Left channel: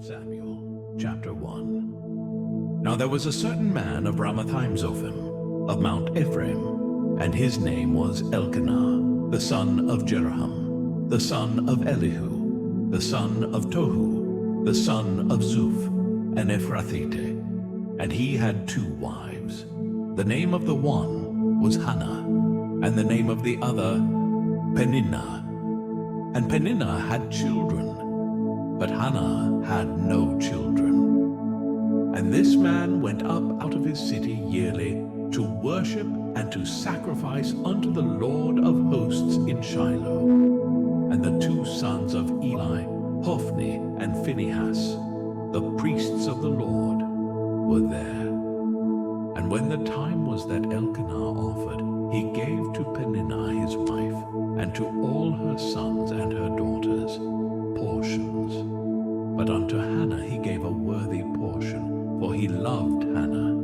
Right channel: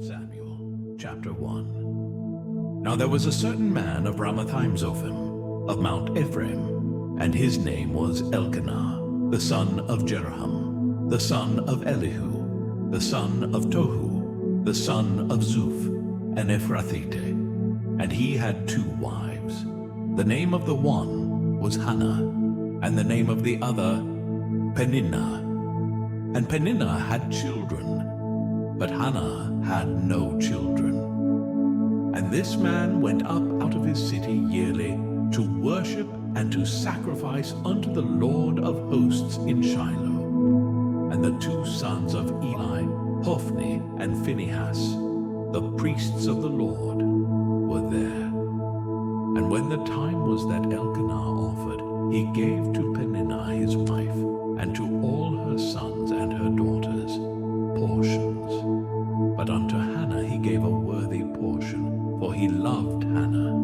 Samuel, chapter 1. Now there was a certain man of Ramathaim-Zophim, of Mount Ephraim, and his name was Elkanah, the son of Jeroham, the son of Elihu, the son of Tohu, the son of Zuph, an Ephrathite. And he had 2 wives. The name of the one was Hannah, and the name of the other Peninnah. And Peninnah had children, but Hannah had no children. And this man went up out of his city yearly to worship and to sacrifice unto the Lord of hosts in Shiloh. And the 2 sons of Eli, Hophni and Phinehas, the priests of the Lord, were there. And when the time was that Elkanah offered, he gave to Peninnah his wife, and to all her sons and her daughters, portions. But unto Hannah he gave a worthy portion, for he loved Hannah.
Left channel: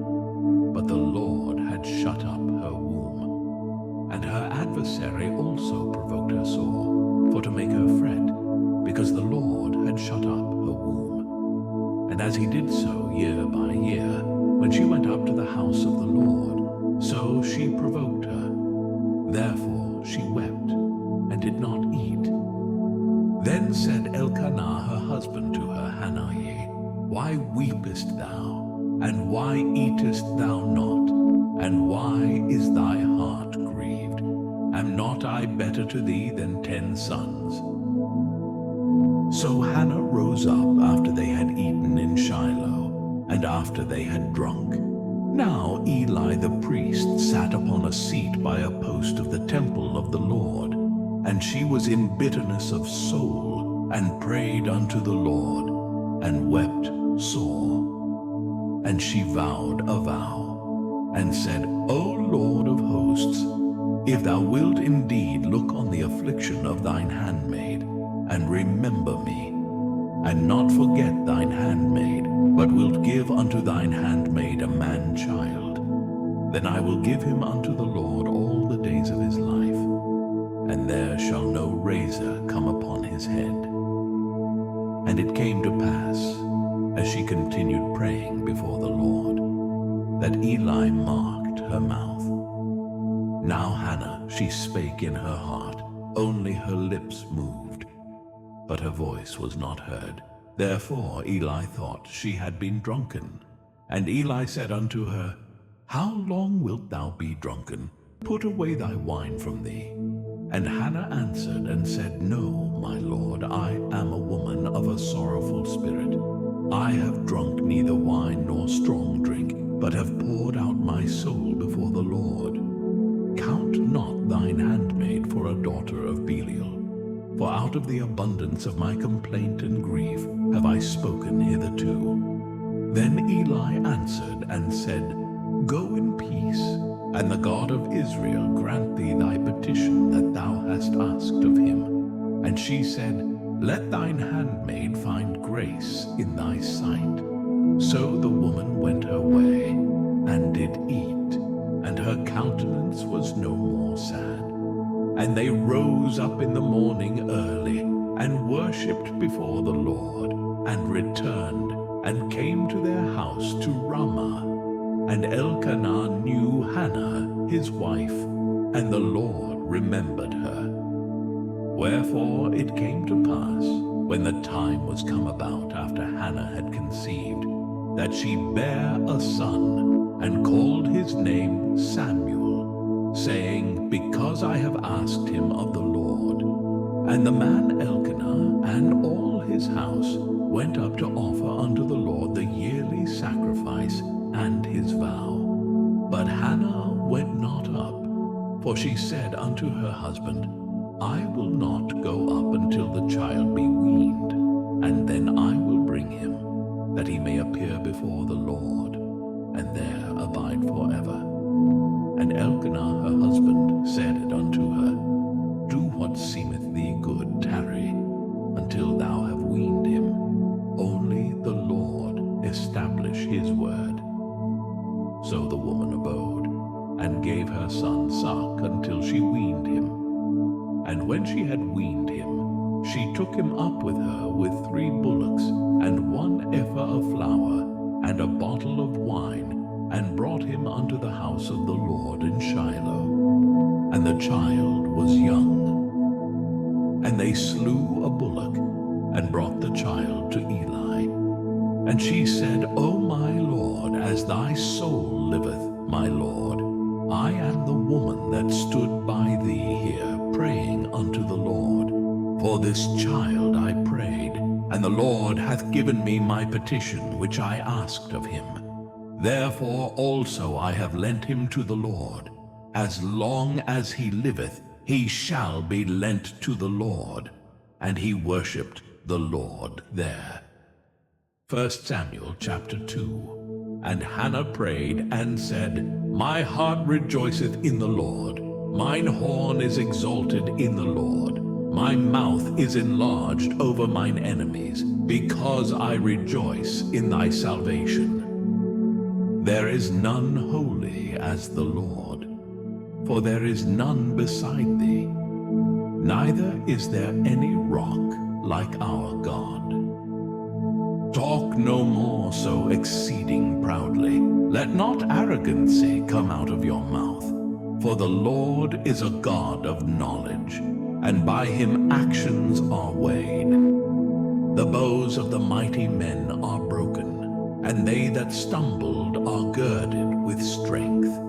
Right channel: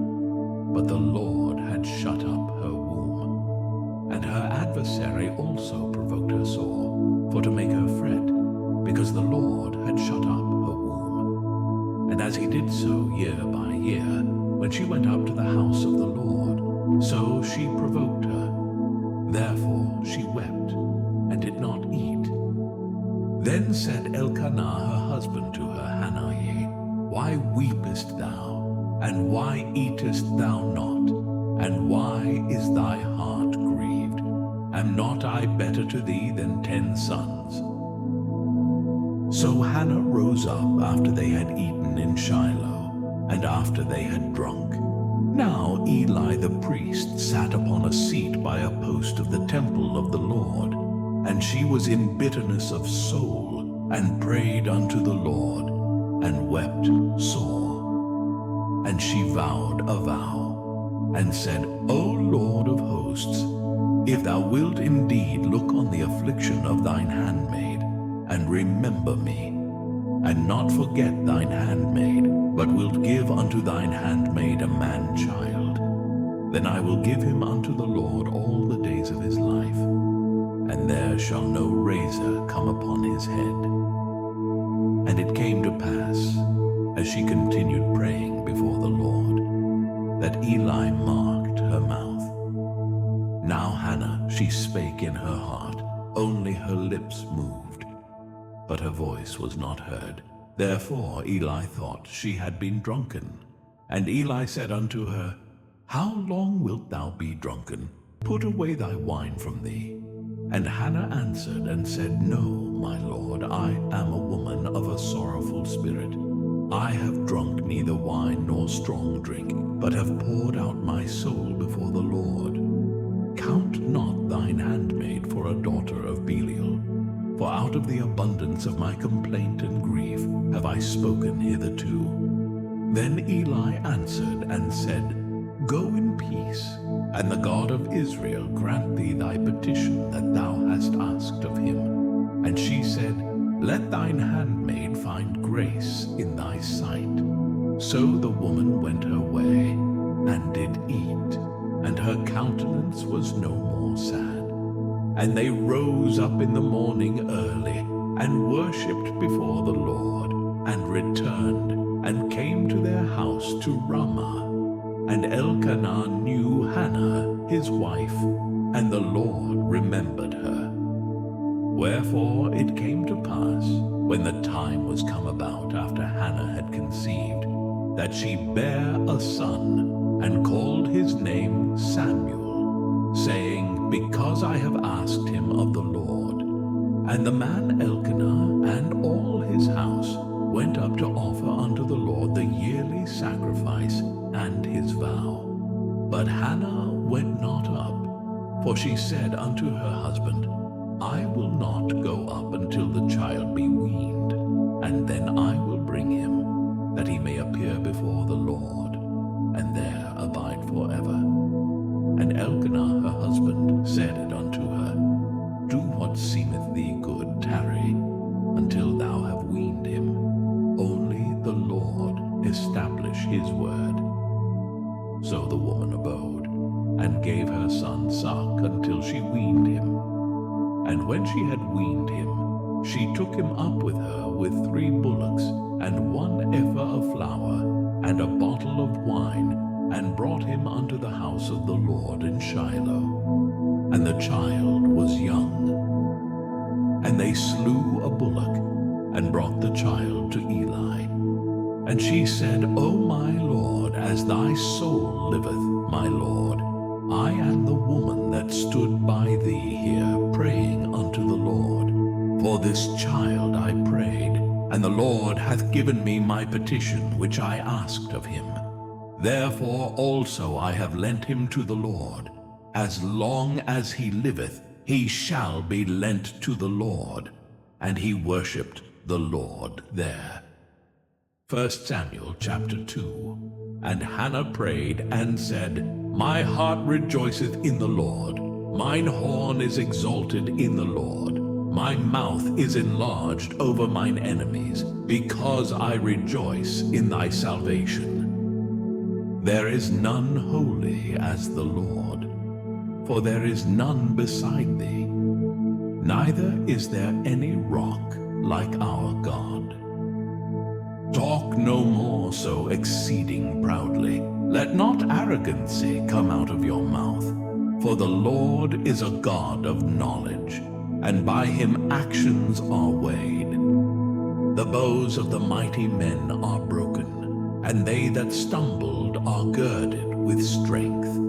But the Lord had shut up her womb. And her adversary also provoked her sore, for to make her fret, because the Lord had shut up her womb. And as he did so year by year, when she went up to the house of the Lord, so she provoked her. Therefore she wept, and did not eat. Then said Elkanah her husband to her, Hannah, why weepest thou, and why eatest thou not, and why is thy heart grieved? Am not I better to thee than 10 sons? So Hannah rose up after they had eaten in Shiloh, and after they had drunk. Now Eli the priest sat upon a seat by a post of the temple of the Lord, and she was in bitterness of soul, and prayed unto the Lord, and wept sore. And she vowed a vow, and said, O Lord of hosts, if thou wilt indeed look on the affliction of thine handmaid, and remember me, and not forget thine handmaid, but wilt give unto thine handmaid a man-child, then I will give him unto the Lord all the days of his life, and there shall no razor come upon his head. And it came to pass, as she continued praying before the Lord, that Eli marked her mouth. Now Hannah, she spake in her heart, only her lips moved, but her voice was not heard. Therefore Eli thought she had been drunken. And Eli said unto her, How long wilt thou be drunken? Put away thy wine from thee. And Hannah answered and said, No, my lord, I am a woman of a sorrowful spirit. I have drunk neither wine nor strong drink, but have poured out my soul before the Lord. Count not thine handmaid for a daughter of Belial. For out of the abundance of my complaint and grief have I spoken hitherto. Then Eli answered and said, Go in peace, and the God of Israel grant thee thy petition that thou hast asked of him. And she said, Let thine handmaid find grace in thy sight. So the woman went her way, and did eat, and her countenance was no more sad. And they rose up in the morning early, and worshipped before the Lord, and returned, and came to their house to Ramah. And Elkanah knew Hannah his wife, and the Lord remembered her. Wherefore it came to pass, when the time was come about after Hannah had conceived, that she bare a son, and called his name Samuel, saying, Because I have asked him of the Lord. And the man Elkanah and all his house went up to offer unto the Lord the yearly sacrifice and his vow. But Hannah went not up, for she said unto her husband, I will not go up until the child be weaned, and then I will bring him, that he may appear before the Lord, and there abide forever. And Elkanah her husband said unto her, Do what seemeth thee good, tarry, until thou have weaned him. Only the Lord establish his word. So the woman abode, and gave her son suck until she weaned him. And when she had weaned him, she took him up with her with 3 bullocks, and 1 and a bottle of wine, and brought him unto the house of the Lord in Shiloh. And the child was young. And they slew a bullock, and brought the child to Eli. And she said, O my Lord, as thy soul liveth, my Lord, I am the woman that stood by thee here, praying unto the Lord. For this child I prayed, and the Lord hath given me my petition which I asked of him. Therefore also I have lent him to the Lord. As long as he liveth, he shall be lent to the Lord. And he worshipped the Lord there. 1 Samuel chapter 2. And Hannah prayed and said, My heart rejoiceth in the Lord. Mine horn is exalted in the Lord. My mouth is enlarged over mine enemies, because I rejoice in thy salvation. There is none holy as the Lord, for there is none beside thee. Neither is there any rock like our God. Talk no more so exceeding proudly. Let not arrogancy come out of your mouth. For the Lord is a God of knowledge, and by him actions are weighed. The bows of the mighty men are broken, and they that stumbled are girded with strength.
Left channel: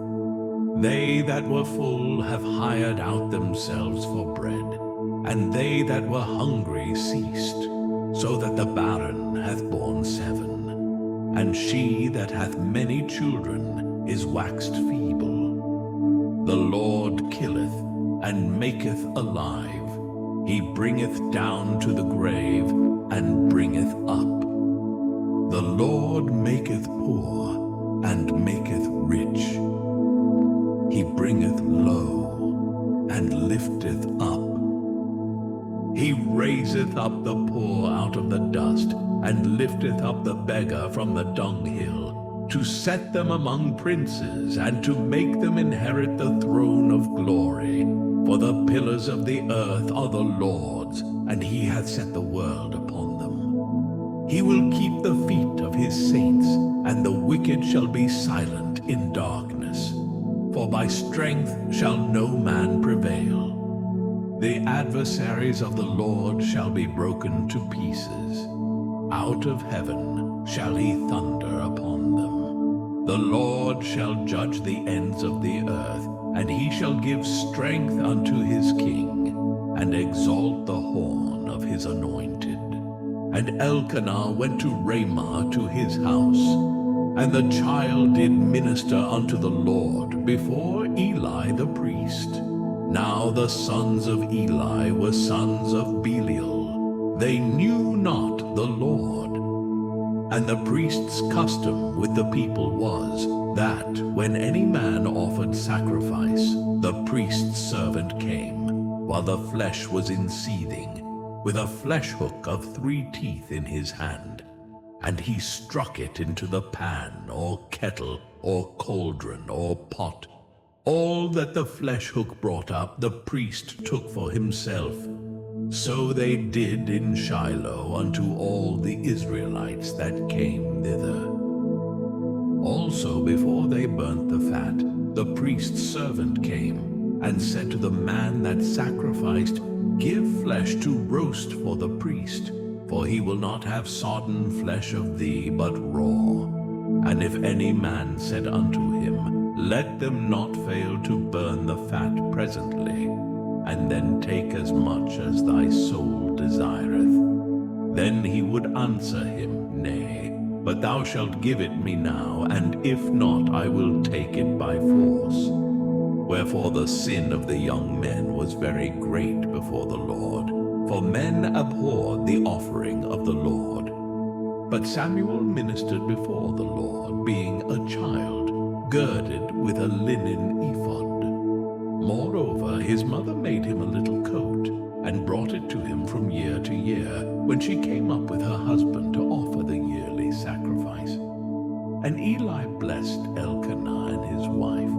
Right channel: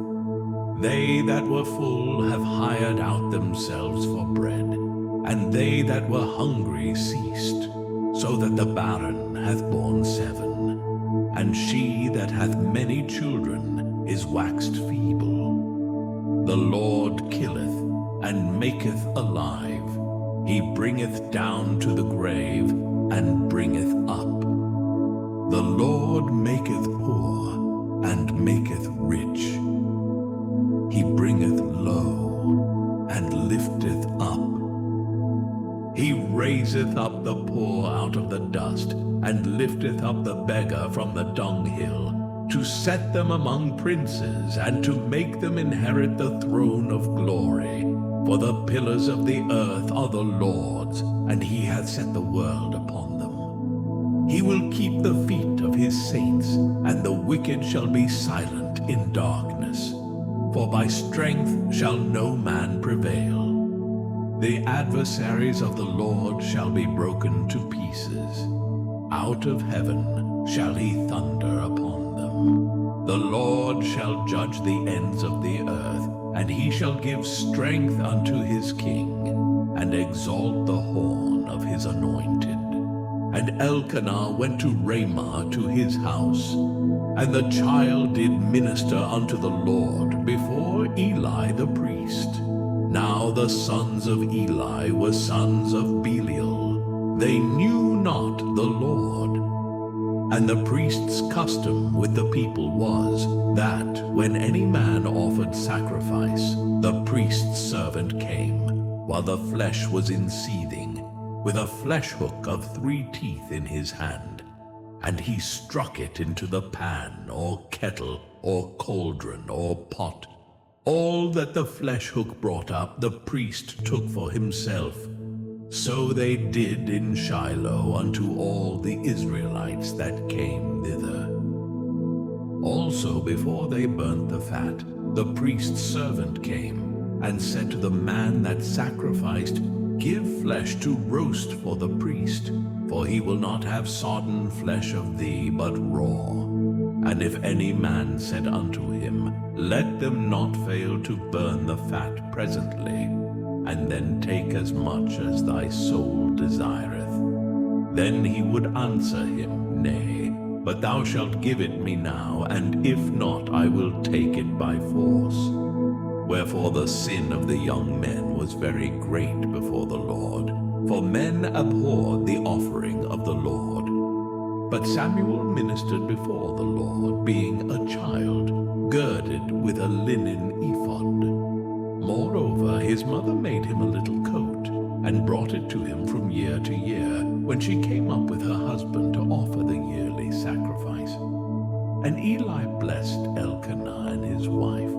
They that were full have hired out themselves for bread, and they that were hungry ceased, so that the barren hath borne 7, and she that hath many children is waxed feeble. The Lord killeth and maketh alive. He bringeth down to the grave and bringeth up. The Lord maketh poor and maketh rich. He bringeth low and lifteth up. He raiseth up the poor out of the dust, and lifteth up the beggar from the dunghill, to set them among princes, and to make them inherit the throne of glory. For the pillars of the earth are the Lord's, and he hath set the world upon them. He will keep the feet of his saints, and the wicked shall be silent in darkness. For by strength shall no man prevail. The adversaries of the Lord shall be broken to pieces. Out of heaven shall he thunder upon them. The Lord shall judge the ends of the earth, and he shall give strength unto his king, and exalt the horn of his anointed. And Elkanah went to Ramah to his house, and the child did minister unto the Lord before Eli the priest. Now the sons of Eli were sons of Belial. They knew not the Lord. And the priest's custom with the people was, that when any man offered sacrifice, the priest's servant came, while the flesh was in seething, with a flesh hook of 3 teeth in his hand. And he struck it into the pan, or kettle, or cauldron, or pot. All that the flesh hook brought up, the priest took for himself. So they did in Shiloh unto all the Israelites that came thither. Also before they burnt the fat, the priest's servant came, and said to the man that sacrificed, Give flesh to roast for the priest, for he will not have sodden flesh of thee, but raw. And if any man said unto him, Let them not fail to burn the fat presently, and then take as much as thy soul desireth. Then he would answer him, Nay, but thou shalt give it me now, and if not, I will take it by force. Wherefore the sin of the young men was very great before the Lord, for men abhorred the offering of the Lord. But Samuel ministered before the Lord, being a child, girded with a linen ephod. Moreover, his mother made him a little coat, and brought it to him from year to year, when she came up with her husband to offer the yearly sacrifice. And Eli blessed Elkanah and his wife,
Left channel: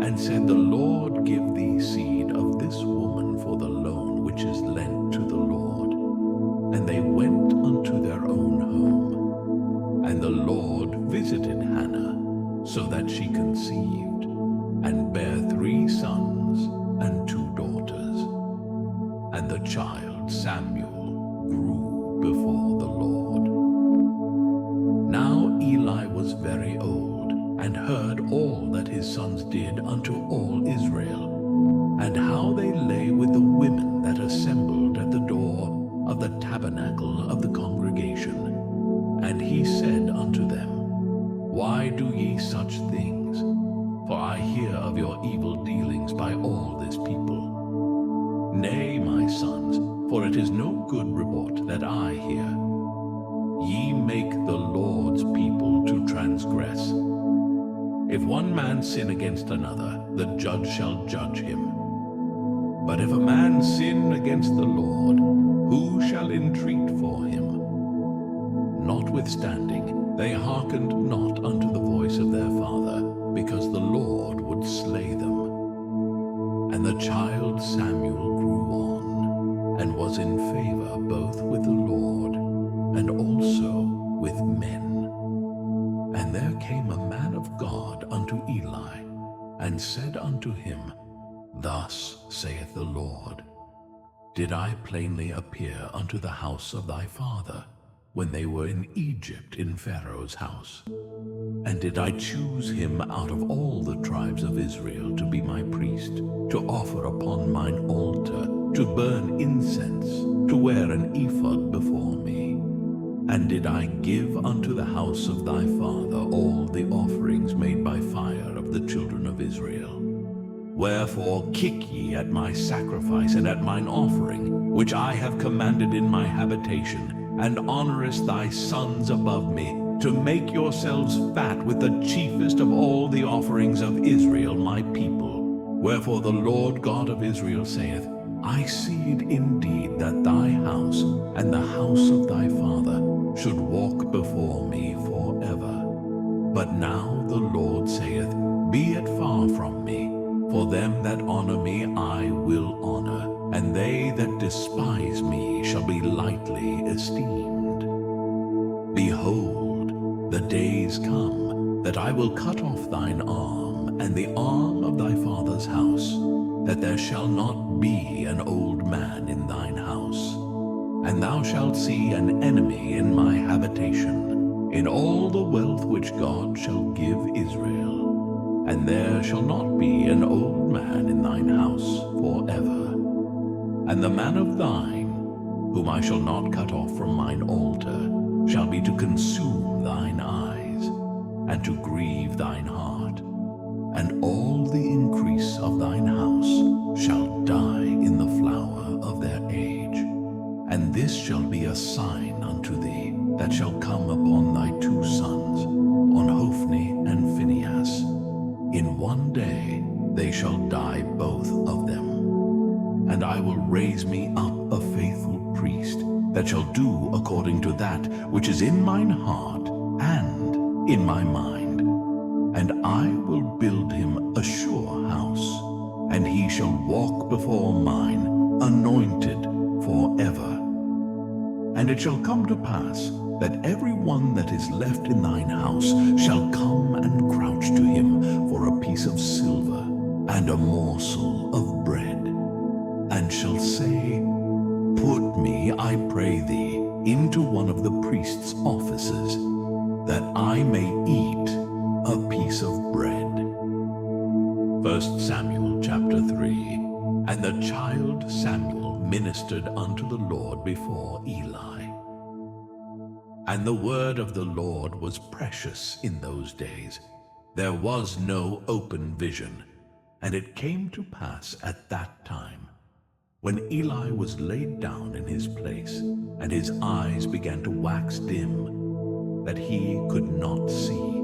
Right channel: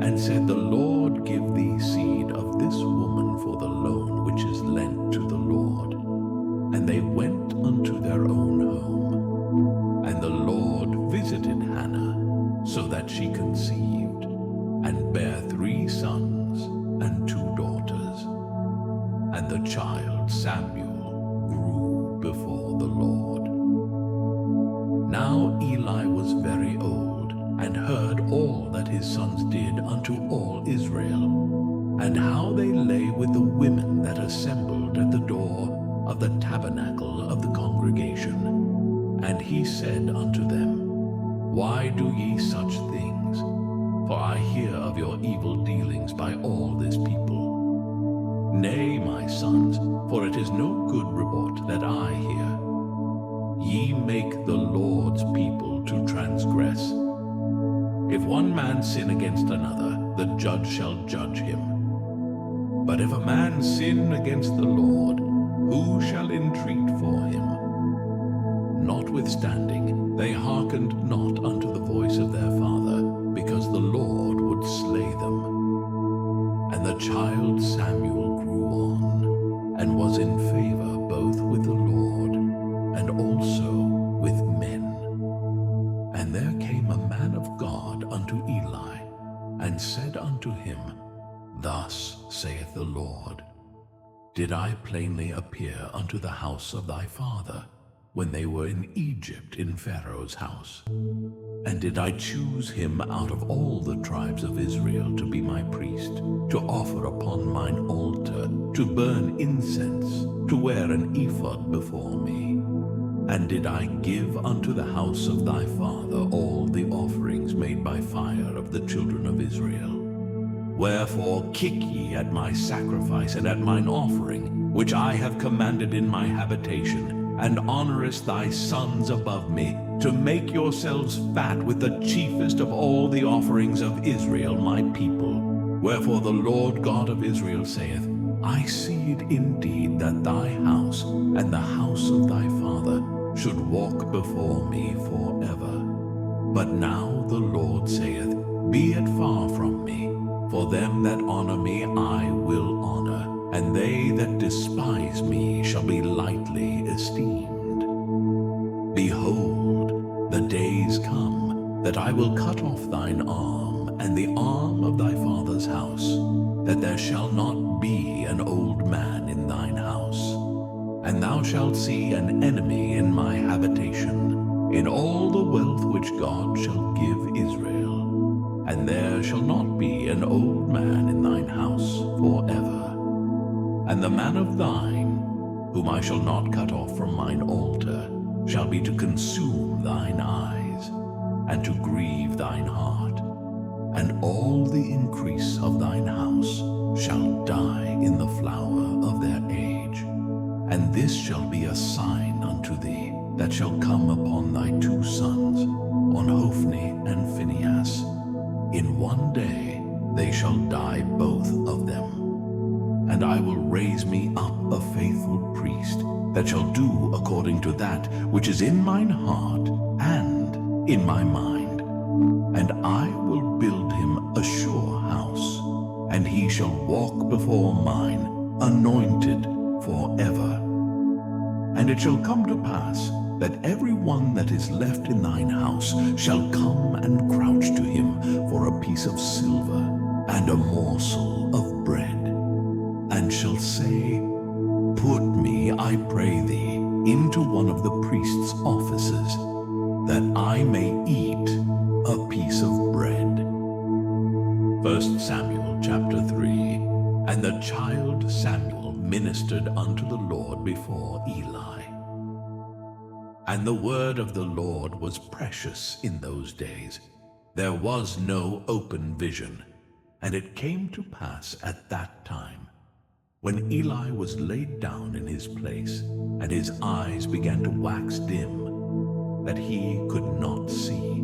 and said, The Lord give thee seed of this woman for the loan which is lent to the Lord. And they went unto their own home. And the Lord visited so that she conceived, and bare 3 sons and 2 daughters. And the child Samuel grew before the Lord. Now Eli was very old, and heard all that his sons did unto all Israel, and how they lay with the women that assembled at the door of the tabernacle of the congregation. And he said unto them, Why do ye such things? For I hear of your evil dealings by all this people. Nay, my sons, for it is no good report that I hear. Ye make the Lord's people to transgress. If one man sin against another, the judge shall judge him. But if a man sin against the Lord, who shall entreat for him? Notwithstanding, they hearkened not unto the voice of their father, because the Lord would slay them. And the child Samuel grew on, and was in favor both with the Lord, and also with men. And there came a man of God unto Eli, and said unto him, Thus saith the Lord, Did I plainly appear unto the house of thy father, when they were in Egypt in Pharaoh's house? And did I choose him out of all the tribes of Israel to be my priest, to offer upon mine altar, to burn incense, to wear an ephod before me? And did I give unto the house of thy father all the offerings made by fire of the children of Israel? Wherefore kick ye at my sacrifice and at mine offering, which I have commanded in my habitation, and honorest thy sons above me, to make yourselves fat with the chiefest of all the offerings of Israel my people. Wherefore the Lord God of Israel saith, I seed indeed that thy house and the house of thy father should walk before me forever. But now the Lord saith, Be it far from me, for them that honor me I will honor, and they that despise me shall be lightly esteemed. Behold, the days come that I will cut off thine arm and the arm of thy father's house, that there shall not be an old man in thine house. And thou shalt see an enemy in my habitation, in all the wealth which God shall give Israel. And there shall not be an old man in thine house forever. And the man of thine, whom I shall not cut off from mine altar, shall be to consume thine eyes, and to grieve thine heart. And all the increase of thine house shall die in the flower of their age. And this shall be a sign unto thee, that shall come upon thy 2 sons, on Hophni and Phinehas. In one day they shall die both of them. And I will raise me up a faithful priest, that shall do according to that which is in mine heart and in my mind. And I will build him a sure house, and he shall walk before mine, anointed forever. And it shall come to pass, that every one that is left in thine house shall come and crouch to him for a piece of silver and a morsel of bread, and shall say, Put me, I pray thee, into one of the priest's offices, that I may eat a piece of bread. 1 Samuel chapter 3. And the child Samuel ministered unto the Lord before Eli. And the word of the Lord was precious in those days. There was no open vision. And it came to pass at that time, when Eli was laid down in his place, and his eyes began to wax dim, that he could not see.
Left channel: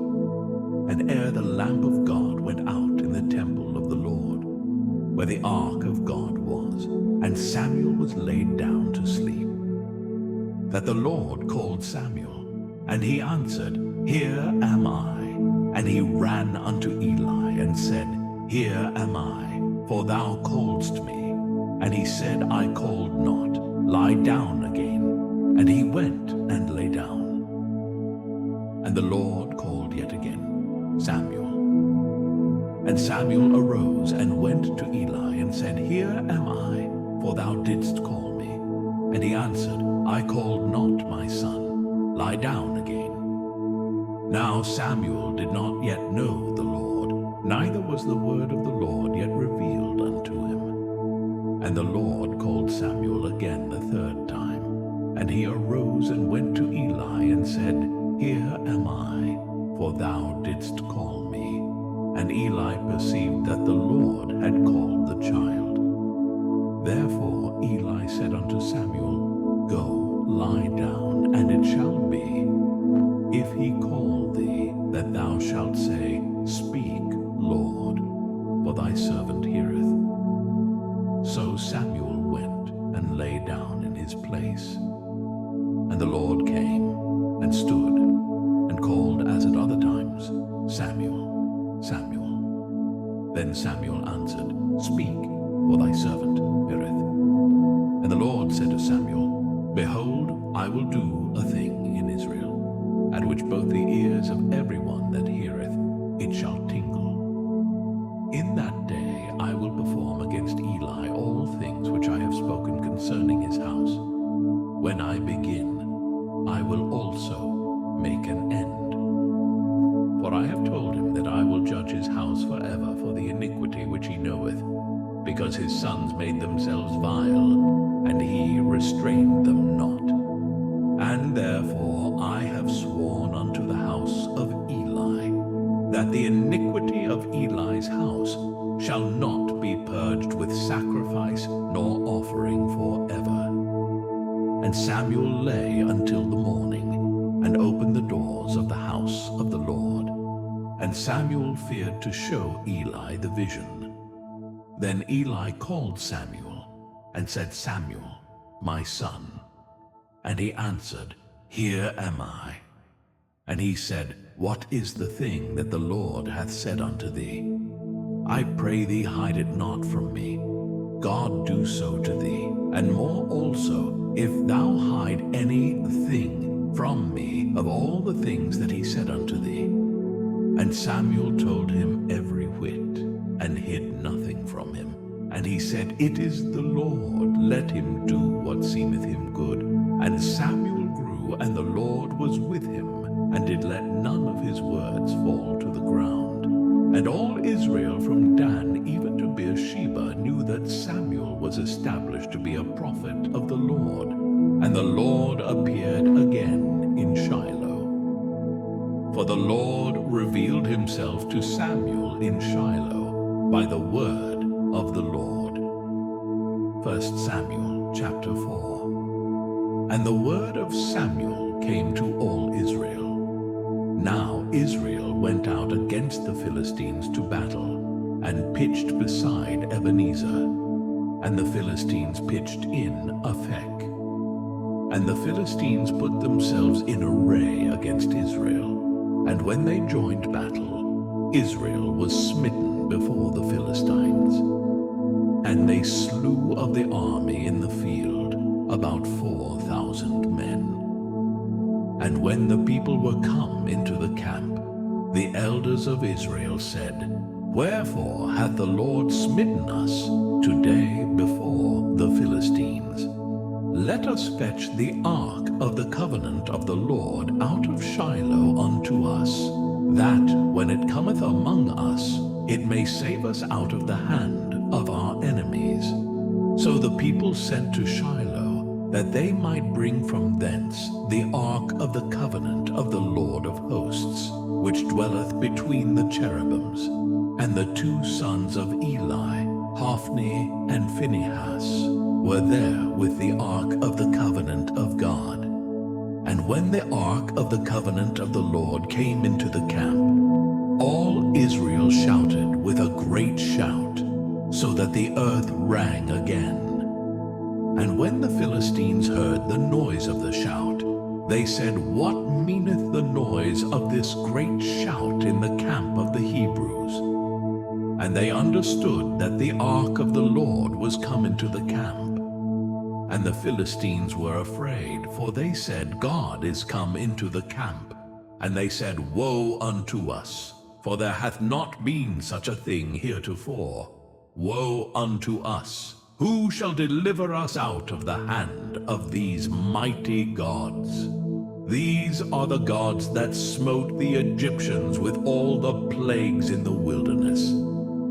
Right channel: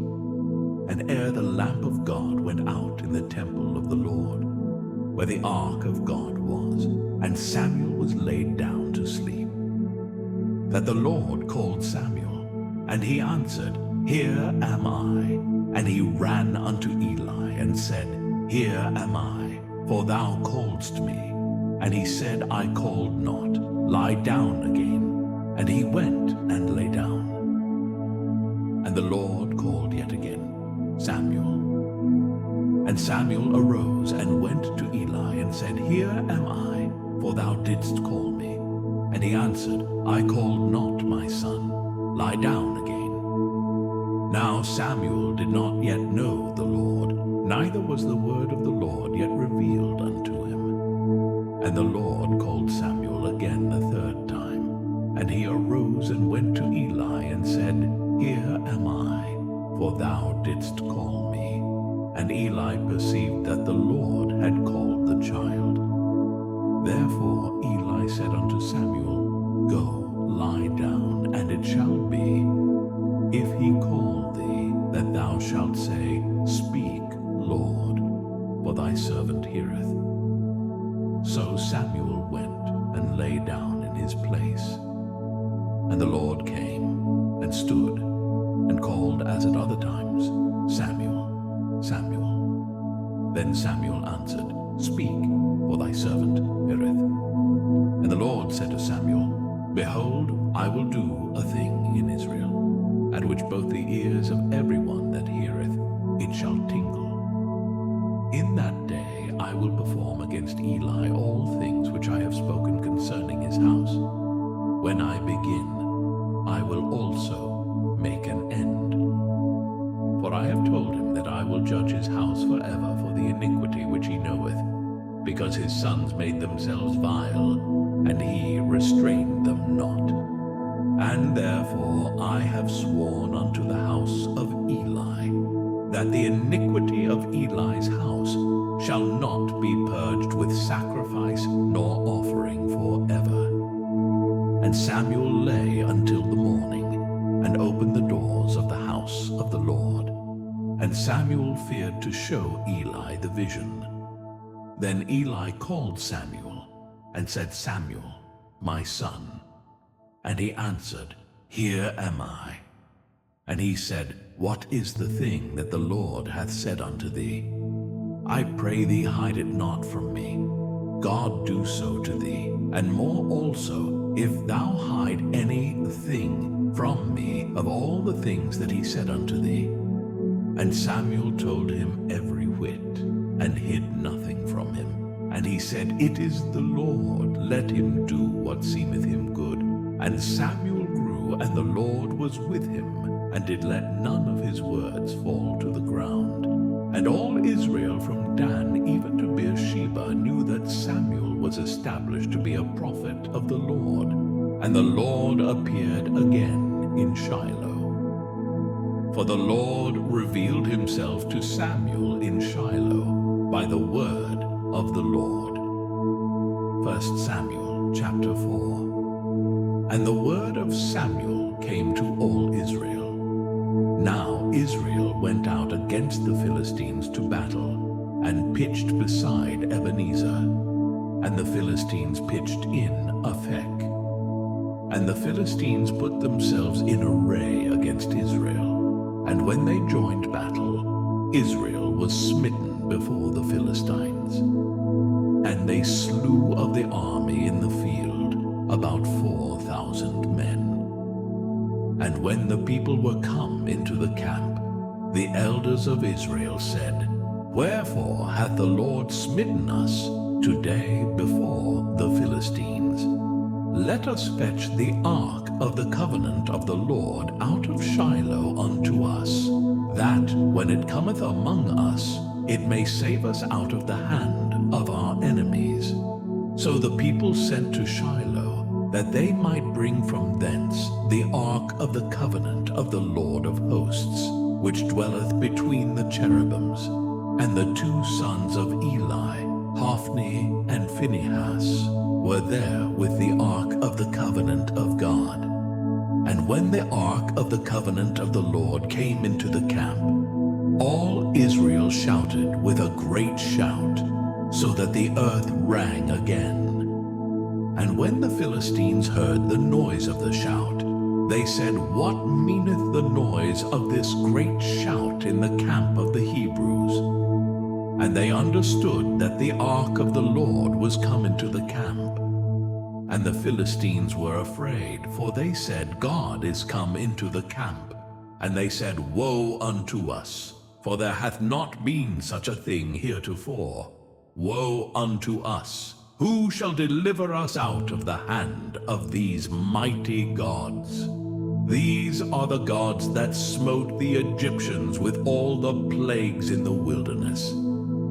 And ere the lamp of God went out in the temple of the Lord, where the ark of God was, and Samuel was laid down to sleep, that the Lord called Samuel, and he answered, Here am I. And he ran unto Eli, and said, Here am I, for thou calledst me. And he said, I called not, lie down again. And he went and lay down. And the Lord called yet again, Samuel. And Samuel arose and went to Eli and said, Here am I, for thou didst call me. And he answered, I called not, my son. Lie down again. Now Samuel did not yet know the Lord, neither was the word of the Lord yet revealed unto him. And the Lord called Samuel again the third time. And he arose and went to Eli and said, Here am I, for thou didst call me. And Eli perceived that the Lord had called the child. Therefore Eli said unto Samuel, Go, lie down, and it shall be, if he call thee, that thou shalt say, Speak, Lord, for thy servant heareth. So Samuel went and lay down in his place. And the Lord came and stood and called as at other times, Samuel, Samuel. Then Samuel answered, Speak, for thy servant heareth. And the Lord said to Samuel, Behold, I will do a thing in Israel, at which both the ears of every one that heareth it shall tingle. In that day I will perform against Eli all things which I have spoken concerning his house. When I begin, I will also make an end. For I have told him that I will judge his house forever for the iniquity which he knoweth, because his sons made themselves vile, and he restrained them not. And therefore I have sworn unto the house of Eli, that the iniquity of Eli's house shall not be purged with sacrifice nor offering forever. And Samuel lay until the morning, and opened the doors of the house of the Lord. And Samuel feared to show Eli the vision. Then Eli called Samuel, and said, Samuel, my son. And he answered, Here am I. And he said, What is the thing that the Lord hath said unto thee? I pray thee, hide it not from me. God do so to thee, and more also, if thou hide anything from me of all the things that he said unto thee. And Samuel told him every whit, and hid nothing from him. And he said, It is the Lord, let him do what seemeth him good. And Samuel grew, and the Lord was with him, and did let none of his words fall to the ground. And all Israel from Dan even to Beersheba knew that Samuel was established to be a prophet of the Lord. And the Lord appeared again in Shiloh. For the Lord revealed himself to Samuel in Shiloh by the word of the Lord. 1 Samuel chapter 4. And the word of Samuel came to all Israel. Now Israel went out against the Philistines to battle, and pitched beside Ebenezer. And the Philistines pitched in Aphek. And the Philistines put themselves in array against Israel. And when they joined battle, Israel was smitten before the Philistines. And they slew of the army in the field about 4,000 men. And when the people were come into the camp, the elders of Israel said, Wherefore hath the Lord smitten us today before the Philistines? Let us fetch the ark of the covenant of the Lord out of Shiloh unto us, that when it cometh among us, it may save us out of the hand of our enemies. So the people sent to Shiloh, that they might bring from thence the ark of the covenant of the Lord of hosts, which dwelleth between the cherubims. And the two sons of Eli, Hophni and Phinehas, were there with the ark of the covenant of God. And when the ark of the covenant of the Lord came into the camp, all Israel shouted with a great shout, so that the earth rang again. And when the Philistines heard the noise of the shout, they said, What meaneth the noise of this great shout in the camp of the Hebrews? And they understood that the ark of the Lord was come into the camp. And the Philistines were afraid, for they said, God is come into the camp. And they said, Woe unto us! for there hath not been such a thing heretofore. Woe unto us! Who shall deliver us out of the hand of these mighty gods? These are the gods that smote the Egyptians with all the plagues in the wilderness.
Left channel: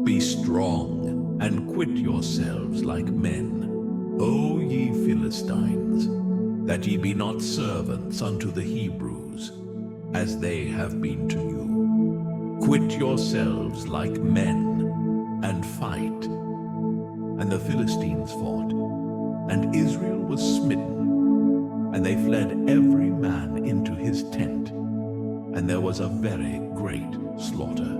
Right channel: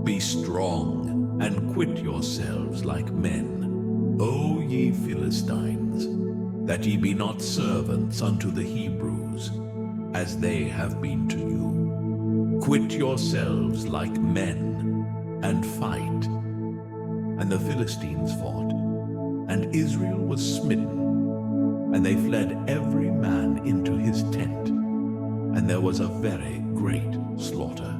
Be strong, and quit yourselves like men, O ye Philistines, that ye be not servants unto the Hebrews, as they have been to you. Quit yourselves like men, and fight. And the Philistines fought, and Israel was smitten, and they fled every man into his tent, and there was a very great slaughter.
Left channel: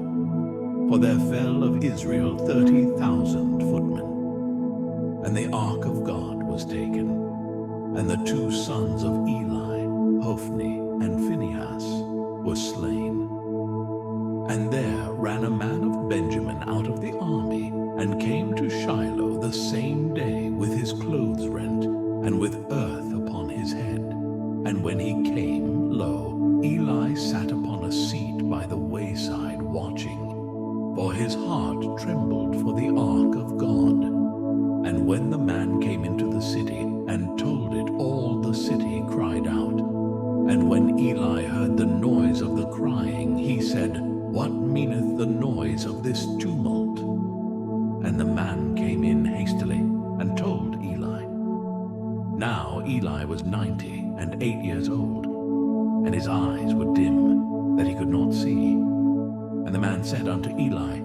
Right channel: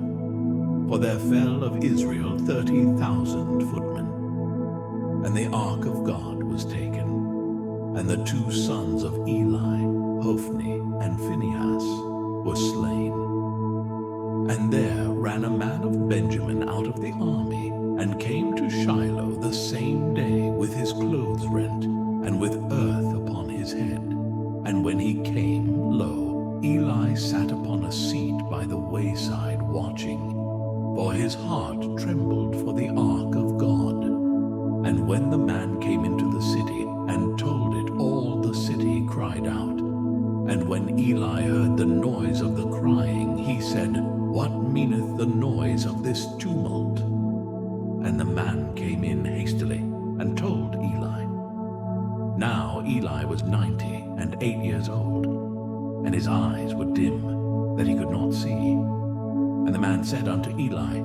For there fell of Israel 30,000 footmen. And the ark of God was taken, and the 2 sons of Eli, Hophni and Phinehas, were slain. And there ran a man of Benjamin out of the army, and came to Shiloh the same day with his clothes rent, and with earth upon his head. And when he came, lo, Eli sat upon a seat by the wayside watching, for his heart trembled for the ark of God. And when the man came into the city, and told it, all the city cried out. And when Eli heard the noise of the crying, he said, What meaneth the noise of this tumult? And the man came in hastily, and told Eli. Now Eli was 98 years old, and his eyes were dim, that he could not see. And the man said unto Eli,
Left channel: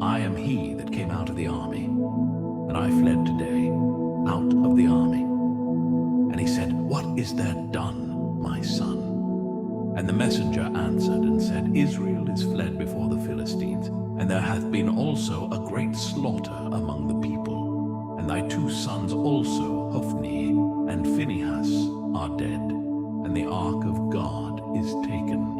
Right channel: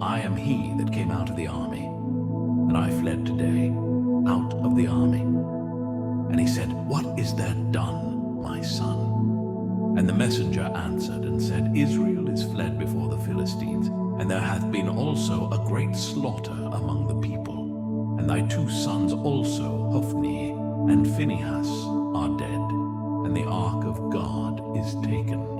I am he that came out of the army, and I fled today out of the army. And he said, What is there done, my son? And the messenger answered and said, Israel is fled before the Philistines, and there hath been also a great slaughter among the people. And thy 2 sons also, Hophni and Phinehas, are dead, and the ark of God is taken.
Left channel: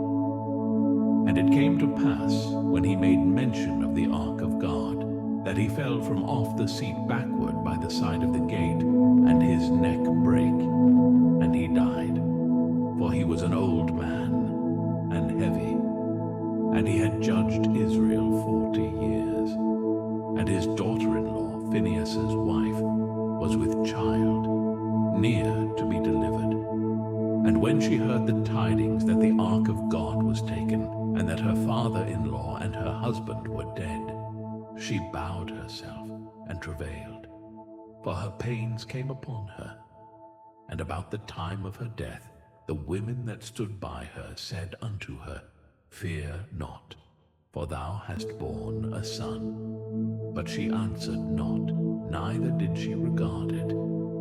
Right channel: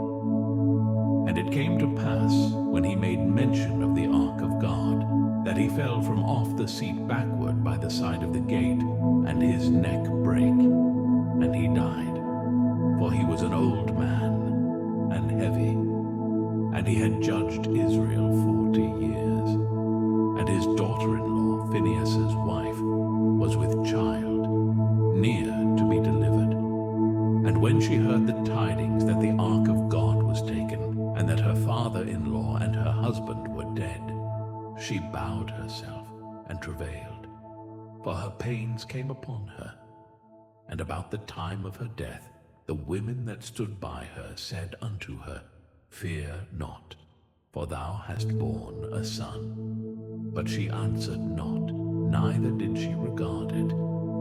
And it came to pass, when he made mention of the ark of God, that he fell from off the seat backward by the side of the gate, and his neck brake, and he died. For he was an old man, and heavy, and he had judged Israel 40 years. And his daughter-in-law, Phinehas's wife, was with child, near to be delivered. And when she heard the tidings that the ark of God was taken, and that her father-in-law and her husband were dead, she bowed herself and travailed, for her pains came upon her. And about the time of her death, the women that stood by her said unto her, Fear not, for thou hast borne a son. But she answered not, neither did she regard it.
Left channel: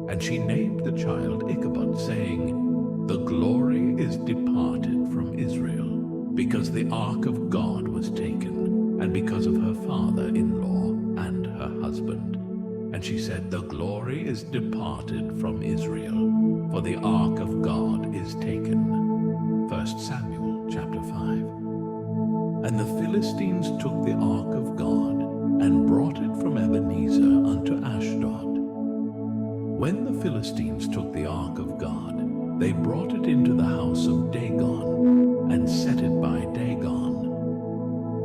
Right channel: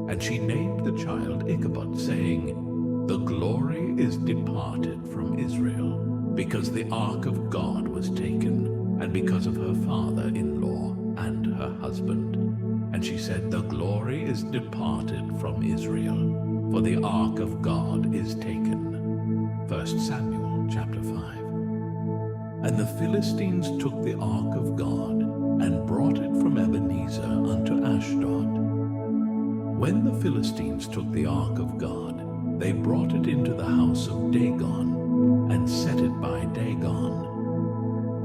And she named the child Ichabod, saying, The glory is departed from Israel, because the ark of God was taken, and because of her father-in-law and her husband. And she said, The glory is departed from Israel, for the ark of God is taken. 1 Samuel chapter 5. And the Philistines took the ark of God, and brought it from Ebenezer unto Ashdod. When the Philistines took the ark of God, they brought it into the house of Dagon, and set it by Dagon.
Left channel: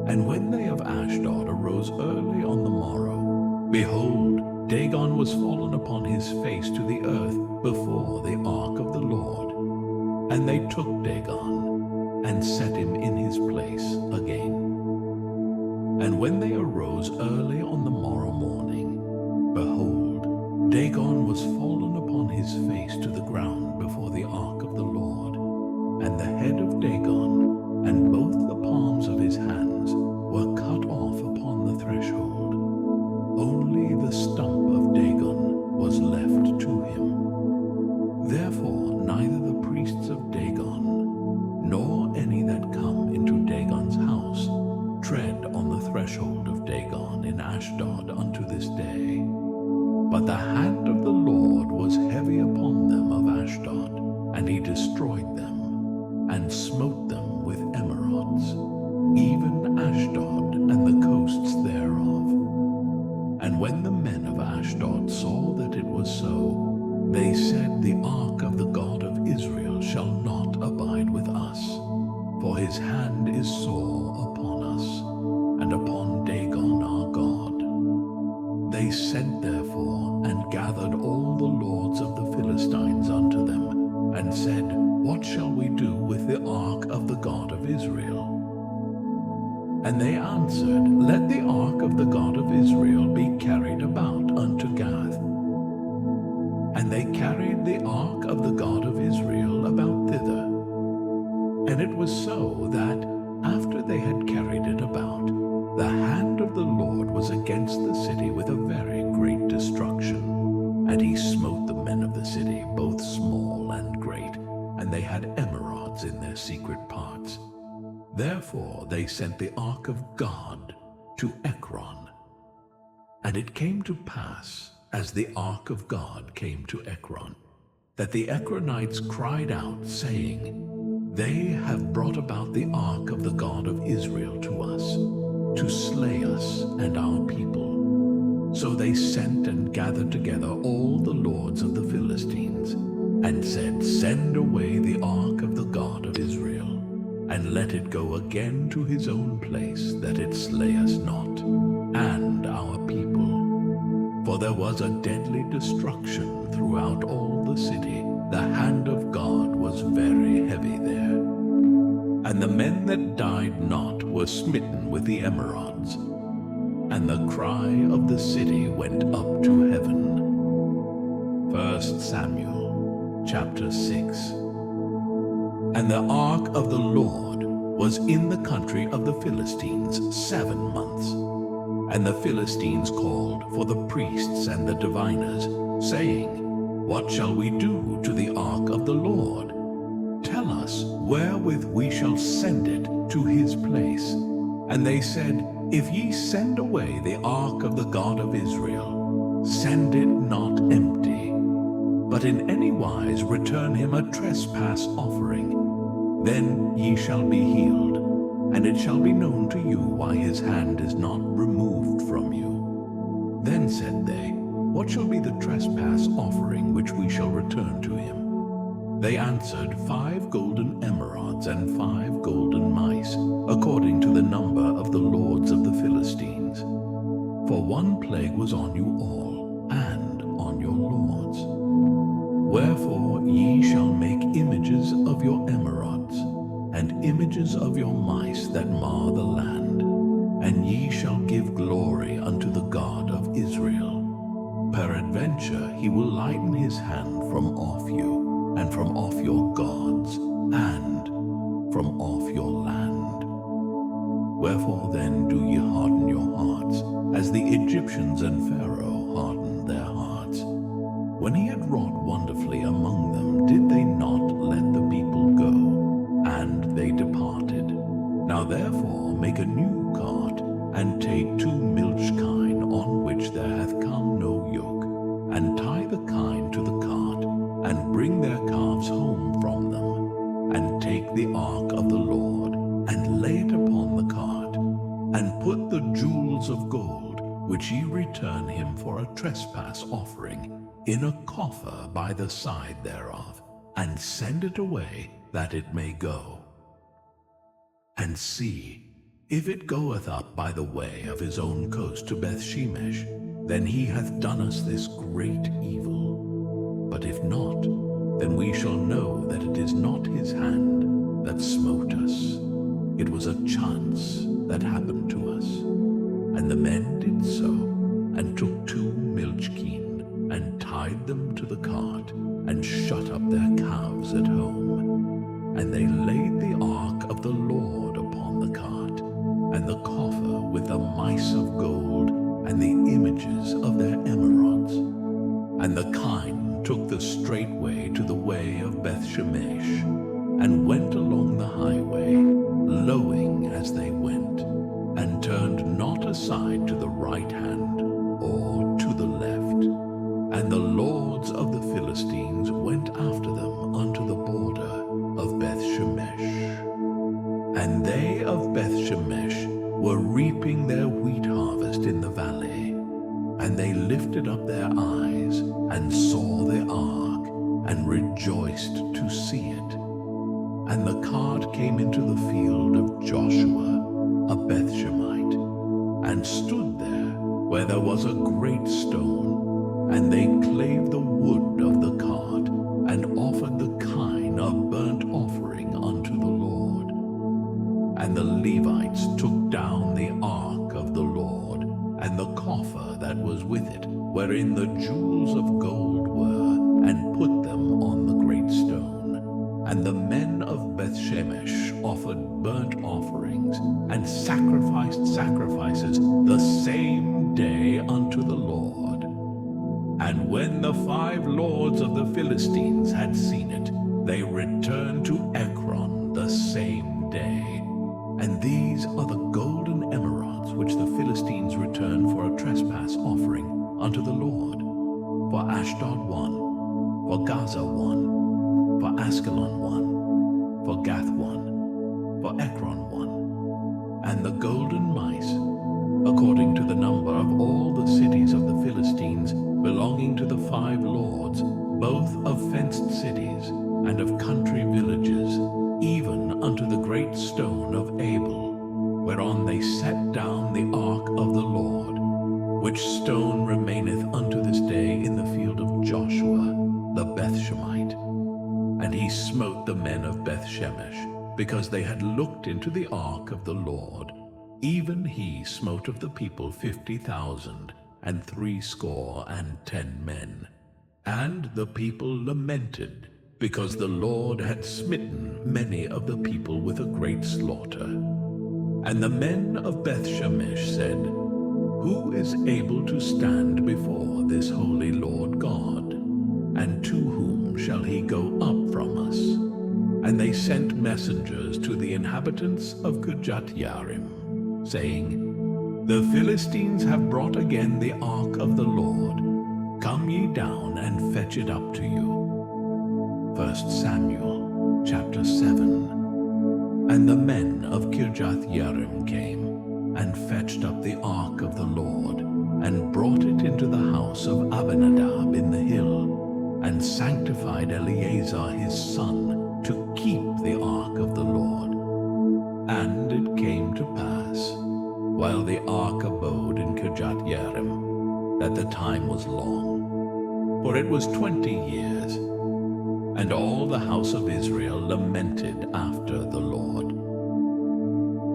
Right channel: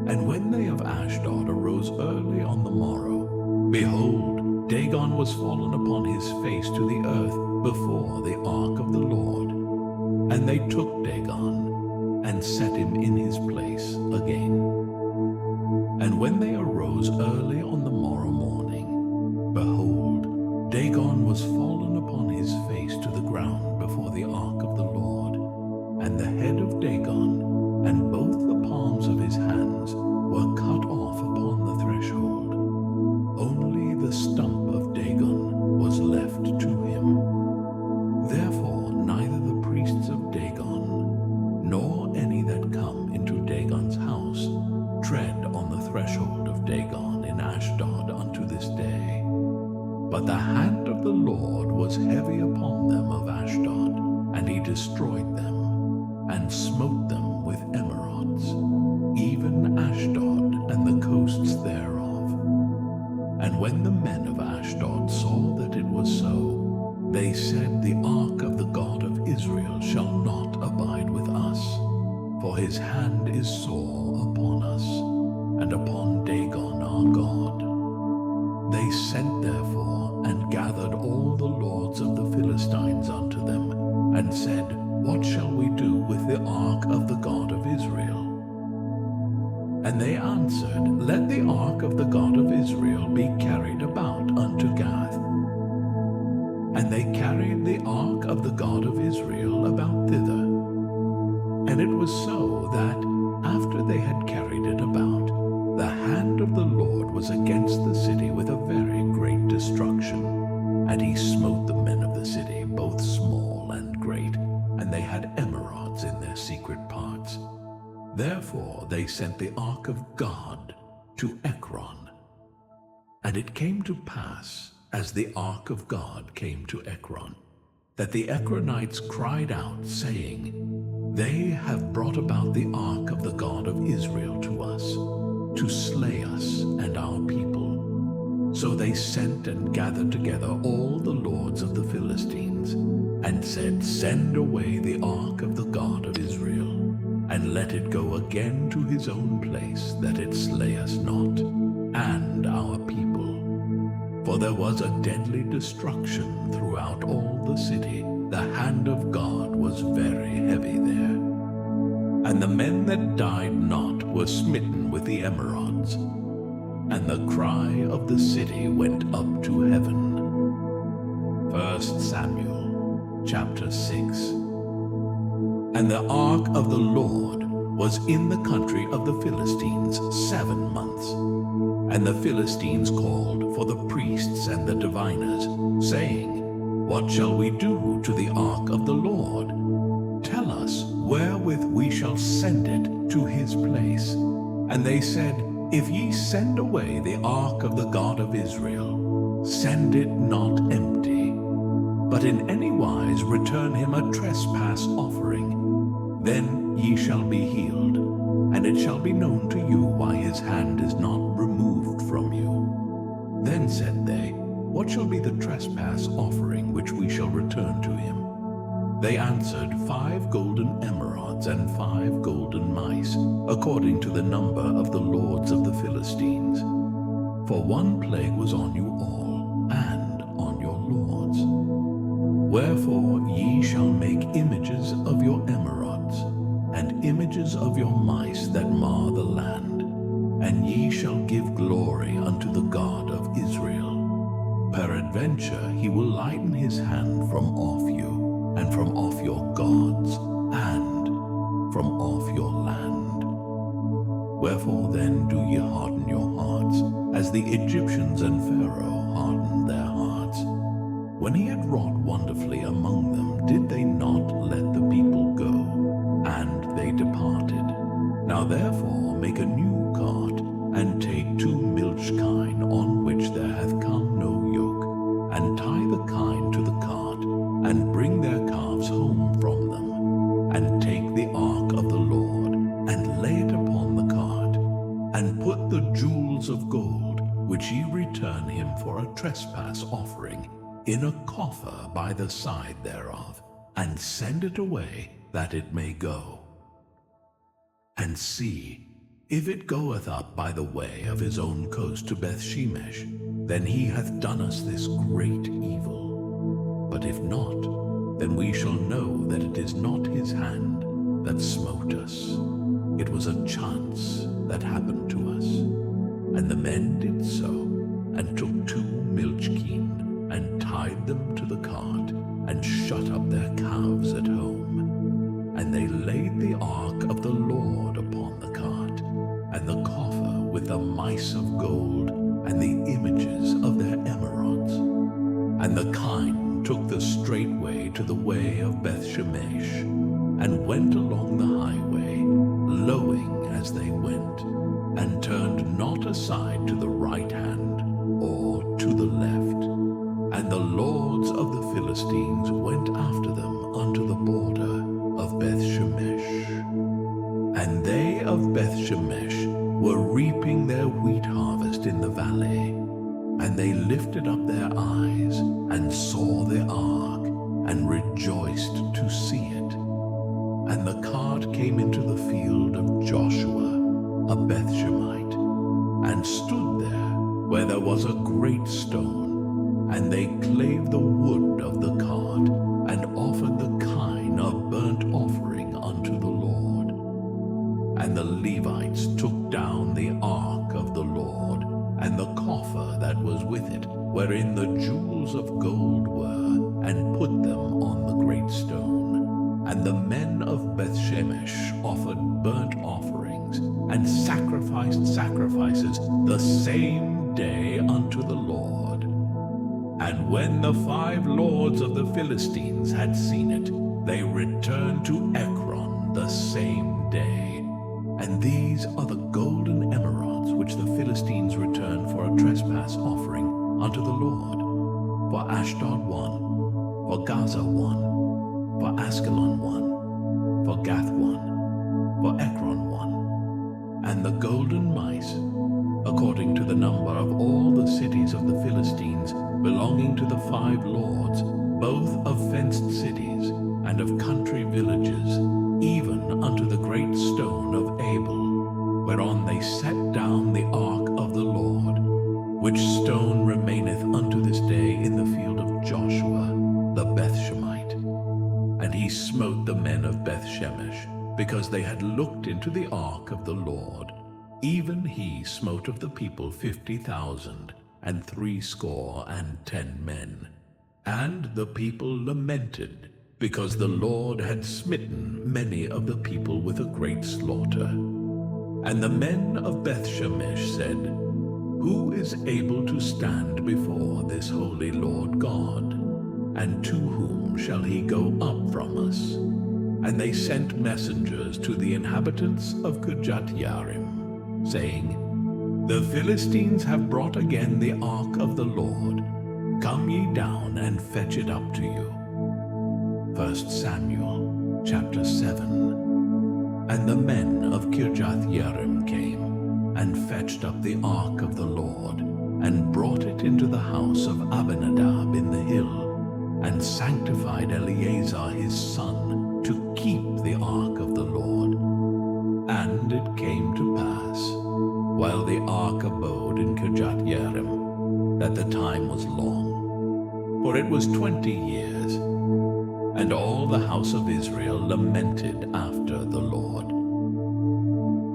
And when they of Ashdod arose early on the morrow, behold, Dagon was fallen upon his face to the earth before the ark of the Lord. And they took Dagon, and set him in his place again. And when they arose early on the morrow morning, behold, Dagon was fallen upon his face to the ground before the ark of the Lord. And the head of Dagon, and both the palms of his hands, were cut off upon the threshold. Only the stump of Dagon was left to him. Therefore neither the priests of Dagon, nor any that come into Dagon's house, tread on the threshold of Dagon in Ashdod unto this day. But the hand of the Lord was heavy upon them of Ashdod, and he destroyed them, and smote them with emerods, even Ashdod and the coasts thereof. And when the men of Ashdod saw that it was so, they said, The ark of the God of Israel shall not abide with us. for his hand is sore upon us, and upon Dagon our God. They sent therefore and gathered all the lords of the Philistines unto them, and said, What shall we do with the ark of the God of Israel? And they answered, Let the ark of the God of Israel be carried about unto Gath. And they carried the ark of the God of Israel about thither. And it was so that, after they had carried it about, the hand of the Lord was against the city with a very great destruction. And he smote the men of the city, both small and great, and they had emerods in their secret parts. Therefore they sent the ark of God to Ekron. And it came to pass, as the ark of God came to Ekron, that the Ekronites cried out, saying, They have brought about the ark of the God of Israel to us, to slay us and our people. So they sent and gathered together all the lords of the Philistines, and said, Send away the ark of the God of Israel, and let it go again to his own place, that it slay us not, and our people. For there was a deadly destruction throughout all the city. The hand of God was very heavy there. And the men that died not were smitten with the emerods, and the cry of the city went up to heaven. 1 Samuel chapter 6. And the ark of the Lord was in the country of the Philistines 7 months. And the Philistines called for the priests and the diviners, saying, What shall we do to the ark of the Lord? Tell us wherewith we shall send it to his place. And they said, If ye send away the ark of the God of Israel, send it not empty, but in any wise return him a trespass offering. Then ye shall be healed, and it shall be known to you why his hand is not removed from you. Then said they, What shall be the trespass offering which we shall return to him? They answered, 5 golden emerods and 5 golden mice, according to the number of the lords of the Philistines. For one plague was on you all, and on your lords. Wherefore ye shall make images of your emerods, and images of your mice that mar the land, and ye shall give glory unto the God of Israel. Peradventure he will lighten his hand from off you, and from off your gods, and from off your land. Wherefore then do ye harden your hearts, as the Egyptians and Pharaoh hardened their hearts? When he had wrought wonderfully among them, did they not let the people go? And they departed. Now therefore make a new cart, and take 2 milch kine on which there hath come no yoke, and tie the kine to the cart, and bring their calves home from them, and take the ark of the Lord, and lay it upon the cart, and put the jewels of gold, which ye return him for a trespass offering, in a coffer by the side thereof, and send it away, that it may go. And see, if it goeth up by the way of his own coast to Bethshemesh, then he hath done us this great evil. But if not, then we shall know that it is not his hand that smote us. It was a chance that happened to us. And the men did so, and took 2 milch kine, and tied them to the cart, and shut up their calves at home. And they laid the ark of the Lord upon the cart, and the coffer with the mice of gold, and the images of their emerods. And the kine took the straight way to the way of Bethshemesh, and went along the highway, lowing as they went, and turned not aside to the right hand or to the left. And the lords of the Philistines went after them unto the border of Bethshemesh. And they of Bethshemesh were reaping their wheat harvest in the valley. And they lifted up their eyes, and saw the ark, and rejoiced to see it. And the cart came into the field of Joshua, a Bethshemite, and stood there where there was a great stone. And they clave the wood of the cart, and offered the kine of burnt offering unto the Lord. And the Levites took down the ark of the Lord, and the coffer that was with it, wherein the jewels of gold were, and put them on the great stone. And the men of Bethshemesh offered burnt offerings, and sacrificed sacrifices the same day unto the Lord. And when the 5 lords of the Philistines had seen it, they returned to Ekron the same day. And these are the golden emerods which the Philistines returned for a trespass offering unto the Lord. For Ashdod 1, for Gaza 1, for Askelon 1, for Gath 1, for Ekron 1. And the golden mice, according to the number of all the cities of the Philistines, belonging to the 5 lords, both of fenced cities and of country villages, even unto the great stone of Abel, whereon they set down the ark of the Lord, which stone remaineth unto this day in the field of Joshua the Bethshemite. And he smote the men of Bethshemesh, because they had looked into the ark of the Lord. Even he smote of the people 50,000, and 70 men. And the people lamented, because the Lord had smitten many of the people with a great slaughter. And the men of Bethshemesh said, Who is able to stand before this holy Lord God? And to whom shall he go up from us? And they sent messengers to the inhabitants of Kirjath-Jearim, saying, The Philistines have brought again the ark of the Lord. Come ye down and fetch it up to you. 1 Samuel chapter 7. And the men of Kirjath-Jearim came, and fetched up the ark of the Lord, and brought it into the house of Abinadab in the hill, and sanctified Eleazar his son to keep the ark of the Lord. And it came to pass, while the ark abode in Kirjath-Jearim, that the time was long, for it was 20 years. And all the house of Israel lamented after the Lord.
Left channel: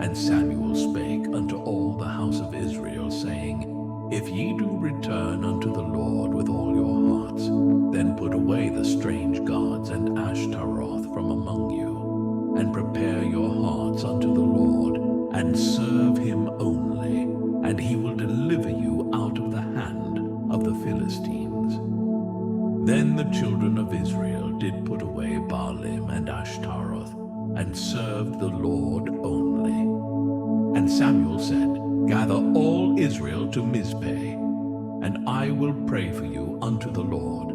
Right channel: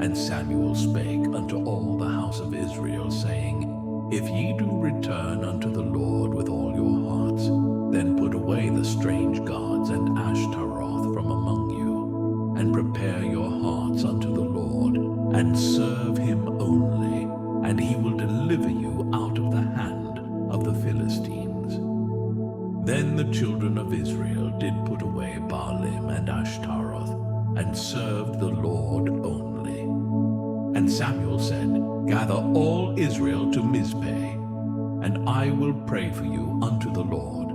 And Samuel spake unto all the house of Israel, saying, If ye do return unto the Lord with all your hearts, then put away the strange gods and Ashtaroth from among you, and prepare your hearts unto the Lord, and serve him only, and he will deliver you out of the hand of the Philistines. Then the children of Israel did put away Baalim and Ashtaroth, and served the Lord only. And Samuel said, Gather all Israel to Mizpeh, and I will pray for you unto the Lord.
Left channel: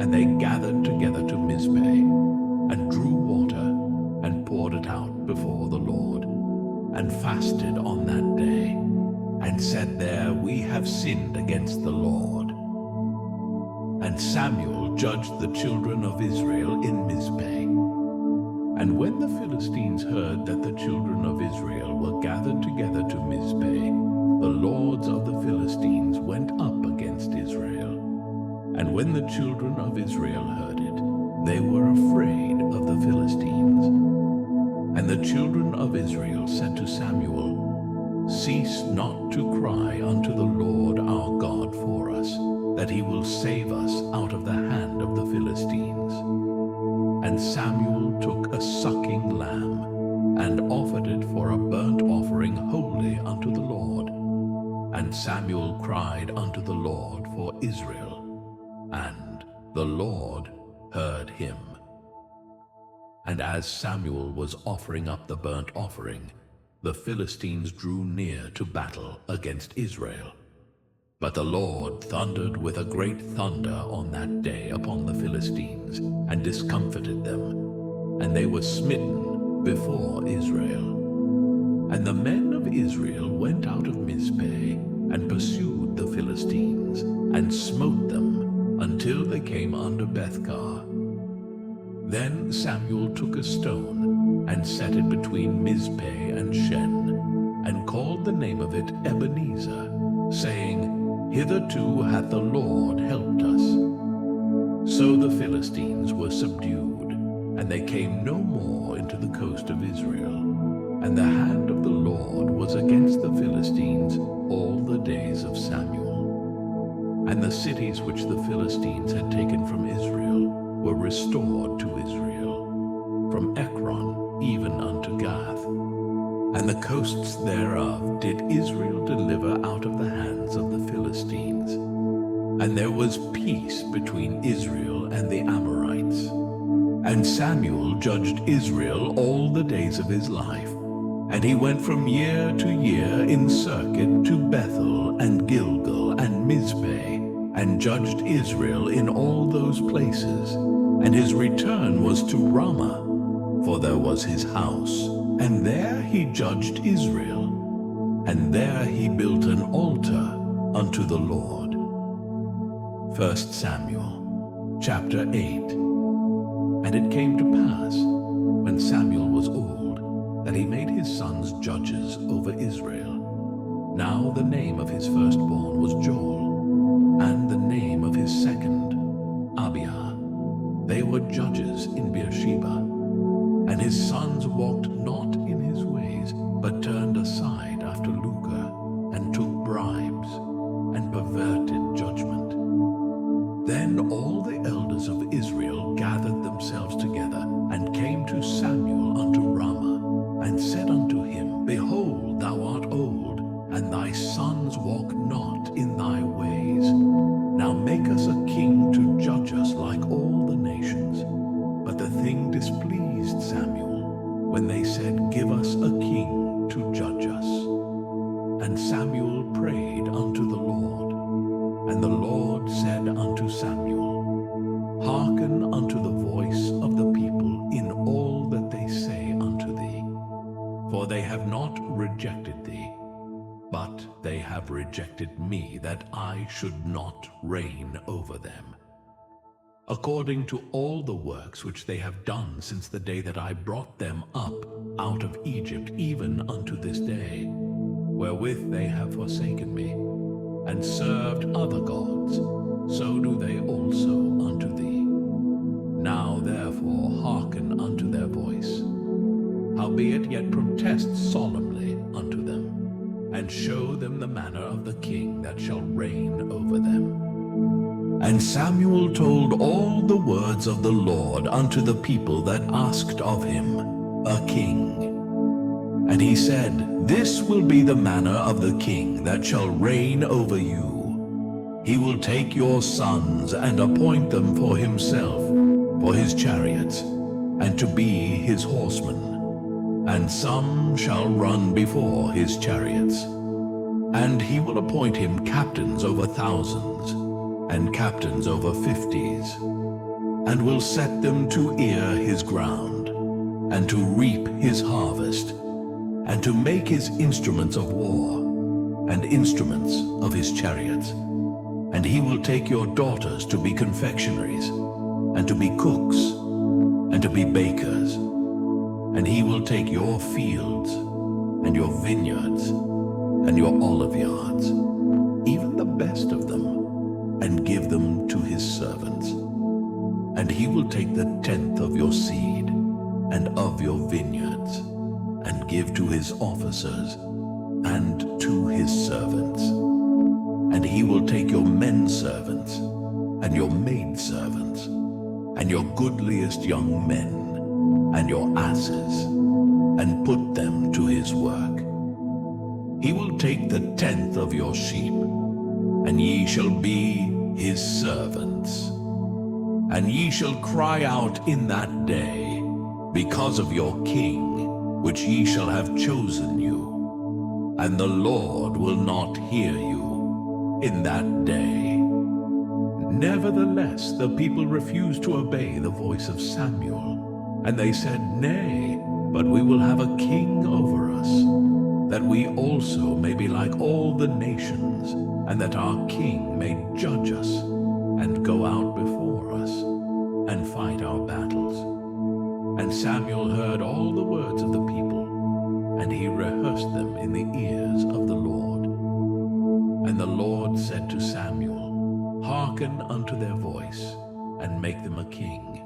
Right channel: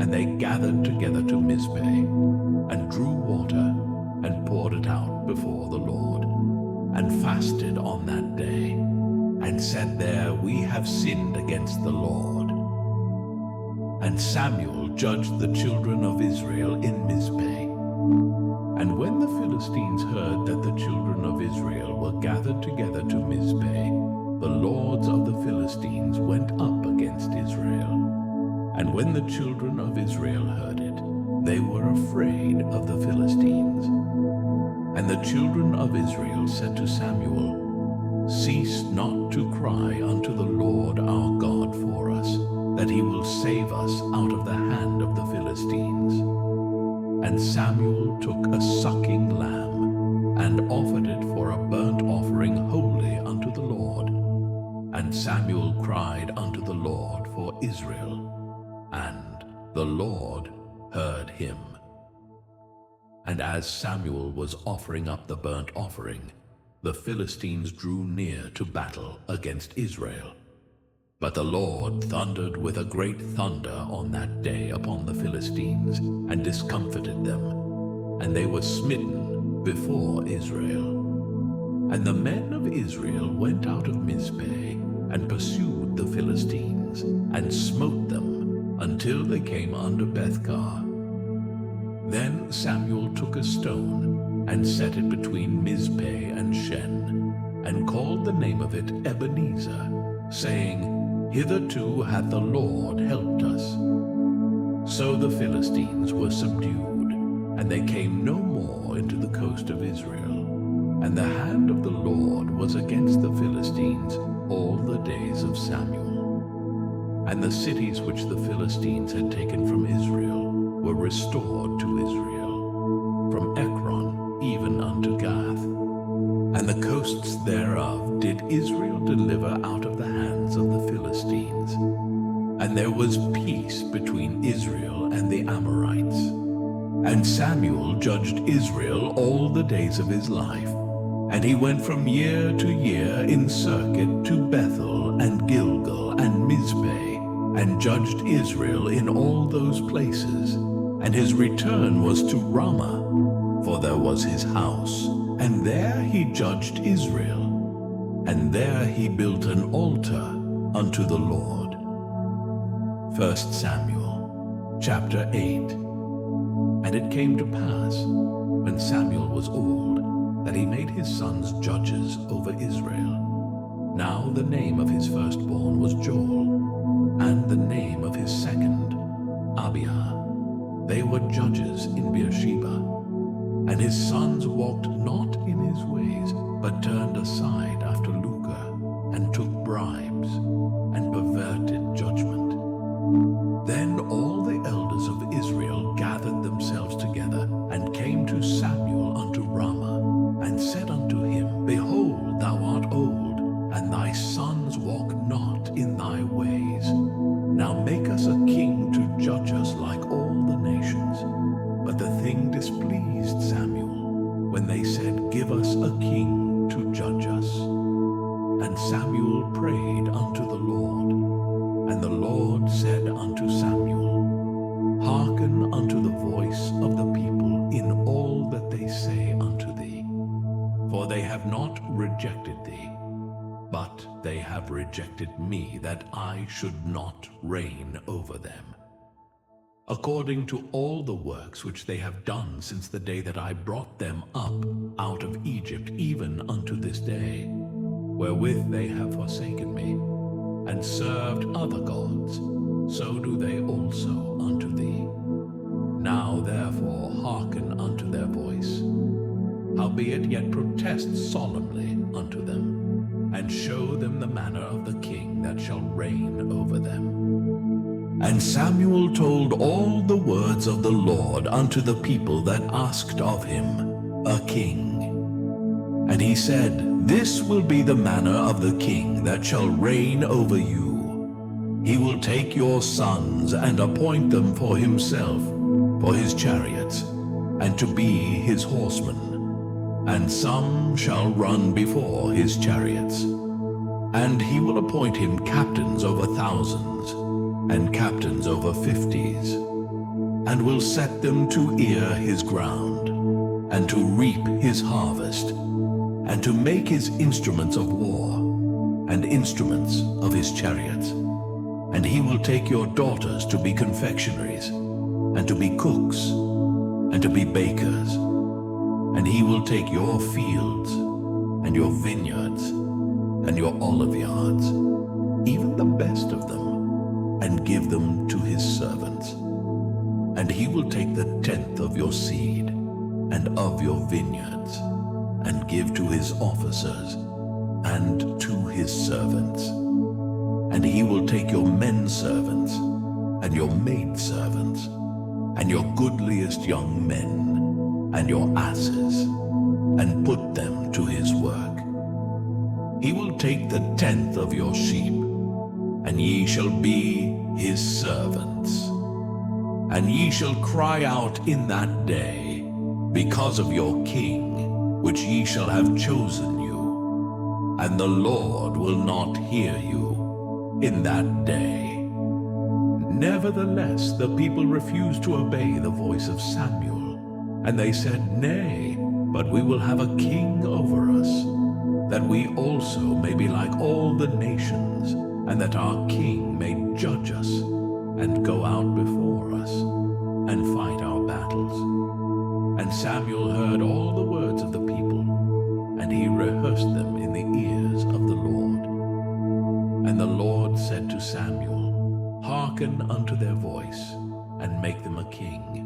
And they gathered together to Mizpeh, and drew water, and poured it out before the Lord, and fasted on that day, and said there, We have sinned against the Lord. And Samuel judged the children of Israel in Mizpeh. And when the Philistines heard that the children of Israel were gathered together to Mizpeh, the lords of the Philistines went up against Israel. And when the children of Israel heard it, they were afraid of the Philistines. And the children of Israel said to Samuel, Cease not to cry unto the Lord our God for us, that he will save us out of the hand of the Philistines. And Samuel took a sucking lamb, and offered it for a burnt offering wholly unto the Lord. And Samuel cried unto the Lord for Israel, and the Lord heard him. And as Samuel was offering up the burnt offering, the Philistines drew near to battle against Israel. But the Lord thundered with a great thunder on that day upon the Philistines, and discomfited them, and they were smitten before Israel. And the men of Israel went out of Mizpeh, and pursued the Philistines, and smote them, until they came under Bethkar. Then Samuel took a stone and set it between Mizpeh and Shen, and called the name of it Ebenezer, saying, Hitherto hath the Lord helped us. So the Philistines were subdued, and they came no more into the coast of Israel. And the hand of the Lord was against the Philistines all the days of Samuel. And the cities which the Philistines had taken from Israel were restored to Israel, from Ekron even unto Gath. And the coasts thereof did Israel deliver out of the hands of the Philistines. And there was peace between Israel and the Amorites. And Samuel judged Israel all the days of his life. And he went from year to year in circuit to Bethel and Gilgal and Mizpeh, and judged Israel in all those places. And his return was to Ramah, for there was his house, and there he judged Israel. And there he built an altar unto the Lord. 1 Samuel chapter 8. And it came to pass, when Samuel was old, that he made his sons judges over Israel. Now the name of his firstborn was Joel, and the name of his second, Abiah. They were judges in Beersheba. And his sons walked not in his ways, but turned aside after lucre, and took bribes, and perverted judgment. Then all the elders of Israel gathered themselves together, and came to Samuel unto Ramah, and said unto him, Behold, thou art old, and thy sons walk not in thy ways. Now make us a king to judge us like all the nations. But the thing displeased Samuel, when they said, Give us a king to judge us. And Samuel prayed unto the Lord. And the Lord said unto Samuel, Hearken unto the voice of the people in all that they say unto thee. For they have not rejected thee, but they have rejected me, that I should not reign over them. According to all the works which they have done since the day that I brought them up out of Egypt, even unto this day, wherewith they have forsaken me, and served other gods, so do they also unto thee. Now therefore hearken unto their voice. Howbeit yet protest solemnly unto them, and show them the manner of the king that shall reign over them. And Samuel told all the words of the Lord unto the people that asked of him a king. And he said, This will be the manner of the king that shall reign over you. He will take your sons and appoint them for himself, for his chariots, and to be his horsemen. And some shall run before his chariots. And he will appoint him captains over thousands, and captains over 50s, and will set them to ear his ground, and to reap his harvest, and to make his instruments of war, and instruments of his chariots. And he will take your daughters to be confectionaries, and to be cooks, and to be bakers. And he will take your fields, and your vineyards, and your olive yards, even the best of them, and give them to his servants. And he will take the 10th of your seed, and of your vineyards, and give to his officers, and to his servants. And he will take your men servants, and your maid servants, and your goodliest young men, and your asses, and put them to his work. He will take the 10th of your sheep, and ye shall be his servants. And ye shall cry out in that day, because of your king, which ye shall have chosen you. And the Lord will not hear you in that day. Nevertheless, the people refused to obey the voice of Samuel. And they said, Nay, but we will have a king over us, that we also may be like all the nations, and that our king may judge us, and go out before us, and fight our battles. And Samuel heard all the words of the people, and he rehearsed them in the ears of the Lord. And the Lord said to Samuel, Hearken unto their voice, and make them a king.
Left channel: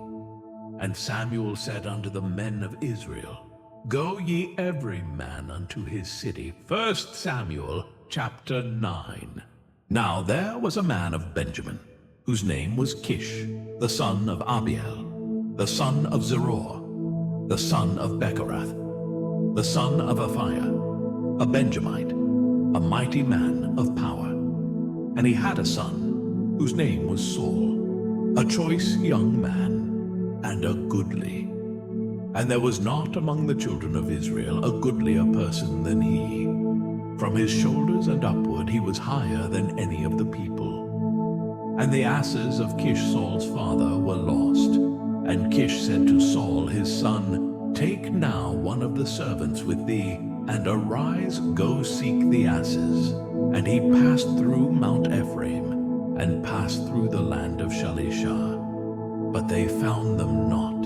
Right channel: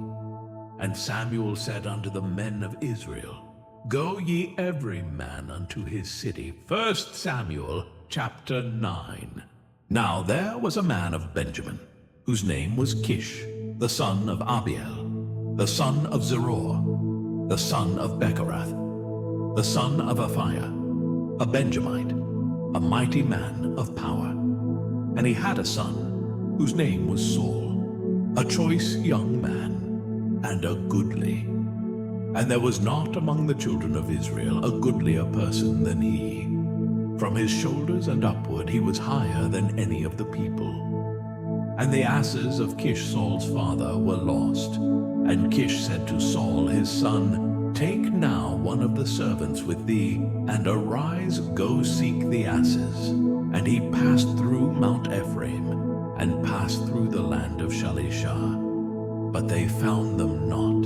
And Samuel said unto the men of Israel, Go ye every man unto his city. 1 Samuel chapter 9. Now there was a man of Benjamin, whose name was Kish, the son of Abiel, the son of Zeror, the son of Bechorath, the son of Aphiah, a Benjamite, a mighty man of power. And he had a son, whose name was Saul, a choice young man, and a goodly. And there was not among the children of Israel a goodlier person than he. From his shoulders and upward he was higher than any of the people. And the asses of Kish Saul's father were lost. And Kish said to Saul his son, Take now one of the servants with thee, and arise, go seek the asses. And he passed through Mount Ephraim, and passed through the land of Shalishah. But they found them not.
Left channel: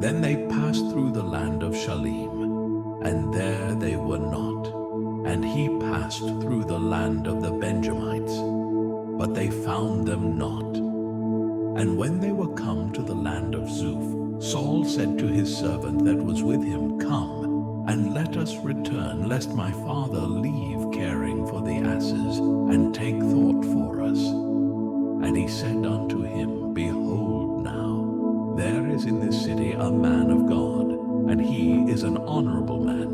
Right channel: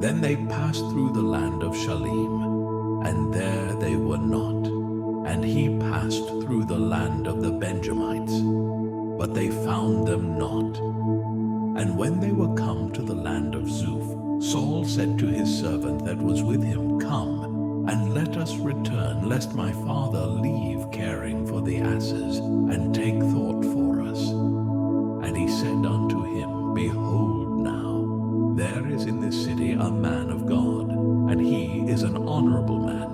Then they passed through the land of Shalim, and there they were not. And he passed through the land of the Benjamites, but they found them not. And when they were come to the land of Zuph, Saul said to his servant that was with him, Come, and let us return, lest my father leave caring for the asses, and take thought for us. And he said unto him, Behold now, there is in this city a man of God, and he is an honorable man.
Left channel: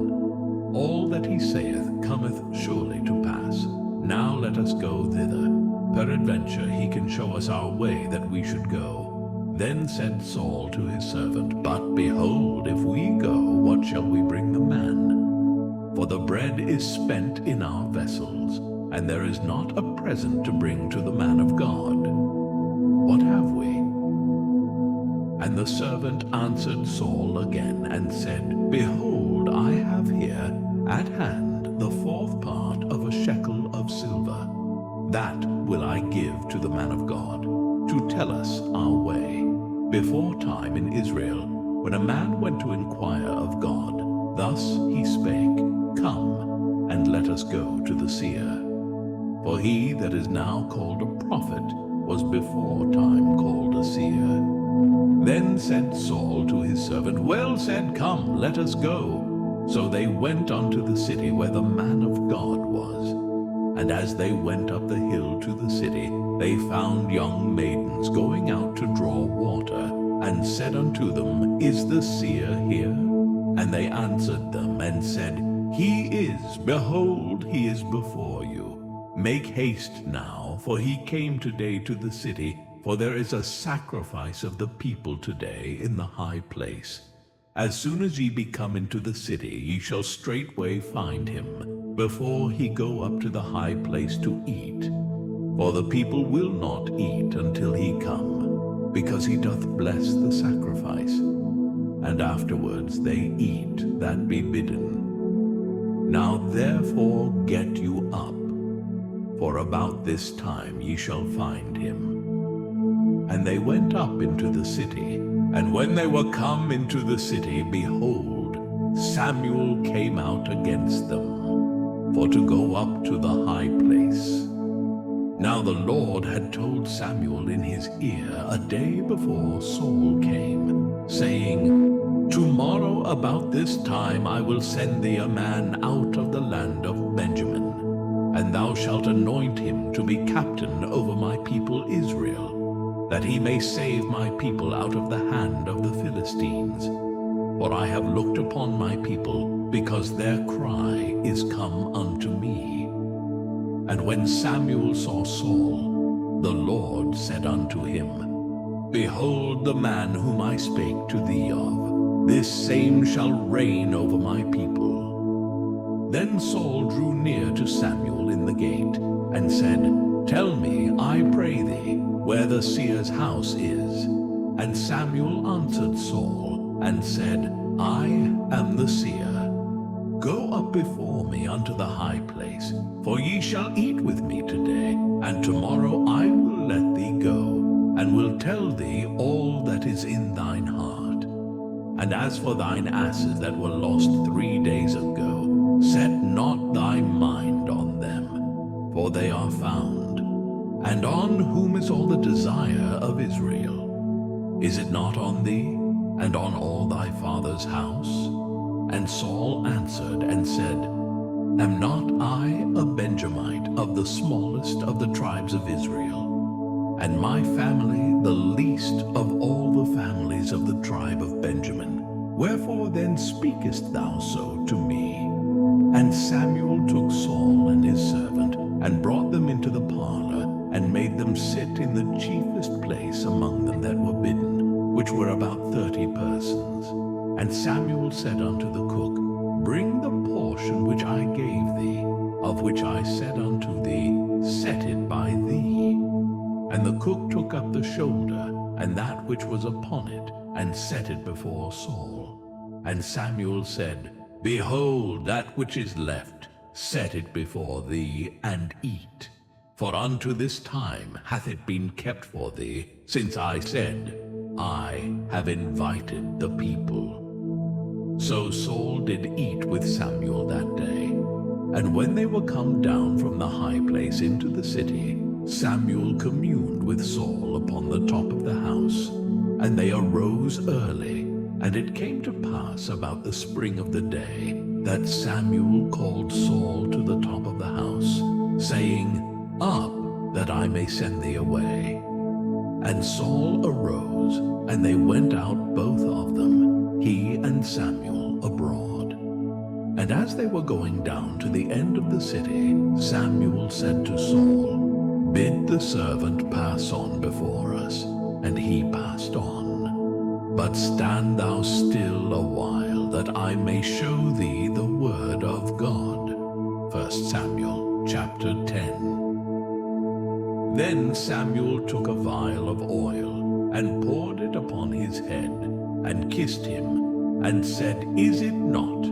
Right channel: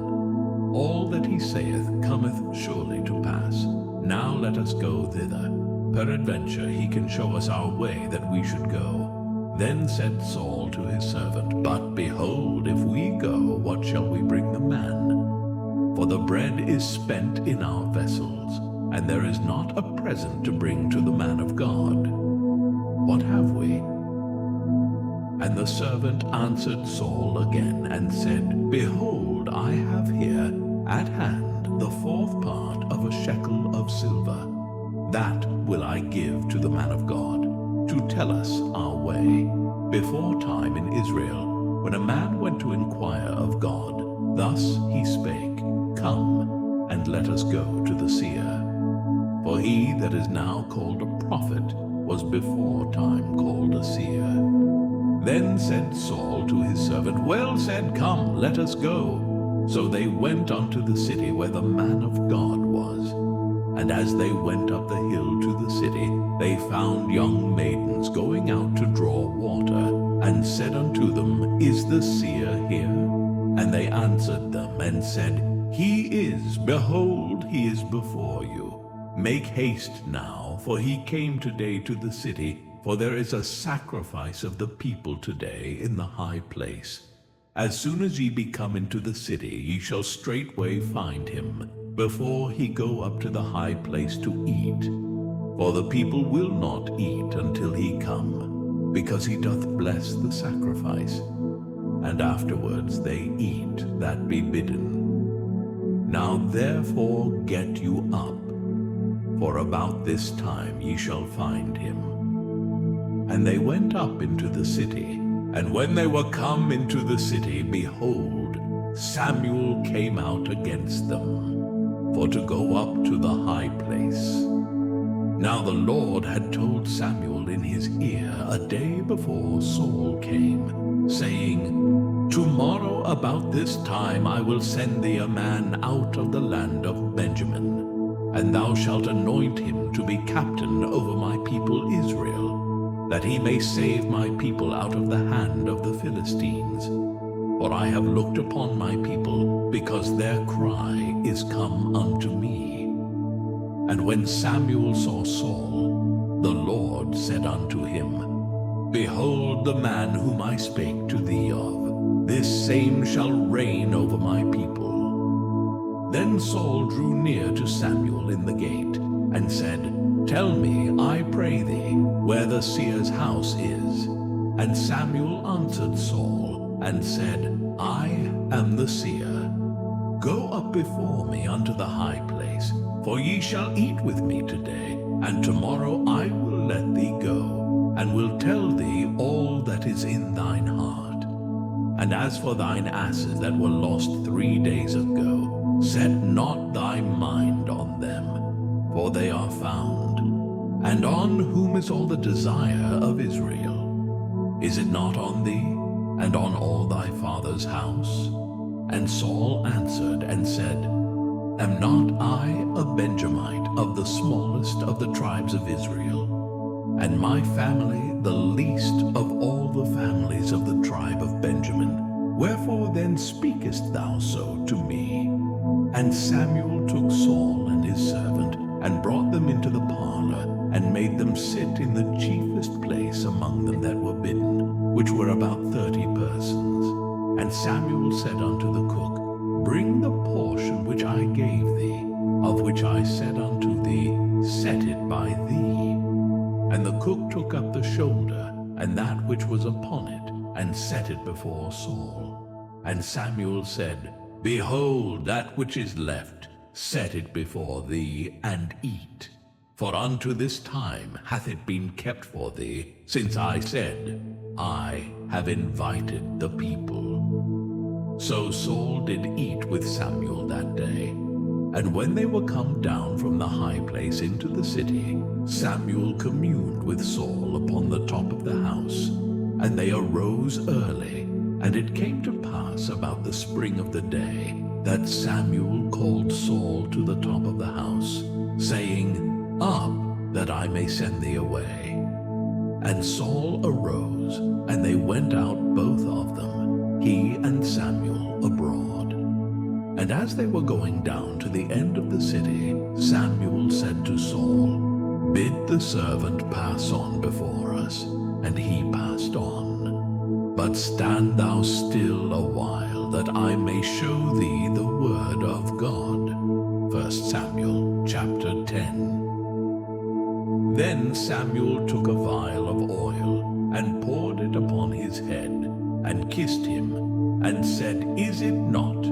All that he saith cometh surely to pass. Now let us go thither. Peradventure he can show us our way that we should go. Then said Saul to his servant, But behold, if we go, what shall we bring the man? For the bread is spent in our vessels, and there is not a present to bring to the man of God. What have we? And the servant answered Saul again, and said, Behold, I have here at hand the fourth part of a shekel of silver. That will I give to the man of God, to tell us our way. Before time in Israel, when a man went to inquire of God, thus he spake, Come, and let us go to the seer. For he that is now called a prophet was before time called a seer. Then said Saul to his servant, Well said, come, let us go. So they went unto the city where the man of God was. And as they went up the hill to the city, they found young maidens going out to draw water, and said unto them, Is the seer here? And they answered them, and said, He is, behold, he is before you. Make haste now, for he came today to the city, for there is a sacrifice of the people today in the high place. As soon as ye be come into the city, ye shall straightway find him, before he go up to the high place to eat. For the people will not eat until he come, because he doth bless the sacrifice. And afterwards they eat that be bidden. Now therefore get you up, for about this time ye shall find him. And they went up into the city, and when they were come into the city, behold, Samuel came out against them, for to go up to the high place. Now the Lord had told Samuel in his ear a day before Saul came, saying, Tomorrow about this time I will send thee a man out of the land of Benjamin, and thou shalt anoint him to be captain over my people Israel, that he may save my people out of the hand of the Philistines. For I have looked upon my people, because their cry is come unto me. And when Samuel saw Saul, the Lord said unto him, Behold the man whom I spake to thee of, this same shall reign over my people. Then Saul drew near to Samuel in the gate, and said, Tell me, I pray thee, where the seer's house is. And Samuel answered Saul, and said, I am the seer. Go up before me unto the high place, for ye shall eat with me today, and tomorrow I will let thee go, and will tell thee all that is in thine heart. And as for thine asses that were lost 3 days ago, set not thy mind on them, for they are found. And on whom is all the desire of Israel? Is it not on thee, and on all thy father's house? And Saul answered and said, Am not I a Benjamite of the smallest of the tribes of Israel, and my family the least of all the families of the tribe of Benjamin? Wherefore then speakest thou so to me? And Samuel took Saul and his servant, and brought them into the parlor, and made them sit in the chiefest place among them that were bidden, which were about 30 persons. And Samuel said unto the cook, Bring the portion which I gave thee, of which I said unto thee, Set it by thee. And the cook took up the shoulder, and that which was upon it, and set it before Saul. And Samuel said, Behold, that which is left, set it before thee, and eat. For unto this time hath it been kept for thee, since I said, I have invited the people. So Saul did eat with Samuel that day. And when they were come down from the high place into the city, Samuel communed with Saul upon the top of the house. And they arose early, and it came to pass about the spring of the day, that Samuel called Saul to the top of the house, saying, Up, that I may send thee away. And Saul arose, and they went out both of them, he and Samuel, abroad. And as they were going down to the end of the city, Samuel said to Saul, Bid the servant pass on before us. And he passed on. But stand thou still a while, that I may show thee the word of God. 1 Samuel chapter 10. Then Samuel took a vial of oil, and poured it upon his head, and kissed him, and said, Is it not,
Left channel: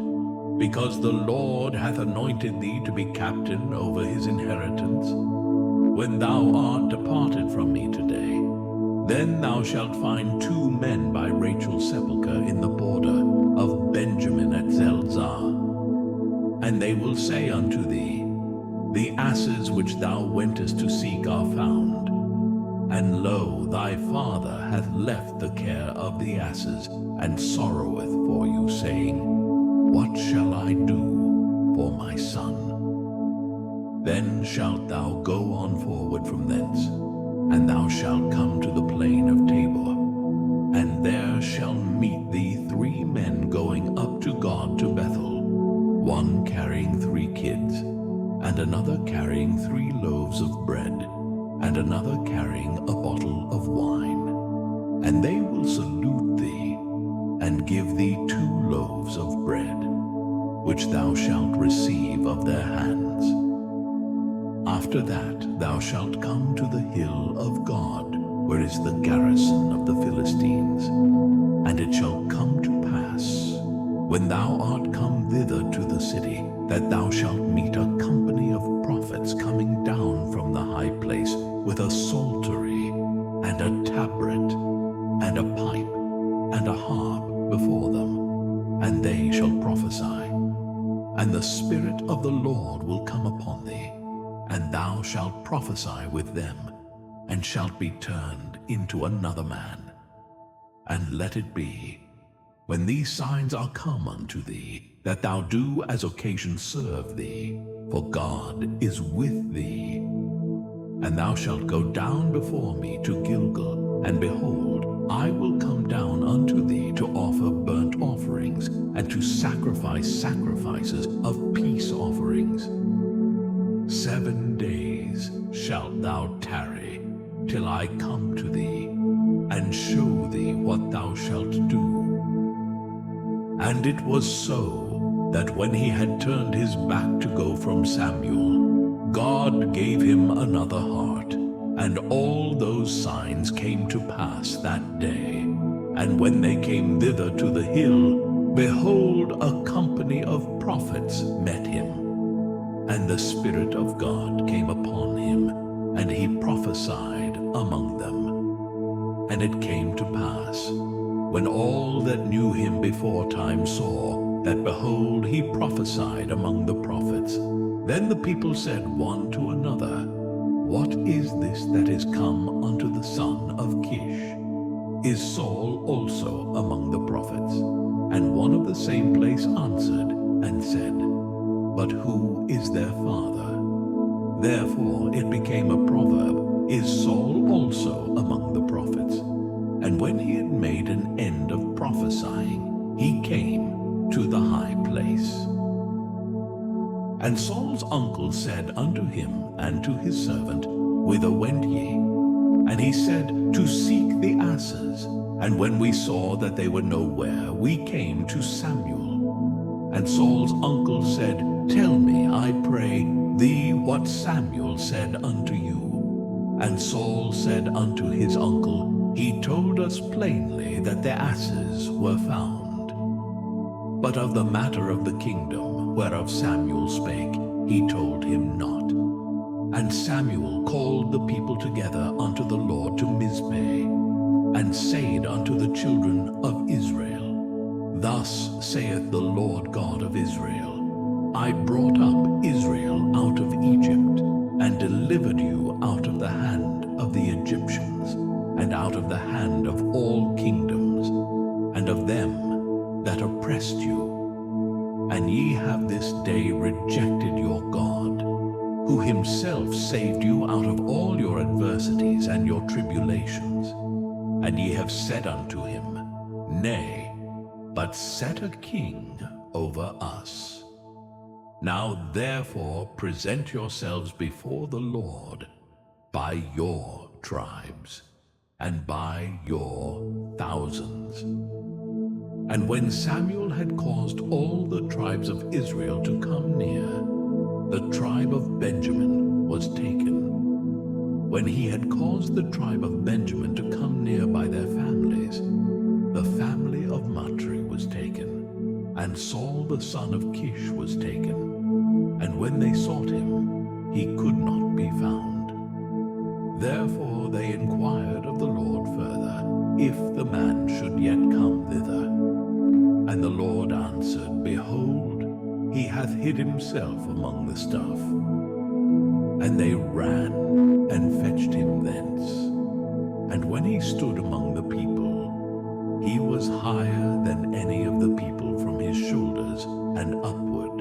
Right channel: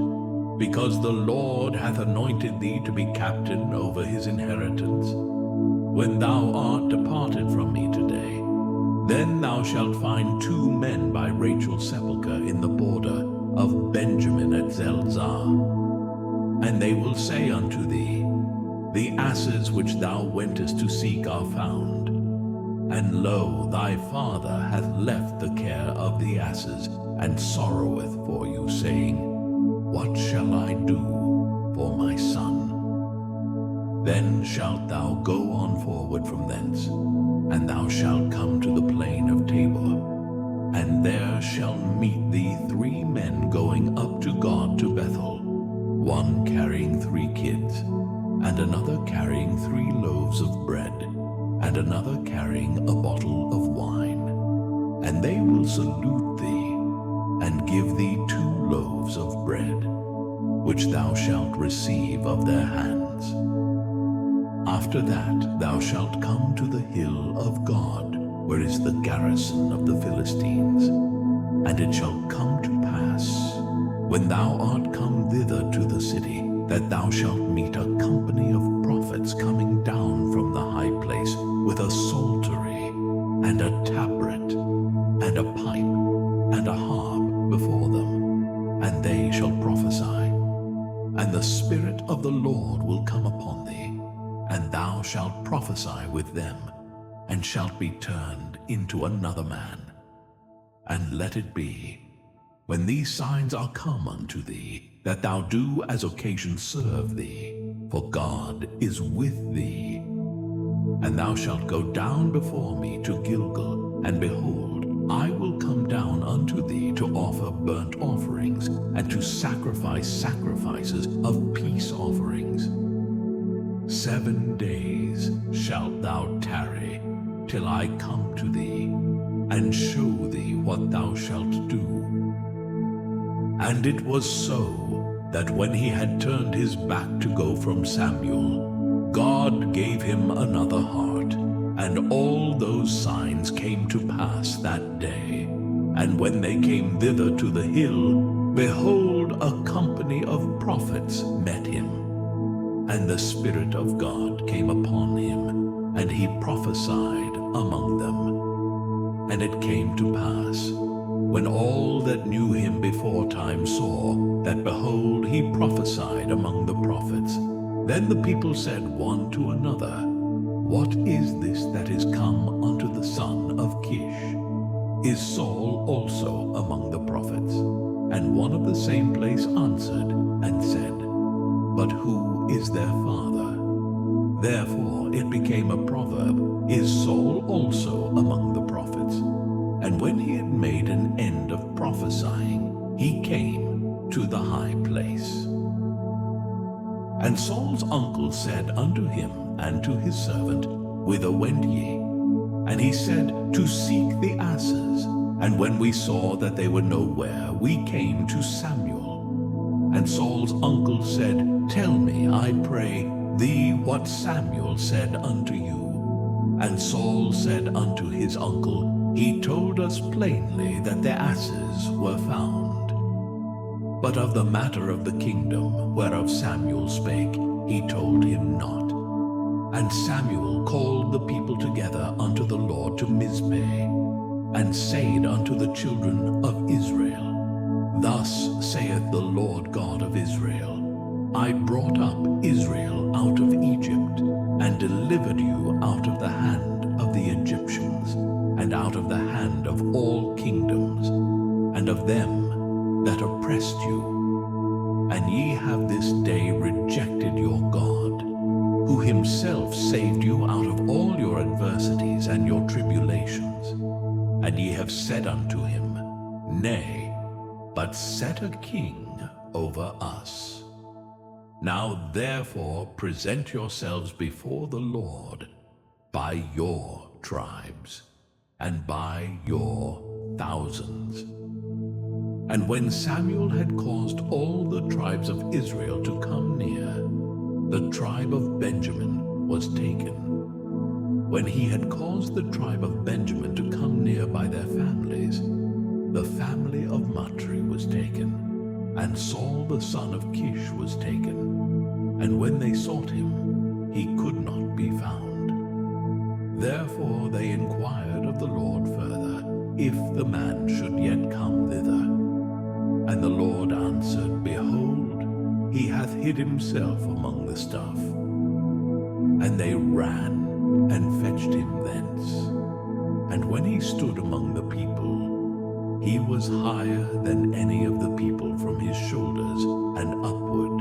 because the Lord hath anointed thee to be captain over his inheritance? When thou art departed from me today, then thou shalt find 2 men by Rachel's sepulchre in the border of Benjamin at Zelzah. And they will say unto thee, The asses which thou wentest to seek are found. And lo, thy father hath left the care of the asses, and sorroweth for you, saying, What shall I do for my son? Then shalt thou go on forward from thence, and thou shalt come to the plain of Tabor, and there shall meet thee 3 men going up to God to Bethel, one carrying 3 kids, and another carrying 3 loaves of bread, and another carrying a bottle of wine. And they will salute thee, and give thee 2 loaves of bread, which thou shalt receive of their hands. After that thou shalt come to the hill of God, where is the garrison of the Philistines. And it shall come to pass, when thou art come thither to the city, that thou shalt meet a company of prophets coming down from the high place, with a psaltery, and a tabret, and a pipe, and a harp before them, and they shall prophesy. And the Spirit of the Lord will come upon thee, and thou shalt prophesy with them, and shalt be turned into another man. And let it be, when these signs are come unto thee, that thou do as occasion serve thee, for God is with thee. And thou shalt go down before me to Gilgal, and behold, I will come down unto thee to offer burnt offerings, and to sacrifice sacrifices of peace offerings. 7 days shalt thou tarry, till I come to thee, and show thee what thou shalt do. And it was so, that when he had turned his back to go from Samuel, God gave him another heart, and all those signs came to pass that day. And when they came thither to the hill, behold, a company of prophets met him. And the Spirit of God came upon him, and he prophesied among them. And it came to pass, when all that knew him before time saw that, behold, he prophesied among the prophets. Then the people said one to another, What is this that is come unto the son of Kish? Is Saul also among the prophets? And one of the same place answered and said, But who is their father? Therefore it became a proverb, Is Saul also among the prophets? And when he had made an end of prophesying, he came to the high place. And Saul's uncle said unto him and to his servant, Whither went ye? And he said, To seek the asses. And when we saw that they were nowhere, we came to Samuel. And Saul's uncle said, Tell me, I pray thee, what Samuel said unto you. And Saul said unto his uncle, He told us plainly that the asses were found. But of the matter of the kingdom whereof Samuel spake, he told him not. And Samuel called the people together unto the Lord to Mizpeh, and said unto the children of Israel, Thus saith the Lord God of Israel, I brought up Israel out of Egypt, and delivered you out of the hand of the Egyptians, and out of the hand of all kingdoms, and of them that oppressed you. And ye have this day rejected your God, who himself saved you out of all your adversities and your tribulations. And ye have said unto him, Nay, but set a king over us. Now therefore present yourselves before the Lord by your tribes, and by your thousands. And when Samuel had caused all the tribes of Israel to come near, the tribe of Benjamin was taken. When he had caused the tribe of Benjamin to come near by their families, the family of Matri was taken, and Saul the son of Kish was taken. And when they sought him, he could not be found. Therefore they inquired of the Lord further, if the man should yet come thither. And the Lord answered, Behold, he hath hid himself among the stuff. And they ran and fetched him thence. And when he stood among the people, he was higher than any of the people from his shoulders and upward.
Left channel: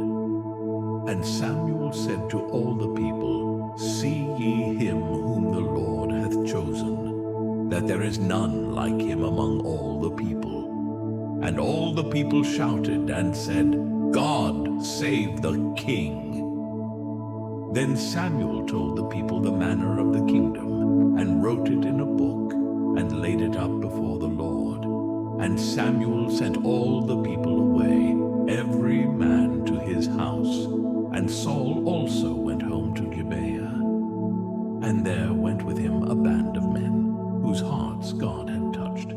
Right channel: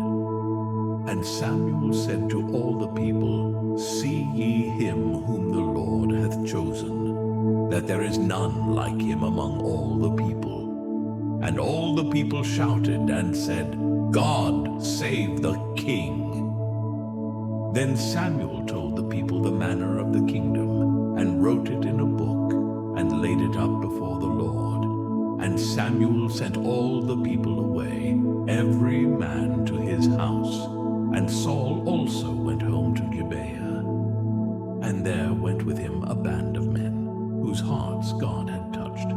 And Samuel said to all the people, See ye him whom the Lord hath chosen, that there is none like him among all the people. And all the people shouted and said, God save the king. Then Samuel told the people the manner of the kingdom, and wrote it in a book, and laid it up before the Lord. And Samuel sent all the people away, every man to his house. And Saul also went home to Gibeah. And there went with him a band of men, whose hearts God had touched.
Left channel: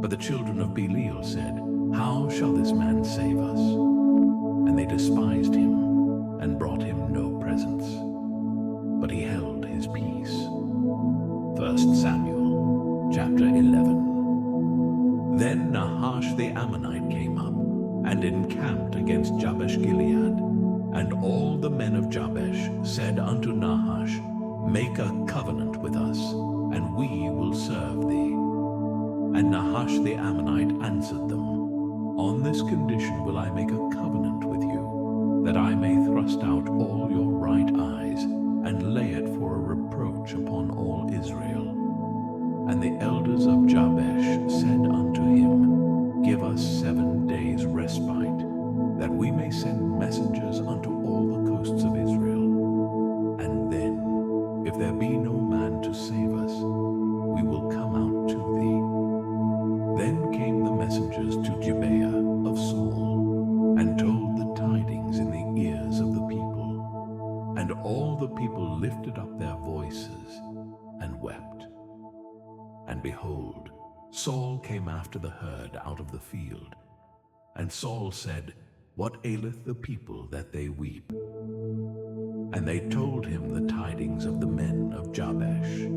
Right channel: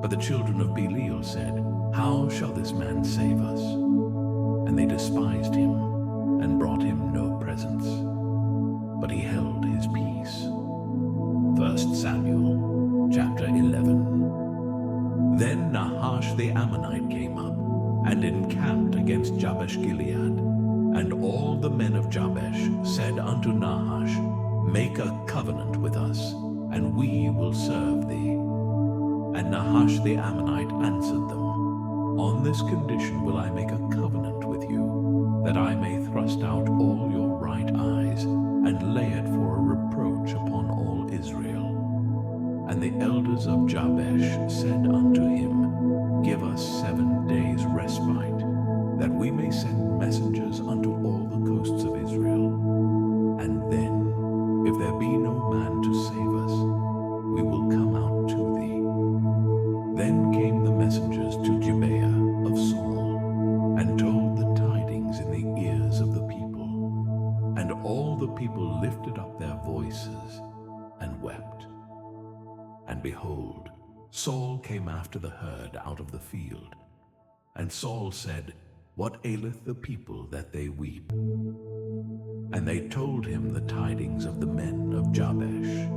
But the children of Belial said, How shall this man save us? And they despised him, and brought him no presents. But he held his peace. 1 Samuel chapter 11. Then Nahash the Ammonite came up, and encamped against Jabesh Gilead. And all the men of Jabesh said unto Nahash, Make a covenant with us, and we will serve thee. And Nahash the Ammonite answered them, On this condition will I make a covenant with you, that I may thrust out all your right eyes, and lay it for a reproach upon all Israel. And the elders of Jabesh said unto him, Give us 7 days' respite, that we may send messengers unto all the coasts of Israel. And then, if there be no man to save us, we will come out to thee. Then came the messengers to Gibeah of Saul, and told the tidings in the ears of the people. And all the people lifted up their voices, and wept. And behold, Saul came after the herd out of the field. And Saul said, What aileth the people that they weep? And they told him the tidings of the men of Jabesh.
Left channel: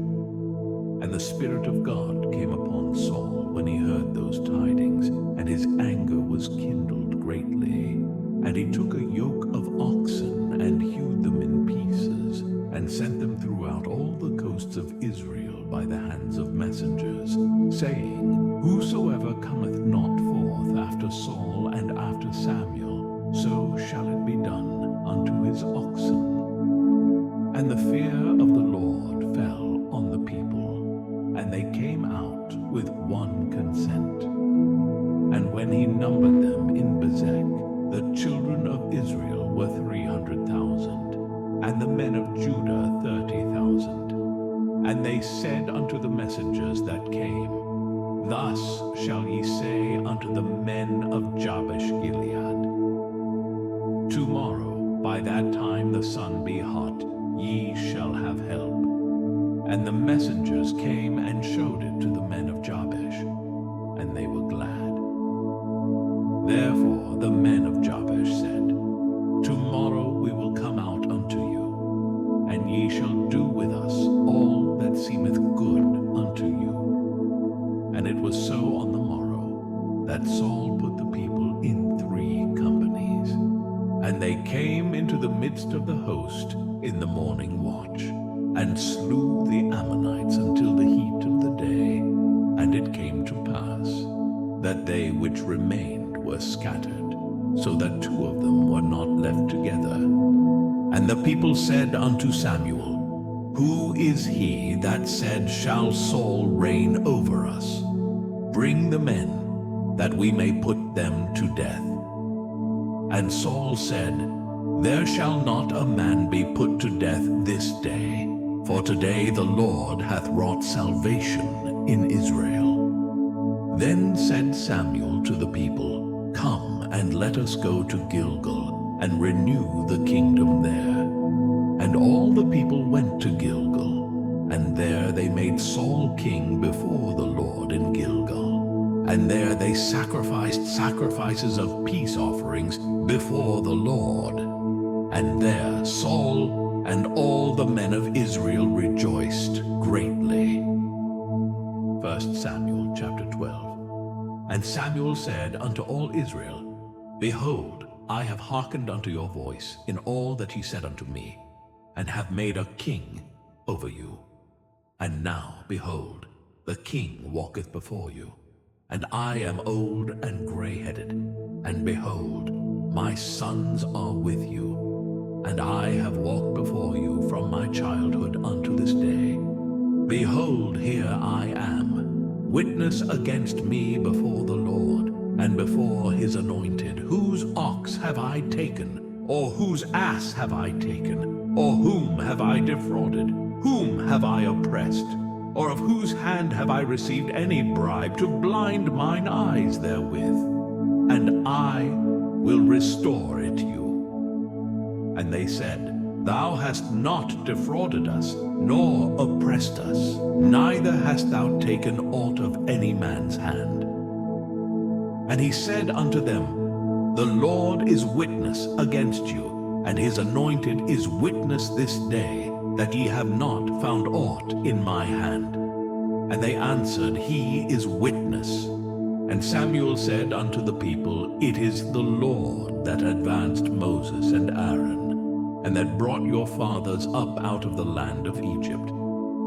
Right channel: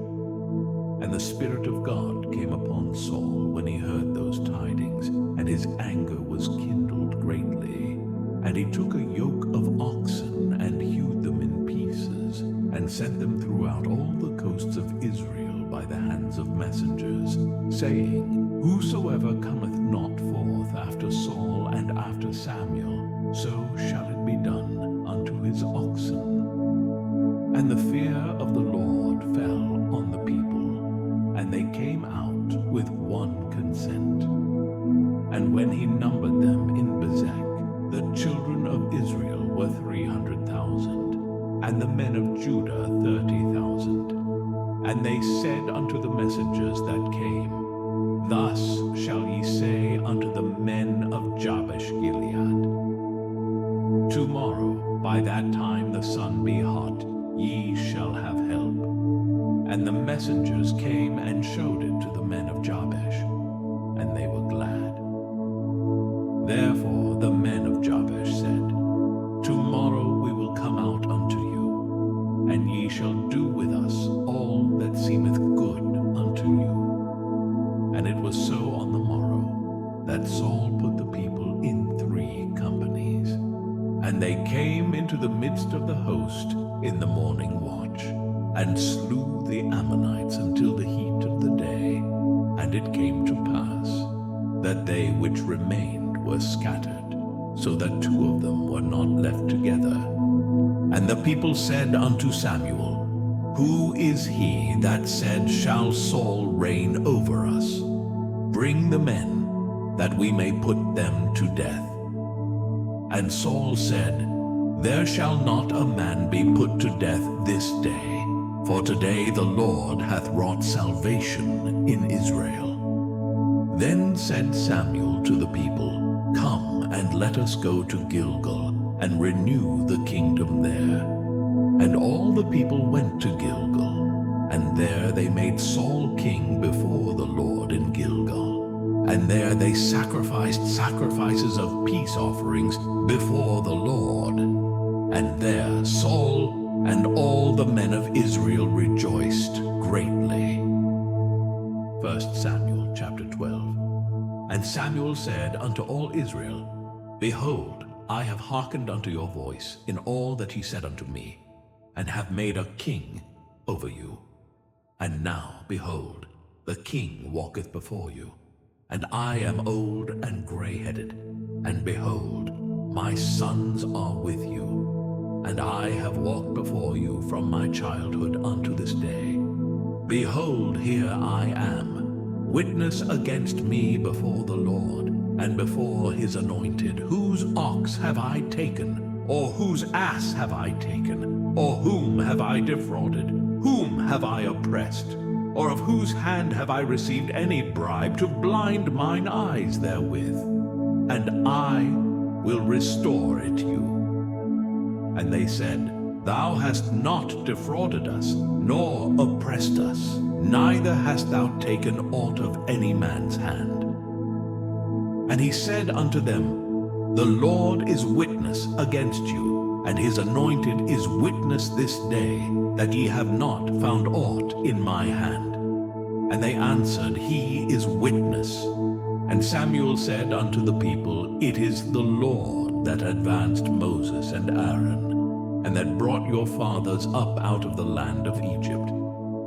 And the Spirit of God came upon Saul when he heard those tidings, and his anger was kindled greatly. And he took a yoke of oxen and hewed them in pieces, and sent them throughout all the coasts of Israel by the hands of messengers, saying, Whosoever cometh not forth after Saul and after Samuel, so shall it be done unto his oxen. And the fear of the Lord fell on the people, and they came out with one consent. And when he numbered them in Bezek, the children of Israel were 300,000, and the men of Judah 30,000. And they said unto the messengers that came, Thus shall ye say unto the men of Jabesh Gilead, Tomorrow, by that time the sun be hot, ye shall have help. And the messengers came and showed it to the men of Jabesh, and they were glad. Therefore the men of Jabesh said, Tomorrow we will come out unto you, and ye shall do with us all that seemeth good unto you. And it was so on the morrow, that Saul put the people in 3 companies. And they came into the midst of the host in the morning watch, and slew the Ammonites until the heat of the day. And it came to pass, that they which remained were scattered, so that 2 of them were not left together. And the people said unto Samuel, Who is he that said, Shall Saul reign over us? Bring the men, that we may put them to death. And Saul said, There shall not a man be put to death this day, for today the Lord hath wrought salvation in Israel. Then said Samuel to the people, Come, and let us go to Gilgal, and renew the kingdom there. And all the people went to Gilgal, and there they made Saul king before the Lord in Gilgal. And there they sacrificed sacrifices of peace offerings before the Lord. And there Saul and all the men of Israel rejoiced greatly. 1 Samuel chapter 12. And Samuel said unto all Israel, Behold, I have hearkened unto your voice in all that ye said unto me, and have made a king over you. And now, behold, the king walketh before you, and I am old and gray-headed, and behold, my sons are with you, and I have walked before you from my childhood unto this day. Behold, here I am, witness against me before the Lord, and before his anointed. Whose ox have I taken? Or whose ass have I taken? Or whom have I defrauded? Whom have I oppressed? Or of whose hand have I received any bribe to blind mine eyes therewith? And I will restore it you. And they said, Thou hast not defrauded us, nor oppressed us, neither hast thou taken aught of any man's hand. And he said unto them, The Lord is witness against you, and his anointed is witness this day, that ye have not found aught in my hand. And they answered, He is witness. And Samuel said unto the people, It is the Lord that advanced Moses and Aaron, and that brought your fathers up out of the land of Egypt.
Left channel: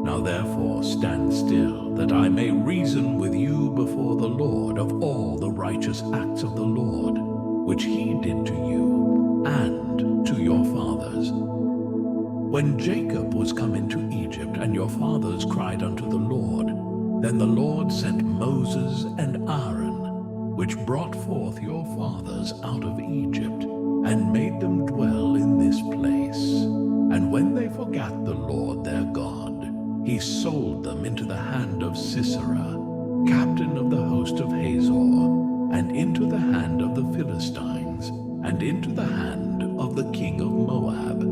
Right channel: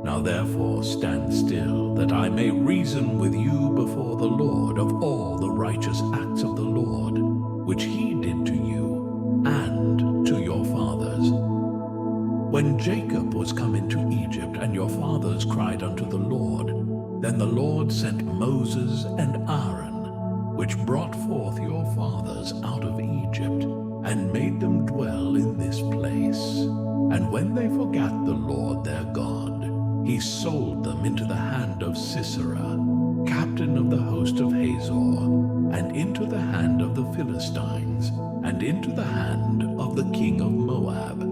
Now therefore stand still, that I may reason with you before the Lord of all the righteous acts of the Lord, which he did to you, and to your fathers. When Jacob was come into Egypt, and your fathers cried unto the Lord, then the Lord sent Moses and Aaron, which brought forth your fathers out of Egypt, and made them dwell in this place. And when they forgat the Lord their God, he sold them into the hand of Sisera, captain of the host of Hazor, and into the hand of the Philistines, and into the hand of the king of Moab.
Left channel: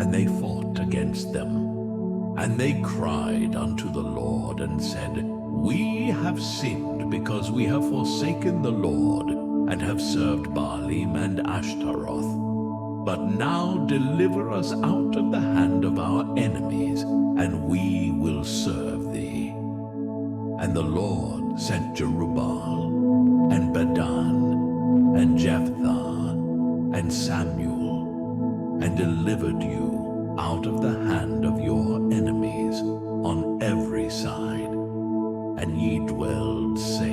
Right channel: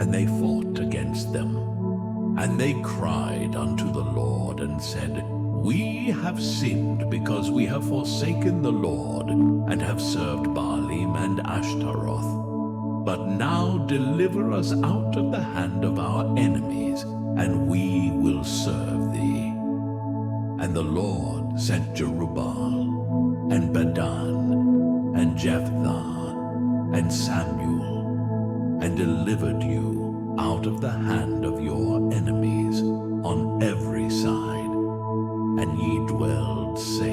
And they fought against them. And they cried unto the Lord, and said, We have sinned, because we have forsaken the Lord, and have served Baalim and Ashtaroth. But now deliver us out of the hand of our enemies, and we will serve thee. And the Lord sent Jerubbaal, and Bedan, and Jephthah, and Samuel, and delivered you out of the hand of your enemies on every side, and ye dwelled safe.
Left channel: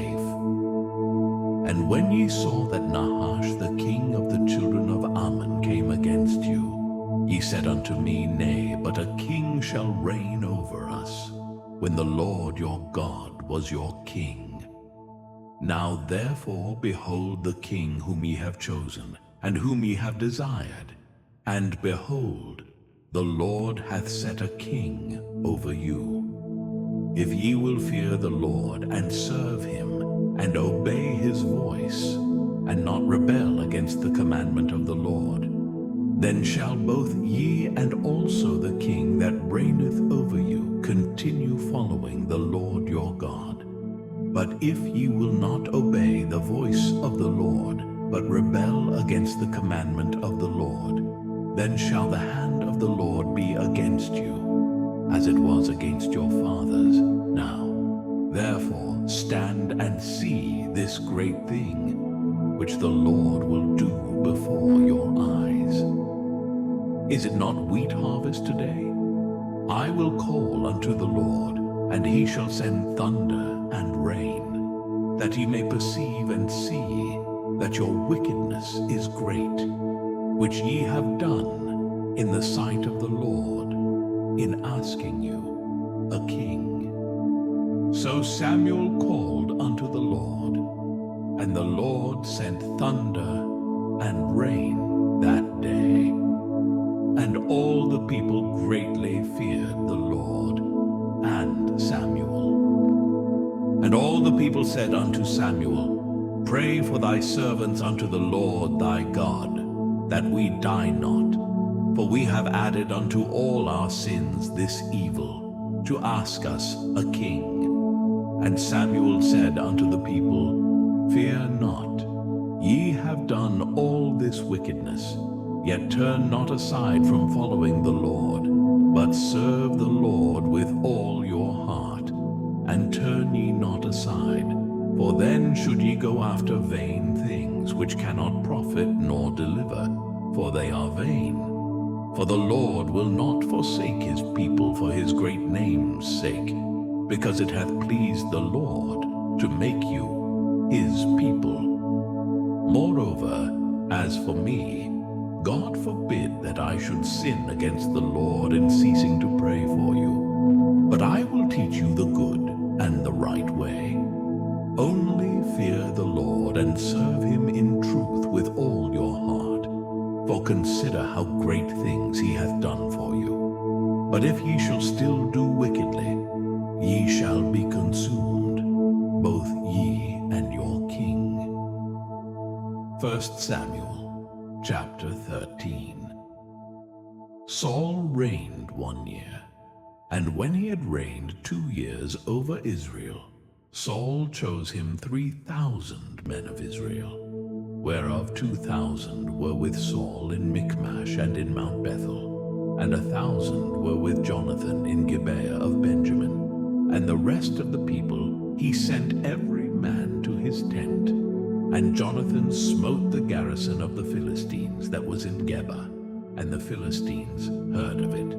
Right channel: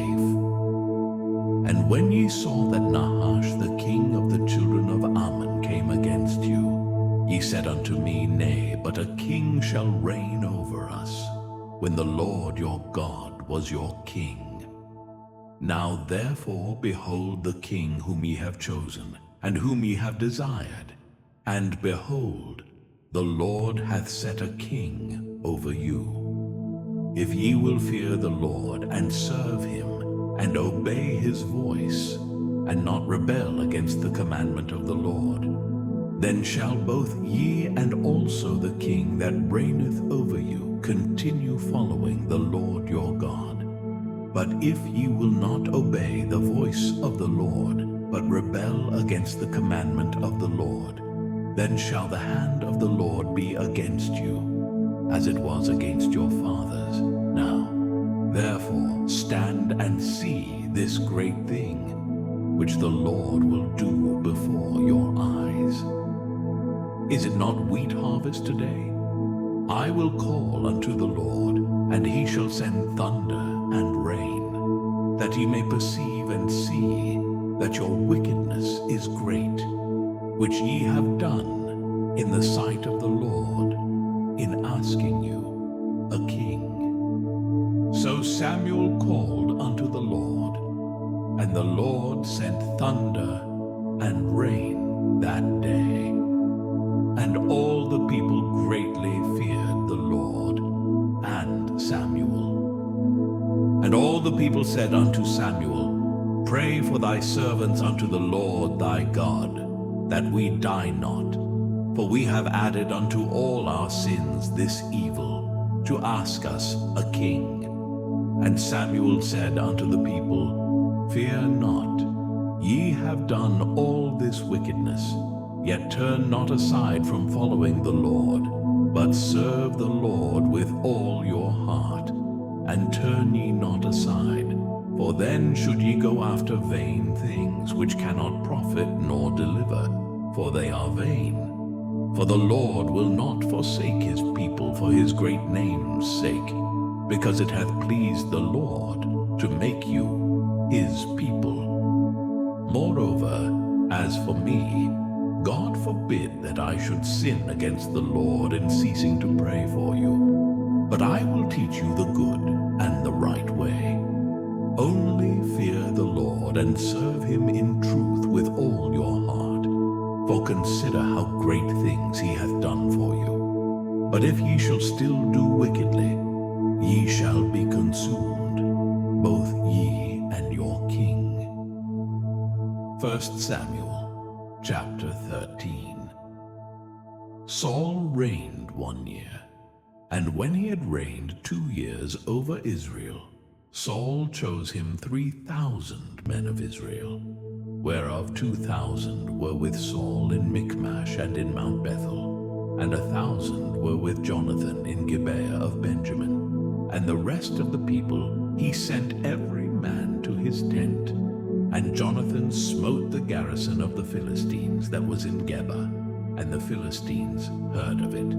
And when ye saw that Nahash the king of the children of Ammon came against you, ye said unto me, Nay, but a king shall reign over us, when the Lord your God was your king. Now therefore behold the king whom ye have chosen, and whom ye have desired. And behold, the Lord hath set a king over you. If ye will fear the Lord, and serve him, and obey his voice, and not rebel against the commandment of the Lord, then shall both ye and also the king that reigneth over you continue following the Lord your God. But if ye will not obey the voice of the Lord, but rebel against the commandment of the Lord, then shall the hand of the Lord be against you, as it was against your fathers. Now, therefore, stand and see this great thing, which the Lord will do before your eyes. Is it not wheat harvest today? I will call unto the Lord, and he shall send thunder and rain, that ye may perceive and see that your wickedness is great, which ye have done in the sight of the Lord, in asking you a king. So Samuel called unto the Lord, and the Lord sent thunder and rain that day. And all the people greatly feared the Lord and Samuel. And all the people said unto Samuel, Pray for thy servants unto the Lord thy God, that we die not. For we have added unto all our sins this evil, to ask us a king. And Samuel said unto the people, Fear not, ye have done all this wickedness. Yet turn not aside from following the Lord, but serve the Lord with all your heart, and turn ye not aside. For then should ye go after vain things, which cannot profit nor deliver, for they are vain. For the Lord will not forsake his people for his great name's sake, because it hath pleased the Lord to make you his people. Moreover, as for me, God forbid that I should sin against the Lord in ceasing to pray for you. But I will teach you the good and the right way. Only fear the Lord and serve him in truth with all your heart. For consider how great things he hath done for you. But if ye shall still do wickedly, ye shall be consumed, both ye and your king. 1 Samuel Chapter 13. Saul reigned 1 year, and when he had reigned 2 years over Israel, Saul chose him 3,000 men of Israel, whereof 2,000 were with Saul in Michmash and in Mount Bethel, and 1,000 were with Jonathan in Gibeah of Benjamin. And the rest of the people he sent every man to his tent. And Jonathan smote the garrison of the Philistines that was in Geba, and the Philistines heard of it.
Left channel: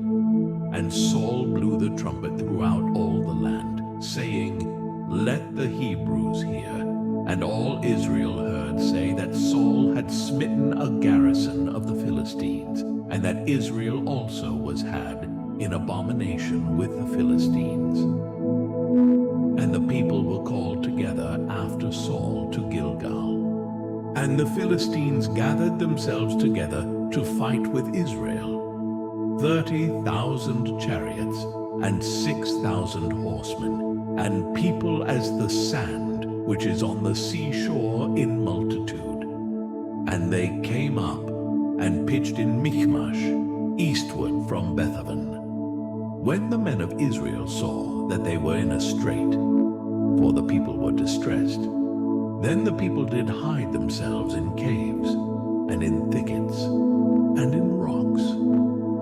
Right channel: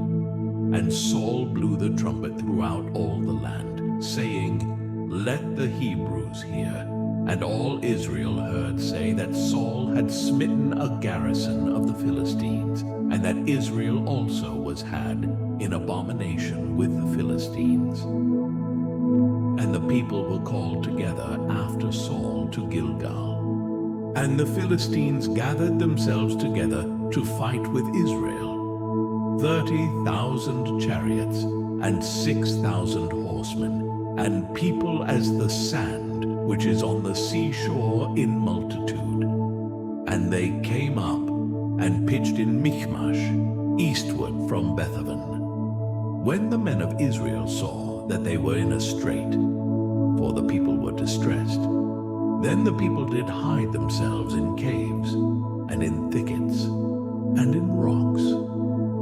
And Saul blew the trumpet throughout all the land, saying, Let the Hebrews hear. And all Israel heard say that Saul had smitten a garrison of the Philistines, and that Israel also was had in abomination with the Philistines. And the people were called together after Saul to Gilgal. And the Philistines gathered themselves together to fight with Israel, 30,000 chariots and 6,000 horsemen, and people as the sand which is on the seashore in multitude. And they came up and pitched in Michmash, eastward from Bethaven. When the men of Israel saw that they were in a strait, for the people were distressed, then the people did hide themselves in caves, and in thickets, and in rocks,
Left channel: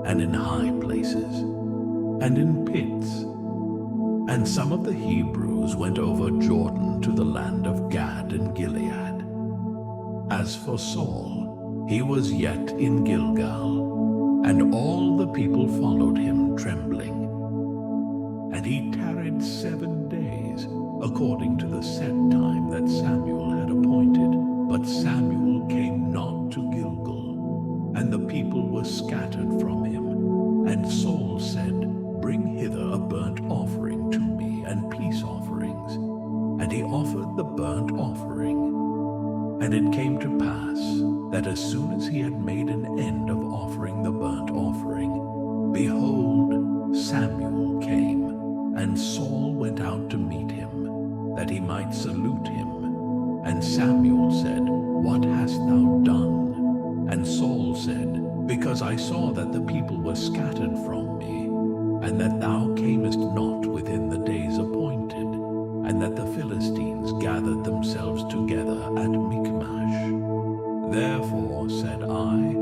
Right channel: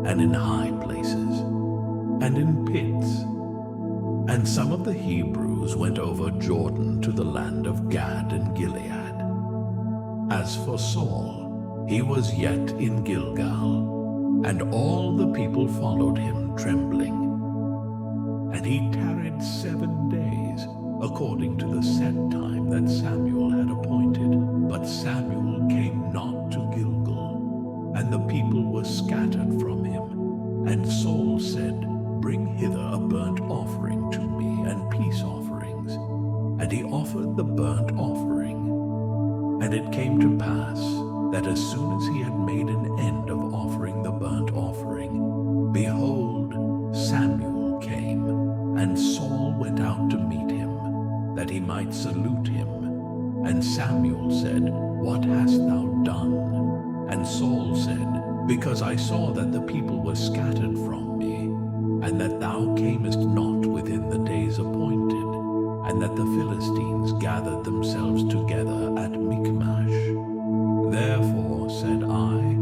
and in high places, and in pits. And some of the Hebrews went over Jordan to the land of Gad and Gilead. As for Saul, he was yet in Gilgal, and all the people followed him trembling. And he tarried 7 days, according to the set time that Samuel had appointed. But Samuel came not to Gilgal, and the people were scattered from him. And Saul said, Bring hither a burnt offering to me, and peace offerings. And he offered the burnt offering. And it came to pass, that as soon as he had made an end of offering the burnt offering, behold, Samuel came, and Saul went out to meet him, that he might salute him. And Samuel said, What hast thou done? And Saul said, Because I saw that the people were scattered from me, and that thou camest not within the days appointed, and that the Philistines gathered themselves together at Michmash. Therefore said I,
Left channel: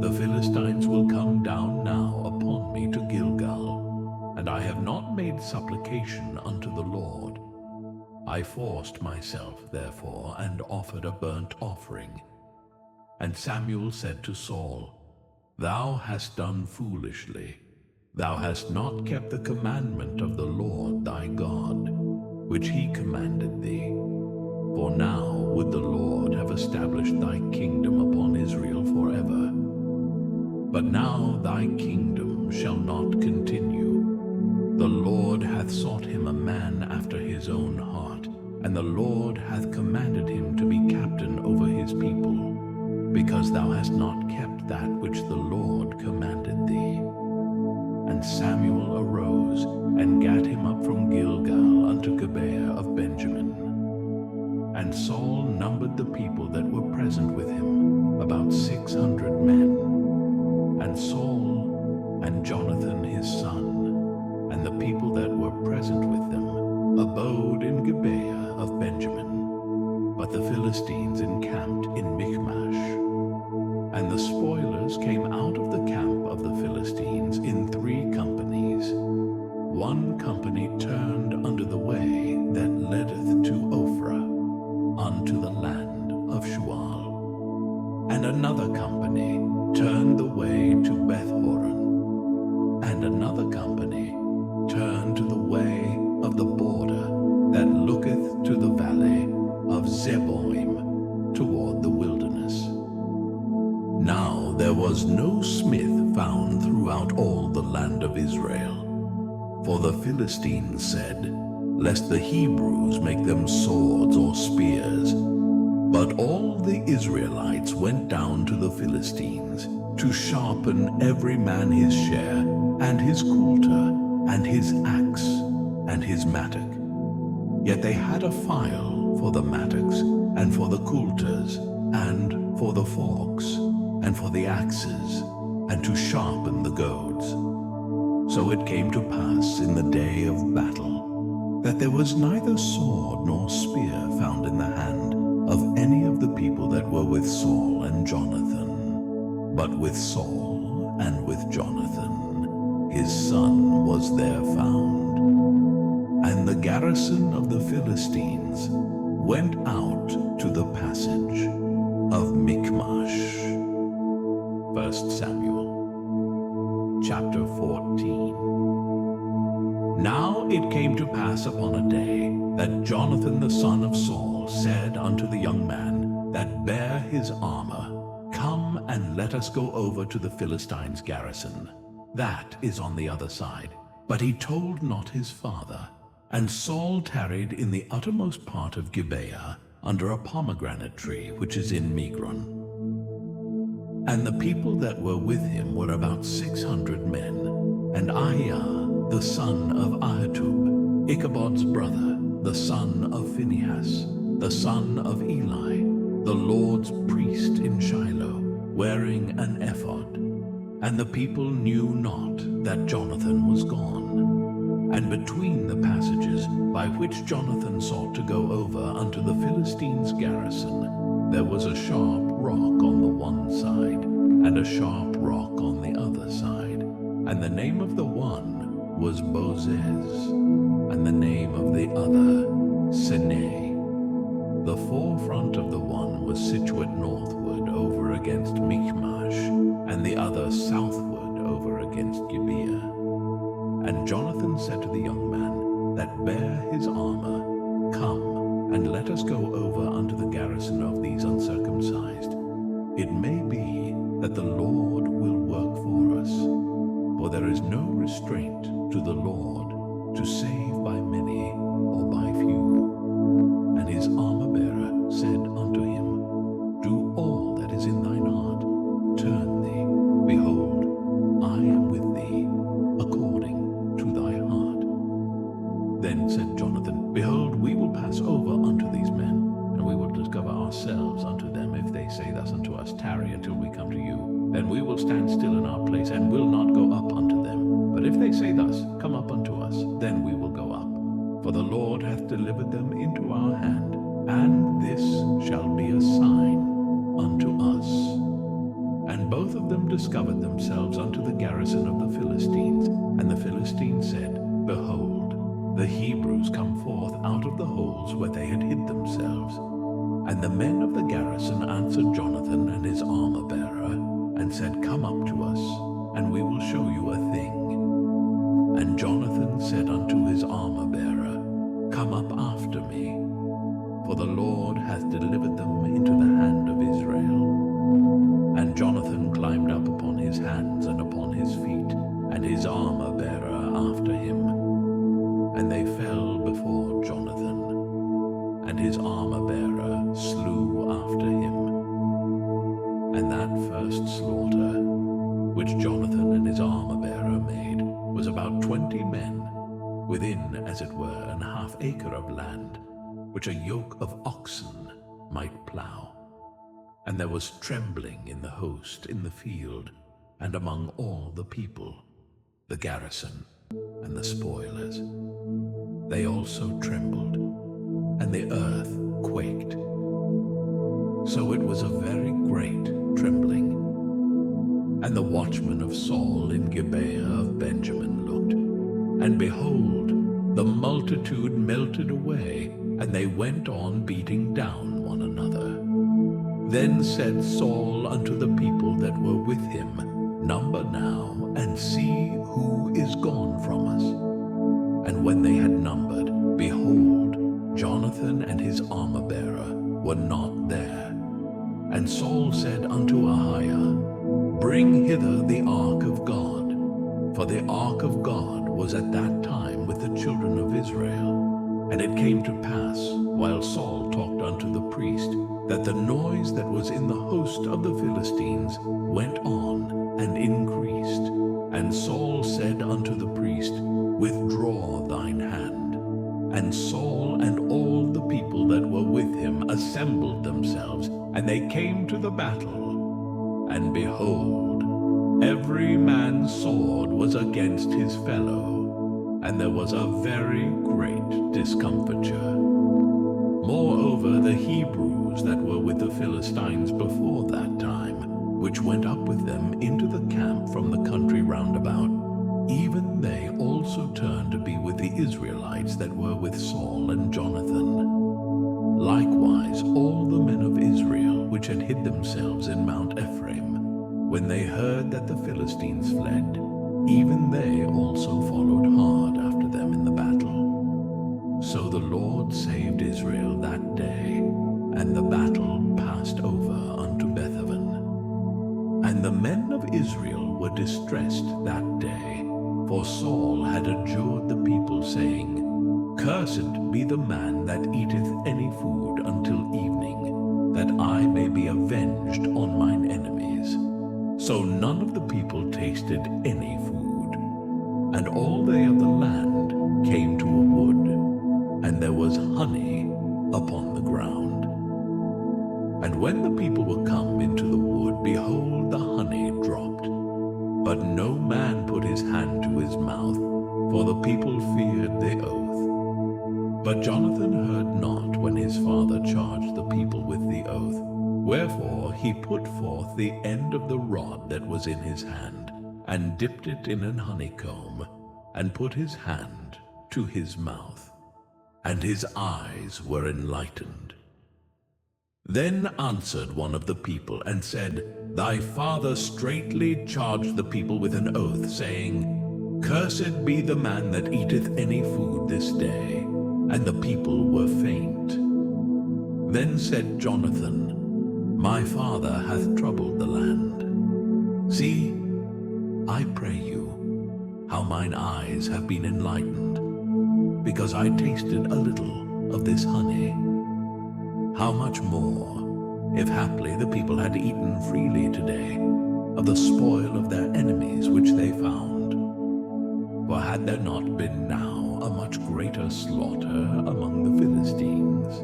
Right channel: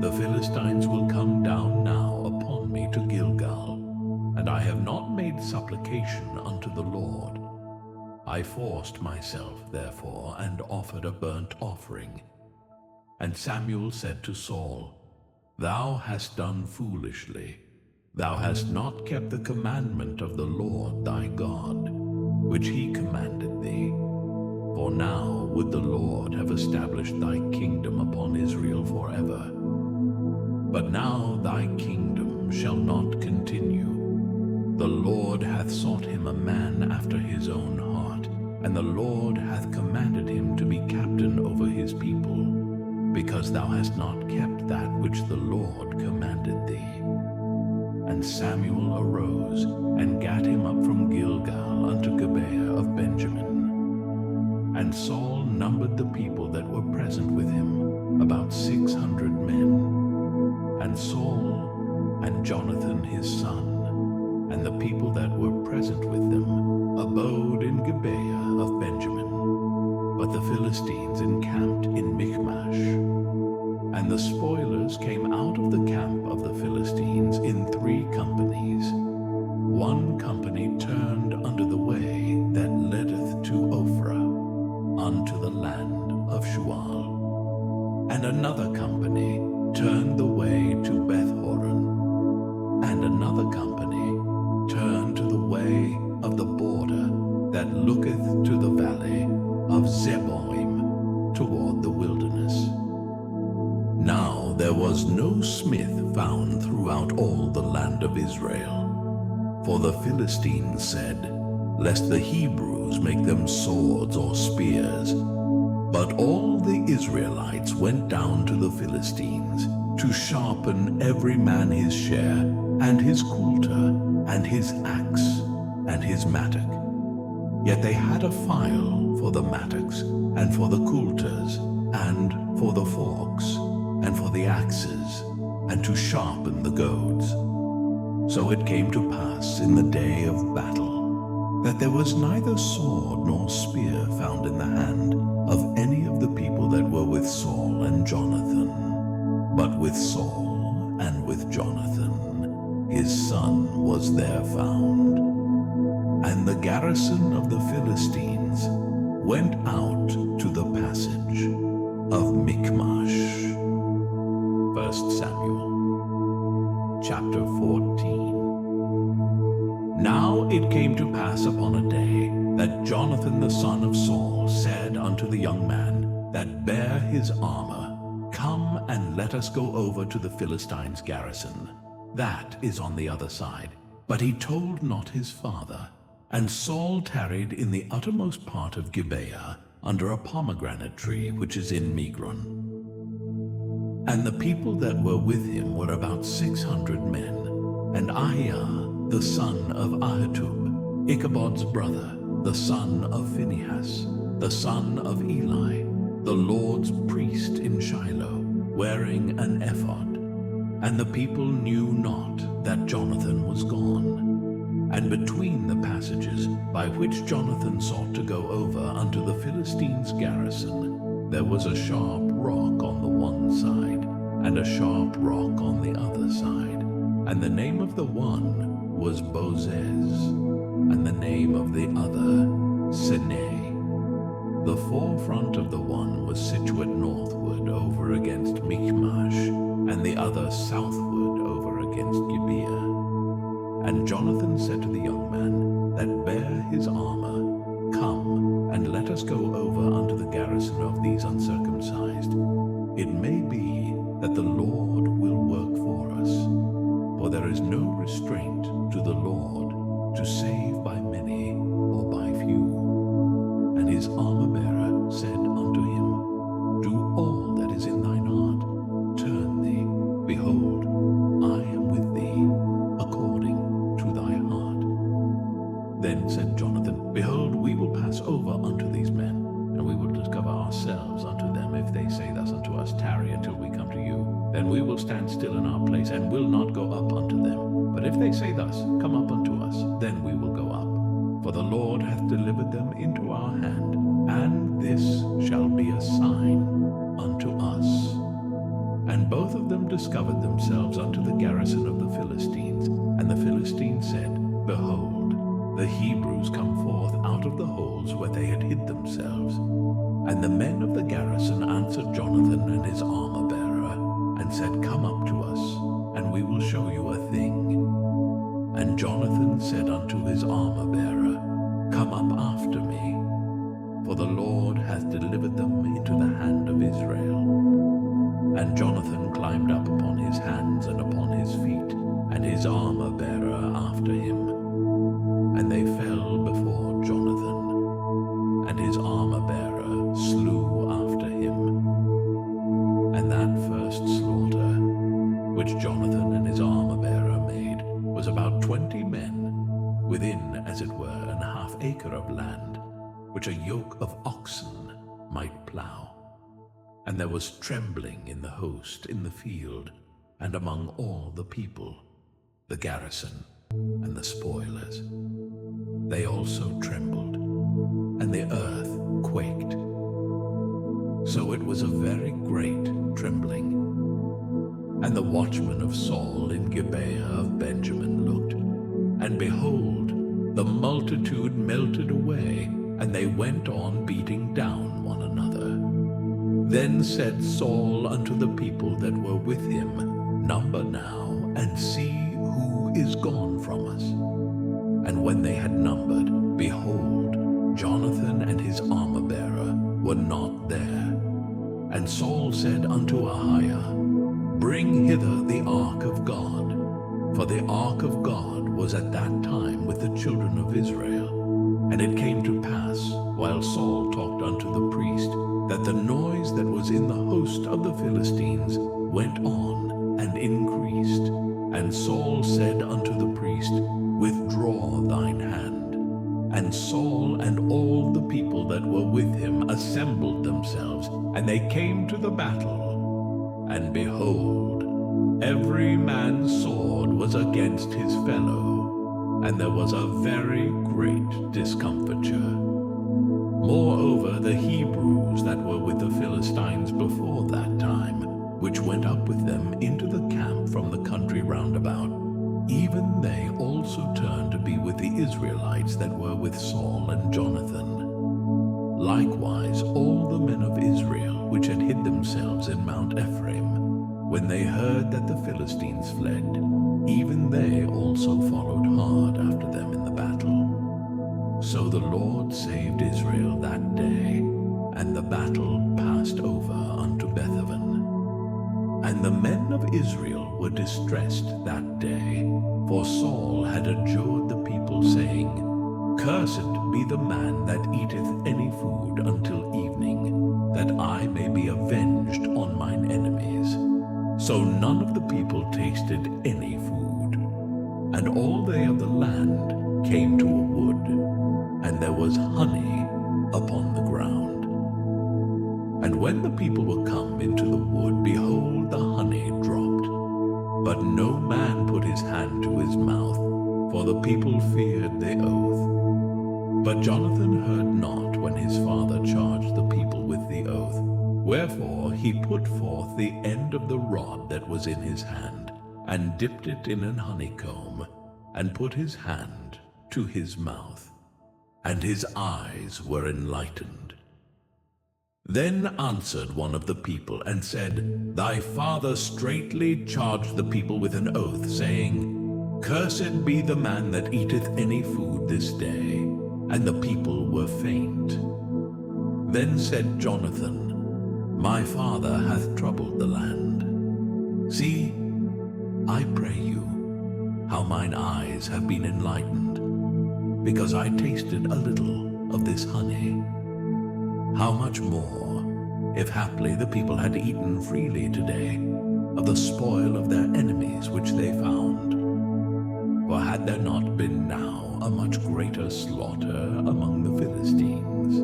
The Philistines will come down now upon me to Gilgal, and I have not made supplication unto the Lord. I forced myself, therefore, and offered a burnt offering. And Samuel said to Saul, Thou hast done foolishly. Thou hast not kept the commandment of the Lord thy God, which he commanded thee. For now would the Lord have established thy kingdom upon Israel forever. But now thy kingdom shall not continue. The Lord hath sought him a man after his own heart, and the Lord hath commanded him to be captain over his people, because thou hast not kept that which the Lord commanded thee. And Samuel arose, and gat him up from Gilgal unto Gibeah of Benjamin. And Saul numbered the people that were present with him, about 600 men. And Saul and Jonathan his son, and the people that were present with them, abode in Gibeah of Benjamin. But the Philistines encamped in Michmash. And the spoilers came out of the camp of the Philistines in 3 companies. One company turned unto the way that leadeth to Ophrah, unto the land of Shual. And another company turned the way to Bethhoron. And another company turned to the way of the border that looketh to the valley of Zeboim, toward the wilderness. Now there was no smith found throughout all the land of Israel. For the Philistines said, Lest the Hebrews make them swords or spears. But all the Israelites went down to the Philistines, to sharpen every man his share, and his coulter, and his axe, and his mattock. Yet they had a file for the mattocks, and for the coulters, and for the forks, and for the axes, and to sharpen the goads. So it came to pass in the day of battle, that there was neither sword nor spear found in the hand of any of the people that were with Saul and Jonathan, but with Saul and with Jonathan his son was there found. And the garrison of the Philistines went out to the passage of Michmash. 1 Samuel chapter 14. Now it came to pass upon a day that Jonathan the son of Saul said unto the young man that bare his armor, Come and let us go over to the Philistines' garrison, that is on the other side. But he told not his father. And Saul tarried in the uttermost part of Gibeah, under a pomegranate tree which is in Migron. And the people that were with him were about 600 men. And Ahiah, the son of Ahitub, Ichabod's brother, the son of Phinehas, the son of Eli, the Lord's priest in Shiloh, wearing an ephod. And the people knew not that Jonathan was gone. And between the passages by which Jonathan sought to go over unto the Philistines' garrison, there was a sharp rock on the one side, and a sharp rock on the other side. And the name of the one was Bozez, and the name of the other Sinai. The forefront of the one was situate northward over against Michmash, and the other southward over against Gibeah. And Jonathan said to the young man that bare his armor, Come, and let us go over unto the garrison of these uncircumcised. It may be that the Lord will work for us, for there is no restraint to the Lord to save by many or by few. And his armor-bearer said unto him, Do all that is in thine heart, turn thee, behold, I am with thee, according to thy heart. Then said Jonathan, Behold, we will pass over unto these men, and we will discover ourselves unto them. If they say thus unto us, Tarry until we come to you, then we will stand still in our place, and will not go up unto them. But if they say thus, Come up unto us, then we will go up. For the Lord hath delivered them into our hand, and this shall be a sign unto us. And both of them discovered themselves unto the garrison of the Philistines. And the Philistines said, Behold, the Hebrews come forth out of the holes where they had hid themselves. And the men of the garrison answered Jonathan and his armor-bearer, and said, Come up to us, and we will show you a thing. And Jonathan said unto his armor-bearer, Come up after me, for the Lord hath delivered them into the hand of Israel. And Jonathan climbed up upon his hands and upon his feet, and his armor-bearer after him. And they fell before Jonathan, and his armor-bearer slew after him. And that first slaughter, which Jonathan and his armor-bearer made, was about 20 men, within, as it were, an half acre of land, which a yoke of oxen might plough. And there was trembling in the host in the field, and among all the people, the garrison and the spoilers. They also trembled, and the earth quaked. So it was a very great trembling. And the watchmen of Saul in Gibeah of Benjamin looked, and behold, the multitude melted away, and they went on beating down one another. Then said Saul unto the people that were with him, Number now, and see who is gone from us. And when they had numbered, behold, Jonathan and his armor-bearer were not there. And Saul said unto Ahiah, Bring hither the ark of God. For the ark of God was at that time with the children of Israel. And it came to pass, while Saul talked unto the priest, that the noise that was in the host of the Philistines went on and increased. And Saul said unto the priest, Withdraw thine hand. And Saul and all the people that were with him assembled themselves, and they came to the battle. And behold, every man's sword was against his fellow, and there was a very great discomfiture. Moreover, the Hebrews that were with the Philistines before that time, which went up with them into the camp from the country round about, even they also turned to be with the Israelites that were with Saul and Jonathan. Likewise all the men of Israel which had hid themselves in Mount Ephraim, when they heard that the Philistines fled, even they also followed hard after them in the battle. So the Lord saved Israel that day, and the battle passed over unto Bethaven. And the men of Israel were distressed that day, for Saul had adjured the people, saying, Cursed be the man that eateth any food until evening, that I may be avenged on mine enemies. So none of the people tasted any food. And all they of the land came to a wood, and there was honey upon the ground. And when the people were come into the wood, behold, the honey dropped. But no man put his hand to his mouth, for the people feared the oath. But Jonathan heard not when his father charged the people with the oath. Wherefore he put forth the end of the rod that was in his hand, and dipped it in an honeycomb, and put his hand to his mouth, and his eyes were enlightened. Then answered one of the people and said, Thy father straitly charged the people with an oath, saying, Cursed be the man that eateth any food this day. And the people were faint. Then said Jonathan, My father hath troubled the land. See, I pray you, how mine eyes have been enlightened, because I tasted a little of this honey. How much more, if haply the people had eaten freely today of the spoil of their enemies which they found? For had there not been now a much greater slaughter among the Philistines?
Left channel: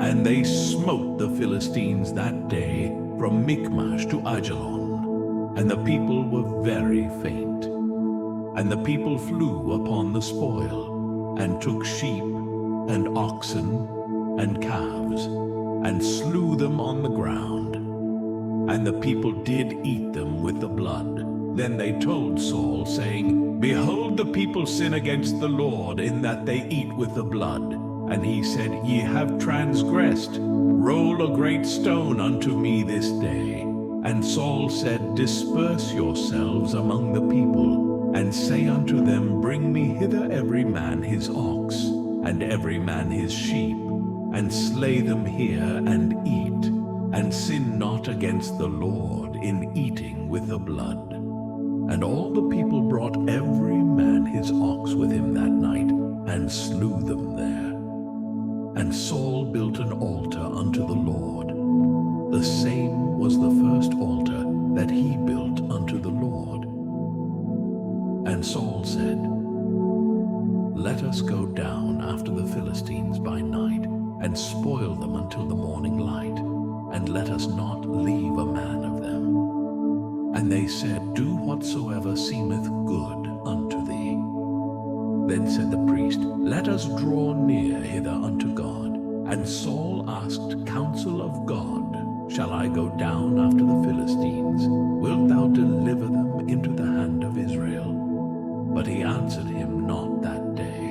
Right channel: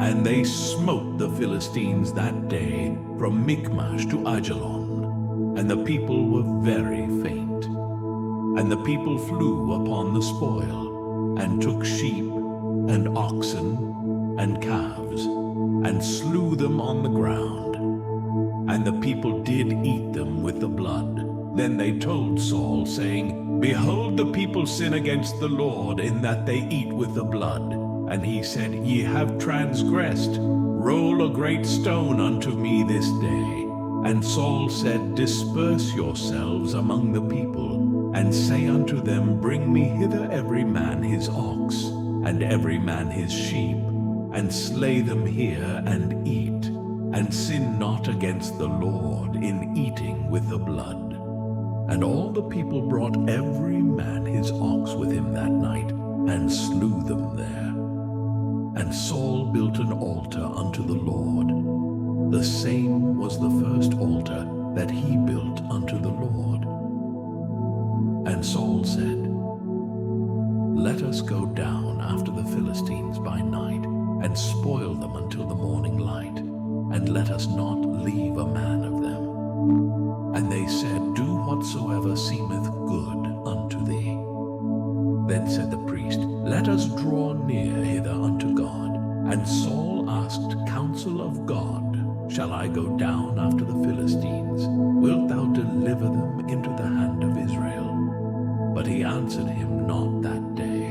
And they smote the Philistines that day from Michmash to Aijalon, and the people were very faint. And the people flew upon the spoil, and took sheep, and oxen, and calves, and slew them on the ground. And the people did eat them with the blood. Then they told Saul, saying, Behold, the people sin against the Lord, in that they eat with the blood. And he said, Ye have transgressed. Roll a great stone unto me this day. And Saul said, Disperse yourselves among the people, and say unto them, Bring me hither every man his ox, and every man his sheep, and slay them here, and eat, and sin not against the Lord in eating with the blood. And all the people brought every man his ox with him that night, and slew them there. And Saul built an altar unto the Lord. The same was the first altar that he built unto the Lord. And Saul said, Let us go down after the Philistines by night, and spoil them until the morning light, and let us not leave a man of them. And they said, Do whatsoever seemeth good unto thee. Then said the priest, Let us draw near hither unto God. And Saul asked counsel of God, Shall I go down after the Philistines? Wilt thou deliver them into the hand of Israel? But he answered him not that day.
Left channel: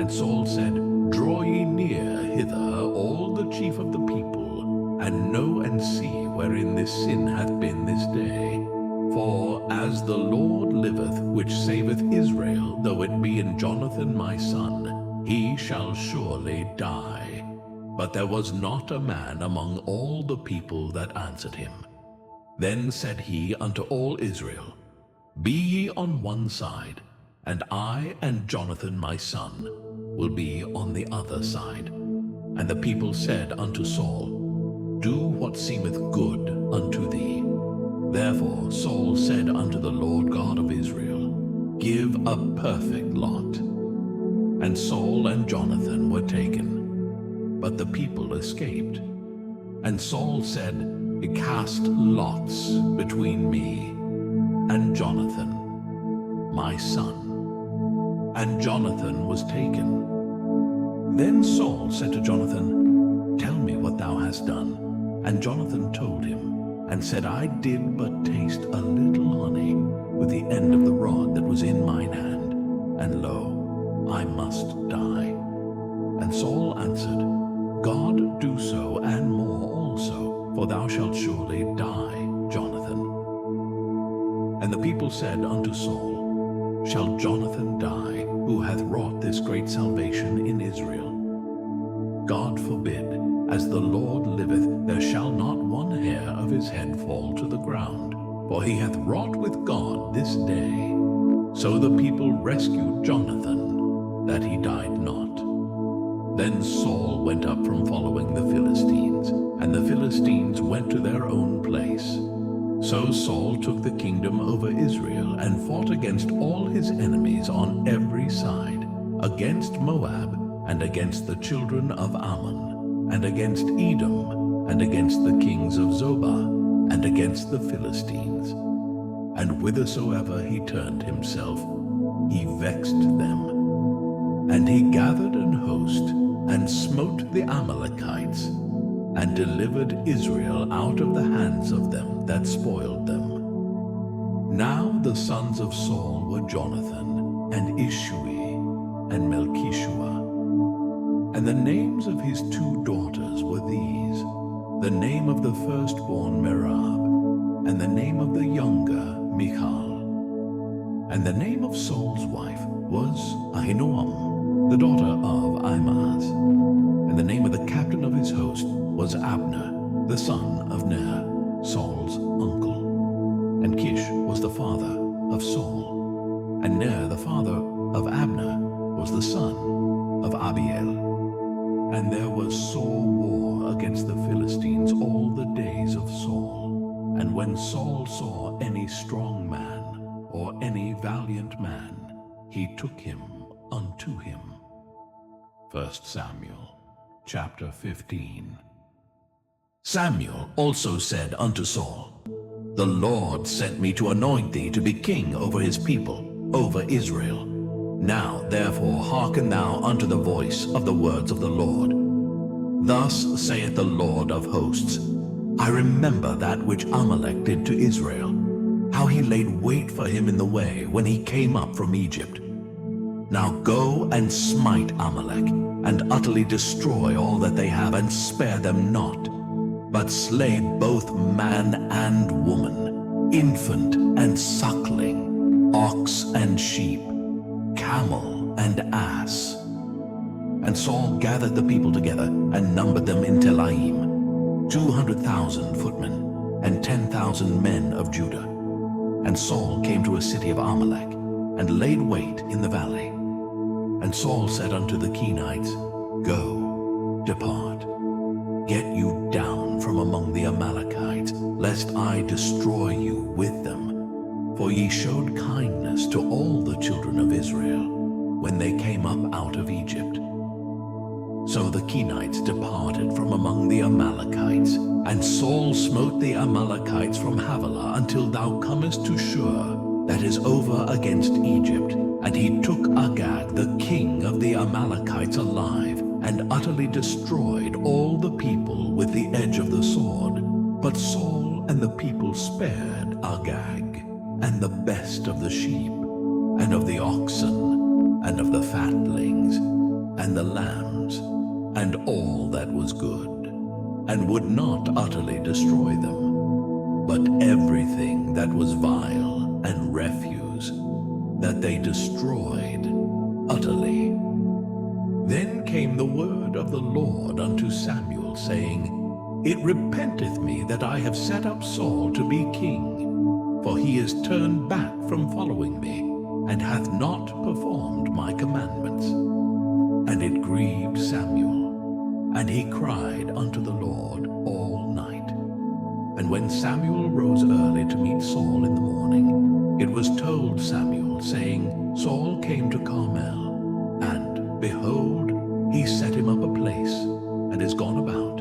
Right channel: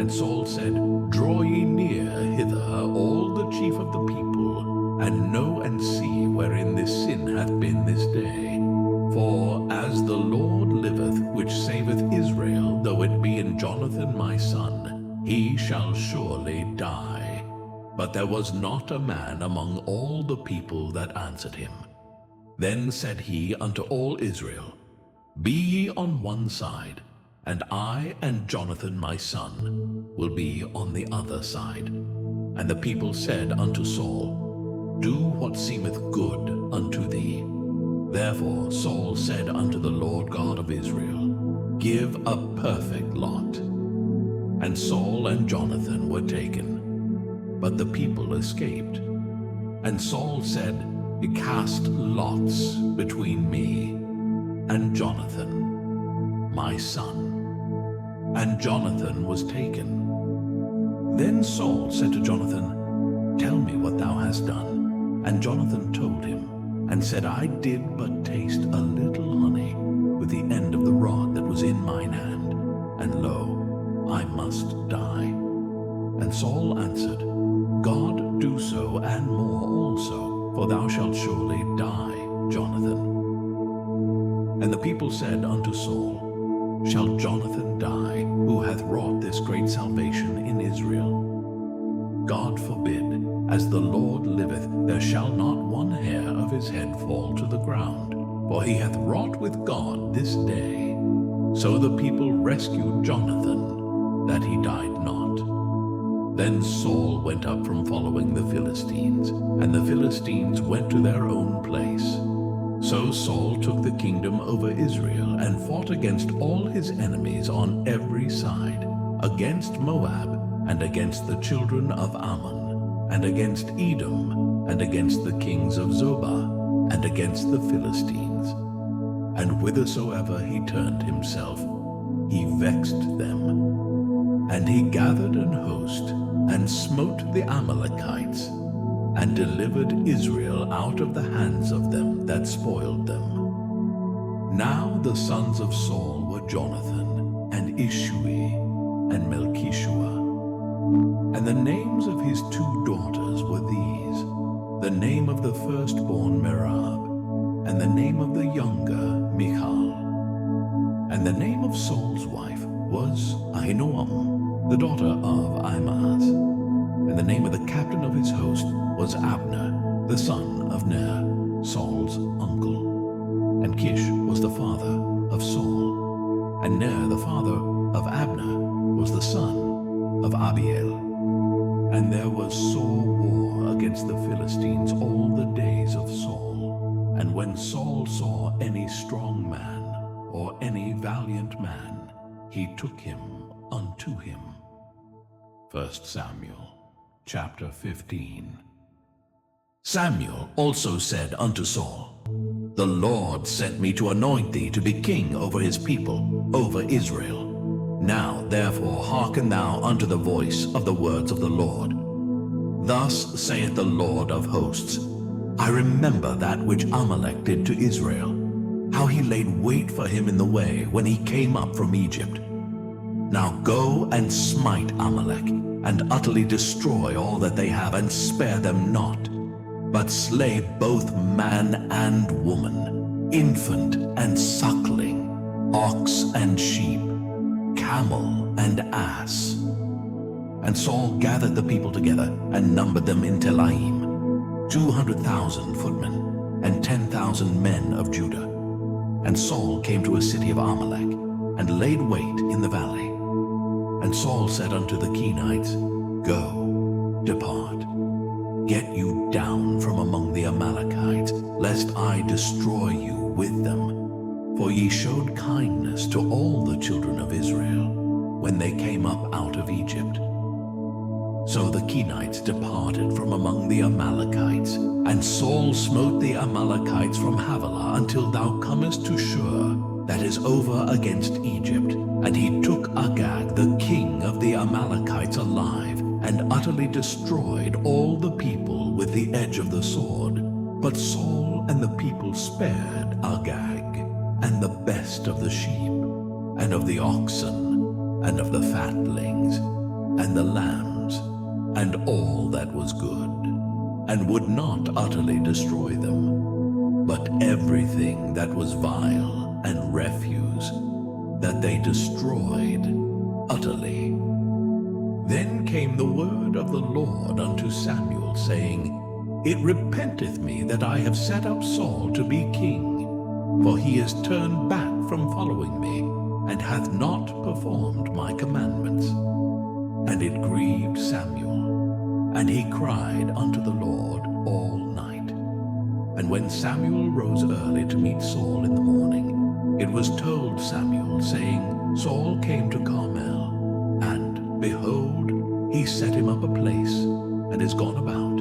And Saul said, Draw ye near hither all the chief of the people, and know and see wherein this sin hath been this day. For as the Lord liveth, which saveth Israel, though it be in Jonathan my son, he shall surely die. But there was not a man among all the people that answered him. Then said he unto all Israel, Be ye on one side, and I and Jonathan my son will be on the other side. And the people said unto Saul, Do what seemeth good unto thee. Therefore Saul said unto the Lord God of Israel, Give a perfect lot. And Saul and Jonathan were taken, but the people escaped. And Saul said, Cast lots between me and Jonathan, my son. And Jonathan was taken. Then Saul said to Jonathan, Tell me what thou hast done. And Jonathan told him, and said, I did but taste a little honey with the end of the rod that was in mine hand, and lo, I must die. And Saul answered, God do so, and more also, for thou shalt surely die, Jonathan. And the people said unto Saul, Shall Jonathan die, who hath wrought this great salvation in Israel? God forbid. As the Lord liveth, there shall not one hair of his head fall to the ground, for he hath wrought with God this day. So the people rescued Jonathan, that he died not. Then Saul went up from following the Philistines, and the Philistines went to their own place. So Saul took the kingdom over Israel, and fought against all his enemies on every side, against Moab, and against the children of Ammon, and against Edom, and against the kings of Zobah, and against the Philistines. And whithersoever he turned himself, he vexed them. And he gathered an host, and smote the Amalekites, and delivered Israel out of the hands of them that spoiled them. Now the sons of Saul were Jonathan, and Ishui, and Melchishua. And the names of his 2 daughters were these: the name of the firstborn Merab, and the name of the younger Michal. And the name of Saul's wife was Ahinoam, the daughter of Ahimaaz. And the name of the captain of his host was Abner, the son of Ner, Saul's uncle. And Kish was the father of Saul, and Ner the father of Abner was the son of Abiel. And there was sore war against the Philistines all the days of Saul. And when Saul saw any strong man or any valiant man, he took him unto him. 1 Samuel chapter 15. Samuel also said unto Saul, The Lord sent me to anoint thee to be king over his people, over Israel. Now therefore hearken thou unto the voice of the words of the Lord. Thus saith the Lord of hosts, I remember that which Amalek did to Israel, how he laid wait for him in the way when he came up from Egypt. Now go and smite Amalek, and utterly destroy all that they have, and spare them not, but slay both man and woman, infant and suckling, ox and sheep, camel and ass. And Saul gathered the people together and numbered them in Telaim, 200,000 footmen and 10,000 men of Judah. And Saul came to a city of Amalek and laid wait in the valley. And Saul said unto the Kenites, Go, depart, get you down from among the Amalekites, lest I destroy you with them. For ye showed kindness to all the children of Israel when they came up out of Egypt. So the Kenites departed from among the Amalekites, and Saul smote the Amalekites from Havilah until thou comest to Shur, that is over against Egypt. And he took Agag, the king of the Amalekites, alive, and utterly destroyed all the people with the edge of the sword. But Saul and the people spared Agag, and the best of the sheep, and of the oxen, and of the fatlings, and the lambs, and all that was good, and would not utterly destroy them, but everything that was vile and refuse, that they destroyed utterly. Then came the word of the Lord unto Samuel, saying, It repenteth me that I have set up Saul to be king, for he is turned back from following me, and hath not performed my commandments. And it grieved Samuel, and he cried unto the Lord all night. And when Samuel rose early to meet Saul in the morning, it was told Samuel, saying, Saul came to Carmel, and, behold, he set him up a place, and is gone about,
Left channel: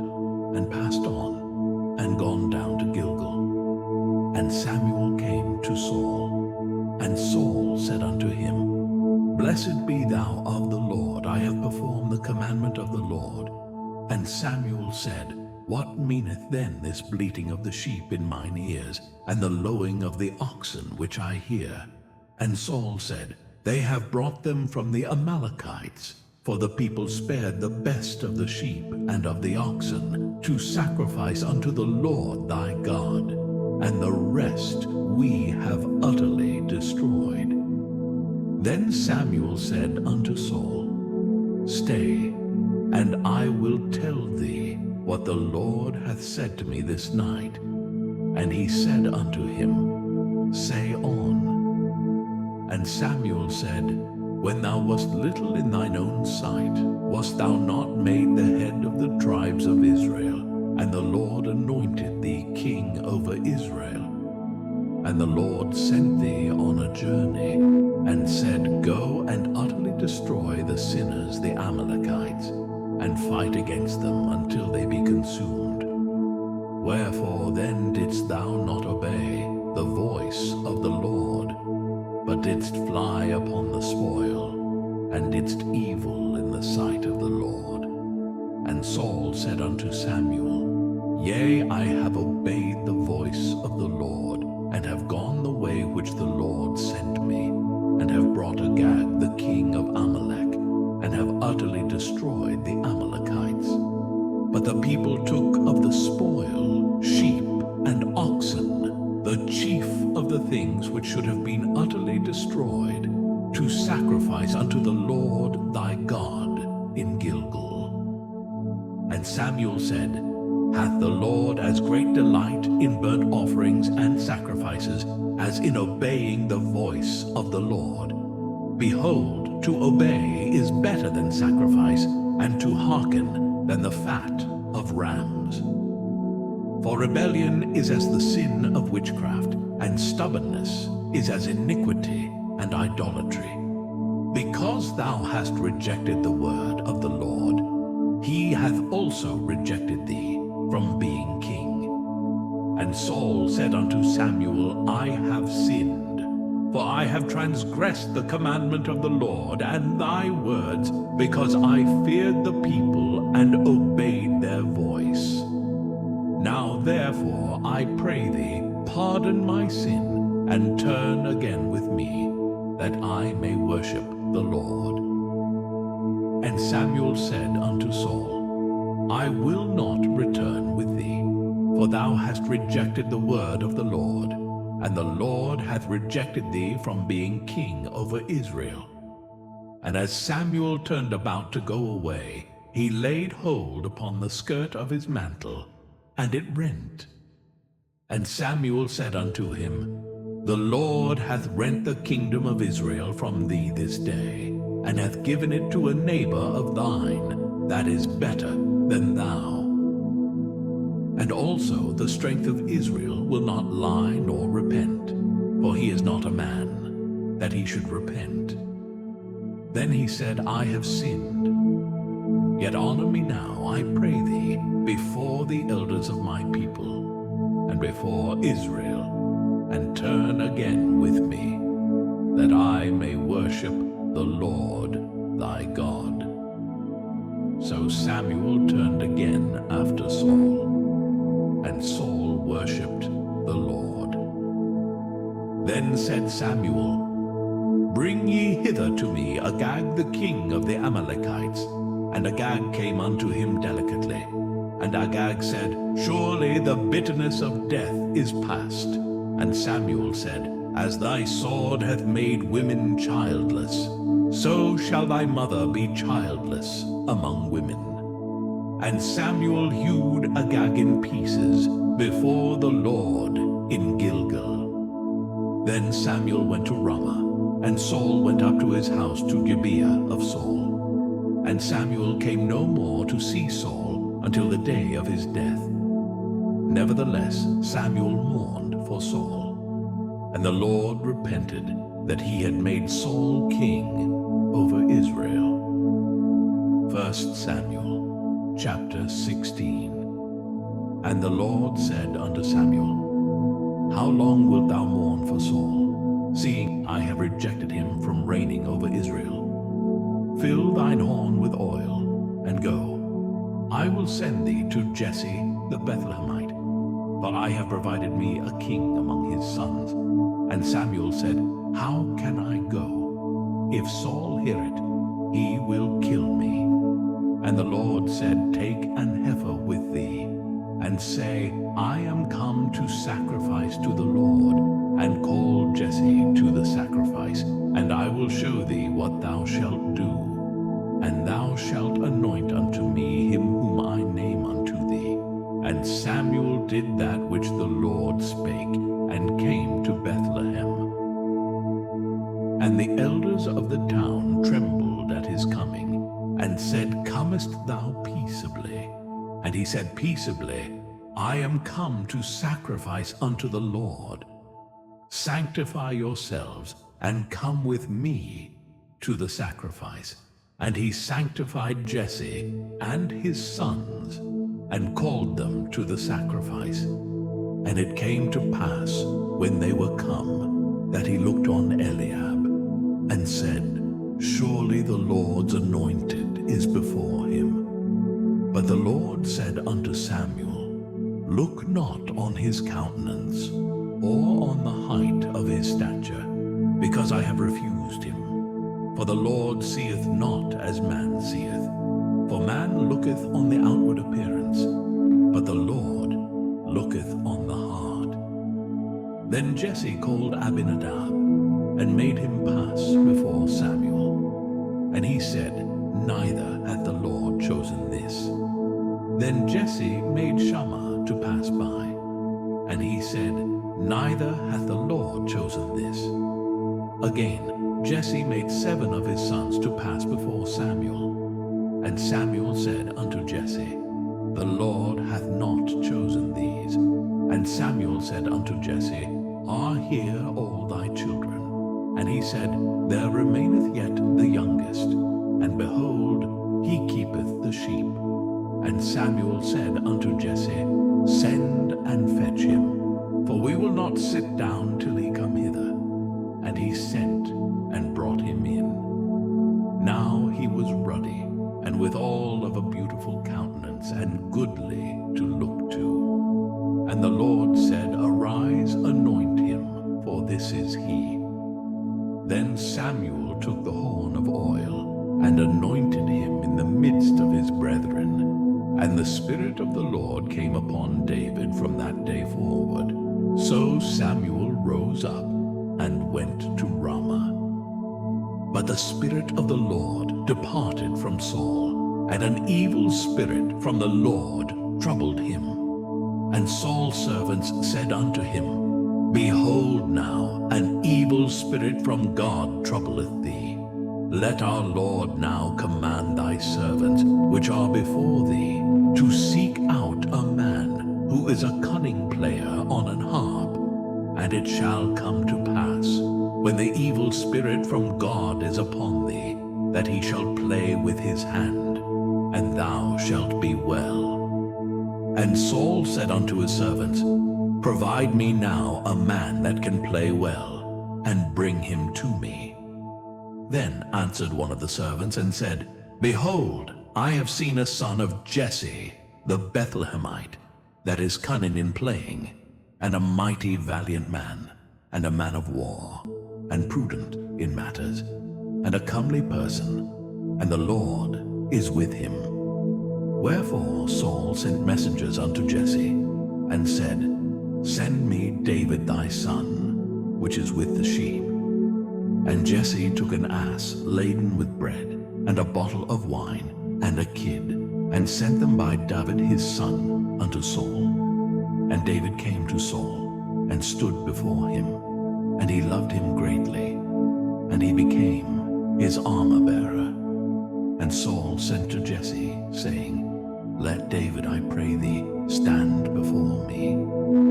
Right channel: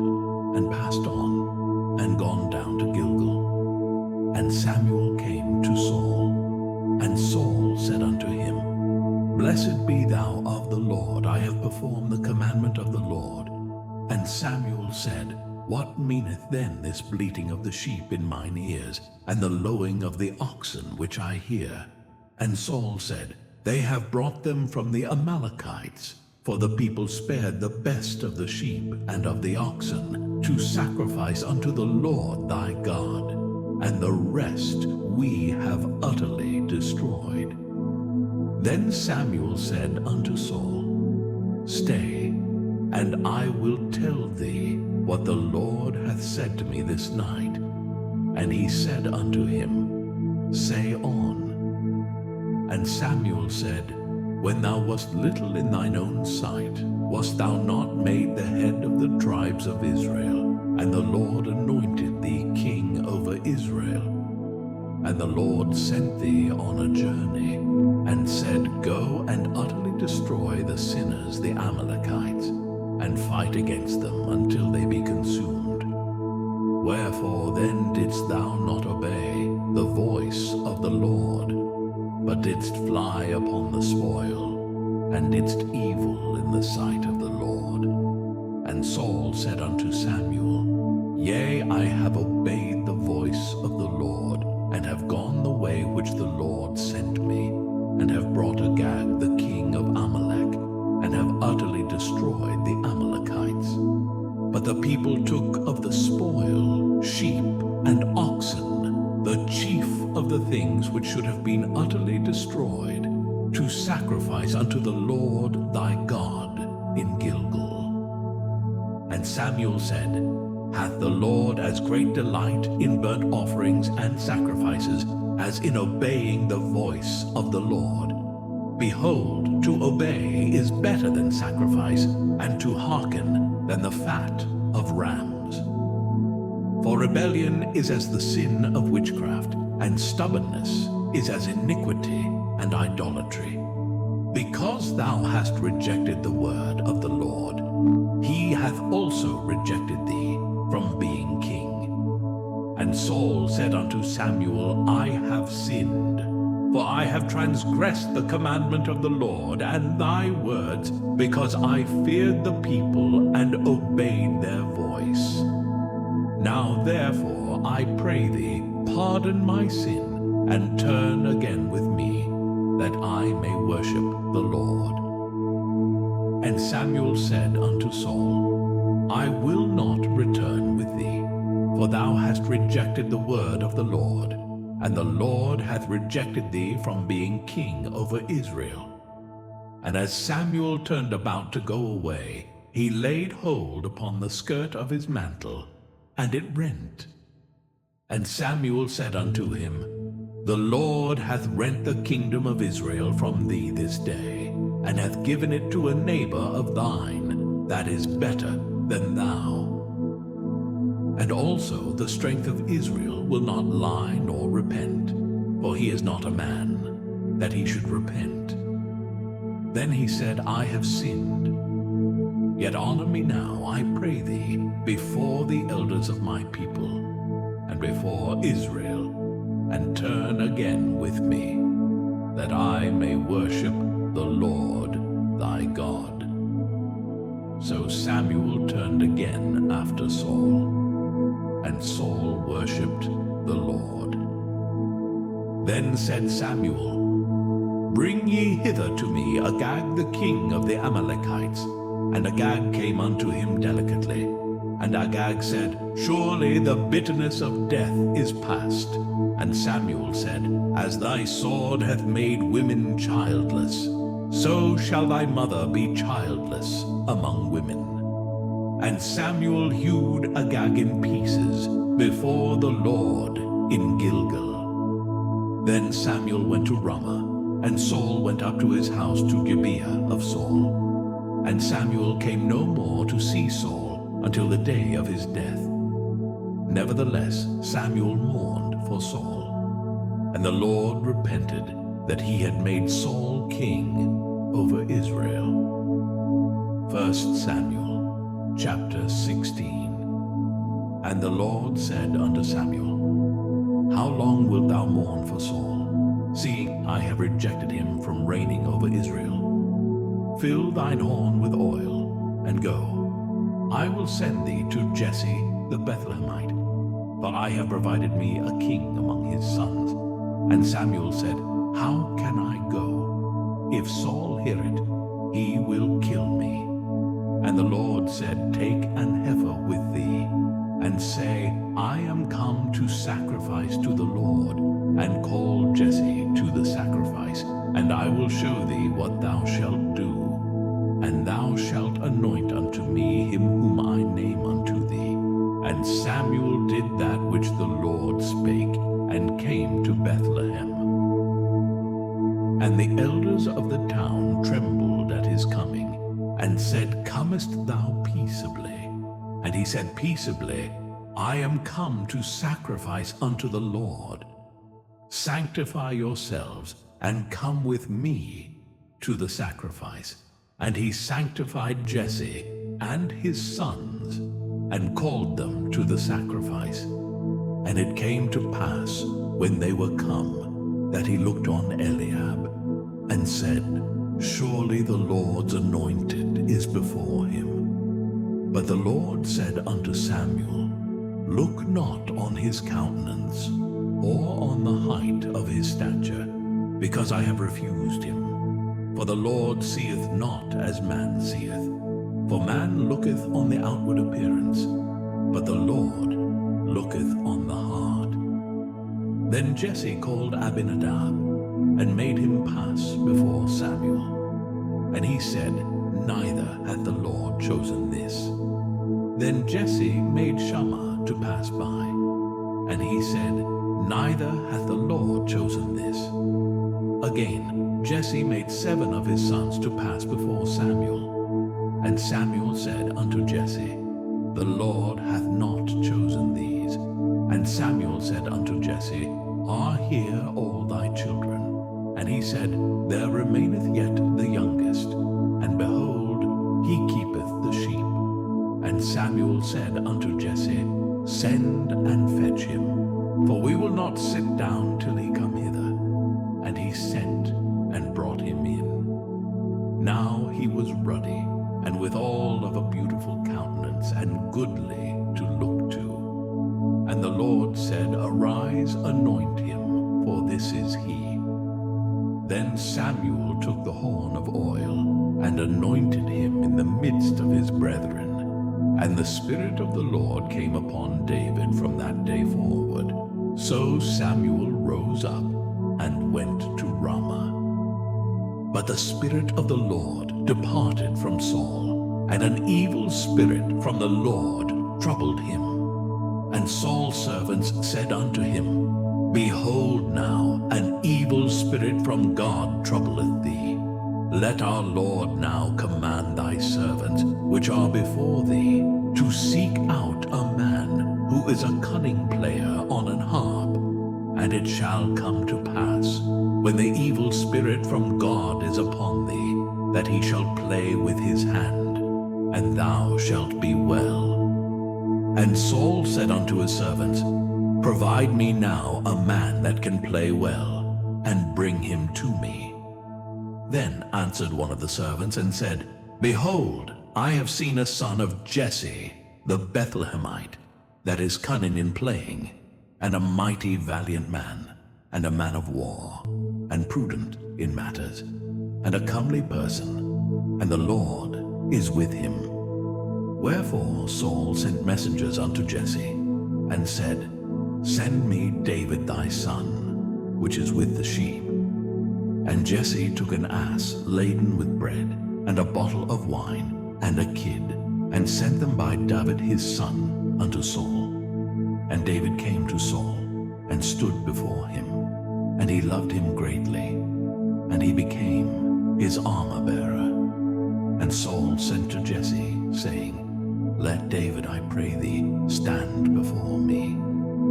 and passed on, and gone down to Gilgal. And Samuel came to Saul, and Saul said unto him, Blessed be thou of the Lord, I have performed the commandment of the Lord. And Samuel said, What meaneth then this bleating of the sheep in mine ears, and the lowing of the oxen which I hear? And Saul said, They have brought them from the Amalekites, for the people spared the best of the sheep and of the oxen, to sacrifice unto the Lord thy God, and the rest we have utterly destroyed. Then Samuel said unto Saul, Stay, and I will tell thee what the Lord hath said to me this night. And he said unto him, Say on. And Samuel said, When thou wast little in thine own sight, wast thou not made the head of the tribes of Israel? And the Lord anointed thee king over Israel. And the Lord sent thee on a journey, and said, Go and utterly destroy the sinners, the Amalekites, and fight against them until they be consumed. Wherefore then didst thou not obey the voice of the Lord, but didst fly upon the spoil, and didst evil in the sight of the Lord? And Saul said unto Samuel, Yea, I have obeyed the voice of the Lord, and have gone the way which the Lord sent me, and have brought Agag the king of Amalek, utterly destroyed the Amalekites. But the people took of the spoil sheep and oxen, the chief of the things which should have been utterly destroyed, to sacrifice unto the Lord thy God in Gilgal. And Samuel said, Hath the Lord as great delight in burnt offerings and sacrifices as in obeying the voice of the Lord? Behold, to obey is better than sacrifice, and to hearken than the fat of rams. For rebellion is as the sin of witchcraft, and stubbornness is as iniquity and idolatry. Because thou hast rejected the word of the Lord, he hath also rejected thee from being king. And Saul said unto Samuel, I have sinned, for I have transgressed the commandment of the Lord and thy words, because I feared the people and obeyed their voice. Now therefore I pray thee, pardon my sin, and turn again with me, that I may worship the Lord. And Samuel said unto Saul, I will not return with thee, for thou hast rejected the word of the Lord, and the Lord hath rejected thee from being king over Israel. And as Samuel turned about to go away, he laid hold upon the skirt of his mantle, and it rent. And Samuel said unto him, The Lord hath rent the kingdom of Israel from thee this day, and hath given it to a neighbor of thine, that is better than thou. And also the strength of Israel will not lie nor repent, for he is not a man, that he should repent. Then he said, I have sinned. Yet honor me now, I pray thee, before the elders of my people, and before Israel, and turn again with me, that I may worship the Lord thy God. So Samuel turned again after Saul, and Saul worshipped the Lord. Then said Samuel, Bring ye hither to me Agag the king of the Amalekites. And Agag came unto him delicately. And Agag said, Surely the bitterness of death is past. And Samuel said, As thy sword hath made women childless, so shall thy mother be childless among women. And Samuel hewed Agag in pieces before the Lord in Gilgal. Then Samuel went to Ramah, and Saul went up to his house to Gibeah of Saul. And Samuel came no more to see Saul until the day of his death. Nevertheless, Samuel mourned for Saul, and the Lord repented that he had made Saul king over Israel. 1 Samuel chapter 16. And the Lord said unto Samuel, How long wilt thou mourn for Saul, seeing I have rejected him from reigning over Israel? Fill thine horn with oil, and go. I will send thee to Jesse the Bethlehemite, for I have provided me a king among his sons. And Samuel said, How can I go? If Saul hear it, he will kill me. And the Lord said, Take an heifer with thee, and say, I am come to sacrifice to the Lord, and call Jesse to the sacrifice, and I will show thee what thou shalt do. And thou shalt anoint unto me him whom I name unto thee. And Samuel did that which the Lord spake, and came to Bethlehem. And the elders of the town trembled at his coming, and said, Comest thou peaceably? And he said peaceably, I am come to sacrifice unto the Lord. Sanctify yourselves, and come with me to the sacrifice. And he sanctified Jesse and his sons, and called them to the sacrifice. And it came to pass, when they were come, that he looked on Eliab, and said, Surely the Lord's anointed is before him. But the Lord said unto Samuel, Look not on his countenance, or on the height of his stature, because I have refused him. For the Lord seeth not as man seeth. For man looketh on the outward appearance, but the Lord looketh on the heart. Then Jesse called Abinadab, and made him pass before Samuel. And he said, Neither hath the Lord chosen this. Then Jesse made Shammah to pass by, and he said, Neither hath the Lord chosen this. Again, Jesse made 7 of his sons to pass before Samuel. And Samuel said unto Jesse, The Lord hath not chosen these. And Samuel said unto Jesse, Are here all thy children? And he said, There remaineth yet the youngest, and behold, he keepeth the sheep. And Samuel said unto Jesse, Send and fetch him, for we will not sit down till he come hither. And he sent and brought him in. Now he was ruddy, and withal of a beautiful countenance, and goodly to look to. And the Lord said, Arise, anoint him, for this is he. Then Samuel took the horn of oil, and anointed him in the midst of his brethren. And the Spirit of the Lord came upon David from that day forward. So Samuel rose up and went to Ramah. But the Spirit of the Lord departed from Saul, and an evil spirit from the Lord troubled him. And Saul's servants said unto him, Behold now, an evil spirit from God troubleth thee. Let our Lord now command thy servants, which are before thee, to seek out a man who is a cunning player on an harp. And it shall come to pass, when the evil spirit from God is upon thee, that he shall play with his hand, and thou shalt be well. And Saul said unto his servants, Provide me now a man that can play well, and bring him to me. Then answered one of the servants and said, Behold, I have seen a son of Jesse, the Bethlehemite, that is cunning in playing, and a mighty valiant man, and a man of war, and prudent in matters, and a comely person, and the Lord is with him. Wherefore Saul sent messengers unto Jesse, and said, Send me David thy son, which is with the sheep. And Jesse took an ass laden with bread, and a bottle of wine, and a kid, and sent them by David his son unto Saul. And David came to Saul, and stood before him, and he loved him greatly, and he became his armor-bearer. And Saul sent to Jesse, saying, Let David, I pray thee, stand before me,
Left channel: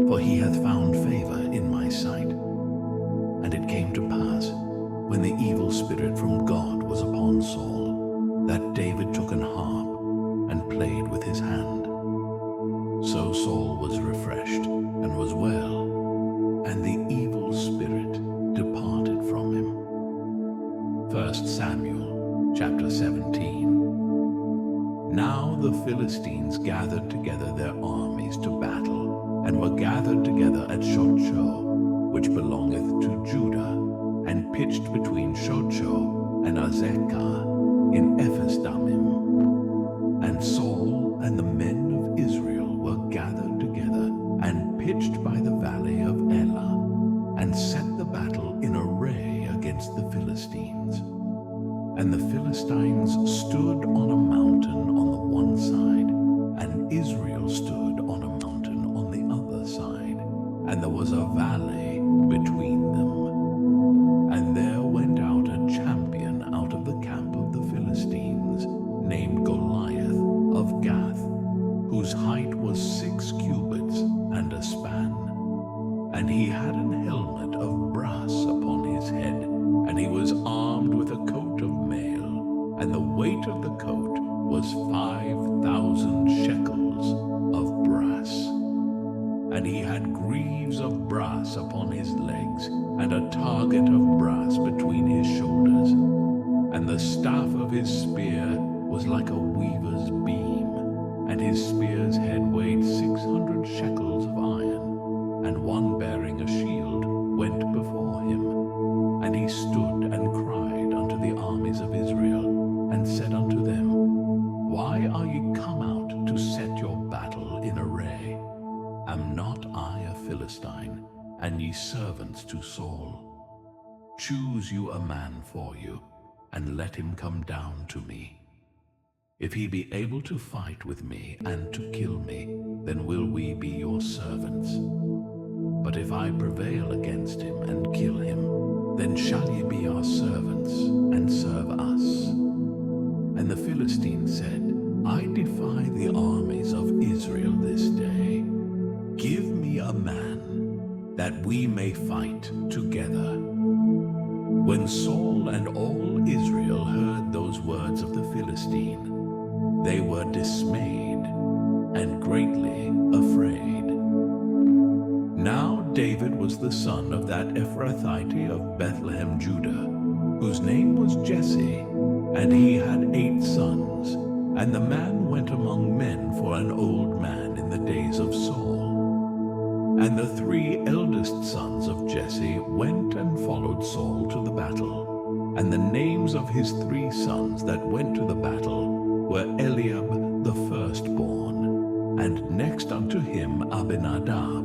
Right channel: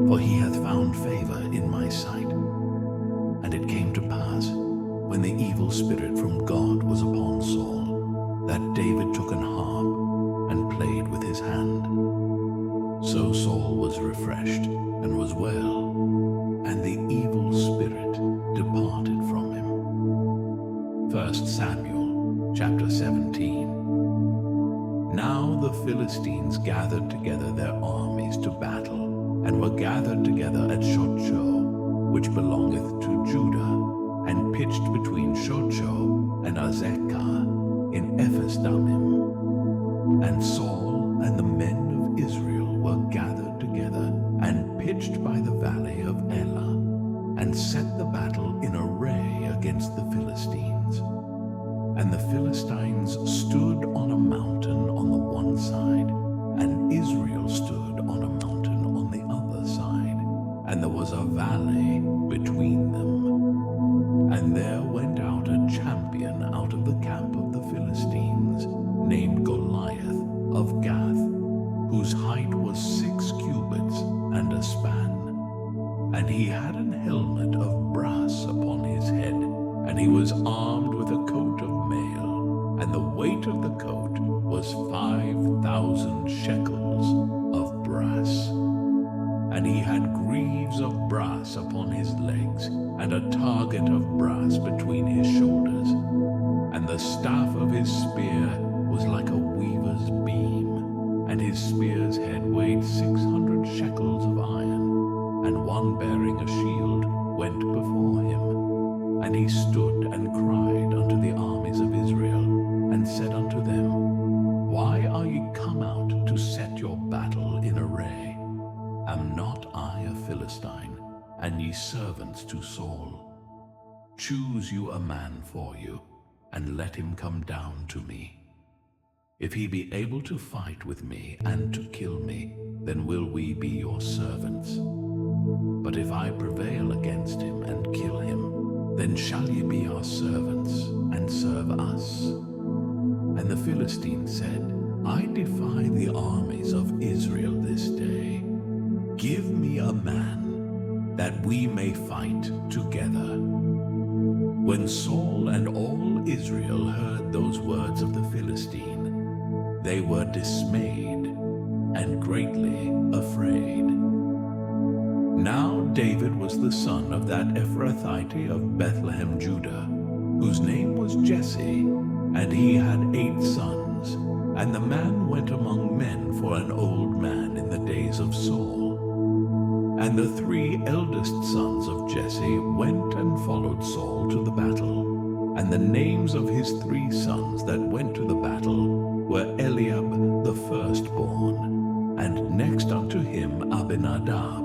for he hath found favor in my sight. And it came to pass, when the evil spirit from God was upon Saul, that David took an harp, and played with his hand. So Saul was refreshed, and was well, and the evil spirit departed from him. 1 Samuel chapter 17. Now the Philistines gathered together their armies to battle, and were gathered together at Shochoh, which belongeth to Judah, and pitched between Shochoh and Azekah in Ephes-dammim. And Saul and the men of Israel were gathered together, and pitched by the valley of Elah, and set the battle in array against the Philistines. And the Philistines stood on a mountain on the one side, and Israel stood on a mountain on the other side, and there was a valley between them. And there went out a champion out of the camp of the Philistines, named Goliath of Gath, whose height was 6 cubits and a span. And he had an helmet of brass upon his head, and he was armed with a coat of mail, and the weight of the coat was 5,000 shekels of brass. And he had greaves of brass upon his legs, and a target of brass between his shoulders. And the staff of his spear was like a weaver's beam, and his spear's head weighed 600 shekels of iron. And one bearing a shield went before him. And he stood and cried unto the army be servants to Saul. Choose you a man for you, and let him come down to me. If he be able to fight with me and to kill me, then will we be your servants. But if I prevail against him and kill him, then shall ye be our servants and serve us. And the Philistine said, I defy the armies of Israel this day. Give me a man, that we may fight together. When Saul and all Israel heard those words of the Philistine, they were dismayed and greatly afraid. Now David was the son of that Ephrathite of Bethlehem, Judah, whose name was Jesse, and he had 8 sons. And the man went among men for an old man in the days of Saul. And the 3 eldest sons of Jesse went and followed Saul to the battle. And the names of his 3 sons that went to the battle were Eliab the firstborn, and next unto him Abinadab,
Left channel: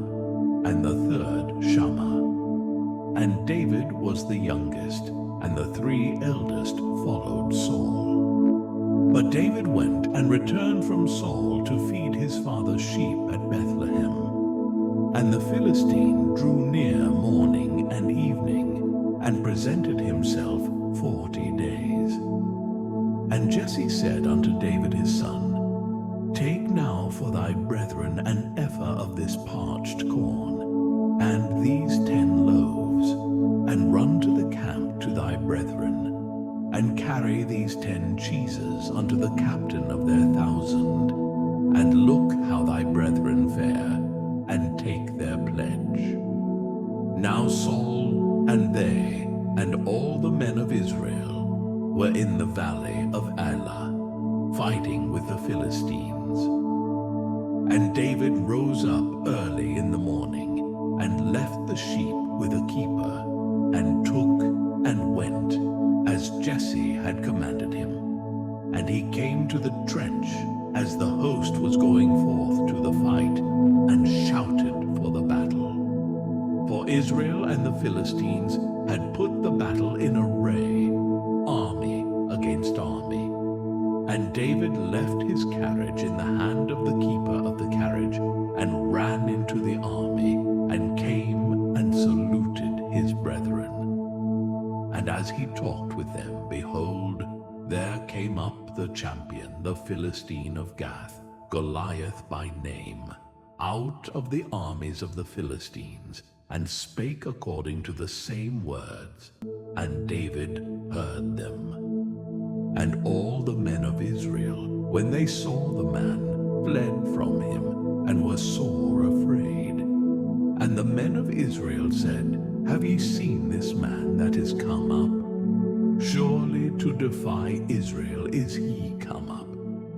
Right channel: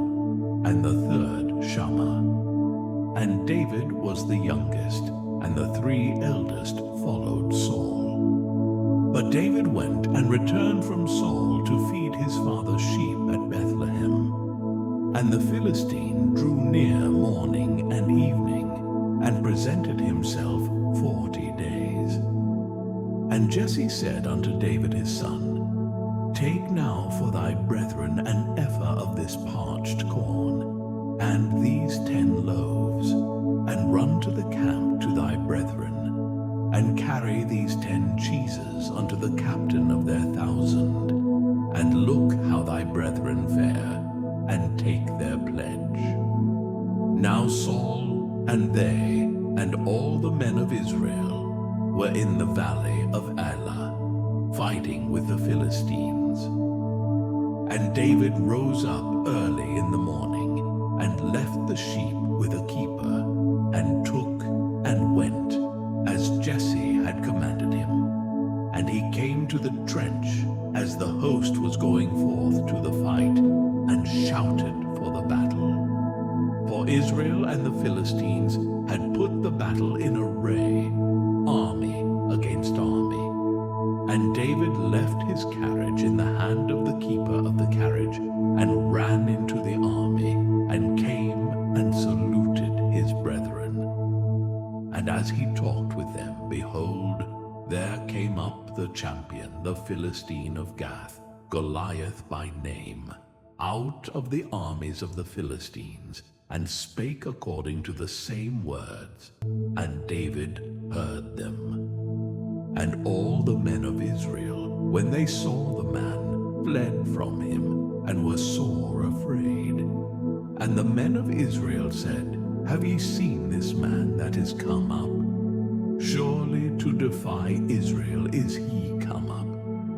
and the 3rd Shammah. And David was the youngest, and the 3 eldest followed Saul. But David went and returned from Saul to feed his father's sheep at Bethlehem. And the Philistine drew near morning and evening, and presented himself 40 days. And Jesse said unto David his son, Take now for thy brethren an ephah of this parched corn, and these 10 loaves, and run to the camp to thy brethren, and carry these 10 cheeses unto the captain of their 1,000, and look how thy brethren fare, and take their pledge. Now Saul and they and all the men of Israel were in the valley of Elah, fighting with the Philistines. And David rose up early in the morning, and left the sheep with a keeper, and took and went, as Jesse had commanded him. And he came to the trench as the host was going forth to the fight, and shouted for the battle. For Israel and the Philistines had put the battle in array, army against army. And David left his carriage in the hand of the keeper of the carriage, and ran into the army, and came and saluted his brethren. And as he talked with them, behold, there came up the champion, the Philistine of Gath, Goliath by name, out of the armies of the Philistines, and spake according to the same words, and David heard them. And all the men of Israel, when they saw the man, fled from him, and were sore afraid. And the men of Israel said, Have ye seen this man that is come up? Surely to defy Israel is he come up.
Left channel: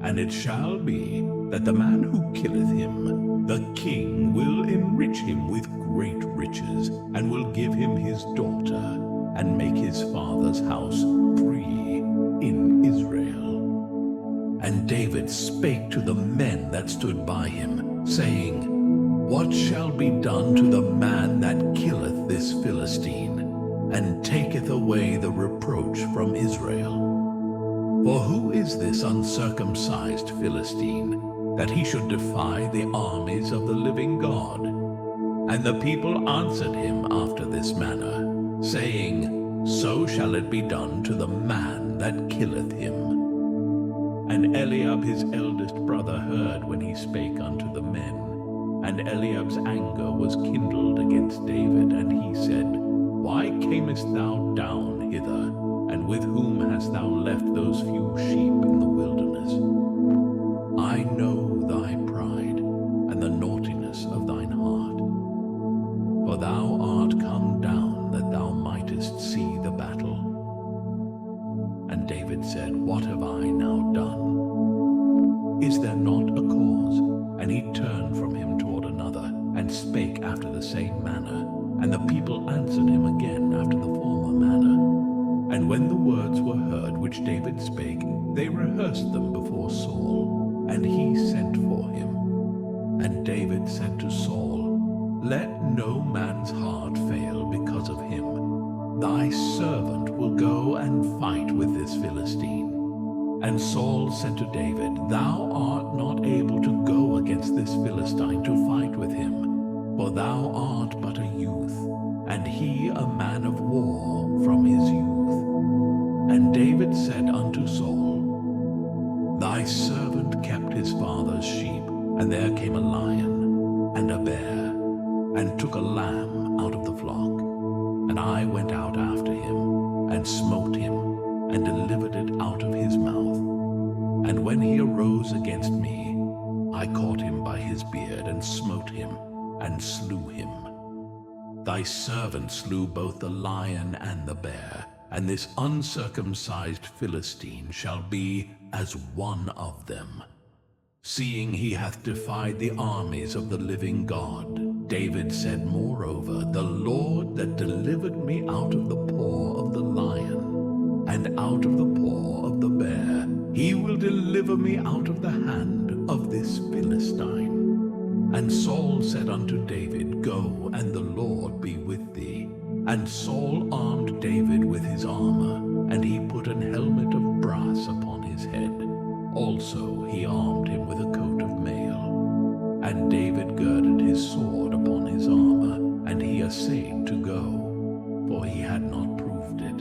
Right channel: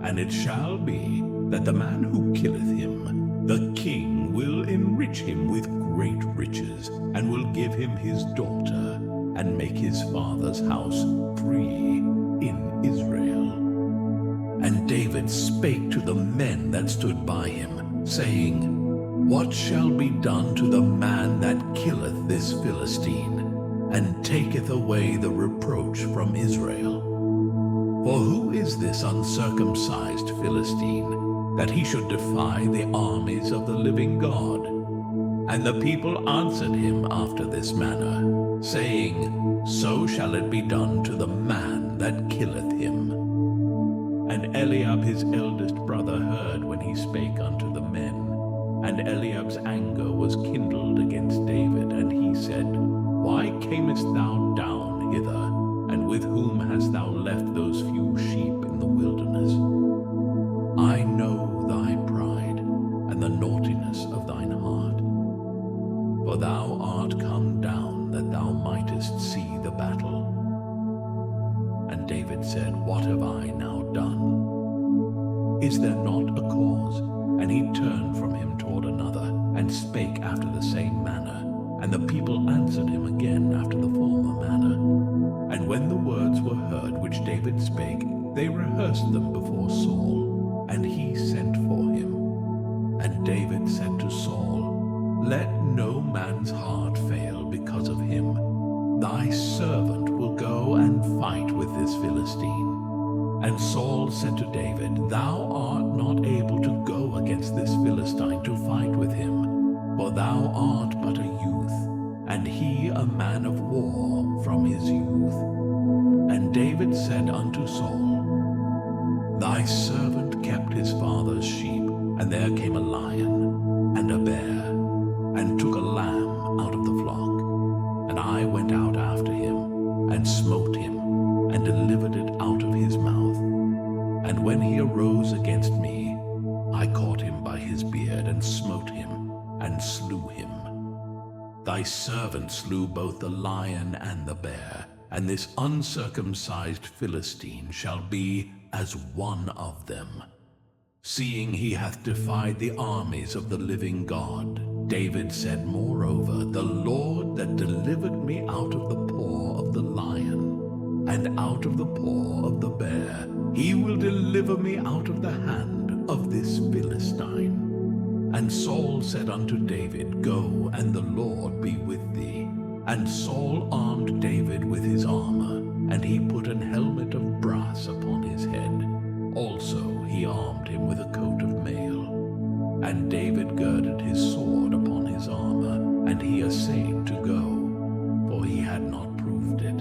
And it shall be that the man who killeth him, the king will enrich him with great riches, and will give him his daughter, and make his father's house free in Israel. And David spake to the men that stood by him, saying, What shall be done to the man that killeth this Philistine, and taketh away the reproach from Israel? For who is this uncircumcised Philistine, that he should defy the armies of the living God? And the people answered him after this manner, saying, So shall it be done to the man that killeth him. And Eliab his eldest brother heard when he spake unto the men. And Eliab's anger was kindled against David, and he said, Why camest thou down hither? And with whom hast thou left those few sheep in the wilderness? I know thy pride, and the naughtiness of thine heart. For thou art come down, that thou mightest see the battle. And David said, What have I now done? Is there not a cause? And he turned from him toward another, and spake after the same manner. And the people answered him again after the former manner. And when the words were heard which David spake, they rehearsed them before Saul, and he sent for him. And David said to Saul, let no man's heart fail because of him. Thy servant will go and fight with this Philistine. And Saul said to David, Thou art not able to go against this Philistine to fight with him, for thou art but a youth, and he a man of war from his youth. And David said unto Saul, Thy servant kept his father's sheep, and there came a lion and a bear, and took a lamb out of the flock. And I went out after him, and smote him, and delivered it out of his mouth. And when he arose against me, I caught him by his beard, and smote him, and slew him. Thy servant slew both the lion and the bear, and this uncircumcised Philistine shall be as one of them, seeing he hath defied the armies of the living God. David said moreover, The Lord that delivered me out of the paw of the lion, and out of the paw of the bear, he will deliver me out of the hand of this Philistine. And Saul said unto David, Go, and the Lord be with thee. And Saul armed David with his armor, and he put an helmet of brass upon his head. Also he armed him with a coat of mail. And David girded his sword upon his armor, and he essayed to go, for he had not proved it.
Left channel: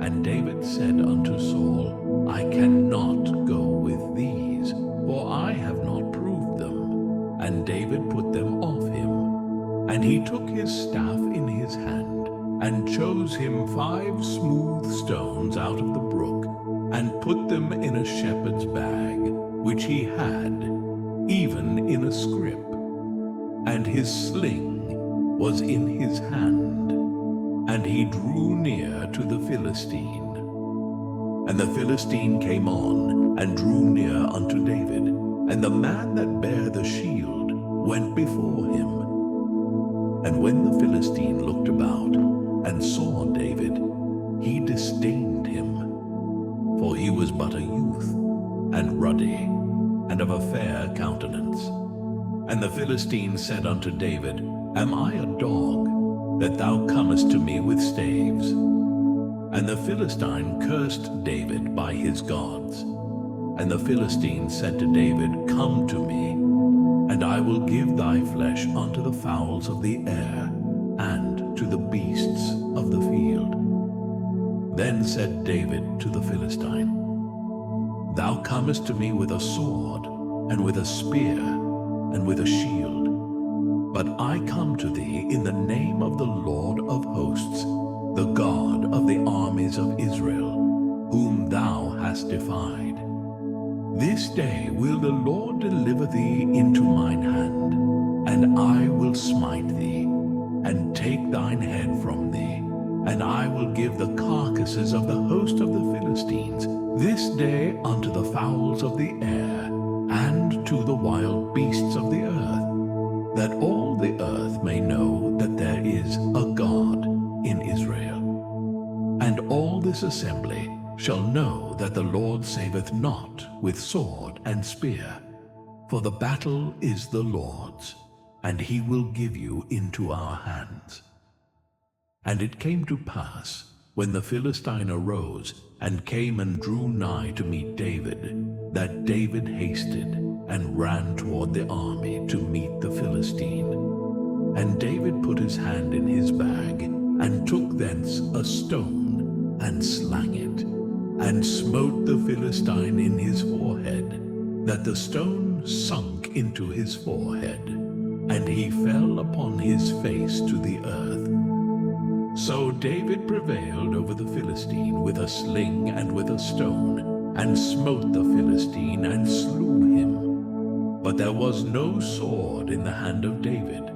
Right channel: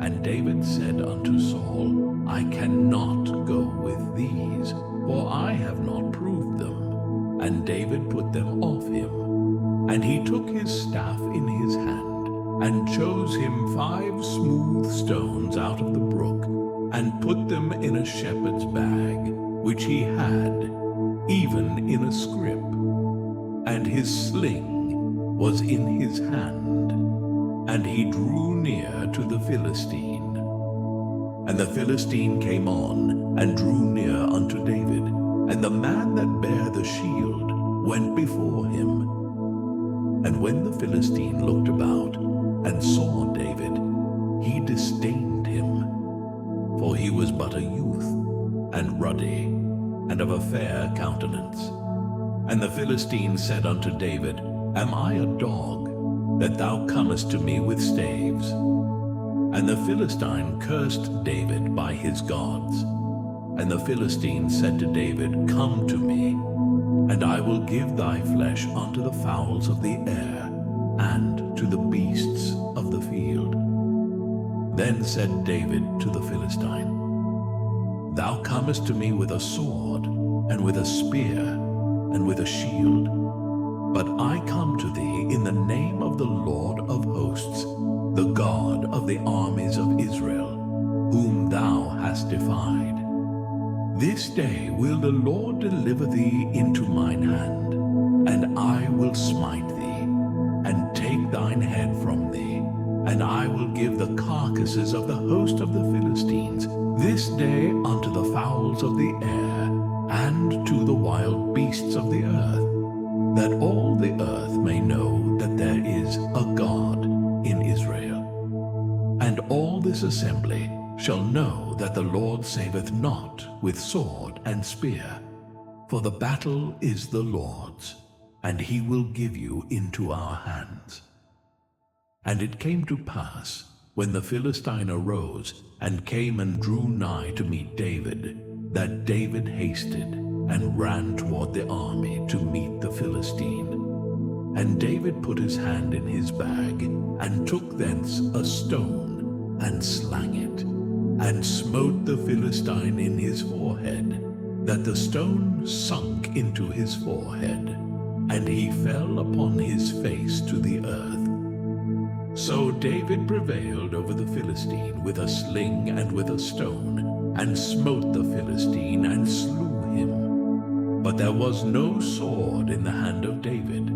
And David said unto Saul, I cannot go with these, for I have not proved them. And David put them off him. And he took his staff in his hand, and chose him 5 smooth stones out of the brook, and put them in a shepherd's bag, which he had, even in a scrip. And his sling was in his hand. And he drew near to the Philistine. And the Philistine came on, and drew near unto David. And the man that bare the shield went before him. And when the Philistine looked about, and saw David, he disdained him. For he was but a youth, and ruddy, and of a fair countenance. And the Philistine said unto David, Am I a dog, that thou comest to me with staves? And the Philistine cursed David by his gods. And the Philistine said to David, Come to me, and I will give thy flesh unto the fowls of the air, and to the beasts of the field. Then said David to the Philistine, Thou comest to me with a sword, and with a spear, and with a shield. But I come to thee in the name of the Lord of hosts, the God of the armies of Israel, whom thou hast defied. This day will the Lord deliver thee into mine hand, and I will smite thee, and take thine head from thee, and I will give the carcasses of the host of the Philistines this day unto the fowls of the air, and to the wild beasts of the earth, that all the earth may know that there is a God in Israel. And all this assembly shall know that the Lord saveth not with sword and spear, for the battle is the Lord's, and he will give you into our hands. And it came to pass, when the Philistine arose, and came and drew nigh to meet David, that David hasted, and ran toward the army to meet the Philistine. And David put his hand in his bag, and took thence a stone, and slang it, and smote the Philistine in his forehead, that the stone sunk into his forehead, and he fell upon his face to the earth. So David prevailed over the Philistine with a sling and with a stone, and smote the Philistine, and slew him. But there was no sword in the hand of David.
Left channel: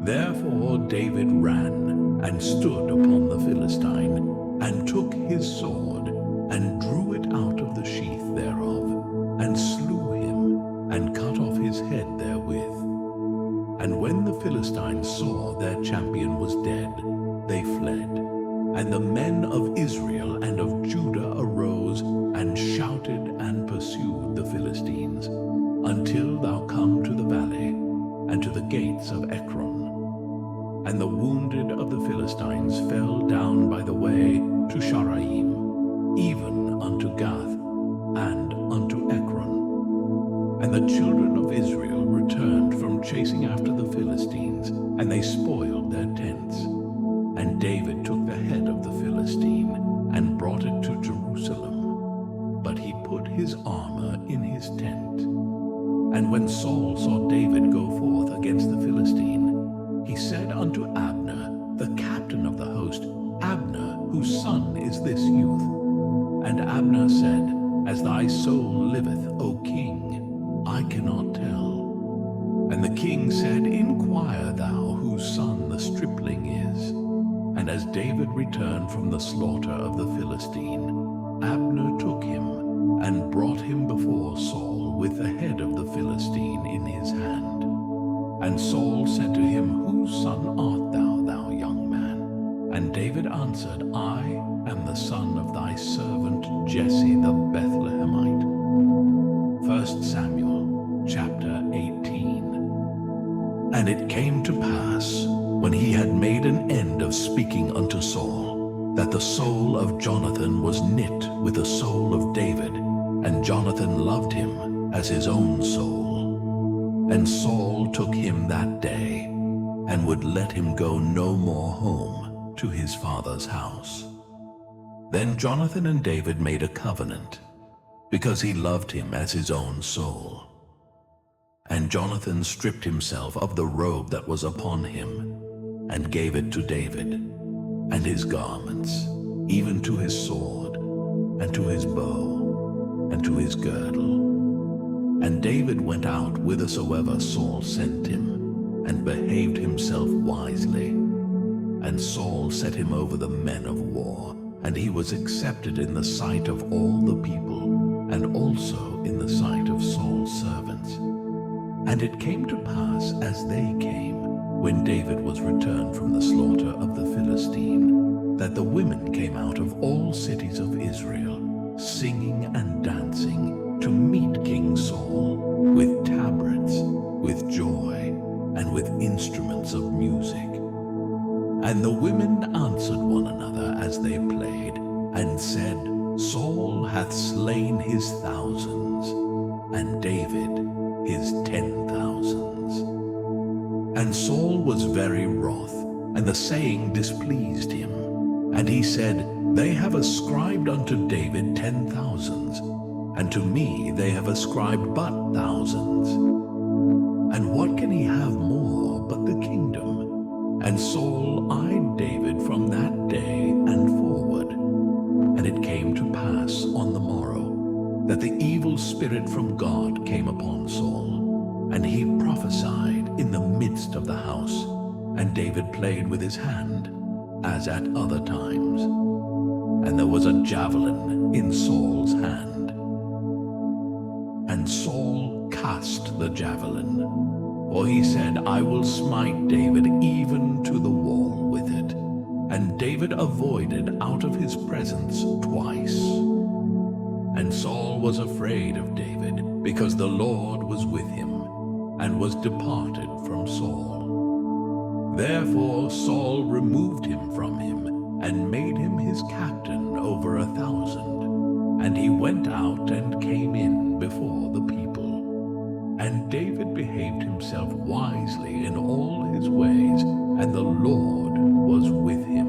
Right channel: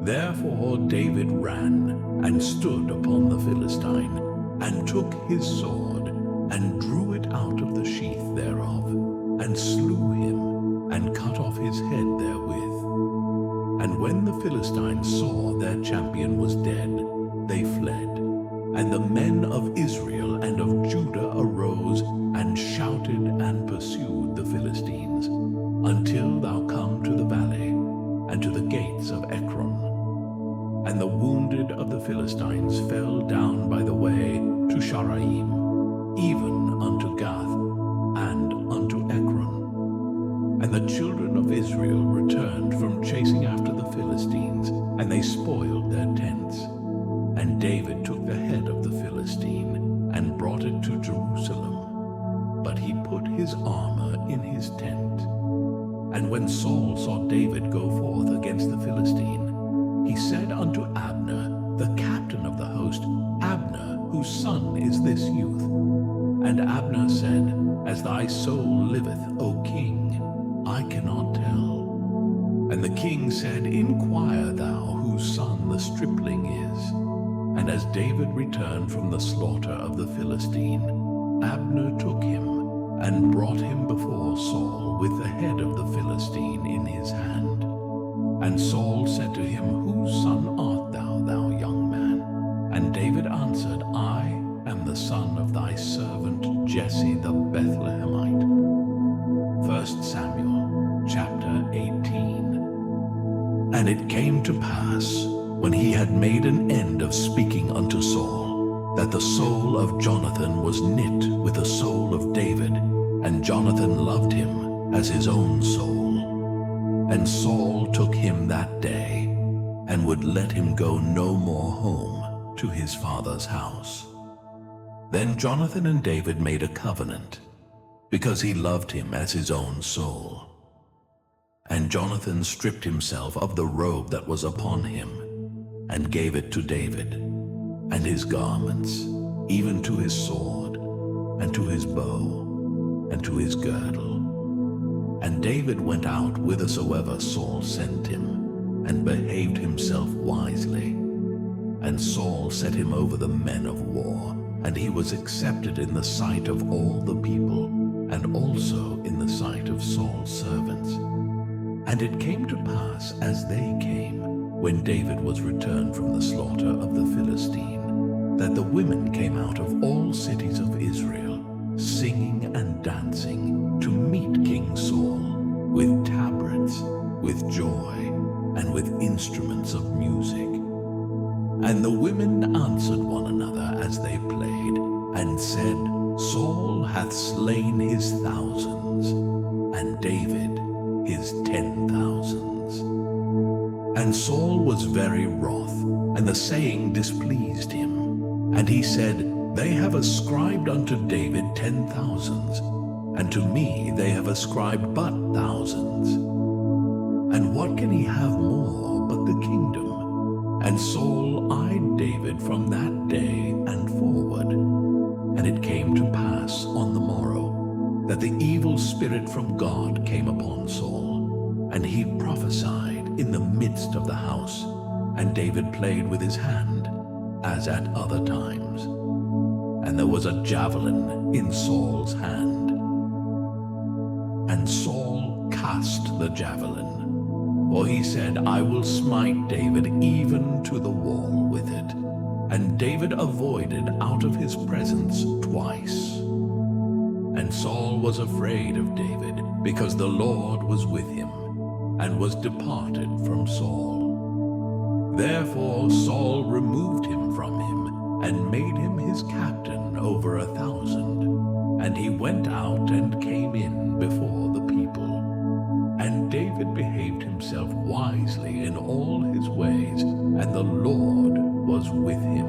Therefore David ran, and stood upon the Philistine, and took his sword, and drew it out of the sheath thereof, and slew him, and cut off his head therewith. And when the Philistines saw their champion was dead, they fled. And the men of Israel and of Judah arose, and shouted, and pursued the Philistines, until thou come to the valley, and to the gates of Ekron. And the wounded of the Philistines fell down by the way to Sharaim, even unto Gath, and unto Ekron. And the children of Israel returned from chasing after the Philistines, and they spoiled their tents. And David took the head of the Philistine, and brought it to Jerusalem. But he put his armor in his tent. And when Saul saw David go forth against the Philistine, he said unto Abner, the captain of the host, Abner, whose son is this youth? And Abner said, As thy soul liveth, O king, I cannot tell. And the king said, Inquire thou whose son the stripling is. And as David returned from the slaughter of the Philistine, Abner took him, and brought him before Saul with the head of the Philistine in his hand. And Saul said to him, Whose son art thou, thou young man? And David answered, I am the son of thy servant Jesse the Bethlehemite. 1 Samuel chapter 18. And it came to pass, when he had made an end of speaking unto Saul, that the soul of Jonathan was knit with the soul of David, and Jonathan loved him as his own soul. And Saul took him that day, and would let him go no more home to his father's house. Then Jonathan and David made a covenant, because he loved him as his own soul. And Jonathan stripped himself of the robe that was upon him, and gave it to David, and his garments, even to his sword, and to his bow, and to his girdle. And David went out whithersoever Saul sent him, and behaved himself wisely. And Saul set him over the men of war, and he was accepted in the sight of all the people, and also in the sight of Saul's servants. And it came to pass, as they came, when David was returned from the slaughter of the Philistine, that the women came out of all cities of Israel, singing and dancing, to meet King Saul, with tabrets, with joy, and with instruments of music. And the women answered one another as they played, and said, Saul hath slain his thousands, and David his 10,000s. And Saul was very wroth, and the saying displeased him. And he said, They have ascribed unto David 10,000s, and to me they have ascribed but thousands. And what can he have more but the kingdom? And Saul eyed David from that day and forward. And it came to pass on the morrow, that the evil spirit from God came upon Saul, and he prophesied in the midst of the house, and David played with his hand, as at other times. And there was a javelin in Saul's hand. And Saul cast the javelin, for he said, I will smite David even to the wall with it. And David avoided out of his presence twice. And Saul was afraid of David, because the Lord was with him, and was departed from Saul. Therefore Saul removed him from him, and made him his captain over 1,000. And he went out and came in before the people. And David behaved himself wisely in all his ways, and the Lord was with him.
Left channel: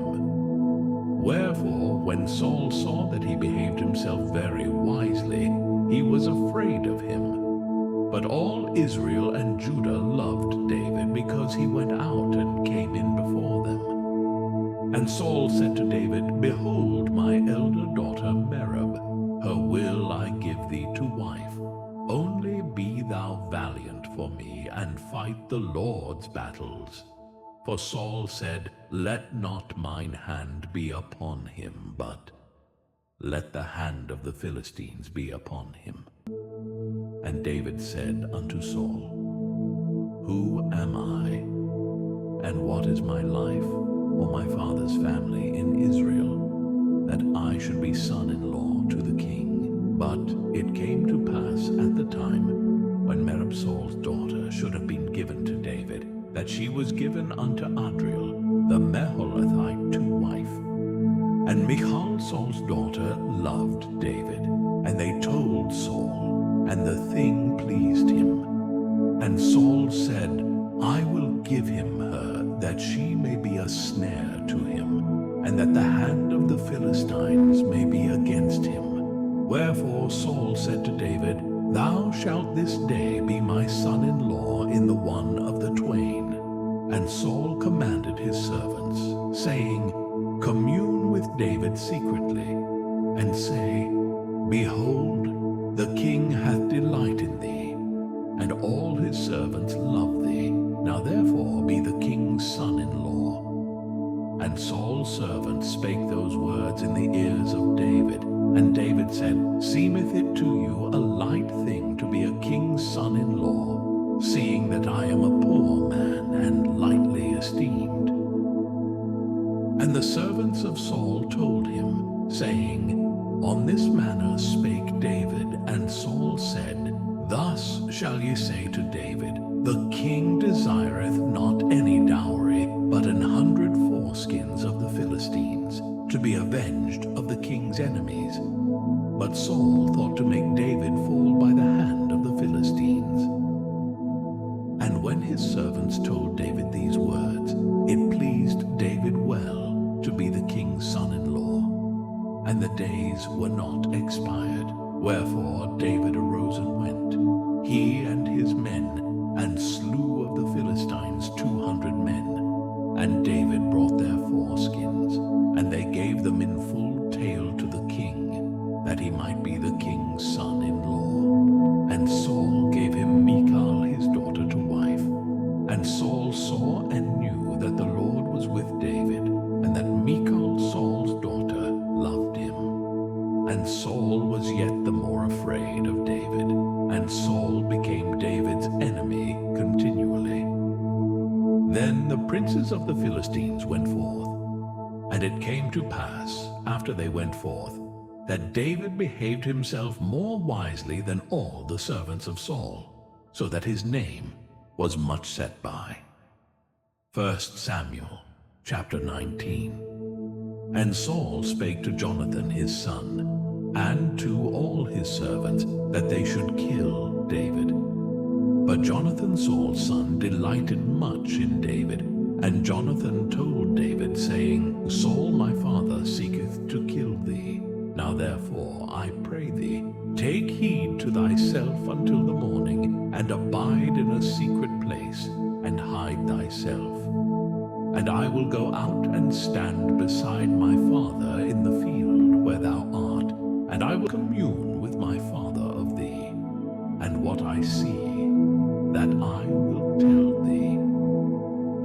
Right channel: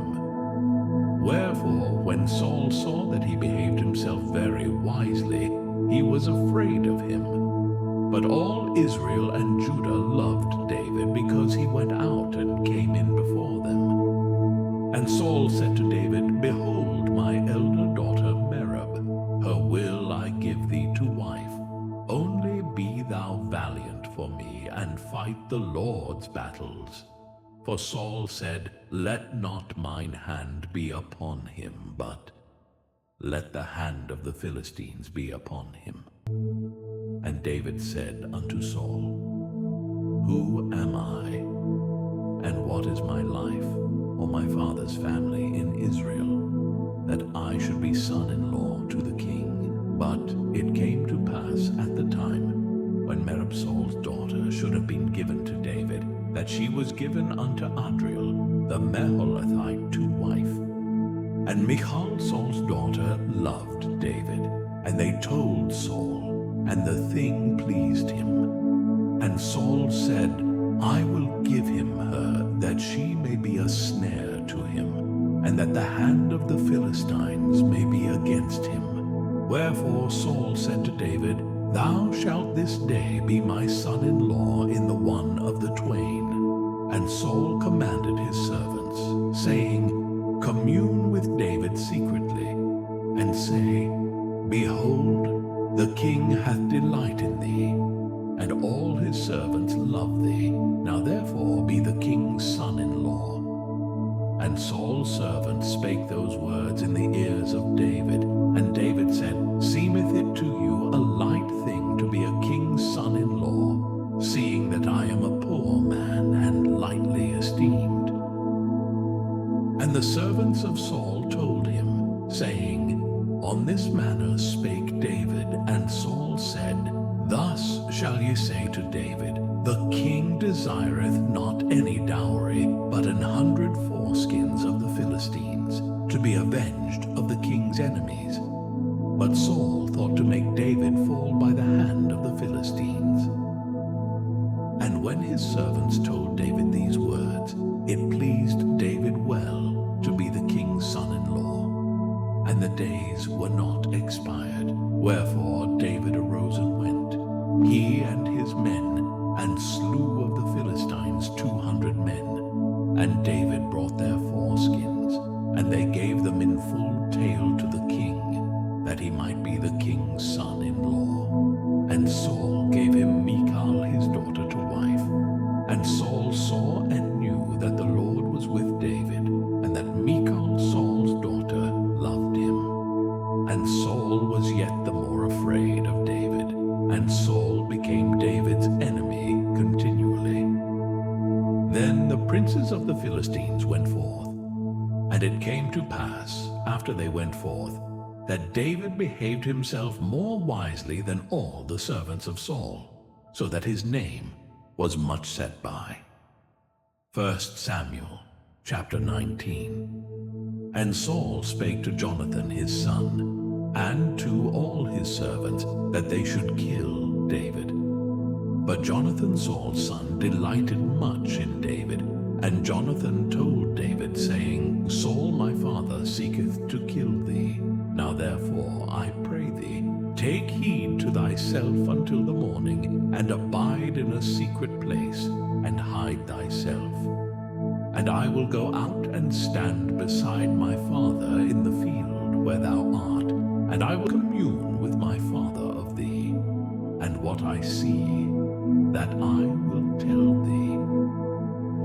Wherefore, when Saul saw that he behaved himself very wisely, he was afraid of him. But all Israel and Judah loved David, because he went out and came in before them. And Saul said to David, Behold my elder daughter Merab, her will I give thee to wife. Only be thou valiant for me, and fight the Lord's battles. For Saul said, Let not mine hand be upon him, but let the hand of the Philistines be upon him. And David said unto Saul, Who am I, and what is my life, or my father's family in Israel, that I should be son-in-law to the king? But it came to pass at the time when Merab Saul's daughter should have been given to David, that she was given unto Adriel, the Meholathite, to wife. And Michal, Saul's daughter, loved David, and they told Saul, and the thing pleased him. And Saul said, I will give him her, that she may be a snare to him, and that the hand of the Philistines may be against him. Wherefore Saul said to David, Thou shalt this day be my son-in-law in the one of the twain. And Saul commanded his servants, saying, Commune with David secretly, and say, Behold, the king hath delight in thee, and all his servants love thee. Now therefore be the king's son-in-law. And Saul's servants spake those words in the ears of David. And David said, Seemeth it to you a light thing to be a king's son-in-law, seeing that I am a poor man and lightly esteemed? And the servants of Saul told him, saying, On this manner spake David. And Saul said, Thus shall ye say to David, The king desireth not any dowry, but 100 foreskins of the Philistines, to be avenged of the king's enemies. But Saul thought to make David fall by the hand of the Philistines. And when his servants told David these words, it pleased David well to be the king's son-in-law. And the days were not expired. Wherefore David arose and went, he and his men, and slew of the Philistines 200 men. And David brought their foreskins, and they gave them in full tale to the king, that he might be the king's son-in-law. And Saul gave him Michal his daughter to wife. And Saul saw and knew that the Lord was with David, and that Michal, Saul's daughter, loved him. And Saul was yet the more afraid of David, and Saul became David's enemy continually. Then the princes of the Philistines went forth. And it came to pass, after they went forth, that David behaved himself more wisely than all the servants of Saul, so that his name was much set by. 1 Samuel chapter 19. And Saul spake to Jonathan his son, and to all his servants, that they should kill David. But Jonathan Saul's son delighted much in David, and Jonathan told David, saying, Saul my father seeketh to kill thee. Now therefore, I pray thee, take heed to thyself until the morning, and abide in a secret place, and hide thyself. And I will go out and stand beside my father in the field where thou art, and I will commune with my father of thee. And what I see, that I will tell thee.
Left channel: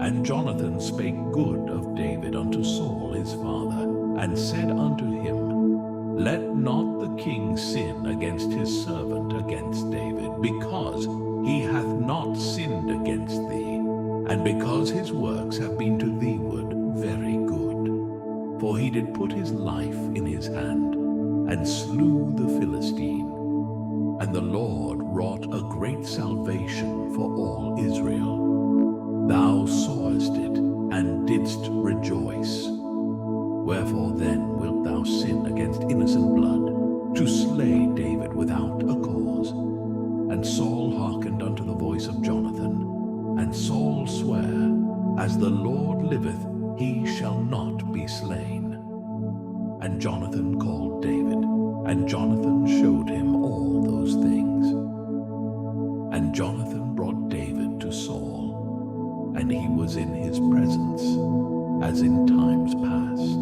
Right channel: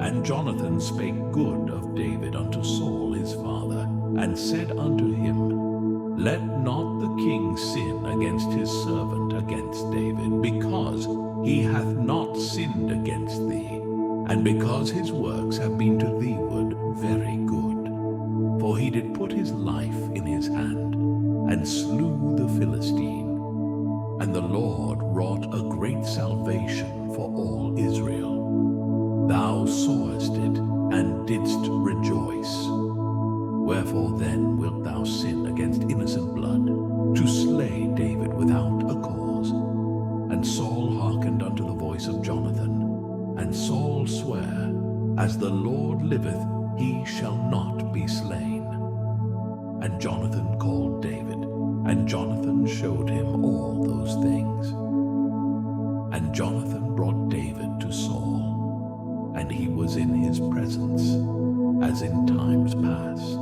And Jonathan spake good of David unto Saul his father, and said unto him, Let not the king sin against his servant against David, because he hath not sinned against thee, and because his works have been to theeward very good. For he did put his life in his hand, and slew the Philistine. And the Lord wrought a great salvation for all Israel. Thou sawest it, and didst rejoice. Wherefore then wilt thou sin against innocent blood, to slay David without a cause? And Saul hearkened unto the voice of Jonathan. And Saul sware, As the Lord liveth, he shall not be slain. And Jonathan called David, and Jonathan showed him all those things. And Jonathan brought David to Saul, and he was in his presence, as in times past.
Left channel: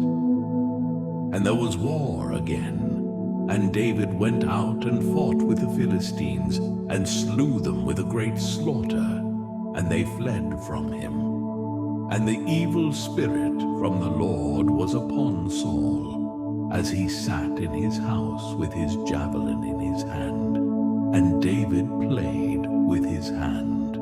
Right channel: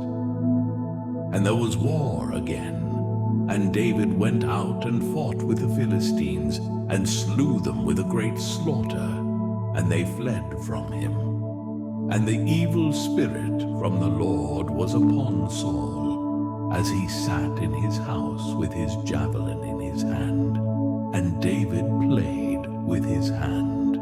And there was war again, and David went out and fought with the Philistines, and slew them with a great slaughter, and they fled from him. And the evil spirit from the Lord was upon Saul, as he sat in his house with his javelin in his hand. And David played with his hand.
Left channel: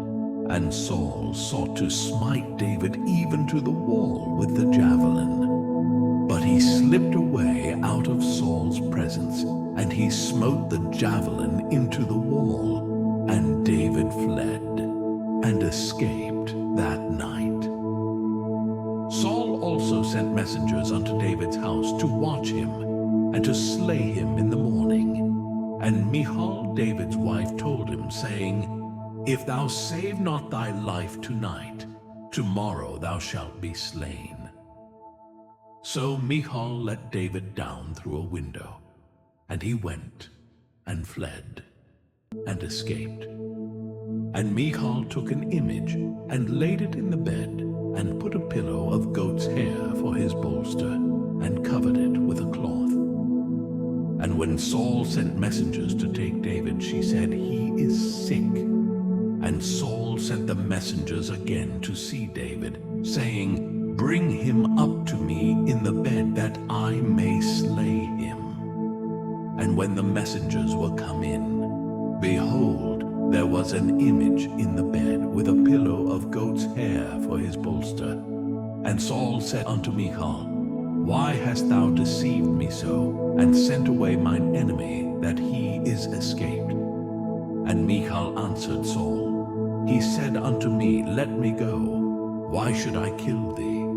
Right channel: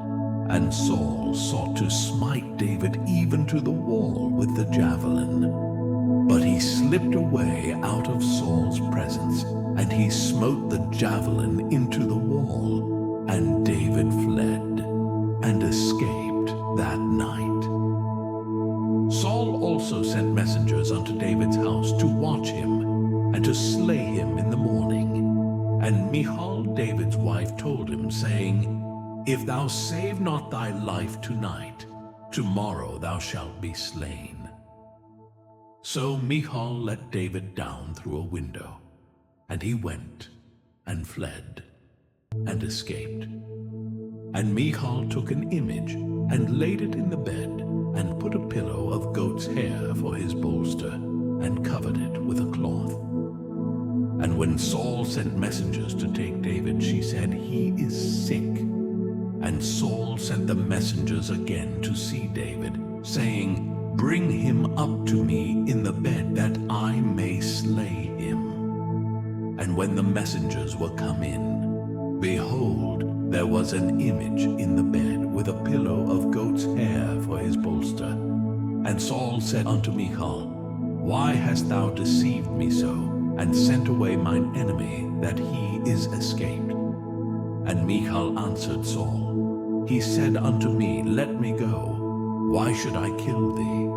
And Saul sought to smite David even to the wall with the javelin. But he slipped away out of Saul's presence, and he smote the javelin into the wall, And David fled and escaped that night. Saul also sent messengers unto David's house to watch him and to slay him in the morning. And Michal, David's wife, told him, saying, If thou save not thy life tonight, tomorrow thou shalt be slain. So Michal let David down through a window, and he went and fled and escaped. And Michal took an image and laid it in the bed, and put a pillow of goat's hair for his bolster, and covered it with a cloth. And when Saul sent messengers to take David, she said, He is sick. And Saul sent the messengers again to see David, saying, Bring him up to me in the bed, that I may slay him. And when the messengers were come in, behold, there was an image in the bed, with a pillow of goat's hair for his bolster. And Saul said unto Michal, Why hast thou deceived me so, and sent away mine enemy, that he is escaped? And Michal answered Saul, He said unto me, Let me go. Why should I kill thee?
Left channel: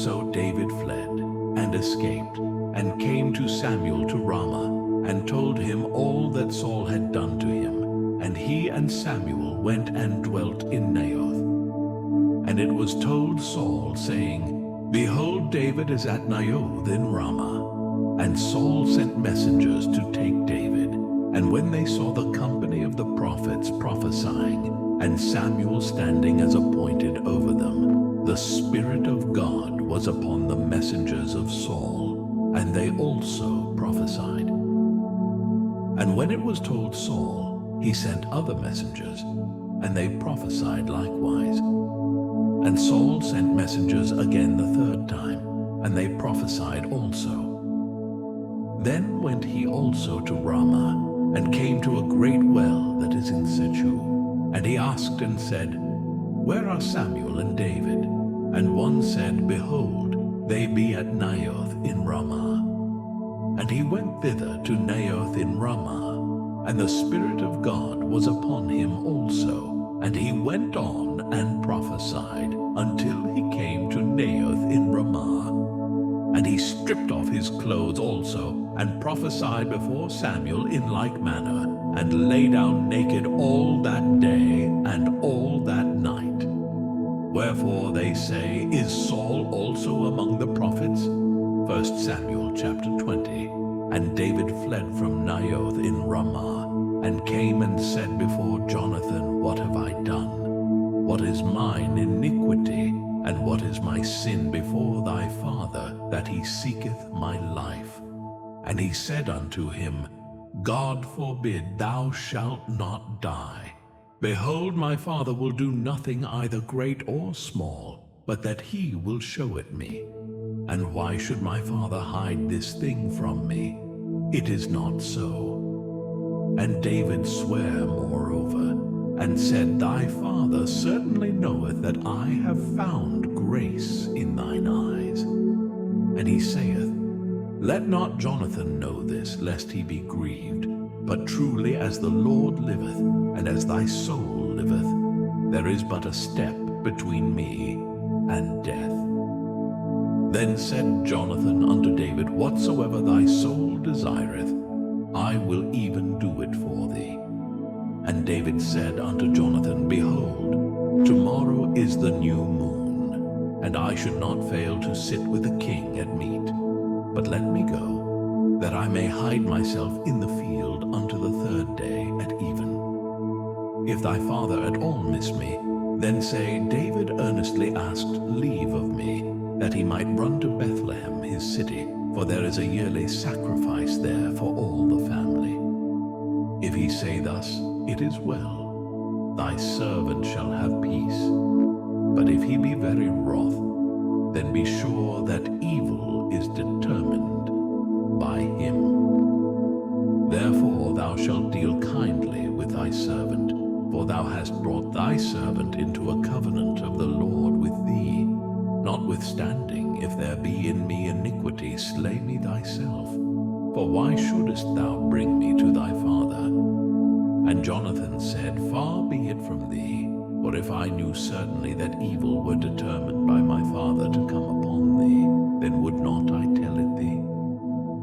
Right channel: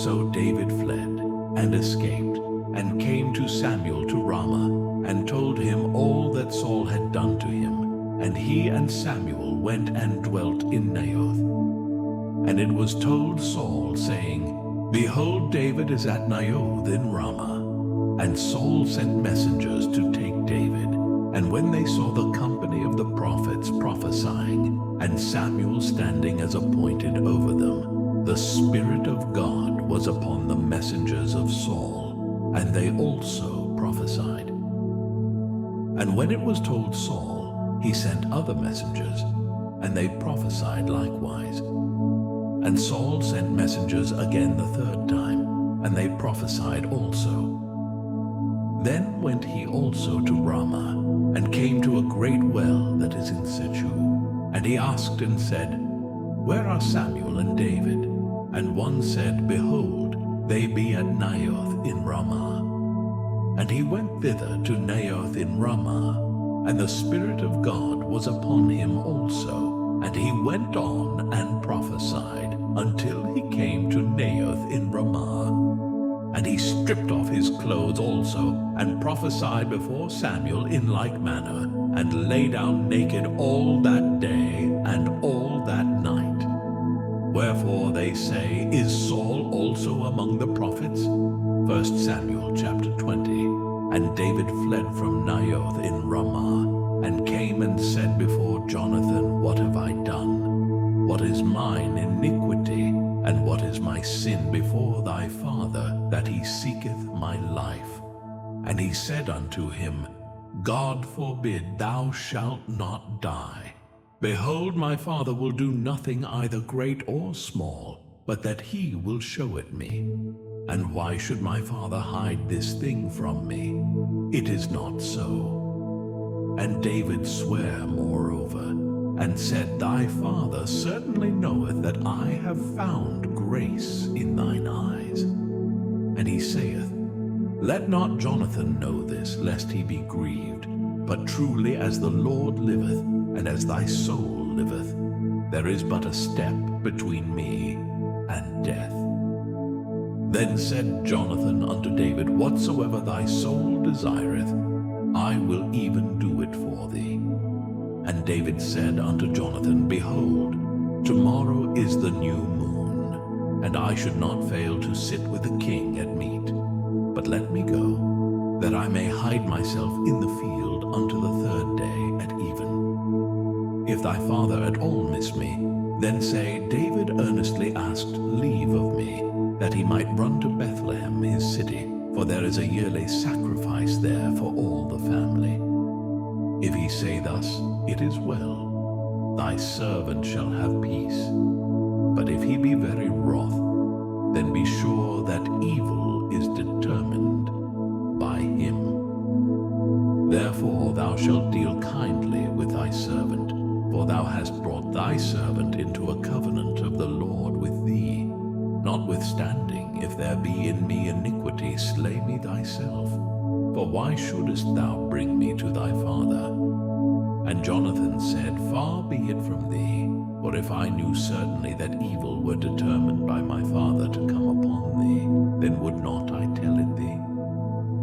So David fled and escaped, and came to Samuel to Ramah, and told him all that Saul had done to him. And he and Samuel went and dwelt in Naioth. And it was told Saul, saying, Behold, David is at Naioth in Ramah. And Saul sent messengers to take David. And when they saw the company of the prophets prophesying, and Samuel standing as appointed over them, the Spirit of God was upon the messengers of Saul, and they also prophesied. And when it was told Saul, he sent other messengers, and they prophesied likewise. And Saul sent messengers again the third time, and they prophesied also. Then went he also to Ramah, and came to a great well that is in Sechu. And he asked and said, Where are Samuel and David? And one said, Behold, they be at Naioth in Ramah. And he went thither to Naioth in Ramah, and the Spirit of God was upon him also. And he went on and prophesied until he came to Naioth in Ramah. And he stripped off his clothes also, and prophesied before Samuel in like manner, and lay down naked all that day and all that night. Wherefore they say, Is Saul also among the prophets? 1 Samuel chapter 20. And David fled from Naioth in Ramah, and came and said before Jonathan, What have I done? What is mine iniquity, and what is my sin before thy father, that he seeketh my life? And he said unto him, God forbid, thou shalt not die. Behold, my father will do nothing either great or small, but that he will show it me. And why should my father hide this thing from me? It is not so. And David sware moreover, and said, Thy father certainly knoweth that I have found grace in thine eyes. And he saith, Let not Jonathan know this, lest he be grieved. But truly as the Lord liveth, and as thy soul liveth, there is but a step between me and death. Then said Jonathan unto David, Whatsoever thy soul desireth, I will even do it for thee. And David said unto Jonathan, Behold, tomorrow is the new moon, and I should not fail to sit with the king at meat. But let me go, that I may hide myself in the field unto the third day at even. If thy father at all miss me, then say, David earnestly asked leave of me, that he might run to Bethlehem his city, for there is a yearly sacrifice there for all the family. If he say thus, It is well, thy servant shall have peace. But if he be very wroth, then be sure that evil is determined by him. Therefore thou shalt deal kindly with thy servant, for thou hast brought thy servant into a covenant of the Lord with thee. Notwithstanding, if there be in me iniquity, slay me thyself. For why shouldest thou bring me to thy father? And Jonathan said, Far be it from thee, for if I knew certainly that evil were determined by my father to come upon thee, then would not I tell it thee?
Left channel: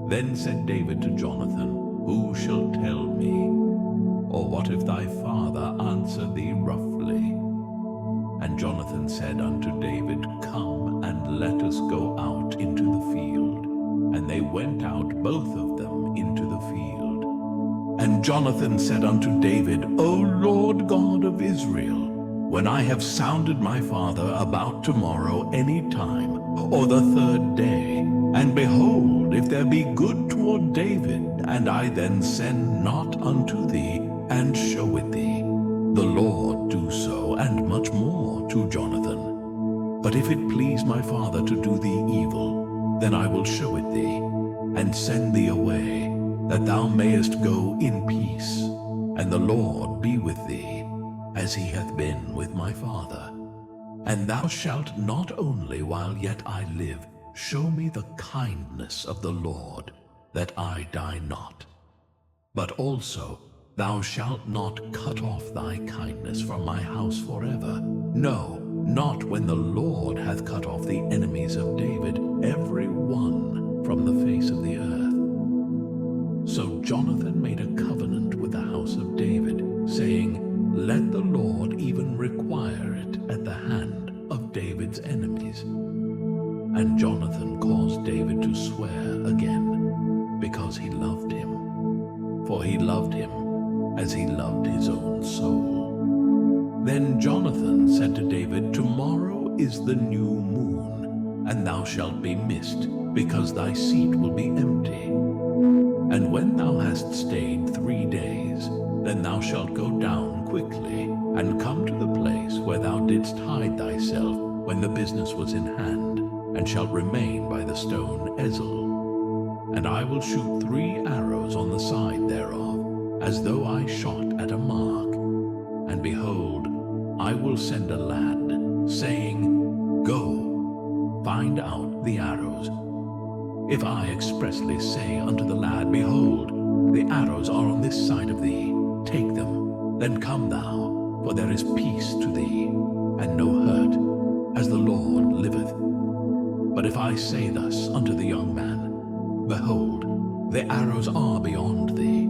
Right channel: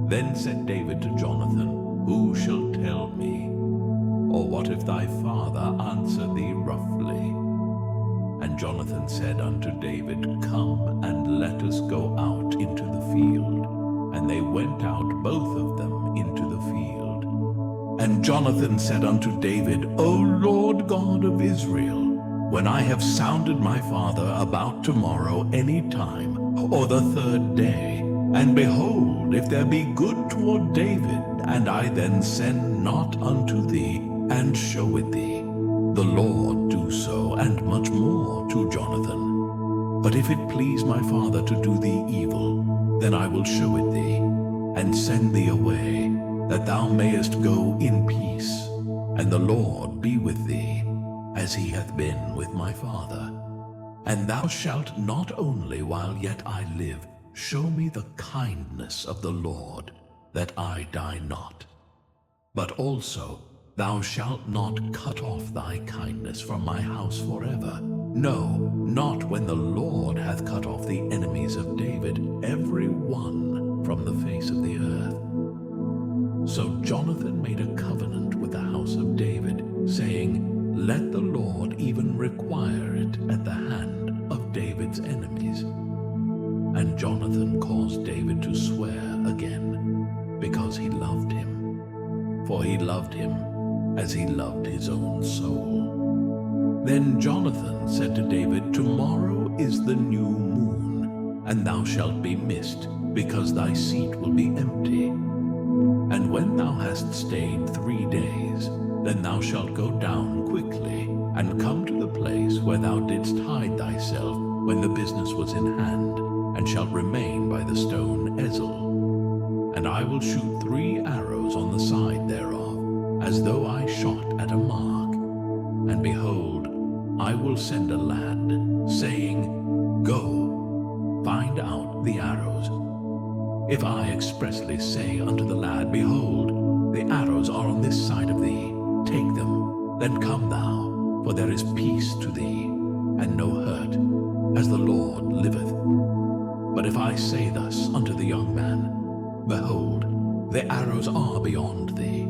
Then said David to Jonathan, Who shall tell me? Or what if thy father answer thee roughly? And Jonathan said unto David, Come, and let us go out into the field. And they went out both of them into the field. And Jonathan said unto David, O Lord God of Israel, when I have sounded my father about tomorrow any time, or the third day, and behold, if there be good toward David, and I then send not unto thee, and show it thee, the Lord do so, and much more to Jonathan. But if it please my father to do thee evil, then I will show it thee, and send thee away, that thou mayest go in peace, and the Lord be with thee, as he hath been with my father. And thou shalt not only while yet I live show me the kindness of the Lord, that I die not, but also thou shalt not cut off thy kindness from my house forever. No, not when the Lord hath cut off the enemies of David, every one from the face of the earth. So Jonathan made a covenant with the house of David, saying, Let the Lord even require it at the hand of David's enemies. And Jonathan caused David to swear again, because he loved him. For he loved him as he loved his own soul. Then Jonathan said to David, Tomorrow is the new moon, and thou shalt be missed, because thy seat will be empty. And when thou hast stayed 3 days, then thou shalt go down quickly, and come to the place where thou didst hide thyself when the business was in hand, and shalt remain by the stone Ezel. And I will shoot 3 arrows on the side thereof, as though I shot at a mark. And behold, I will send a lad, saying, Go, find out the arrows. If I expressly say unto the lad, Behold, the arrows are on this side of thee, take them, then come thou, for there is peace to thee, and no hurt, as the Lord liveth. But if I say thus unto the young man, Behold, the arrows are beyond thee,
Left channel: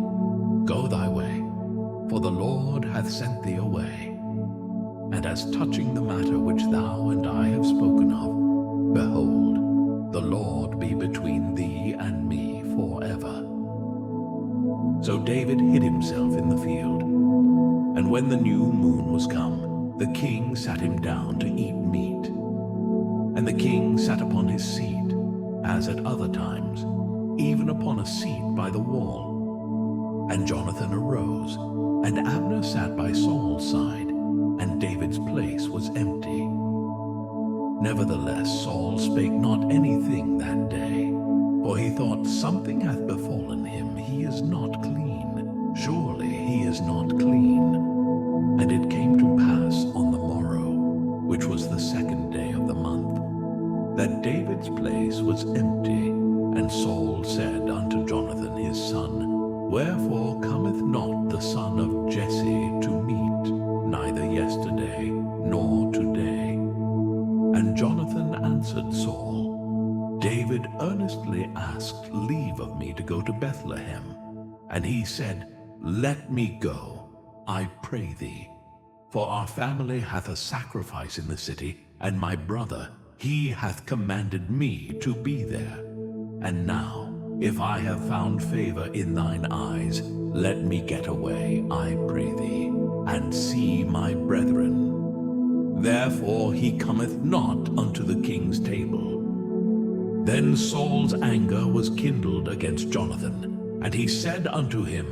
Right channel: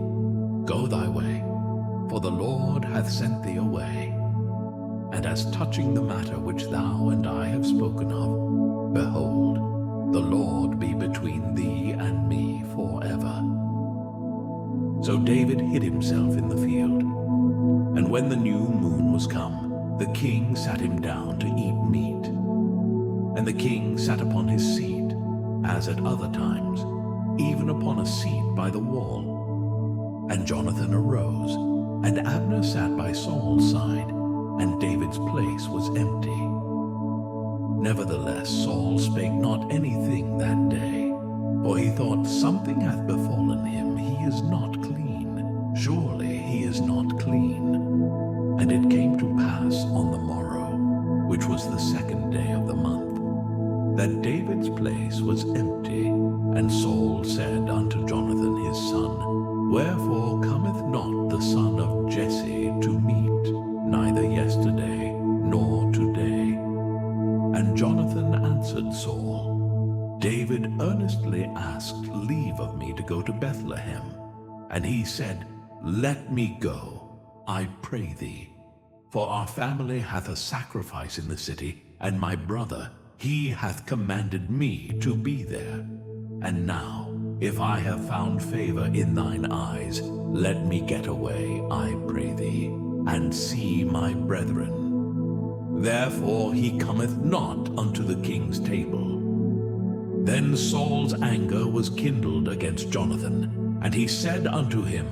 go thy way, for the Lord hath sent thee away. And as touching the matter which thou and I have spoken of, behold, the Lord be between thee and me forever. So David hid himself in the field. And when the new moon was come, the king sat him down to eat meat. And the king sat upon his seat, as at other times, even upon a seat by the wall. And Jonathan arose, and Abner sat by Saul's side, and David's place was empty. Nevertheless Saul spake not anything that day, for he thought, Something hath befallen him, he is not clean, surely he is not clean. And it came to pass on the morrow, which was the 2nd day of the month, that David's place was empty. And Saul said unto Jonathan his son, Wherefore cometh not the son of Jesse to meat, neither yesterday nor today? And Jonathan answered Saul, David earnestly asked leave of me to go to Bethlehem. And he said, Let me go, I pray thee. For our family hath a sacrifice in the city, and my brother, he hath commanded me to be there. And now, if I have found favor in thine eyes, let me get away, I pray thee, and see my brethren. Therefore he cometh not unto the king's table. Then Saul's anger was kindled against Jonathan, and he said unto him,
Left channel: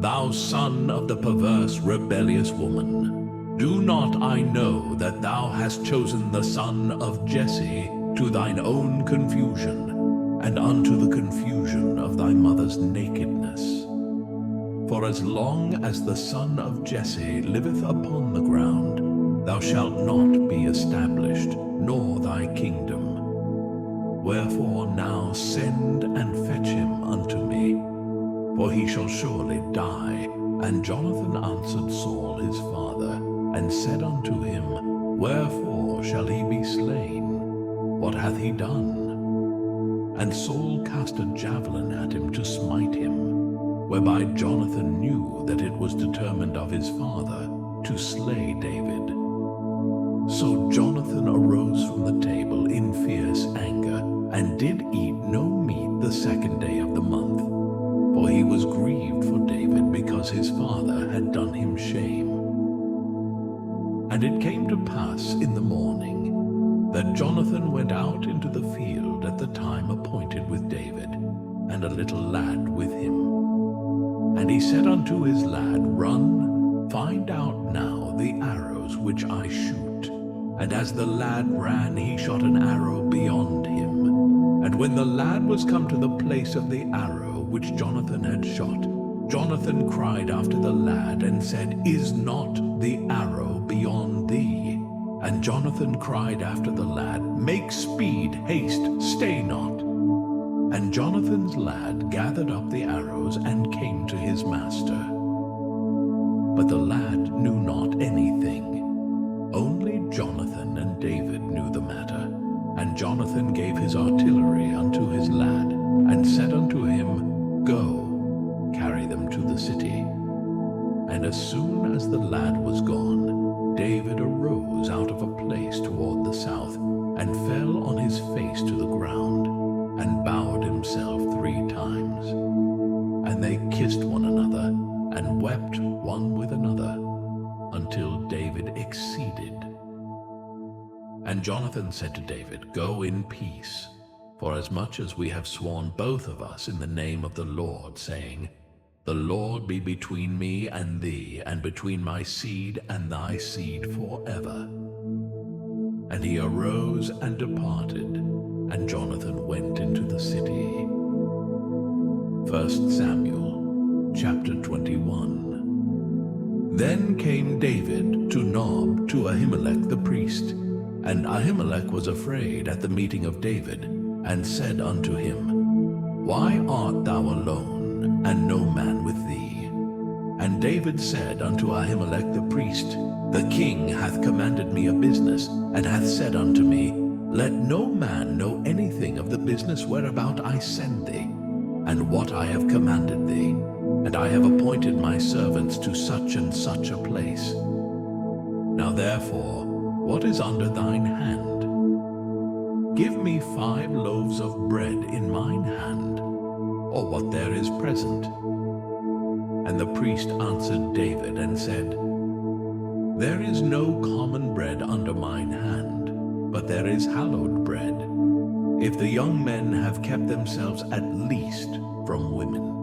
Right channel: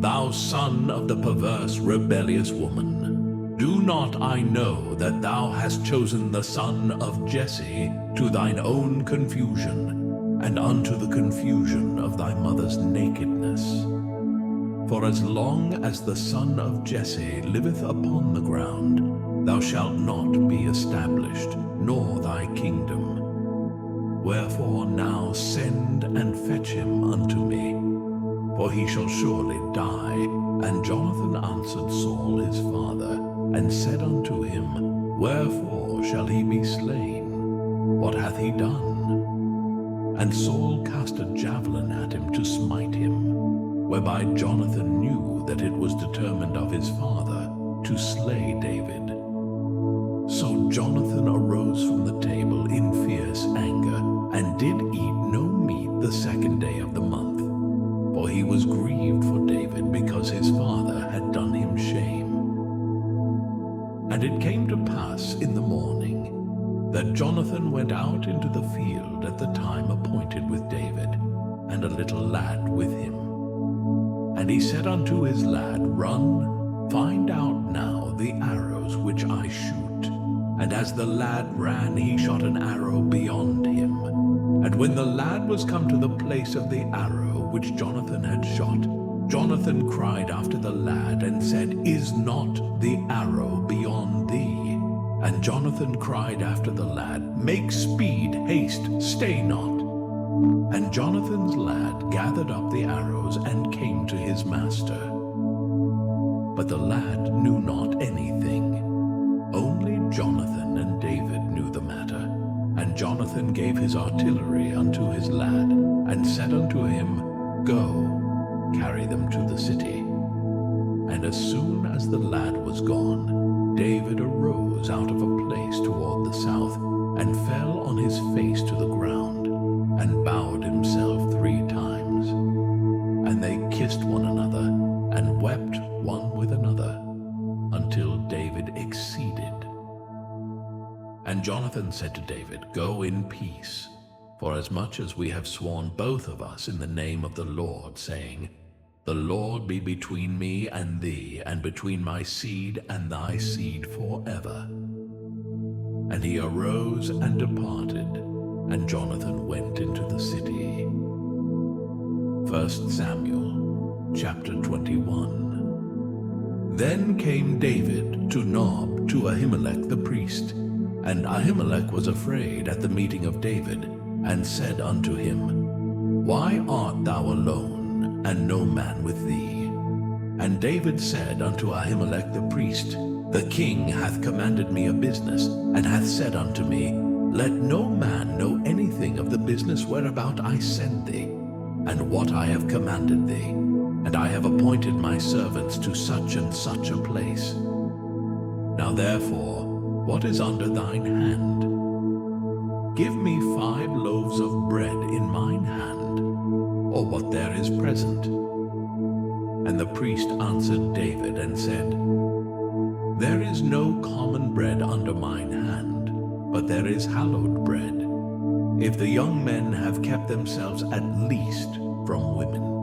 Thou son of the perverse rebellious woman, do not I know that thou hast chosen the son of Jesse to thine own confusion, and unto the confusion of thy mother's nakedness? For as long as the son of Jesse liveth upon the ground, thou shalt not be established, nor thy kingdom. Wherefore now send and fetch him unto me, for he shall surely die, And Jonathan answered Saul his father, and said unto him, Wherefore shall he be slain? What hath he done? And Saul cast a javelin at him to smite him, whereby Jonathan knew that it was determined of his father to slay David. So Jonathan arose from the table in fierce anger, and did eat no meat the second day of the month, for he was grieved for David, because his father had done him shame. And it came to pass in the morning that Jonathan went out into the field at the time appointed with David, and a little lad with him. And he said unto his lad, Run, find out now the arrows which I shoot. And as the lad ran, he shot an arrow beyond him. And when the lad was come to the place of the arrow which Jonathan had shot, Jonathan cried after the lad, and said, Is not the arrow beyond thee? And Jonathan cried after the lad, Make speed, haste, stay not. And Jonathan's lad gathered up the arrows, and came to his master. But the lad knew not anything. Only Jonathan and David knew the matter. And Jonathan gave his artillery unto his lad, and said unto him, Go, carry them to the city. And as soon as the lad was gone, David arose out of a place toward the south, and fell on his face to the ground, and bowed himself 3 times. And they kissed one another, and wept one with another, until David exceeded. And Jonathan said to David, Go in peace, for as much as we have sworn both of us in the name of the Lord, saying, The Lord be between me and thee, and between my seed and thy seed forever. And he arose and departed, and Jonathan went into the city. 1 Samuel chapter 21. Then came David to Nob to Ahimelech the priest. And Ahimelech was afraid at the meeting of David, and said unto him, Why art thou alone, and no man with thee? And David said unto Ahimelech the priest, The king hath commanded me a business, and hath said unto me, Let no man know anything of the business whereabout I send thee, and what I have commanded thee. And I have appointed my servants to such and such a place. Now therefore, what is under thine hand? Give me 5 loaves of bread in mine hand, or what there is present. And the priest answered David and said, There is no common bread under mine hand, but there is hallowed bread, if the young men have kept themselves at least from women.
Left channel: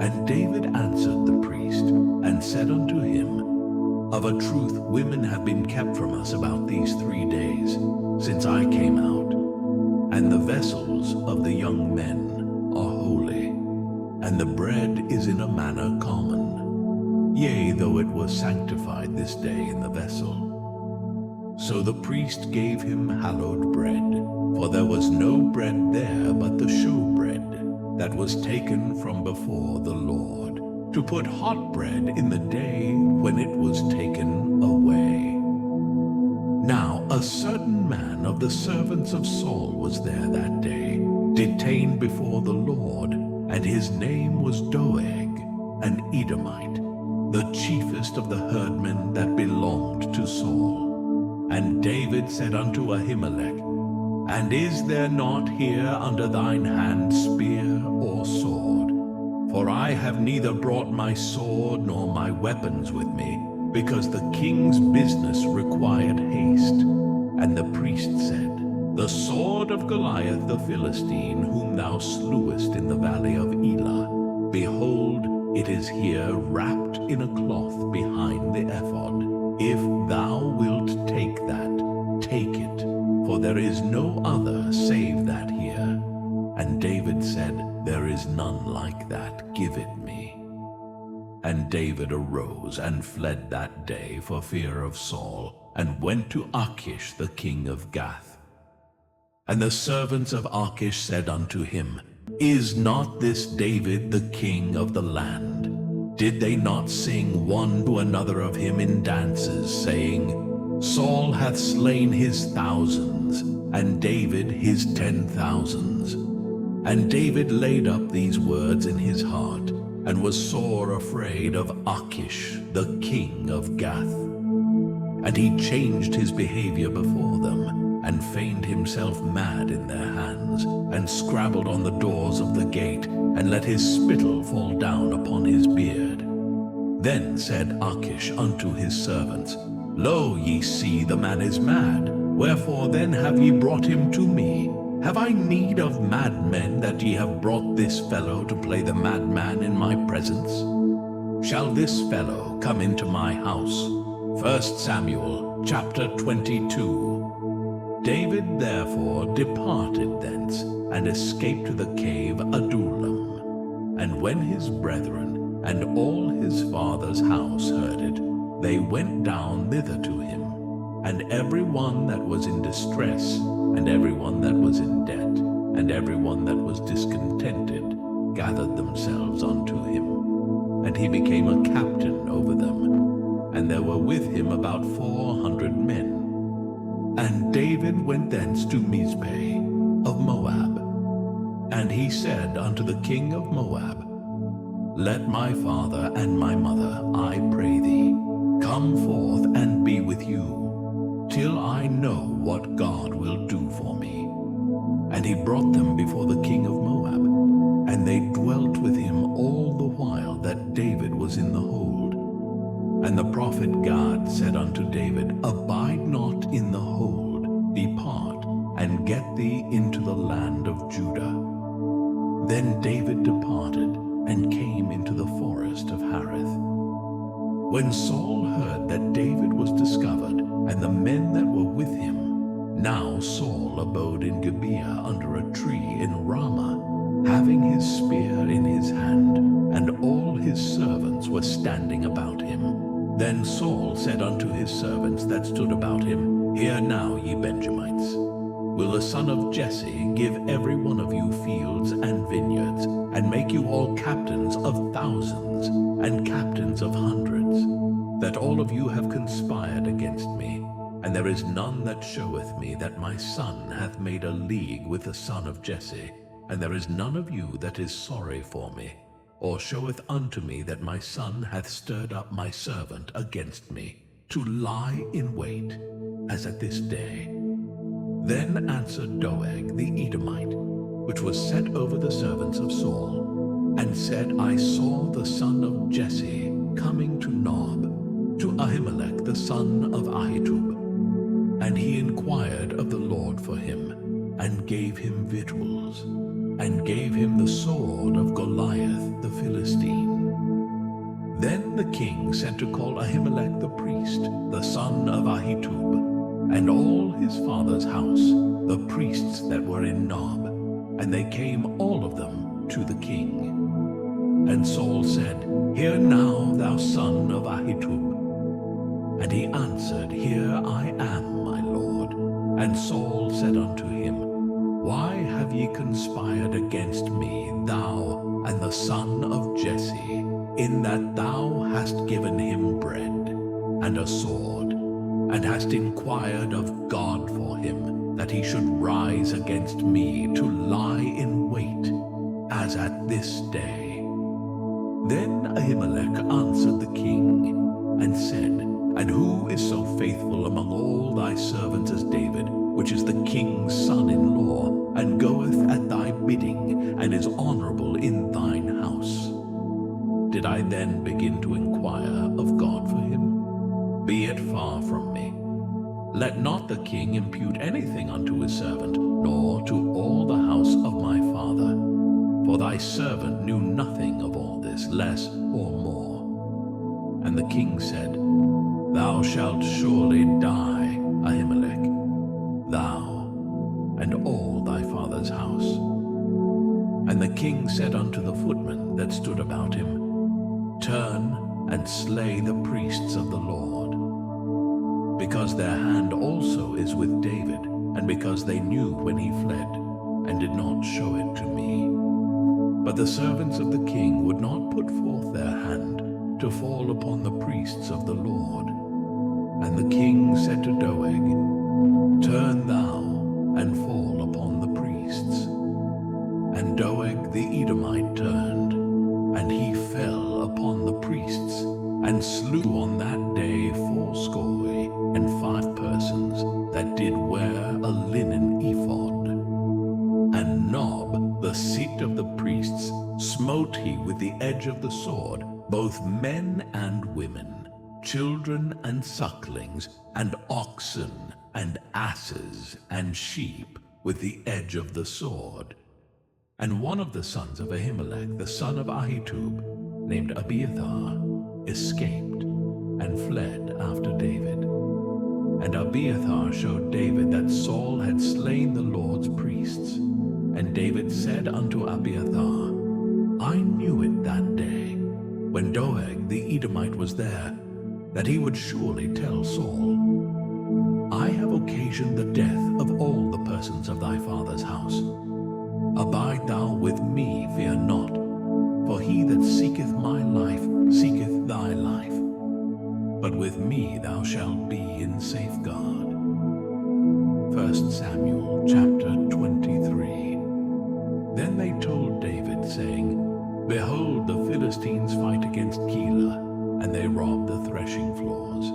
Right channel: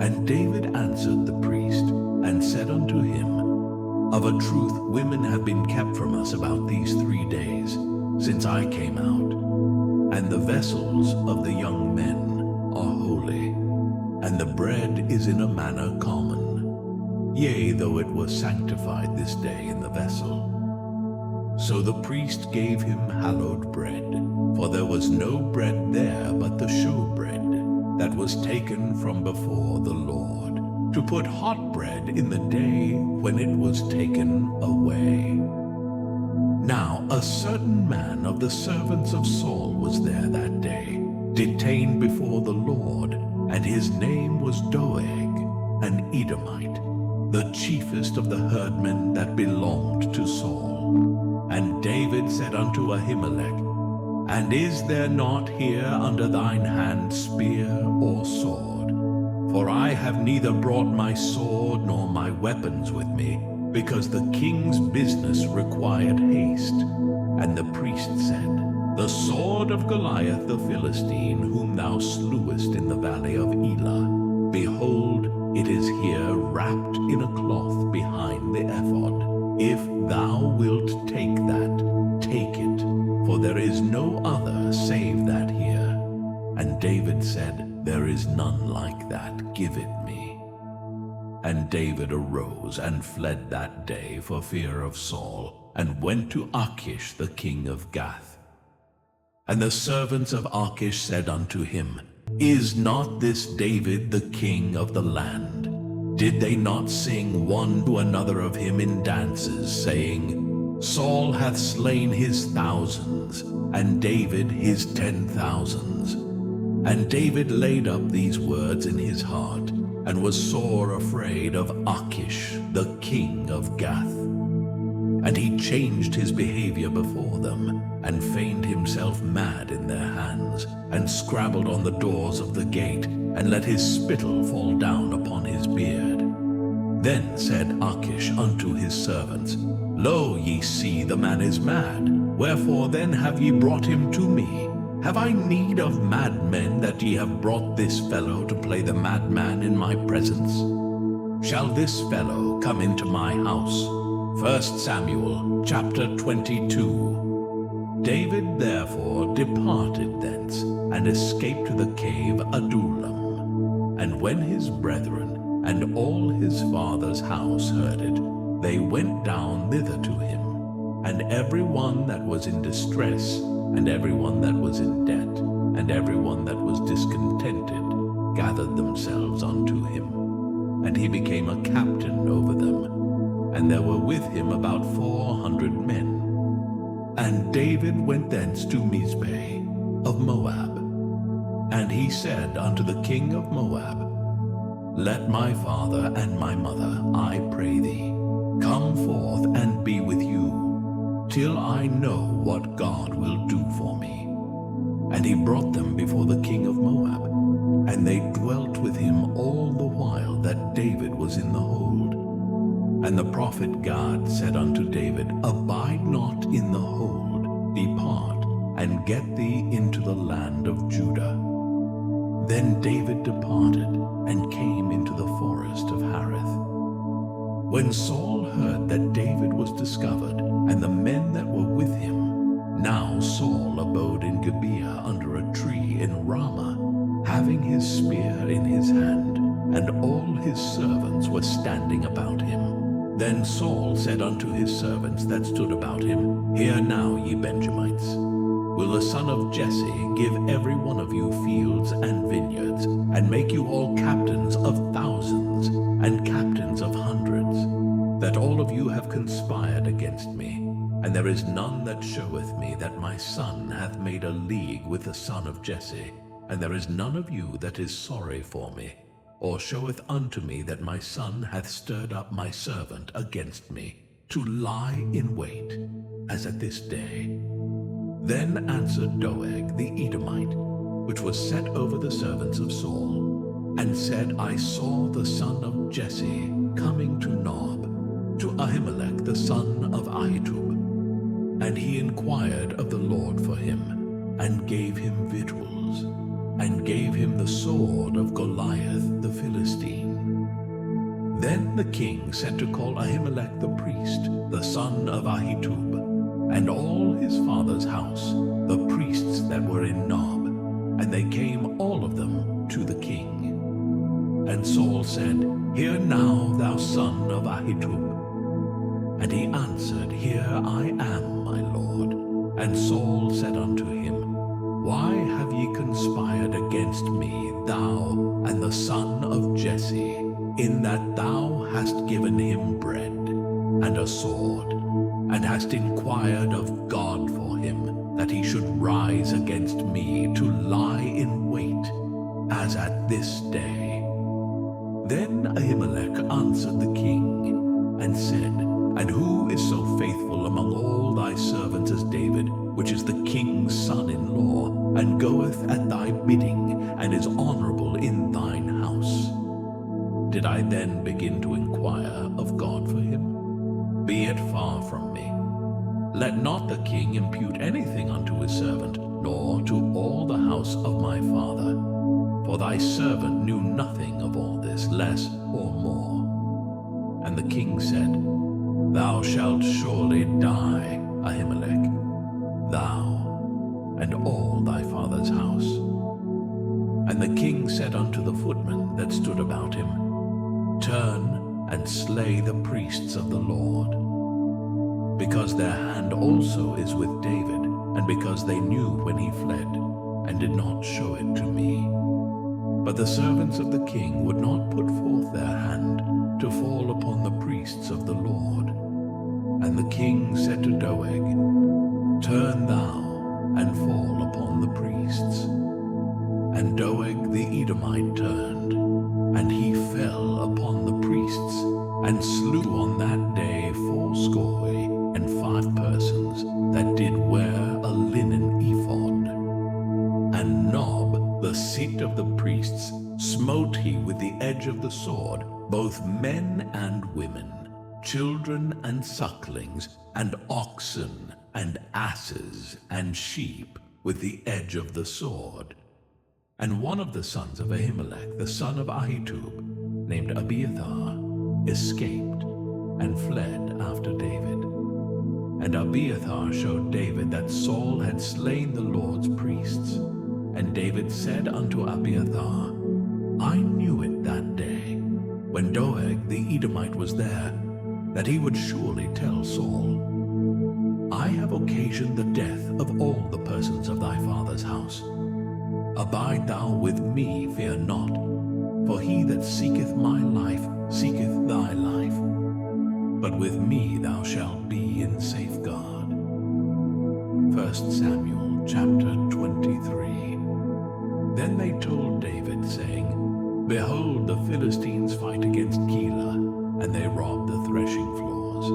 And David answered the priest, and said unto him, Of a truth women have been kept from us about these 3 days, since I came out. And the vessels of the young men are holy, and the bread is in a manner common, yea, though it was sanctified this day in the vessel. So the priest gave him hallowed bread, for there was no bread there but the showbread that was taken from before the Lord, to put hot bread in the day when it was taken away. Now a certain man of the servants of Saul was there that day, detained before the Lord, and his name was Doeg, an Edomite, the chiefest of the herdmen that belonged to Saul. And David said unto Ahimelech, And is there not here under thine hand spear or sword? For I have neither brought my sword nor my weapons with me, because the king's business required haste. And the priest said, The sword of Goliath the Philistine, whom thou slewest in the valley of Elah, behold, it is here wrapped in a cloth behind the ephod. If thou wilt take that, take it, for there is no other save that here. And David said, There is none like that, give it me. And David arose and fled that day for fear of Saul, and went to Achish the king of Gath. And the servants of Achish said unto him, Is not this David the king of the land? Did they not sing one to another of him in dances, saying, Saul hath slain his thousands, and David his 10,000s? And David laid up these words in his heart, and was sore afraid of Achish, the king of Gath. And he changed his behavior before them, and feigned himself mad in their hands, and scrabbled on the doors of the gate, and let his spittle fall down upon his beard. Then said Achish unto his servants, Lo, ye see, the man is mad. Wherefore then have ye brought him to me? Have I need of madmen, that ye have brought this fellow to play the madman in my presence? Shall this fellow come into my house? 1 Samuel chapter 22. David therefore departed thence, and escaped to the cave Adullam. And when his brethren and all his father's house heard it, they went down thither to him. And every one that was in distress, and every one that was in debt, and every one that was discontented, gathered themselves unto him. And he became a captain over them. And there were with him about 400 men. And David went thence to Mizpeh of Moab. And he said unto the king of Moab, Let my father and my mother, I pray thee, come forth and be with you, till I know what God will do for me. And he brought them before the king of Moab, and they dwelt with him all the while that David was in the hold. And the prophet Gad said unto David, Abide not in the hold, depart, and get thee into the land of Judah. Then David departed, and came into the forest of Hareth. When Saul heard that David was discovered, and the men that were with him, now Saul abode in Gibeah under a tree in Ramah, having his spear in his hand, and all his servants were standing about him. Then Saul said unto his servants that stood about him, Hear now, ye Benjamites. Will the son of Jesse give every one of you fields and vineyards, and make you all captains of thousands, and captains of hundreds, that all of you have conspired against me? And there is none that showeth me that my son hath made a league with the son of Jesse, and there is none of you that is sorry for me, or showeth unto me that my son hath stirred up my servant against me, to lie in wait, as at this day. Then answered Doeg the Edomite, which was set over the servants of Saul, and said, I saw the son of Jesse coming to Nob, to Ahimelech the son of Ahitub. And he inquired of the Lord for him, and gave him victuals, and gave him the sword of Goliath the Philistine. Then the king sent to call Ahimelech the priest, the son of Ahitub, and all his father's house, the priests that were in Nob, and they came all of them to the king. And Saul said, Hear now, thou son of Ahitub. And he answered, Here I am, my lord. And Saul said unto him, Why have ye conspired against me, thou and the son of Jesse, in that thou hast given him bread and a sword, and hast inquired of God for him, that he should rise against me to lie in wait, as at this day? Then Ahimelech answered the king, and said, And who is so faithful among all thy servants as David, which is the king's son-in-law, and goeth at thy bidding, and is honorable in thine house? Did I then begin to inquire of God for him? Be it far from me. Let not the king impute anything unto his servant, nor to all the house of my father. For thy servant knew nothing of all this, less or more. And the king said, Thou shalt surely die, Ahimelech, thou and all thy father's house. And the king said unto the footmen that stood about him, Turn and slay the priests of the Lord, because their hand also is with David, and because they knew when he fled, and did not show it to me. But the servants of the king would not put forth their hand, to fall upon the priests of the Lord. And the king said to Doeg, Turn thou and fall upon the priests. And Doeg the Edomite turned, and he fell upon the priests, and slew on that day 75 persons that did wear a linen ephod. And Nob, the seat of the priests, smote he with the edge of the sword, both men and women, children and sucklings, and oxen, and asses, and sheep, with the edge of the sword. And one of the sons of Ahimelech, the son of Ahitub, named Abiathar, escaped and fled after David. And Abiathar showed David that Saul had slain the Lord's priests. And David said unto Abiathar, I knew it that day, when Doeg the Edomite was there, that he would surely tell Saul, I have occasioned the death of all the persons of thy father's house. Abide thou with me, fear not, for he that seeketh my life seeketh thy life. But with me thou shalt be in safeguard. 1 Samuel chapter 23. Then they told David, saying, Behold, the Philistines fight against Keilah, and they rob the threshing floors.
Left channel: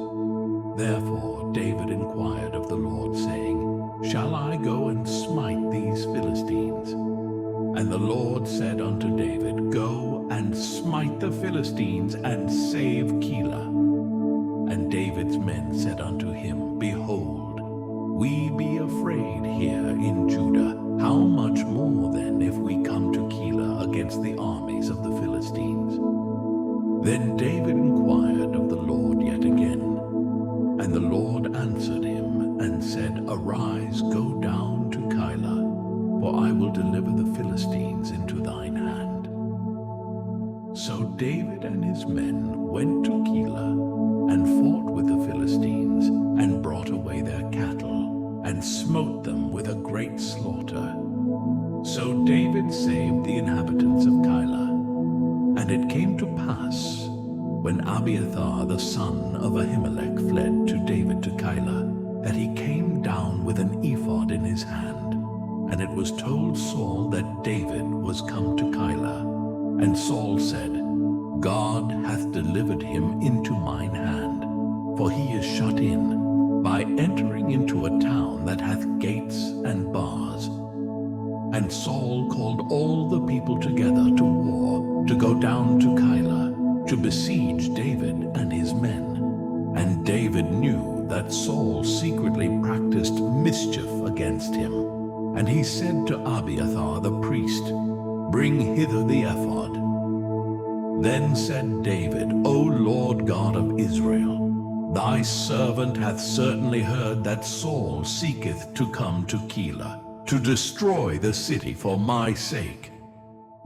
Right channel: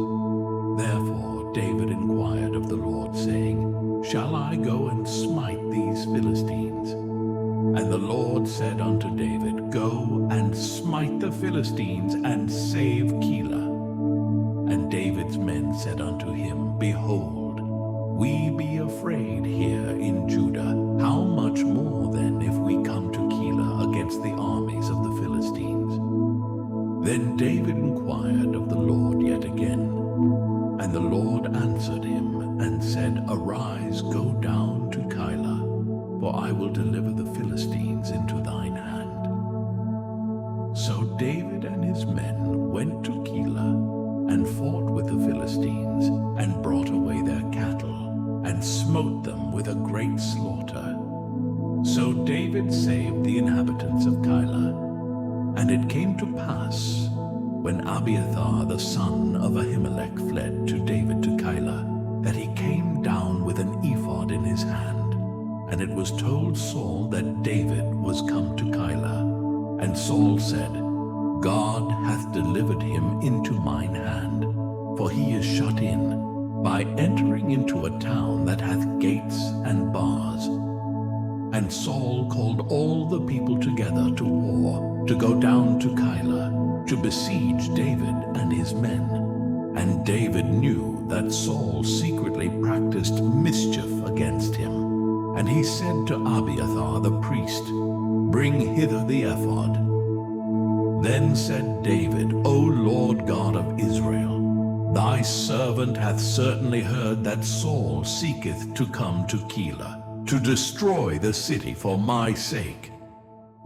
Therefore David inquired of the Lord, saying, Shall I go and smite these Philistines? And the Lord said unto David, Go and smite the Philistines, and save Keilah. And David's men said unto him, Behold, we be afraid here in Judah. How much more then if we come to Keilah against the armies of the Philistines? Then David inquired of the Lord yet again. And the Lord answered him, and said, Arise, go down to Keilah, for I will deliver the Philistines into thine hand. So David and his men went to Keilah, and fought with the Philistines, and brought away their cattle, and smote them with a great slaughter. So David saved the inhabitants of Keilah. And it came to pass, when Abiathar the son of Ahimelech fled to David to Keilah, that he came down with an ephod in his hand. And it was told Saul that David was come to Keilah. And Saul said, God hath delivered him into mine hand, for he is shut in, by entering into a town that hath gates and bars. And Saul called all the people together to war, to go down to Keilah, to besiege David and his men. And David knew that Saul secretly practiced mischief against him. And he said to Abiathar the priest, Bring hither the ephod. Then said David, O Lord God of Israel, thy servant hath certainly heard that Saul seeketh to come to Keilah, to destroy the city for my sake.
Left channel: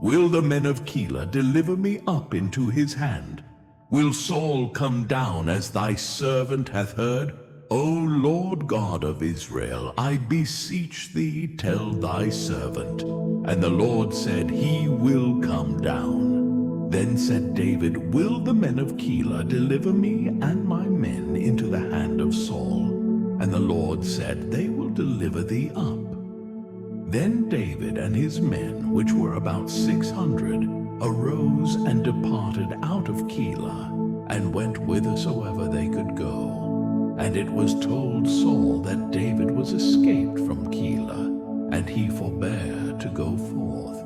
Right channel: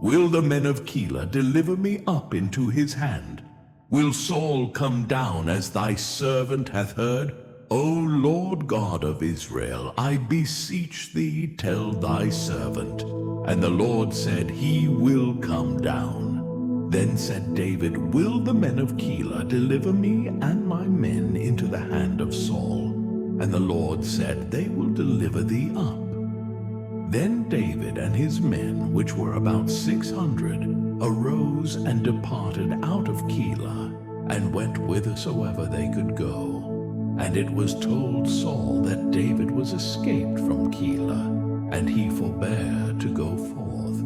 Will the men of Keilah deliver me up into his hand? Will Saul come down as thy servant hath heard? O Lord God of Israel, I beseech thee, tell thy servant. And the Lord said, He will come down. Then said David, Will the men of Keilah deliver me and my men into the hand of Saul? And the Lord said, They will deliver thee up. Then David and his men, which were about 600, arose and departed out of Keilah, and went whithersoever they could go. And it was told Saul that David was escaped from Keilah, and he forbare to go forth.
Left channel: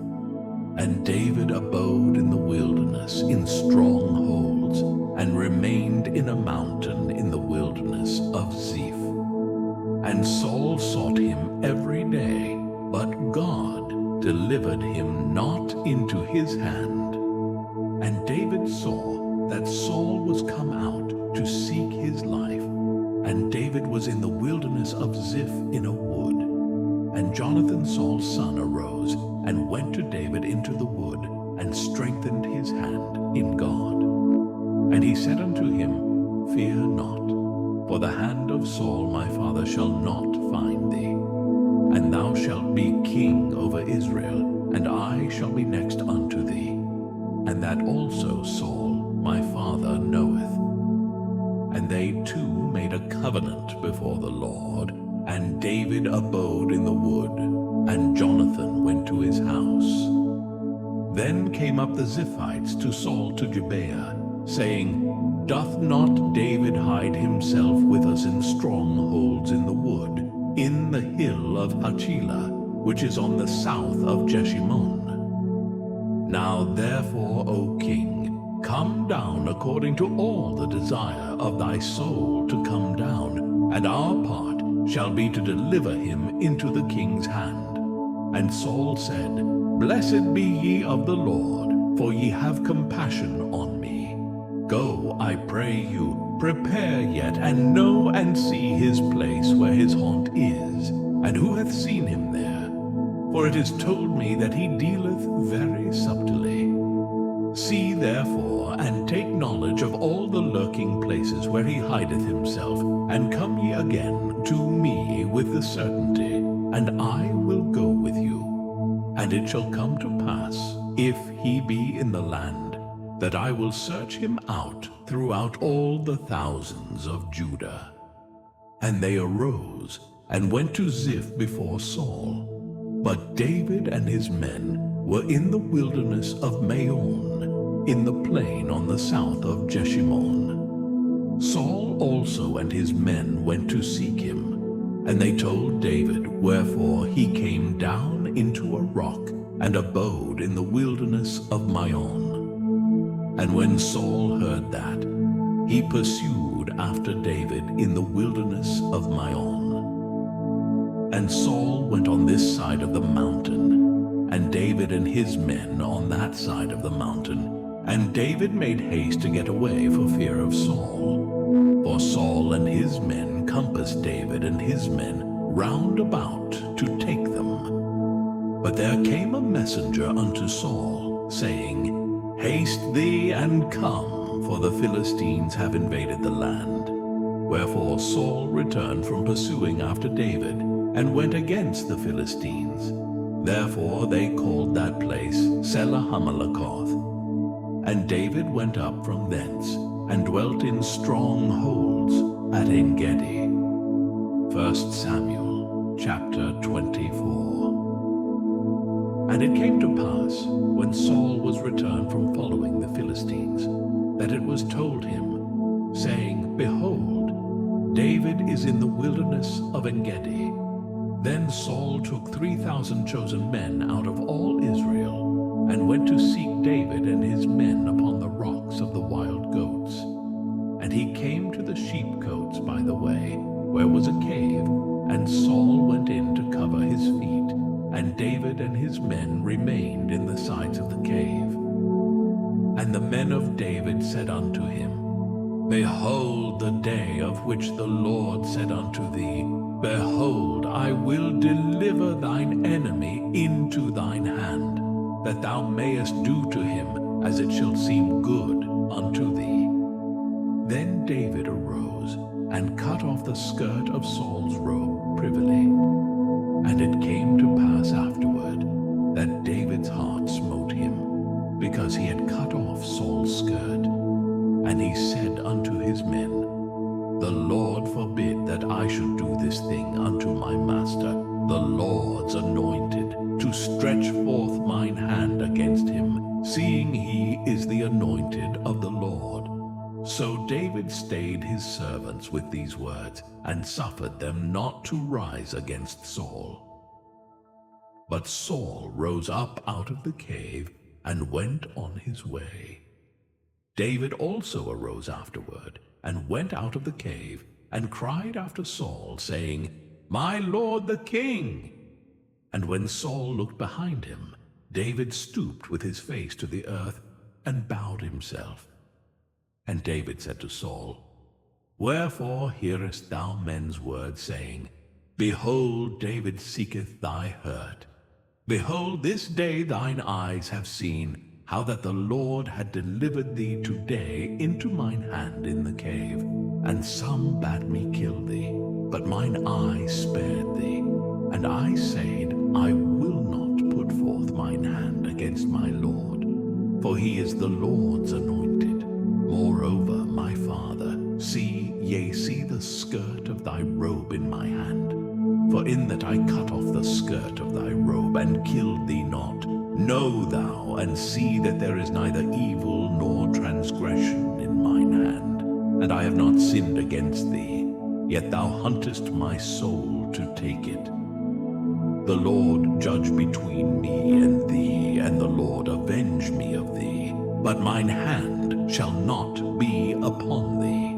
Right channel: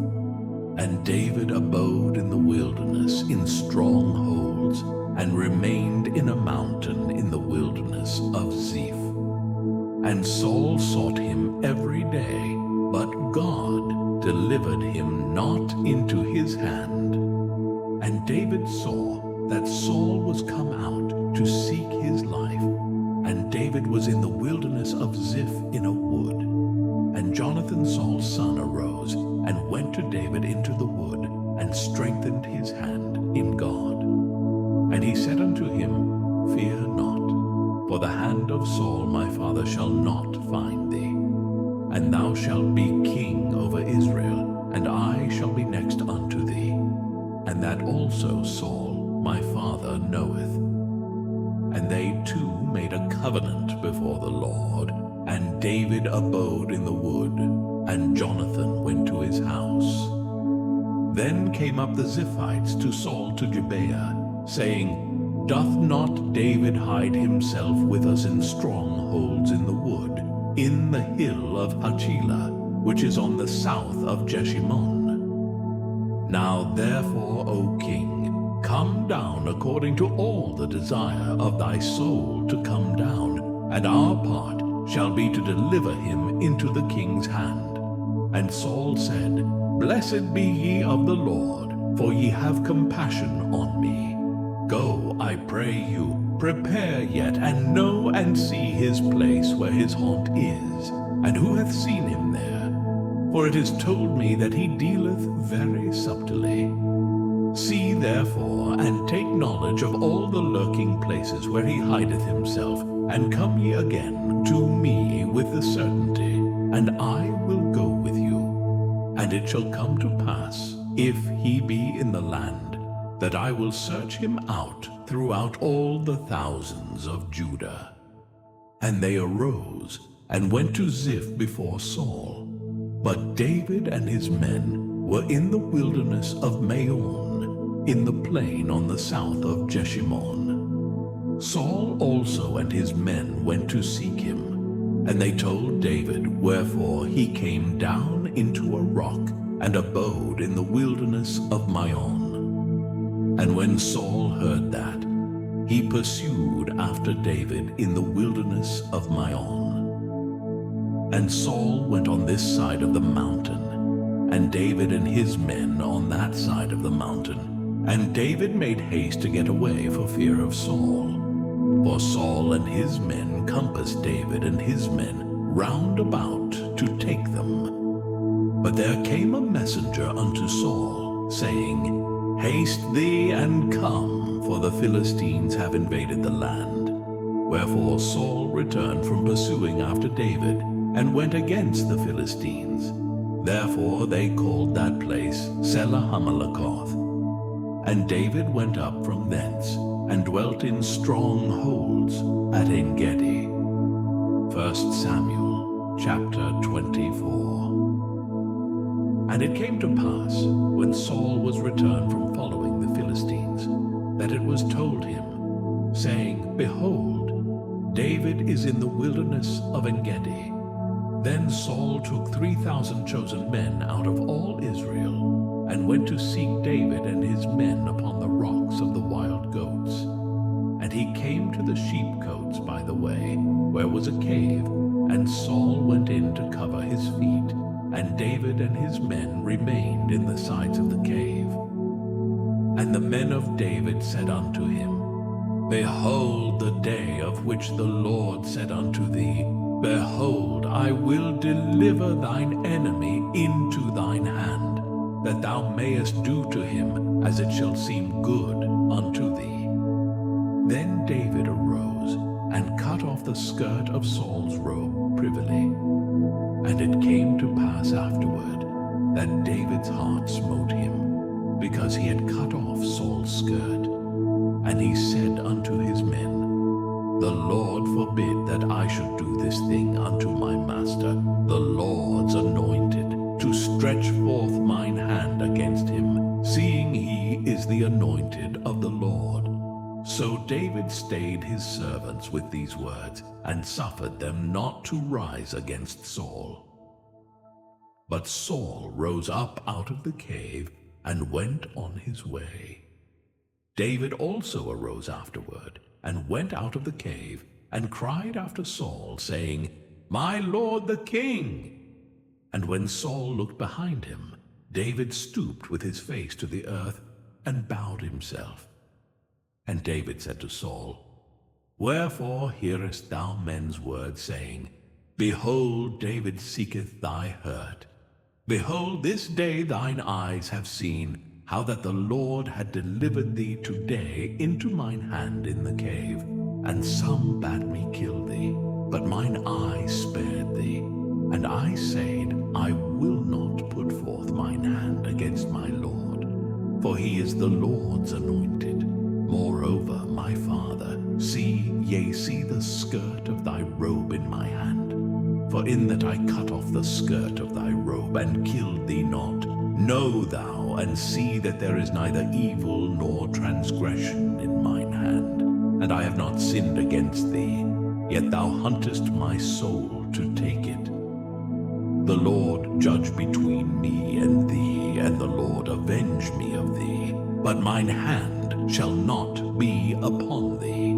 And David abode in the wilderness in strongholds, and remained in a mountain in the wilderness of Ziph. And Saul sought him every day, but God delivered him not into his hand. And David saw that Saul was come out to seek his life, and David was in the wilderness of Ziph in a wood. And Jonathan Saul's son arose, and went to David into the wood, and strengthened his hand in God. And he said unto him, Fear not, for the hand of Saul my father shall not find thee. And thou shalt be king over Israel, and I shall be next unto thee. And that also Saul my father knoweth. And they two made a covenant before the Lord, and David abode in the wood, and Jonathan went to his house. Then came up the Ziphites to Saul to Gibeah, saying, Doth not David hide himself with us in strongholds in the wood, in the hill of Hachilah, which is on the south of Jeshimon? Now therefore, O king, come down according to all the desire of thy soul to come down, and our part shall be to deliver him into the king's hand. And Saul said, Blessed be ye of the Lord, for ye have compassion on me. Go, I pray you, prepare yet, and know and see his place where his haunt is, and who hath seen him there. For it is told me that he dealeth very subtilly. See therefore, and take knowledge of all the lurking places where he hideth himself, and come ye again to me with the certainty, and I will go with you. And it shall come to pass, if he be in the land, that I will search him out throughout all the thousands of Judah. And they arose, and went to Ziph before Saul. But David and his men were in the wilderness of Maon, in the plain on the south of Jeshimon. Saul also and his men went to seek him, and they told David, wherefore he came down into a rock, and abode in the wilderness of Maon. And when Saul heard that, he pursued after David in the wilderness of Maon. And Saul went on this side of the mountain, and David and his men on that side of the mountain. And David made haste to get away for fear of Saul. For Saul and his men compassed David and his men round about to take them. But there came a messenger unto Saul, saying, Haste thee and come, for the Philistines have invaded the land. Wherefore Saul returned from pursuing after David, and went against the Philistines. Therefore they called that place Selah-Hamalakoth. And David went up from thence, and dwelt in strongholds at En-gedi. 1 Samuel chapter 24. And it came to pass, when Saul was returned from following the Philistines, that it was told him, saying, Behold, David is in the wilderness of En-gedi. Then Saul took 3,000 chosen men out of all Israel, and went to seek David and his men upon the rocks of the wild goats. And he came to the sheepcotes by the way, where was a cave, and Saul went in to cover his feet, and David and his men remained in the sides of the cave. And the men of David said unto him, Behold the day of which the Lord said unto thee, Behold, I will deliver thine enemy into thine hand, that thou mayest do to him as it shall seem good unto thee. Then David arose, and cut off the skirt of Saul's robe privily. And it came to pass afterward, that David's heart smote him, because he had cut off Saul's skirt. And he said unto his men, The Lord forbid that I should do this thing unto my master, the Lord's anointed, to stretch forth mine hand against him, seeing he is the anointed of the Lord. So David stayed his servants with these words, and suffered them not to rise against Saul. But Saul rose up out of the cave, and went on his way. David also arose afterward, and went out of the cave, and cried after Saul, saying, My lord the king! And when Saul looked behind him, David stooped with his face to the earth, and bowed himself. And David said to Saul, Wherefore hearest thou men's words, saying, Behold, David seeketh thy hurt? Behold, this day thine eyes have seen how that the Lord had delivered thee today into mine hand in the cave, and some bade me kill thee, but mine eye spared thee. And I said, I will not put forth mine hand against my Lord, for he is the Lord's anointed. yea, see the skirt of thy robe in my hand. For in that I cut off the skirt of thy robe, and killed thee not, know thou and see that there is neither evil nor transgression in mine hand. And I have not sinned against thee, yet thou huntest my soul to take it. The Lord judge between me and thee, and the Lord avenge me of thee. But mine hand shall not be upon thee.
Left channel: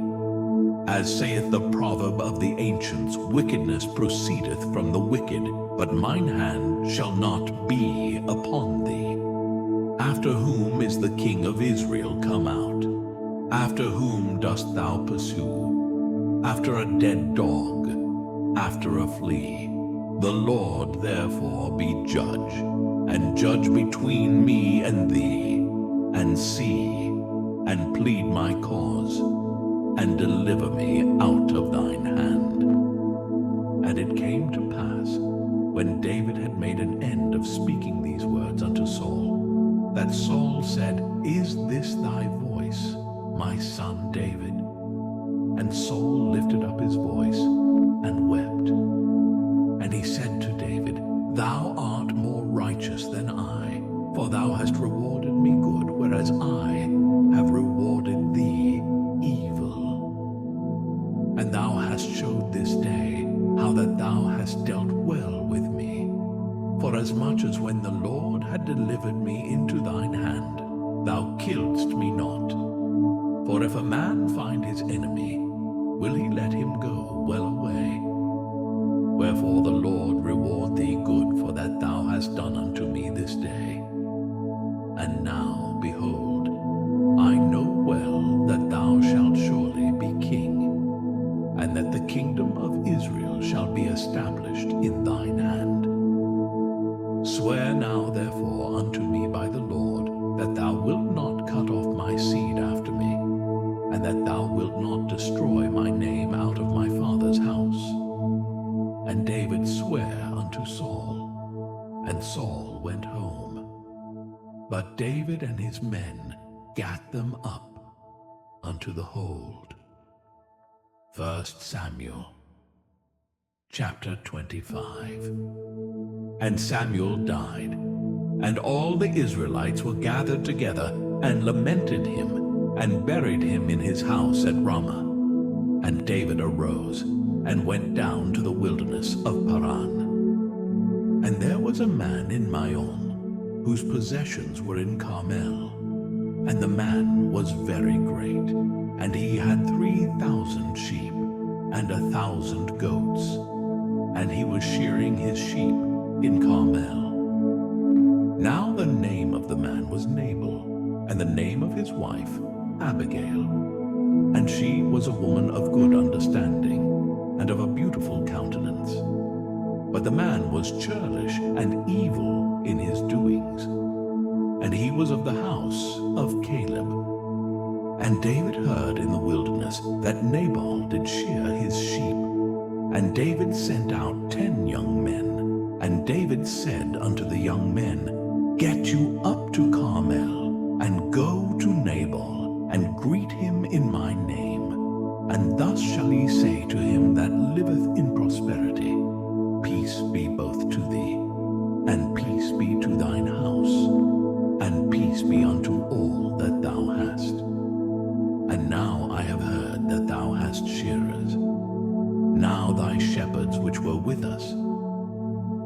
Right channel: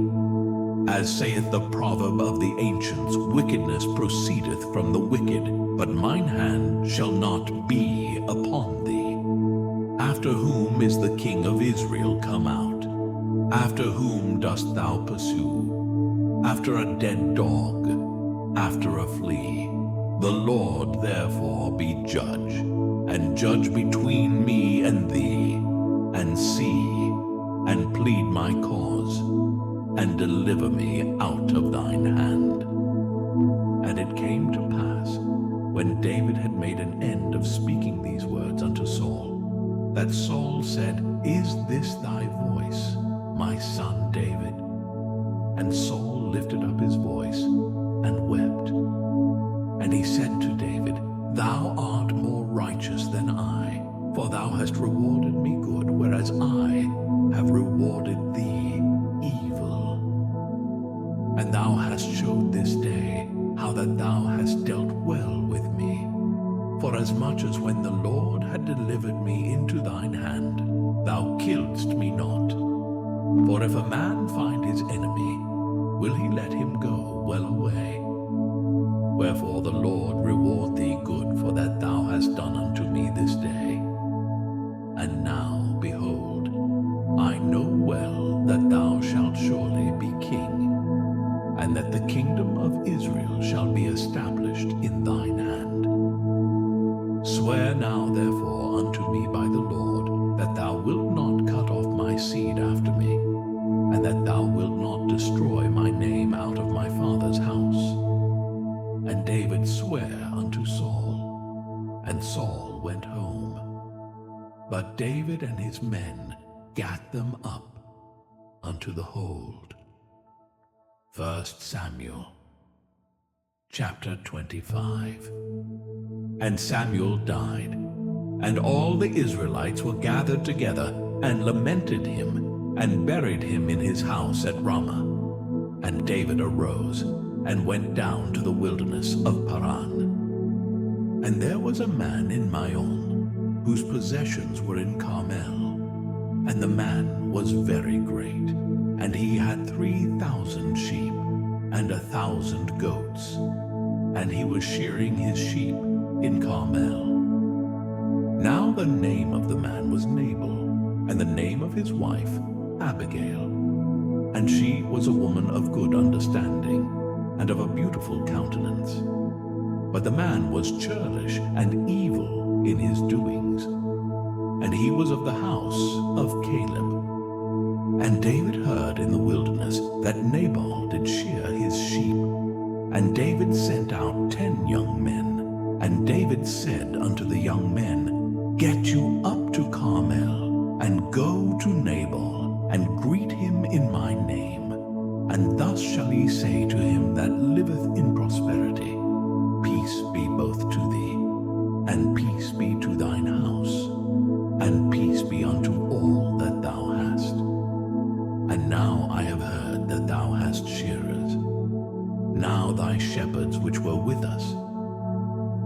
As saith the proverb of the ancients, wickedness proceedeth from the wicked, but mine hand shall not be upon thee. After whom is the King of Israel come out? After whom dost thou pursue? After a dead dog, after a flea. The Lord therefore be judge, and judge between me and thee, and see, and plead my cause, and deliver me out of thine hand. And it came to pass, when David had made an end of speaking these words unto Saul, that Saul said, Is this thy voice, my son David? And Saul lifted up his voice and wept. And he said to David, Thou art more righteous than I, for thou hast rewarded me good, whereas I have rewarded thee evil. And thou hast showed this day how that thou hast dealt well with me. Forasmuch as when the Lord had delivered me into thine hand, thou killedst me not. For if a man find his enemy, will he let him go well away? Wherefore the Lord reward thee good for that thou hast done unto me this day. And now, behold, I know well that thou shalt surely be king, and that the kingdom of Israel shall be established in thine hand. Swear now therefore unto me by the Lord, that thou wilt not cut off my seed after me, and that thou wilt not destroy my name out of my father's house. And David sware unto Saul, and Saul went home. But David and his men gat them up unto the hold. 1 Samuel chapter 25. And Samuel died, and all the Israelites were gathered together, and lamented him, and buried him in his house at Ramah. And David arose, and went down to the wilderness of Paran. And there was a man in Maon, whose possessions were in Carmel. And the man was very great, and he had 3,000 sheep, and 1,000 goats. And he was shearing his sheep in Carmel. Now the name of the man was Nabal, and the name of his wife Abigail. And she was a woman of good understanding, and of a beautiful countenance. But the man was churlish and evil in his doings, and he was of the house of Caleb. And David heard in the wilderness that Nabal did shear his sheep. And David sent out 10 young men. And David said unto the young men, Get you up to Carmel, and go to Nabal, and greet him in my name. And thus shall ye say to him that liveth in prosperity, Peace be both to thee, and peace be to thine house, and peace be unto all that thou hast. And now I have heard that thou hast shearers. Now thy shepherds which were with us,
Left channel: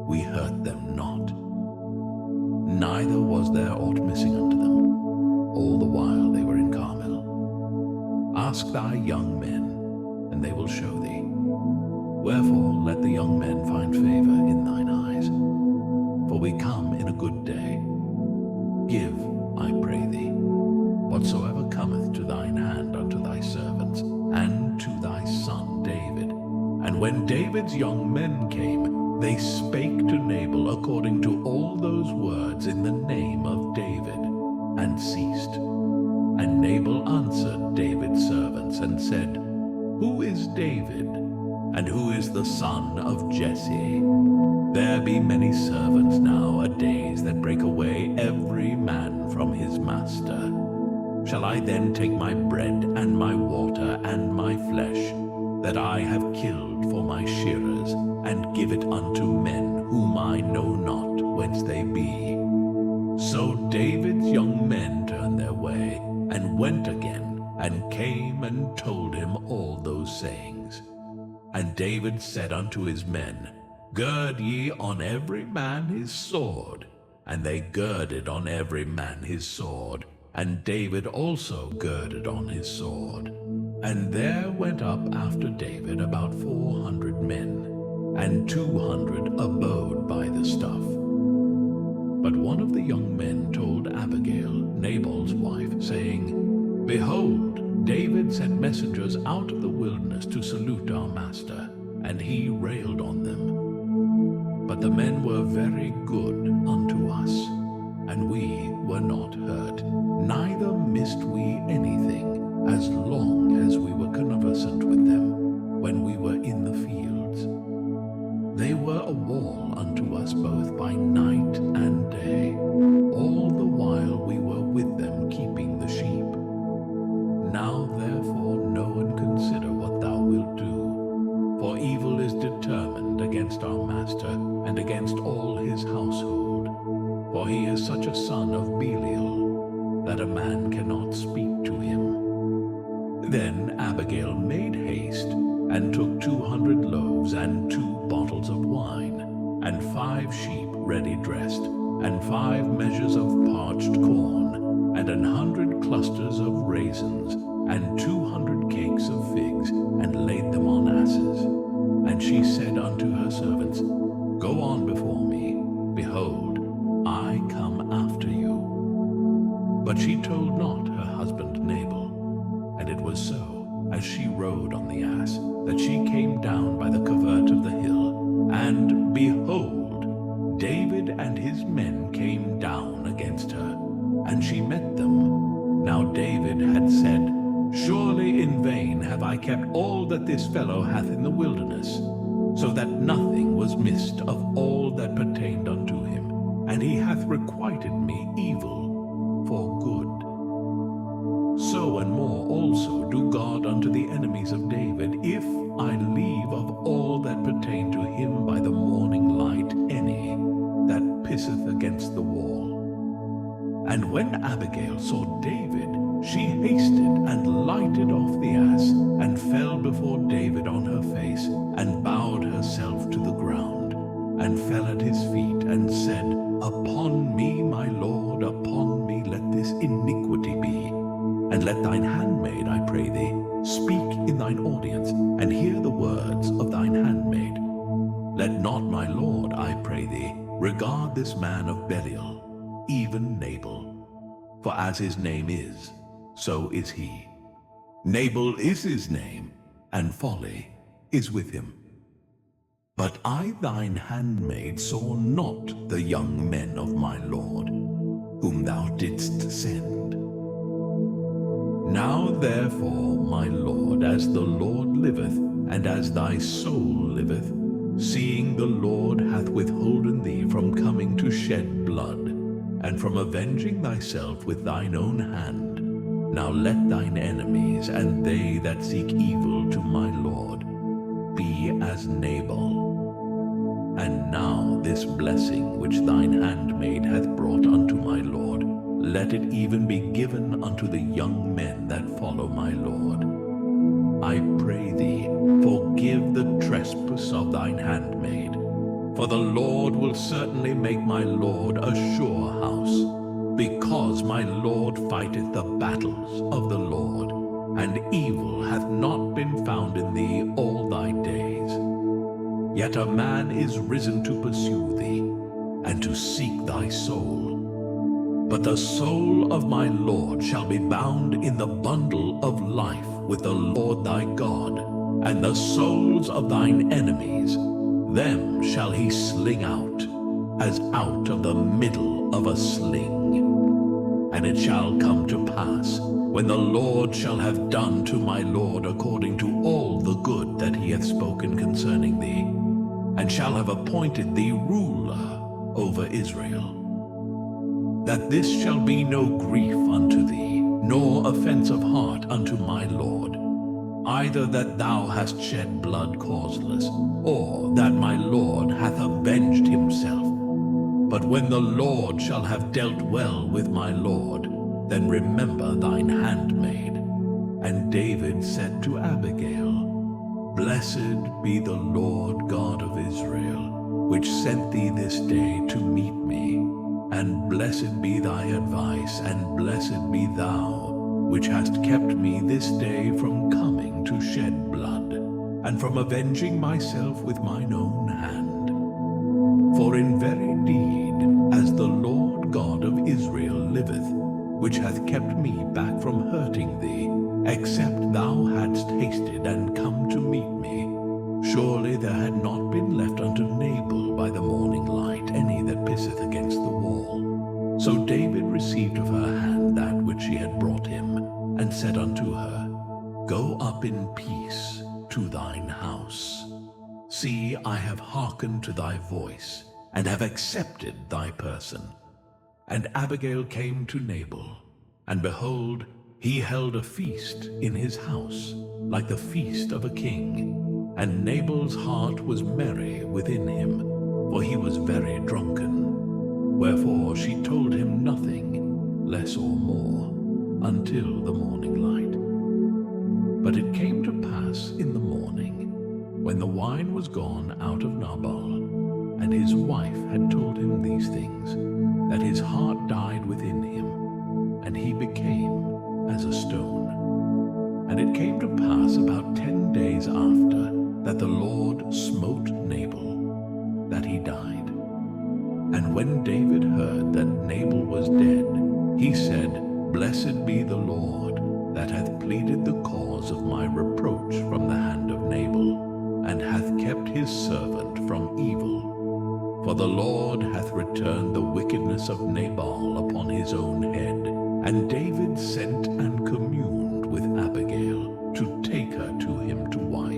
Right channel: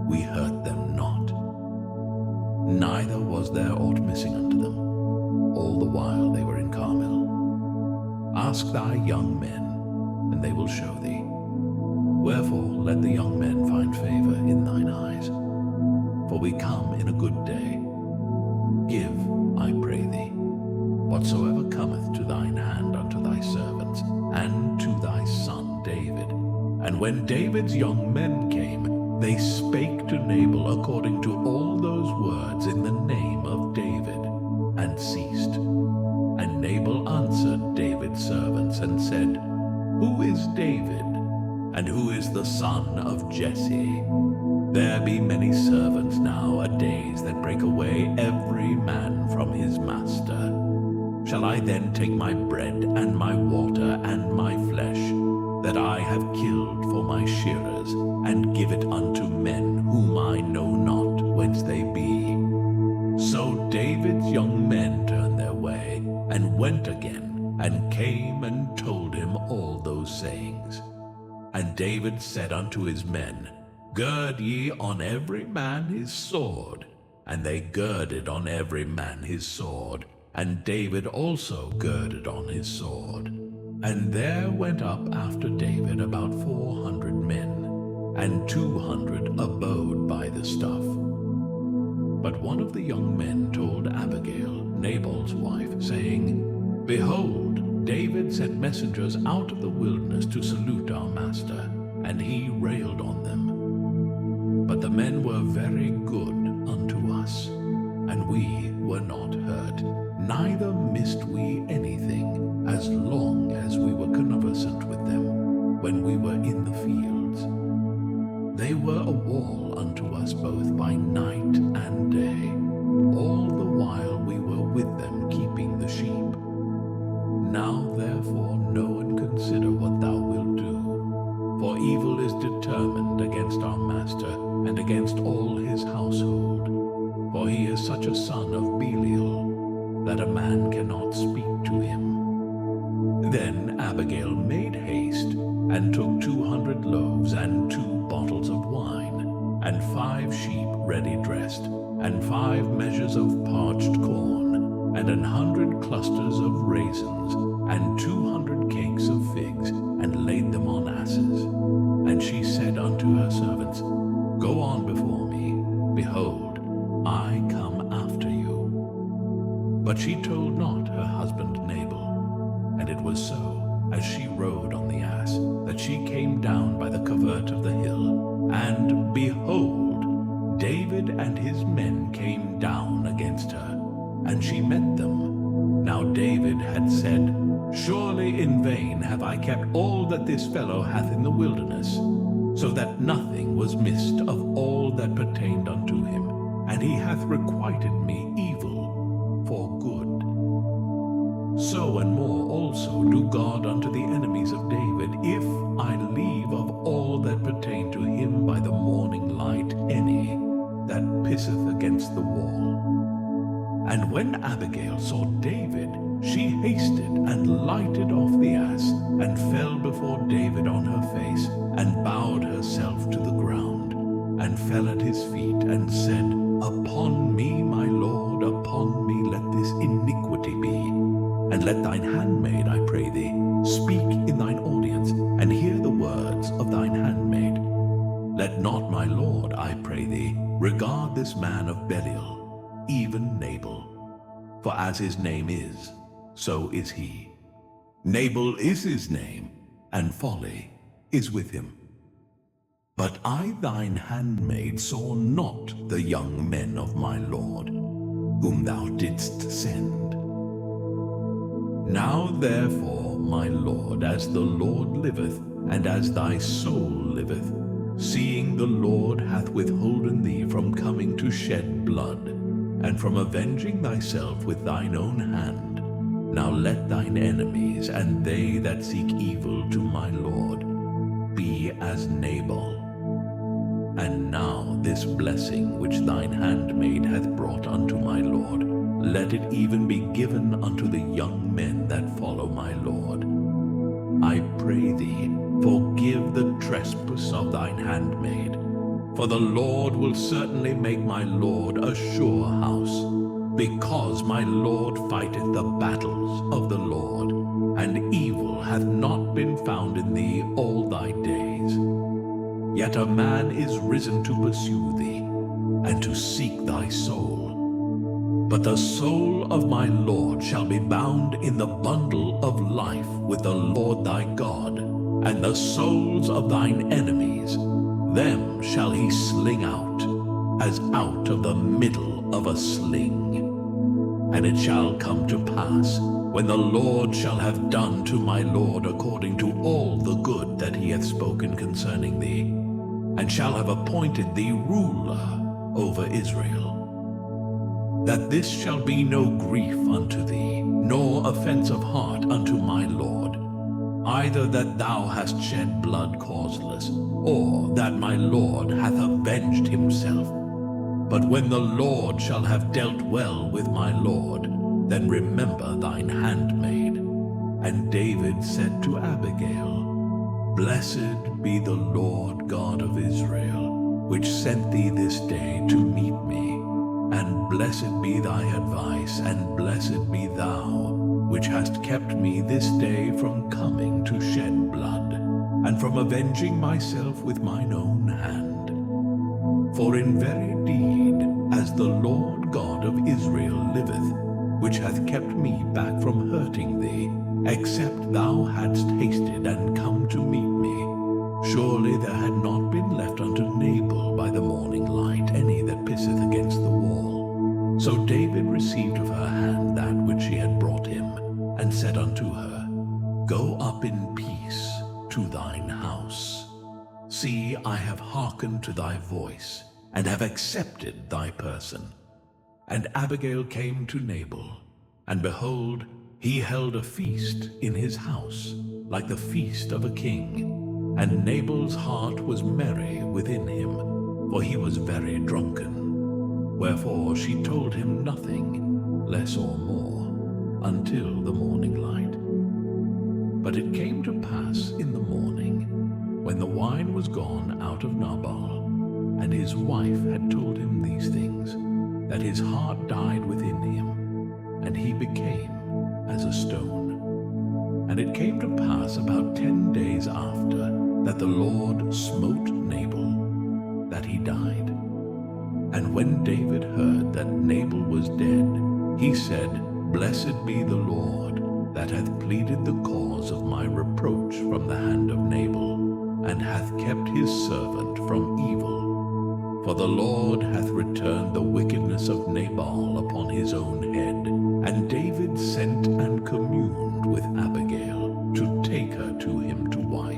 we hurt them not. Neither was there aught missing unto them, all the while they were in Carmel. Ask thy young men, and they will show thee. Wherefore let the young men find favor in thine eyes. For we come in a good day. Give, I pray thee, whatsoever cometh to thine hand unto thy servants, and to thy son David. And when David's young men came, they spake to Nabal according to all those words in the name of David, and ceased. And Nabal answered David's servants, and said, Who is David, and who is the son of Jesse? There be many servants now-a-days that break away every man from his master. Shall I then take my bread and my water and my flesh, that I have killed for my shearers, and give it unto men whom I know not whence they be? So David's young men turned their way, and went again, and came and told him all those sayings. And David said unto his men, Gird ye on every man his sword. And they girded on every man his sword, and David also girded on his sword. And there went up after David about 400 men, and 200 abode by the stuff. But one of the young men told Abigail, Nabal's wife, saying, Behold, David sent messengers out of the wilderness to salute our master, and he railed on them. But the men were very good unto us, and we were not hurt, neither missed we anything, as long as we were conversant with them, when we were in the fields. They were a wall unto us both by night and day, all the while we were with them keeping the sheep. Now therefore know and consider what thou wilt do, for evil is determined against our master, and against all his household. For he is such a son of Belial, that a man cannot speak to him. Then Abigail made haste, and took 200 loaves, and 2 bottles of wine, and 5 sheep ready dressed, and 5 measures of parched corn, and 100 clusters of raisins, and 200 cakes of figs, and laid them on asses. And she said unto her servants, Go on before me, behold, I come after you. But she told not her husband Nabal. And it was so, as she rode on the ass, that she came down by the covert of the hill, and behold, David and his men came down against her, and she met them. Now David had said, Surely in vain have I kept all that this fellow hath in the wilderness, so that nothing was missed of all that pertained unto him, and he hath requited me evil for good. So and more also do God unto the enemies of David, if I leave of all that pertain to him by the morning light any that pisseth against the wall. And when Abigail saw David, she hasted and lighted off the ass, and fell before David on her face, and bowed herself to the ground, and fell at his feet, and said, Upon me, my Lord, upon me let this iniquity be. And let thine handmaid, I pray thee, speak in thine audience, and hear the words of thine handmaid. Let not my Lord, I pray thee, regard this man of Belial, even Nabal. For as his name is, so is he. Nabal is his name, and folly is with him. But I thine handmaid saw not the young men of my Lord, whom thou didst send. Now therefore, my Lord, as the Lord liveth, and as thy soul liveth, seeing the Lord hath withholden thee from coming to shed blood, and from avenging thyself with thine own hand, now let thine enemies, and they that seek evil to my Lord, be as Nabal. And now this blessing which thine handmaid hath brought unto my Lord, let it even be given unto the young men that follow my Lord. I pray thee, forgive the trespass of thine handmaid, for the Lord will certainly make my Lord a sure house, because my Lord fighteth the battles of the Lord, and evil hath not been found in thee all thy days. Yet a man is risen to pursue thee, and to seek thy soul. But the soul of my Lord shall be bound in the bundle of life with the Lord thy God, and the souls of thine enemies, them shall he sling out, as out of the middle of a sling. And it shall come to pass, when the Lord shall have done to my Lord according to all the good that he hath spoken concerning thee, and shall have appointed thee ruler over Israel, that this shall be no grief unto thee, nor offense of heart unto my Lord, either that thou hast shed blood causeless, or that my Lord hath avenged himself. But when the Lord shall have dealt well with my Lord, then remember thine handmaid. And David said to Abigail, Blessed be the Lord God of Israel, which sent thee this day to meet me. And blessed be thy advice, and blessed be thou, which hast kept me this day from coming to shed blood, and from avenging myself with mine own hand. For in very deed, as the Lord God of Israel liveth, which hath kept me back from hurting thee, except thou hadst hasted and come to meet me, surely there had not been left unto Nabal by the morning light any that pisseth against the wall. So David received of her hand that which she had brought him, and said unto her, Go up in peace to thine house. See, I have hearkened to thy voice, and have accepted thy person. And Abigail came to Nabal, and behold, he held a feast in his house, like the feast of a king. And Nabal's heart was merry within him, for he was very drunken. Wherefore she told him nothing, less or more, until the morning light. But it came to pass in the morning, when the wine was gone out of Nabal, and his wife had told him these things, that his heart died within him, and he became as a stone. And it came to pass about 10 days after, that the Lord smote Nabal, that he died. And when David heard that Nabal was dead, he said, Blessed be the Lord, that hath pleaded the cause of my reproach from the hand of Nabal, and hath kept his servant from evil. For the Lord hath returned the wickedness of Nabal upon his own head. And David sent and communed with Abigail to take her to him to wife.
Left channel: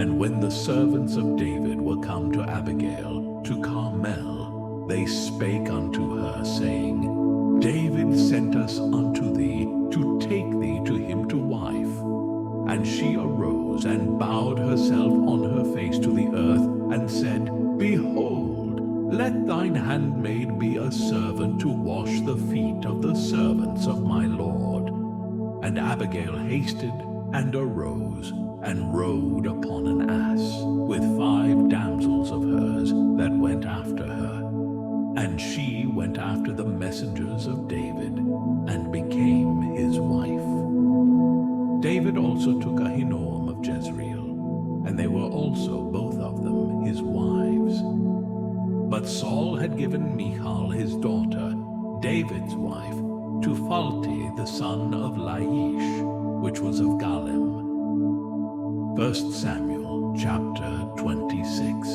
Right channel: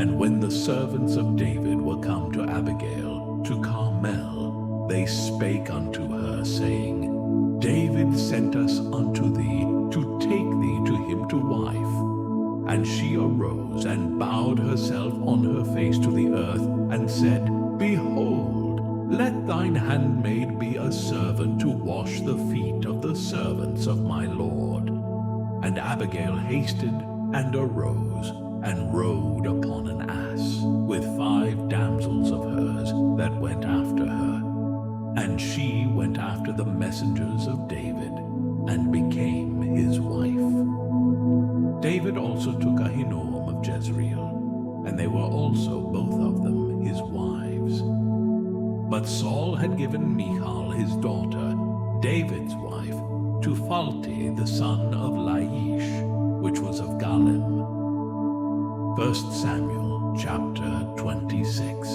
And when the servants of David were come to Abigail to Carmel, they spake unto her, saying, David sent us unto thee to take thee to him to wife. And she arose and bowed herself on her face to the earth, and said, Behold, let thine handmaid be a servant to wash the feet of the servants of my Lord. And Abigail hasted and arose, and rode upon an ass, with 5 damsels of hers that went after her. And she went after the messengers of David, and became his wife. David also took Ahinoam of Jezreel, and they were also both of them his wives. But Saul had given Michal his daughter, David's wife, to Phalti the son of Laish, which was of Galim. 1 Samuel chapter 26.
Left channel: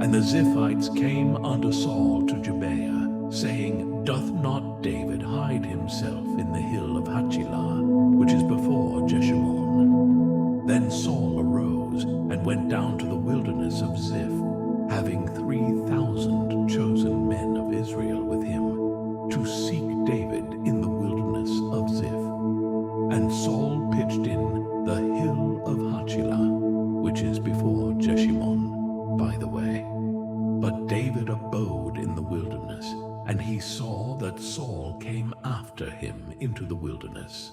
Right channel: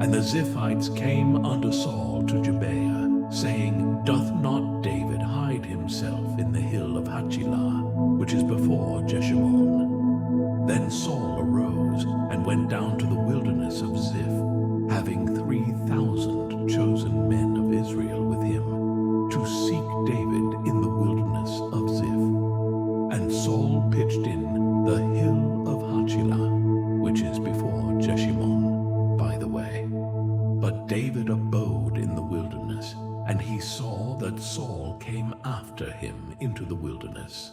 And the Ziphites came unto Saul to Gibeah, saying, Doth not David hide himself in the hill of Hachilah, which is before Jeshimon? Then Saul arose, and went down to the wilderness of Ziph, having 3,000 chosen men of Israel with him, to seek David in the wilderness of Ziph. And Saul pitched in the hill of Hachilah, which is before Jeshimon, by the way. But David abode in the wilderness, and he saw that Saul came after him into the wilderness.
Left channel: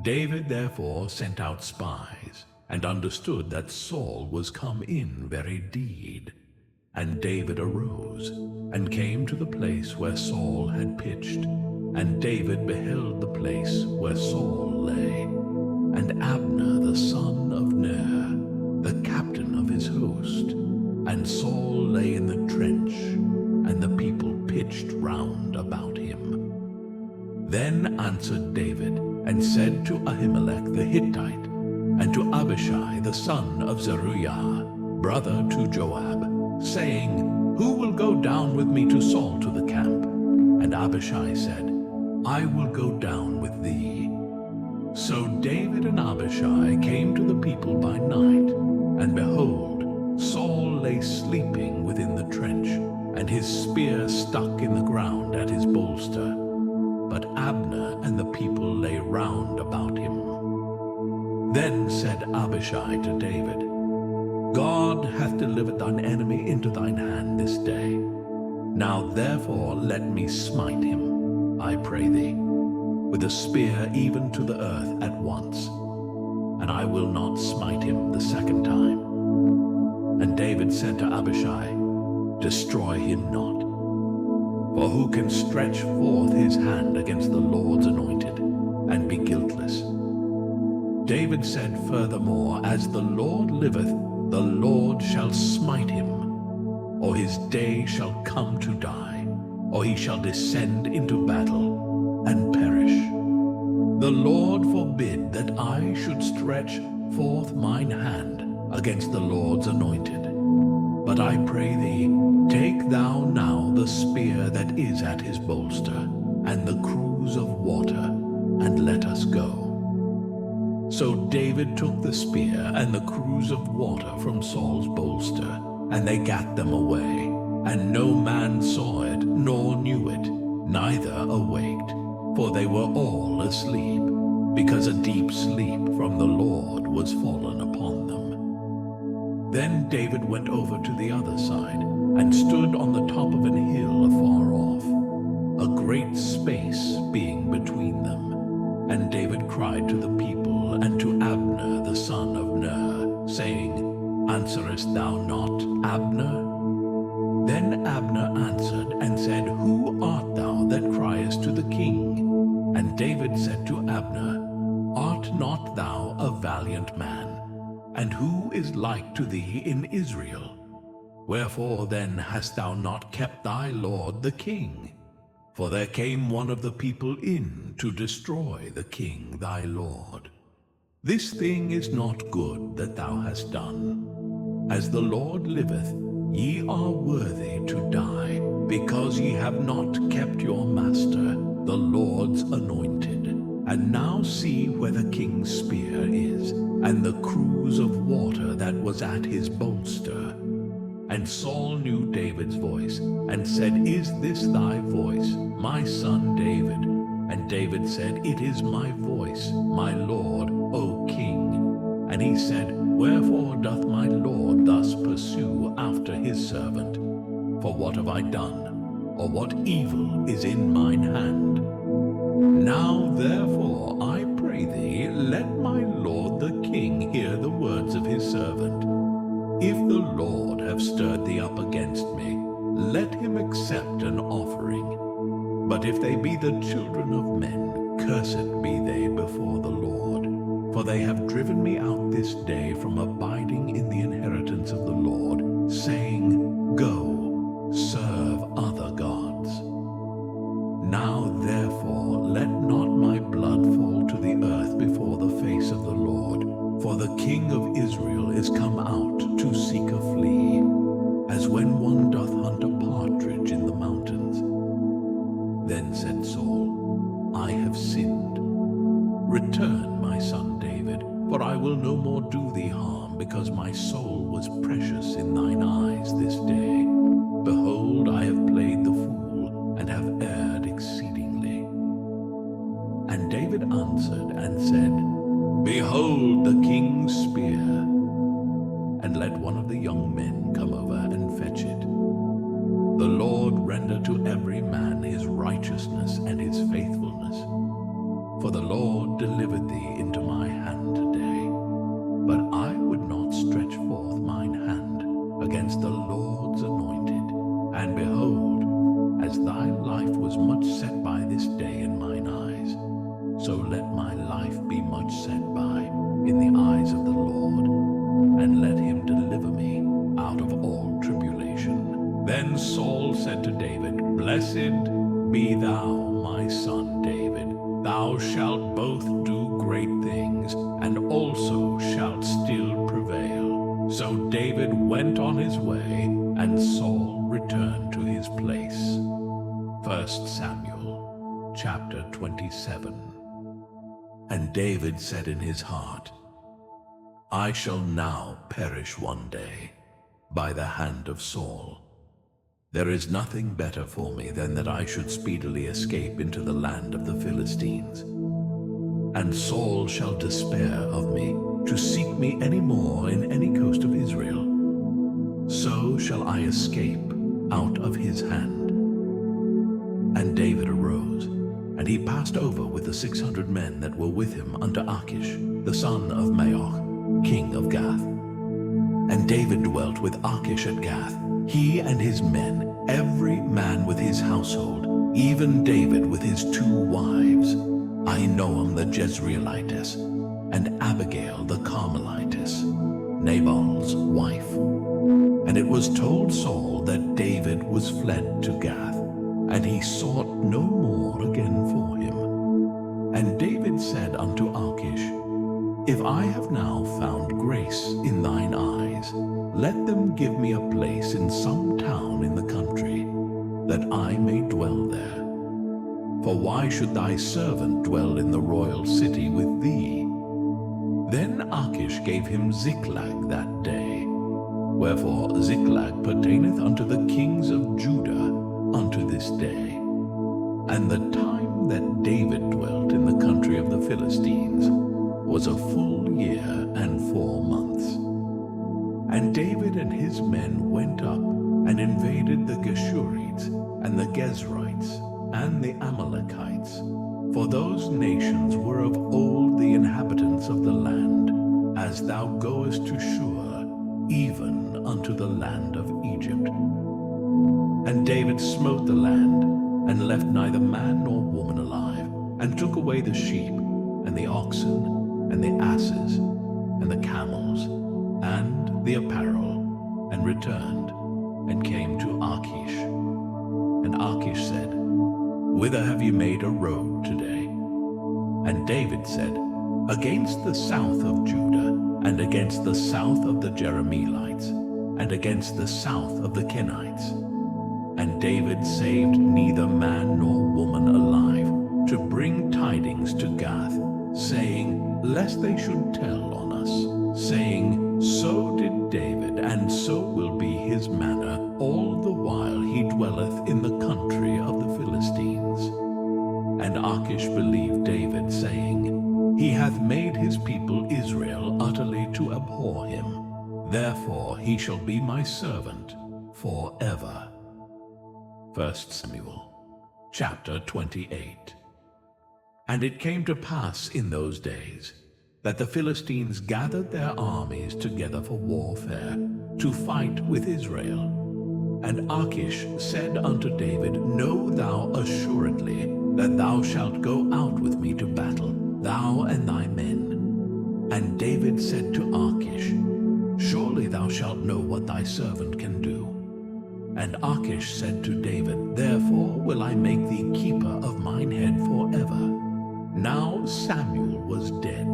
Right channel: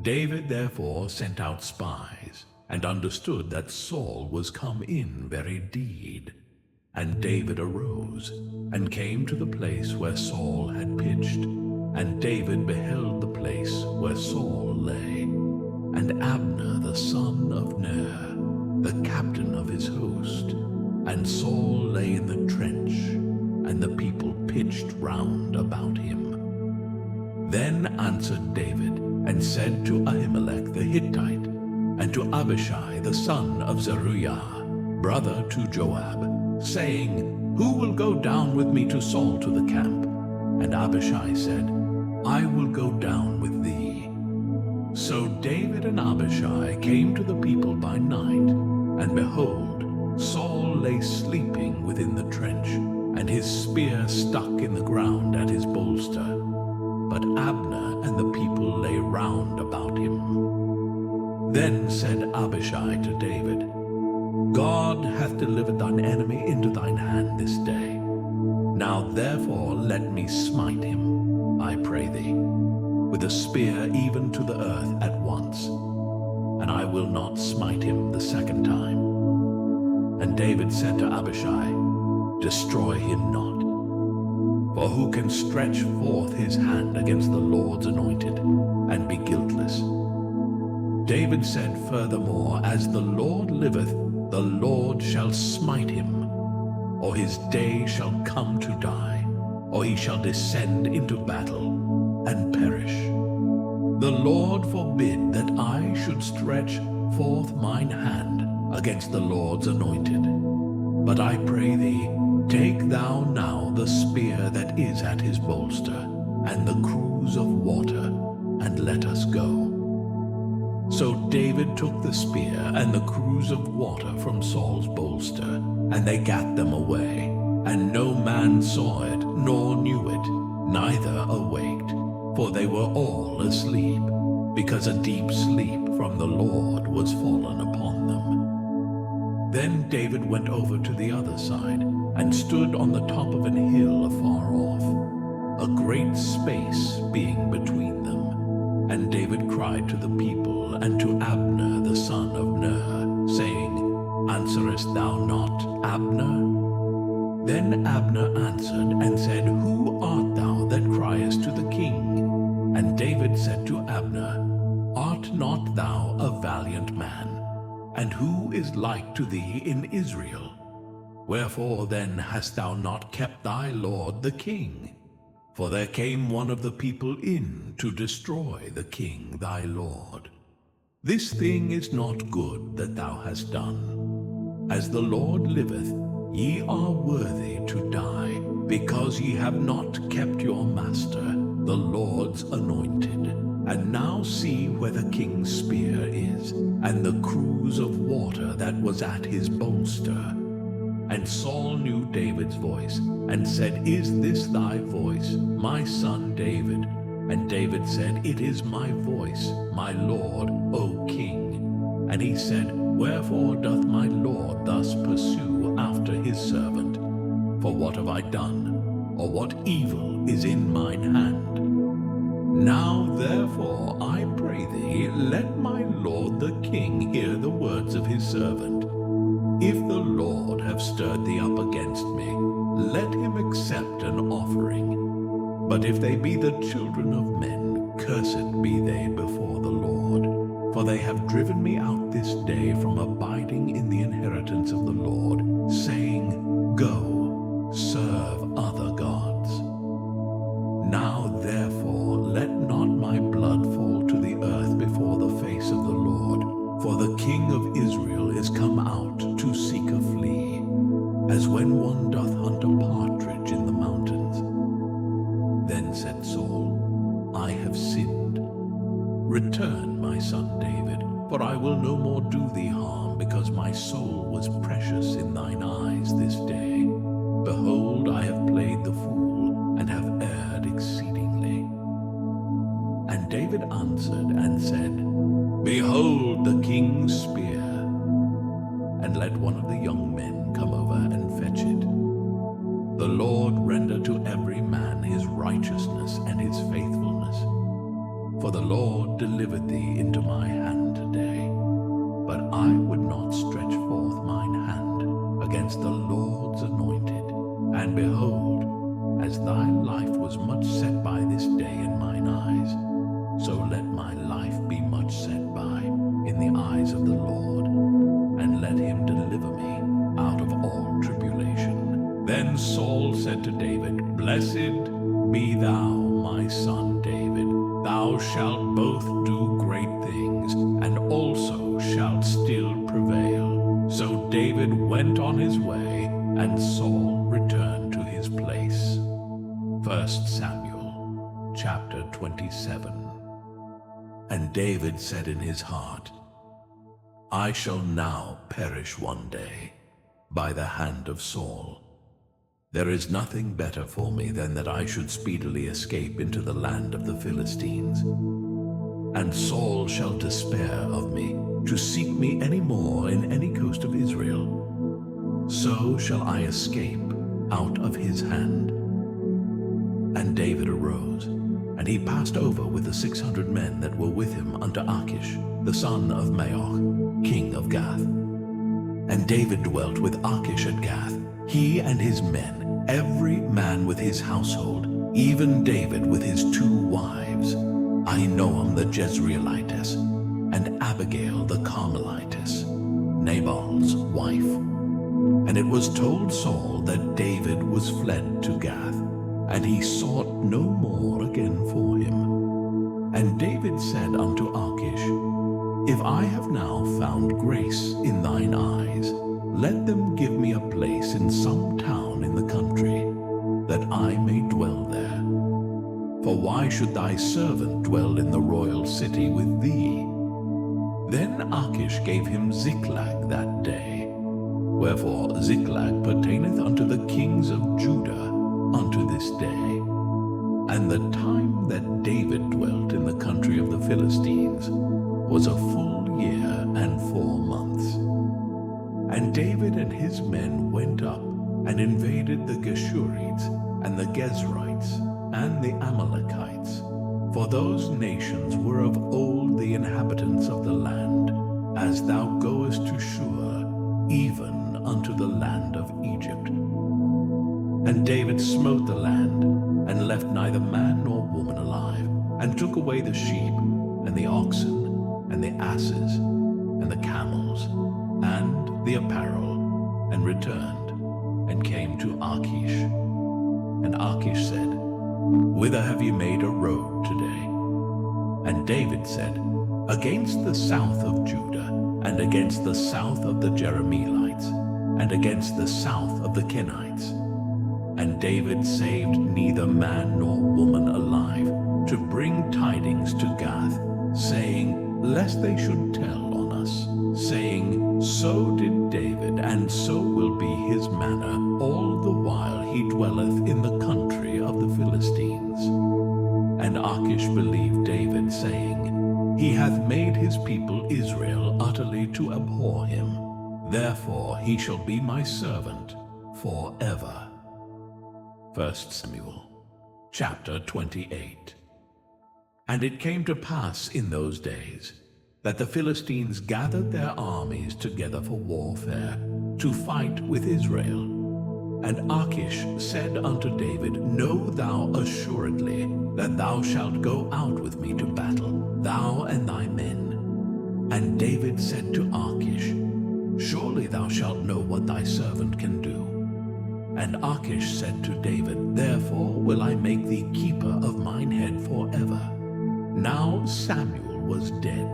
David therefore sent out spies, and understood that Saul was come in very deed. And David arose, and came to the place where Saul had pitched. And David beheld the place where Saul lay. And Abner the son of Ner, the captain of his host. And Saul lay in the trench, and the people pitched round about him. Then answered David, and said to Ahimelech the Hittite, and to Abishai the son of Zeruiah, brother to Joab, saying, Who will go down with me to Saul to the camp? And Abishai said, I will go down with thee. So David and Abishai came to the people by night, and behold, Saul lay sleeping within the trench, and his spear stuck in the ground at his bolster. but Abner and the people lay round about him. Then said Abishai to David, God hath delivered thine enemy into thine hand this day. Now therefore let me smite him, I pray thee, with a spear even to the earth at once, and I will not smite him the second time. And David said to Abishai, Destroy him not. For who can stretch forth his hand against the Lord's anointed, and be guiltless? David said furthermore, As the Lord liveth, the Lord shall smite him, or his day shall come to die, or he shall descend into battle, and perish. The Lord forbid that I should stretch forth mine hand against the Lord's anointed. But I pray thee, take thou now the spear that is at his bolster, and the cruse of water, and let us go. So David took the spear and the cruse of water from Saul's bolster, and they gat them away, and no man saw it, nor knew it, neither awaked, for they were all asleep, because a deep sleep from the Lord was fallen upon them. Then David went over to the other side, and stood on the top of an hill afar off, a great space being between them. And David cried to the people and to Abner the son of Ner, saying, Answerest thou not, Abner? Then Abner answered and said, Who art thou that criest to the king? And David said to Abner, Art not thou a valiant man? And who is like to thee in Israel? Wherefore then hast thou not kept thy lord the king? For there came one of the people in to destroy the king thy lord. This thing is not good that thou hast done. As the Lord liveth, ye are worthy to die, because ye have not kept your master, the Lord's anointed. And now see where the king's spear is, and the cruse of water that was at his bolster. And Saul knew David's voice, and said, Is this thy voice, my son David? And David said, It is my voice, my lord, O king. And he said, Wherefore doth my lord thus pursue after his servant? For what have I done, or what evil is in mine hand? Now therefore I pray thee, let my lord the king hear the words of his servant. If the Lord have stirred thee up against me, let him accept an offering. But if they be the children of men, cursed be they before the Lord. For they have driven me out this day from abiding in the inheritance of the Lord, saying, Go, serve other gods. Now therefore let not my blood fall to the earth before the face of the Lord. For the king of Israel is come out to seek a flea, as when one doth hunt a partridge in the mountains. Then said Saul, I have sinned. Return, my son David, for I will no more do thee harm, because my soul was precious in thine eyes this day. Behold, I have played the fool, and have erred exceedingly. And David answered and said, Behold the king's spear, and let one of the young men come over and fetch it. The Lord render to every man his righteousness and his faithfulness. For the Lord delivered thee into my hand today. But I would not stretch forth mine hand against the Lord's anointed. And behold, as thy life was much set by this day in mine eyes, so let my life be much set by in the eyes of the Lord, and let him deliver me out of all tribulation. Then Saul said to David, Blessed be thou, my son David. Thou shalt both do great things, and also shalt still prevail. So David went on his way, and Saul returned to his place. 1 Samuel chapter 27. And David said in his heart, I shall now perish one day by the hand of Saul. There is nothing better for me than that I should speedily escape into the land of the Philistines. And Saul shall despair of me, to seek me any more in any coast of Israel. So shall I escape out of his hand. And David arose, and he passed over with the 600 men that were with him unto Achish, the son of Maoch, king of Gath. And David dwelt with Achish at Gath, he and his men, every man with his household, even David with his 2 wives, Ahinoam the Jezreelitess, and Abigail the Carmelitess, Nabal's wife. And it was told Saul that David was fled to Gath, and he sought no more again for him. And David said unto Achish, If I have now found grace in thine eyes, let them give me a place in some town in the country, that I may dwell there. For why should thy servant dwell in the royal city with thee? Then Achish gave him Ziklag that day. Wherefore Ziklag pertaineth unto the kings of Judah unto this day. And the time that David dwelt in the country of the Philistines was a full year and 4 months. And David and his men went up and invaded the Geshurites and the Gezrites and the Amalekites, for those nations were of old the inhabitants of the land, as thou goest to Shur, even unto the land of Egypt. And David smote the land, and left neither man nor woman alive, and took away the sheep, and the oxen, and the asses, and the camels, and the apparel, and returned, and came to Achish. And Achish said, Whither have you made a road today? And David said, Against the south of Judah, and against the south of the Jerahmeelites, and against the south of the Kenites. And David saved neither man nor woman alive, to bring tidings to Gath, saying, Lest they should tell on us, saying, So did David, and so will be his manner all the while he dwelleth in the country of the Philistines. And Achish believed David, saying, He hath made his people Israel utterly to abhor him. Therefore he shall be my servant forever. 1 Samuel chapter 28. And it came to pass in those days that the Philistines gathered their armies together for warfare, to fight with Israel. And Achish said unto David, Know thou assuredly that thou shalt go out with me to battle, thou and thy men. And David said to Achish, Surely thou shalt know what thy servant can do. And Achish said to David, Therefore will I make thee keeper of mine head forever. Now Samuel was dead,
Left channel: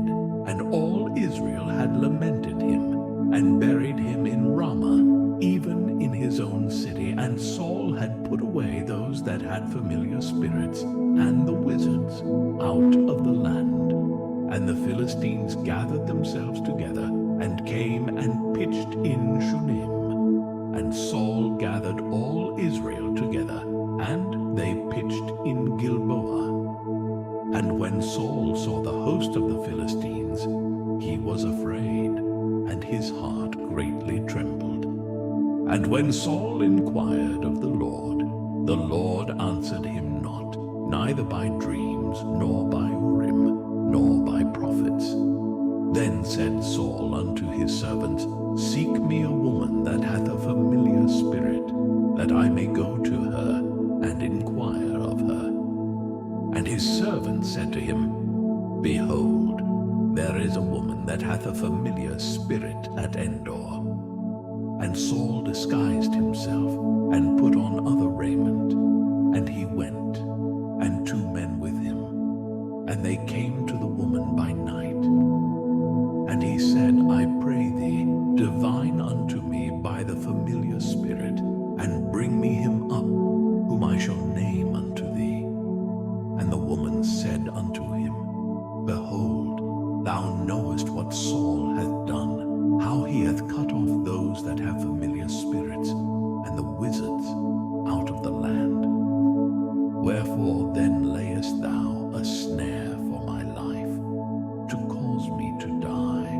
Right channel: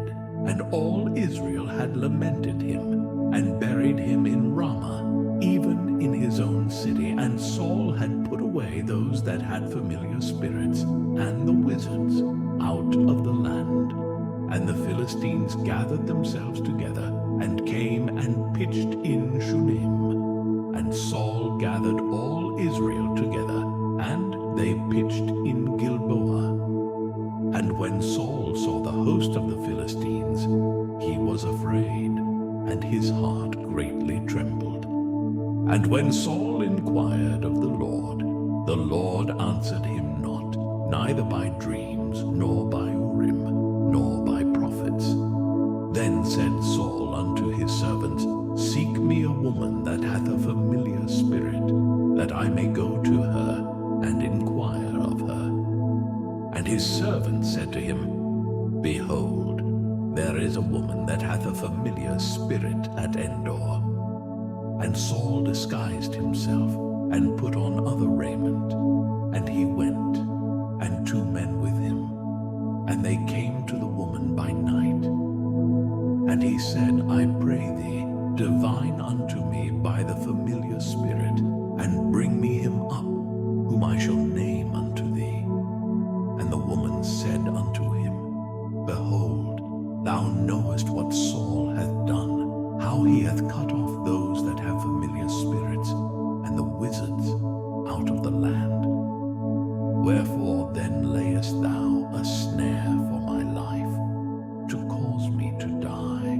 and all Israel had lamented him, and buried him in Ramah, even in his own city. And Saul had put away those that had familiar spirits, and the wizards, out of the land. And the Philistines gathered themselves together, and came and pitched in Shunem. And Saul gathered all Israel together, and they pitched in Gilboa. And when Saul saw the host of the Philistines, he was afraid, and his heart greatly trembled. And when Saul inquired of the Lord answered him not, neither by dreams, nor by Urim, nor by prophets. Then said Saul unto his servants, Seek me a woman that hath a familiar spirit, that I may go to her, and inquire of her. And his servant said to him, Behold, there is a woman that hath a familiar spirit at Endor. And Saul disguised himself, and put on other raiment, and he went, and 2 men with him. And they came to the woman by night. And he said, I pray thee, divine unto me by the familiar spirit, and bring me him up, whom I shall name unto thee. And the woman said unto him, Behold, thou knowest what Saul hath done, how he hath cut off those that have familiar spirits, and the wizards, out of the land. Wherefore then layest thou a snare for my life, to cause me to die?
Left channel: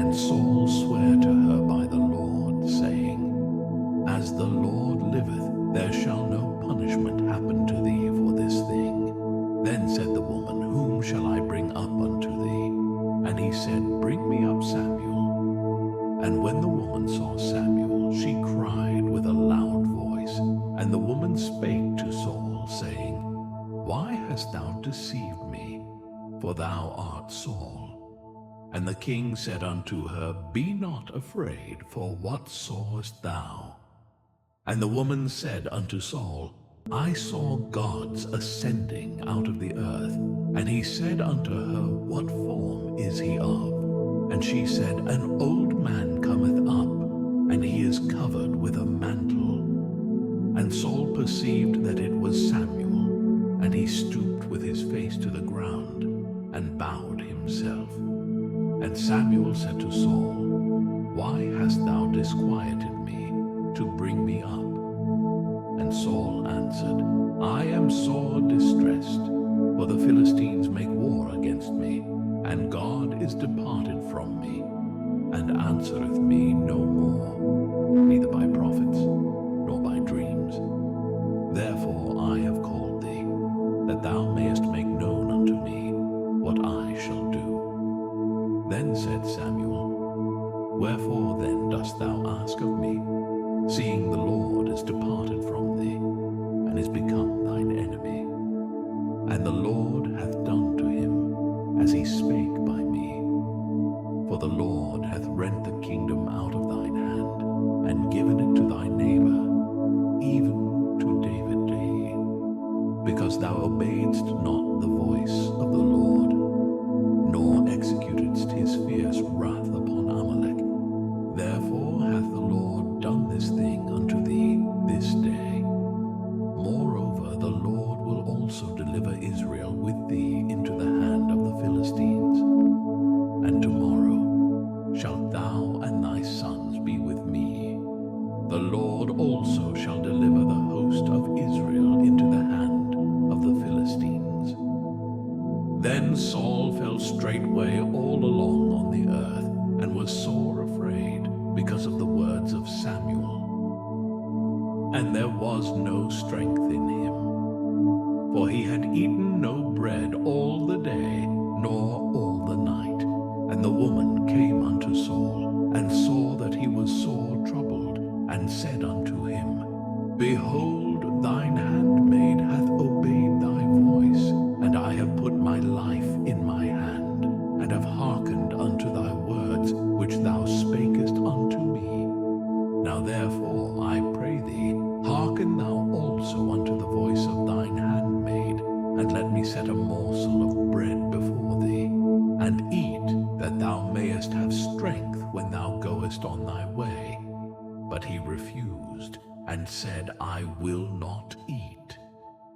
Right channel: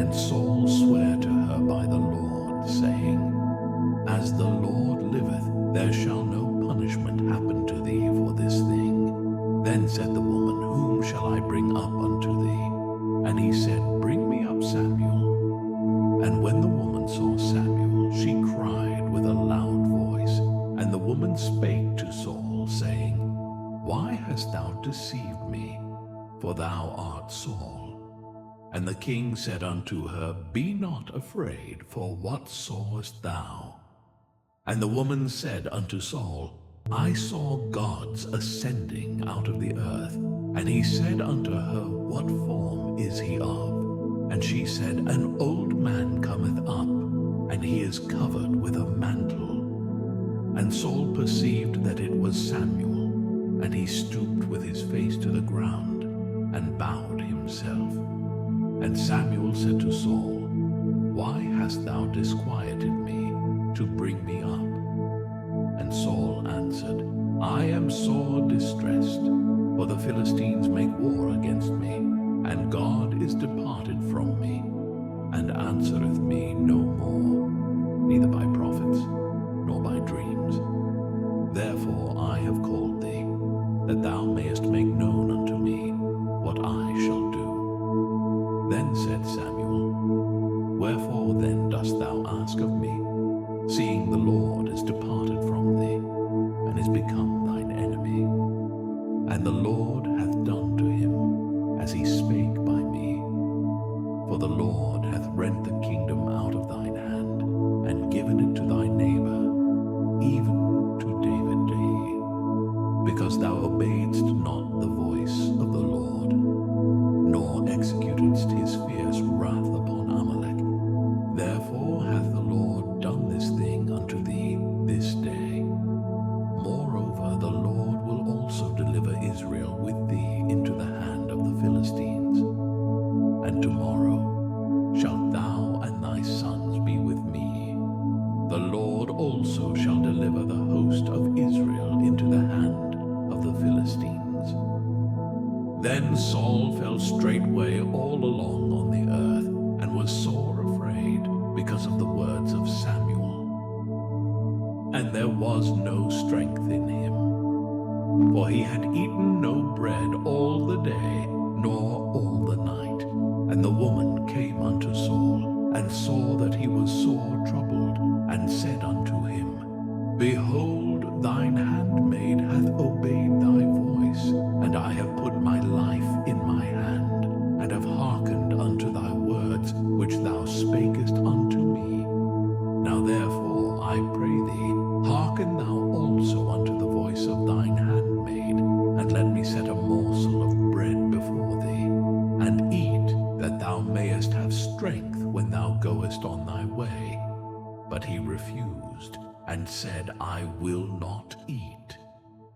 And Saul sware to her by the Lord, saying, As the Lord liveth, there shall no punishment happen to thee for this thing. Then said the woman, Whom shall I bring up unto thee? And he said, Bring me up Samuel. And when the woman saw Samuel, she cried with a loud voice. And the woman spake to Saul, saying, Why hast thou deceived me? For thou art Saul. And the king said unto her, Be not afraid, for what sawest thou? And the woman said unto Saul, I saw gods ascending out of the earth. And he said unto her, What form is he of? And she said, An old man cometh up, and he is covered with a mantle. And Saul perceived that it was Samuel, and he stooped with his face to the ground, and bowed himself. And Samuel said to Saul, Why hast thou disquieted me to bring me up? And Saul answered, I am sore distressed, for the Philistines make war against me, and God is departed from me, and answereth me no more, neither by prophets, nor by dreams. Therefore I have called thee, that thou mayest make known unto me what I shall do. Then said Samuel, Wherefore then dost thou ask of me, seeing the Lord is departed from thee, and is become thine enemy? And the Lord hath done to him as he spake by me. For the Lord hath rent the kingdom out of thine hand, and given it to thy neighbor, even to David, because thou obeyedst not the voice of the Lord, nor executedst his fierce wrath upon Amalek. Therefore hath the Lord done this thing unto thee this day. Moreover, the Lord will also deliver Israel with thee into the hand of the Philistines. And tomorrow shalt thou and thy sons be with me. The Lord also shall deliver the host of Israel into the hand of the Philistines. Then Saul fell straightway all along on the earth, and was sore afraid because of the words of Samuel. And there was no strength in him, for he had eaten no bread all the day, nor all the night. And the woman came unto Saul, and saw that he was sore troubled, and said unto him, Behold, thine handmaid hath obeyed thy voice, and I have put my life in my hand, and have hearkened unto thy words, which thou spakest unto me. Now therefore, I pray thee, hearken thou also unto the voice of thine handmaid, and let me set a morsel of bread before thee, and eat, that thou mayest have strength when thou goest on thy way. But he refused, and said, I will not eat.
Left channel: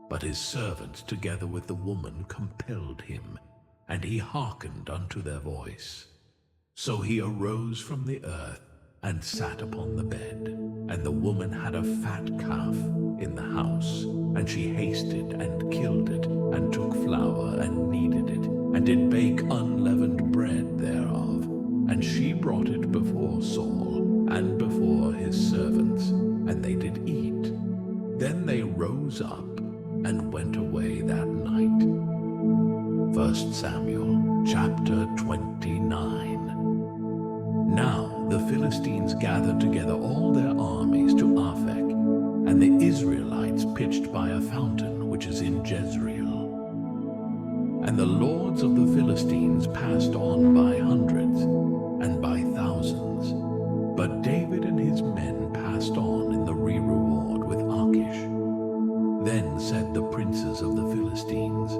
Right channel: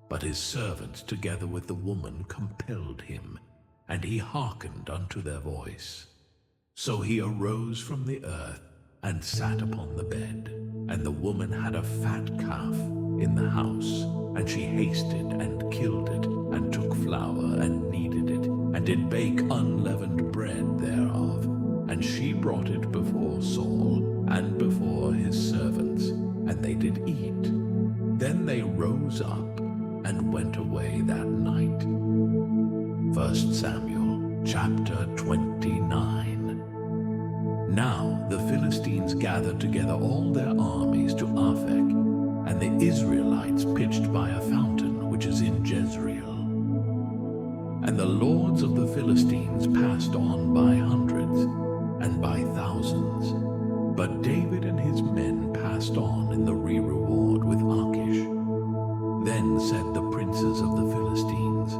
But his servants together with the woman compelled him, and he hearkened unto their voice. So he arose from the earth, and sat upon the bed. And the woman had a fat calf in the house, and she hasted and killed it, and took flour and kneaded it, and did bake unleavened bread thereof. And she brought it before Saul, and before his servants, and they did eat. Then they rose up, and went away that night. 1 Samuel chapter 29. Now the Philistines gathered together all their armies to Aphek, and the Israelites pitched by a fountain which is in Jezreel. And the lords of the Philistines passed on by hundreds, and by thousands. But David and his men passed on in the reward with Achish. Then said the princes of the Philistines,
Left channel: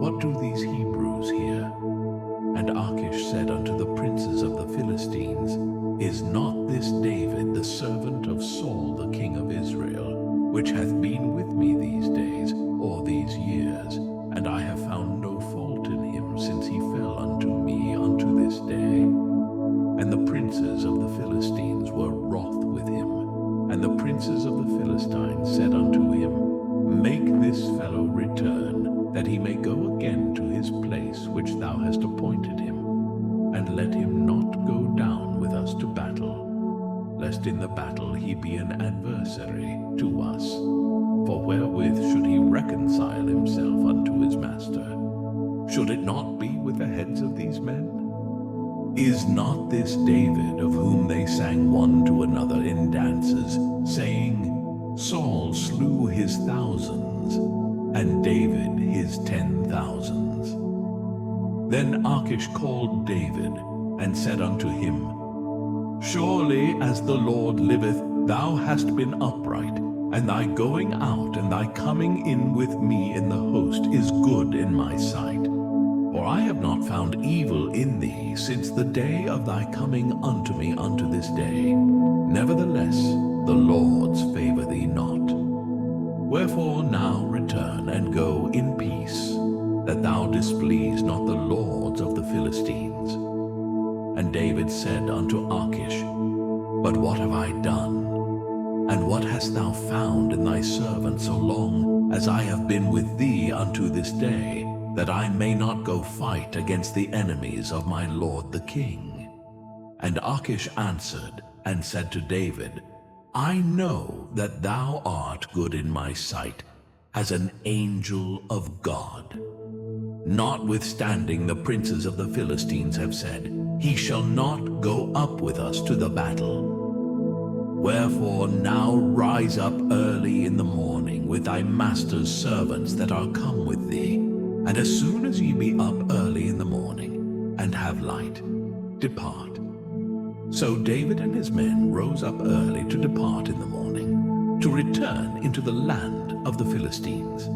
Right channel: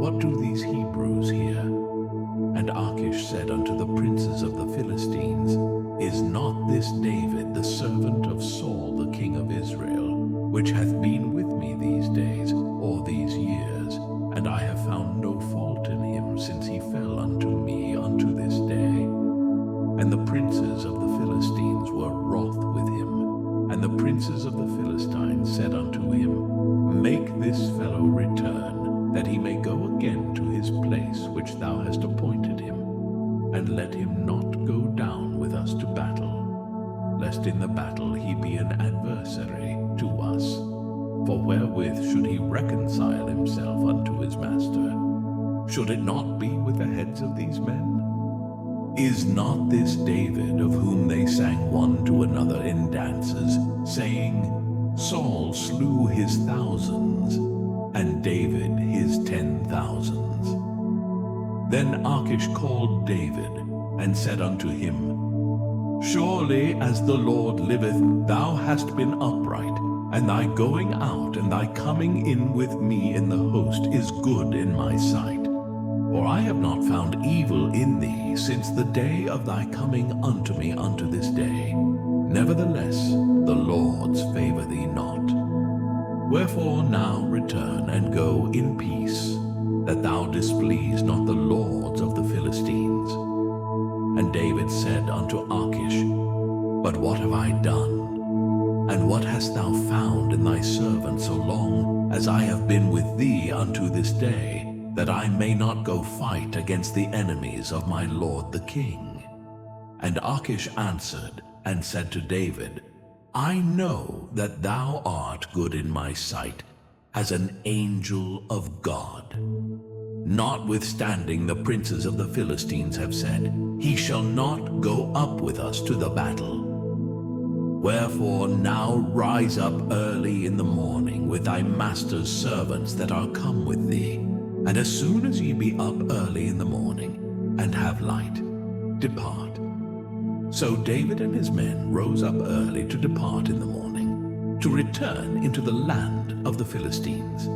What do these Hebrews here? And Achish said unto the princes of the Philistines, Is not this David the servant of Saul the king of Israel, which hath been with me these days, or these years? And I have found no fault in him since he fell unto me unto this day. And the princes of the Philistines were wroth with him, And the princes of the Philistines said unto him, Make this fellow return, that he may go again to his place which thou hast appointed him, and let him not go down with us to battle, lest in the battle he be an adversary to us. For wherewith should he reconcile himself unto his master? Should it not be with the heads of these men? Is not this David, of whom they sang one to another in dances, saying, Saul slew his thousands, and David his 10,000s? Then Achish called David, and said unto him, Surely as the Lord liveth, thou hast been upright, and thy going out and thy coming in with me in the host is good in my sight. For I have not found evil in thee since the day of thy coming unto me unto this day. Nevertheless, the Lord's favor thee not. Wherefore now return and go in peace, that thou displease not the lords of the Philistines. And David said unto Achish, But what have I done? And what hast thou found in thy servant so long as I have been with thee unto this day, that I may not go fight against the enemies of my lord the king? And Achish answered and said to David, I know that thou art good in my sight, as an angel of God. Notwithstanding the princes of the Philistines have said, He shall not go up with us to the battle. Wherefore now rise up early in the morning with thy master's servants that are come with thee, and as soon as ye be up early in the morning, and have light, depart. So David and his men rose up early to depart in the morning, to return into the land of the Philistines.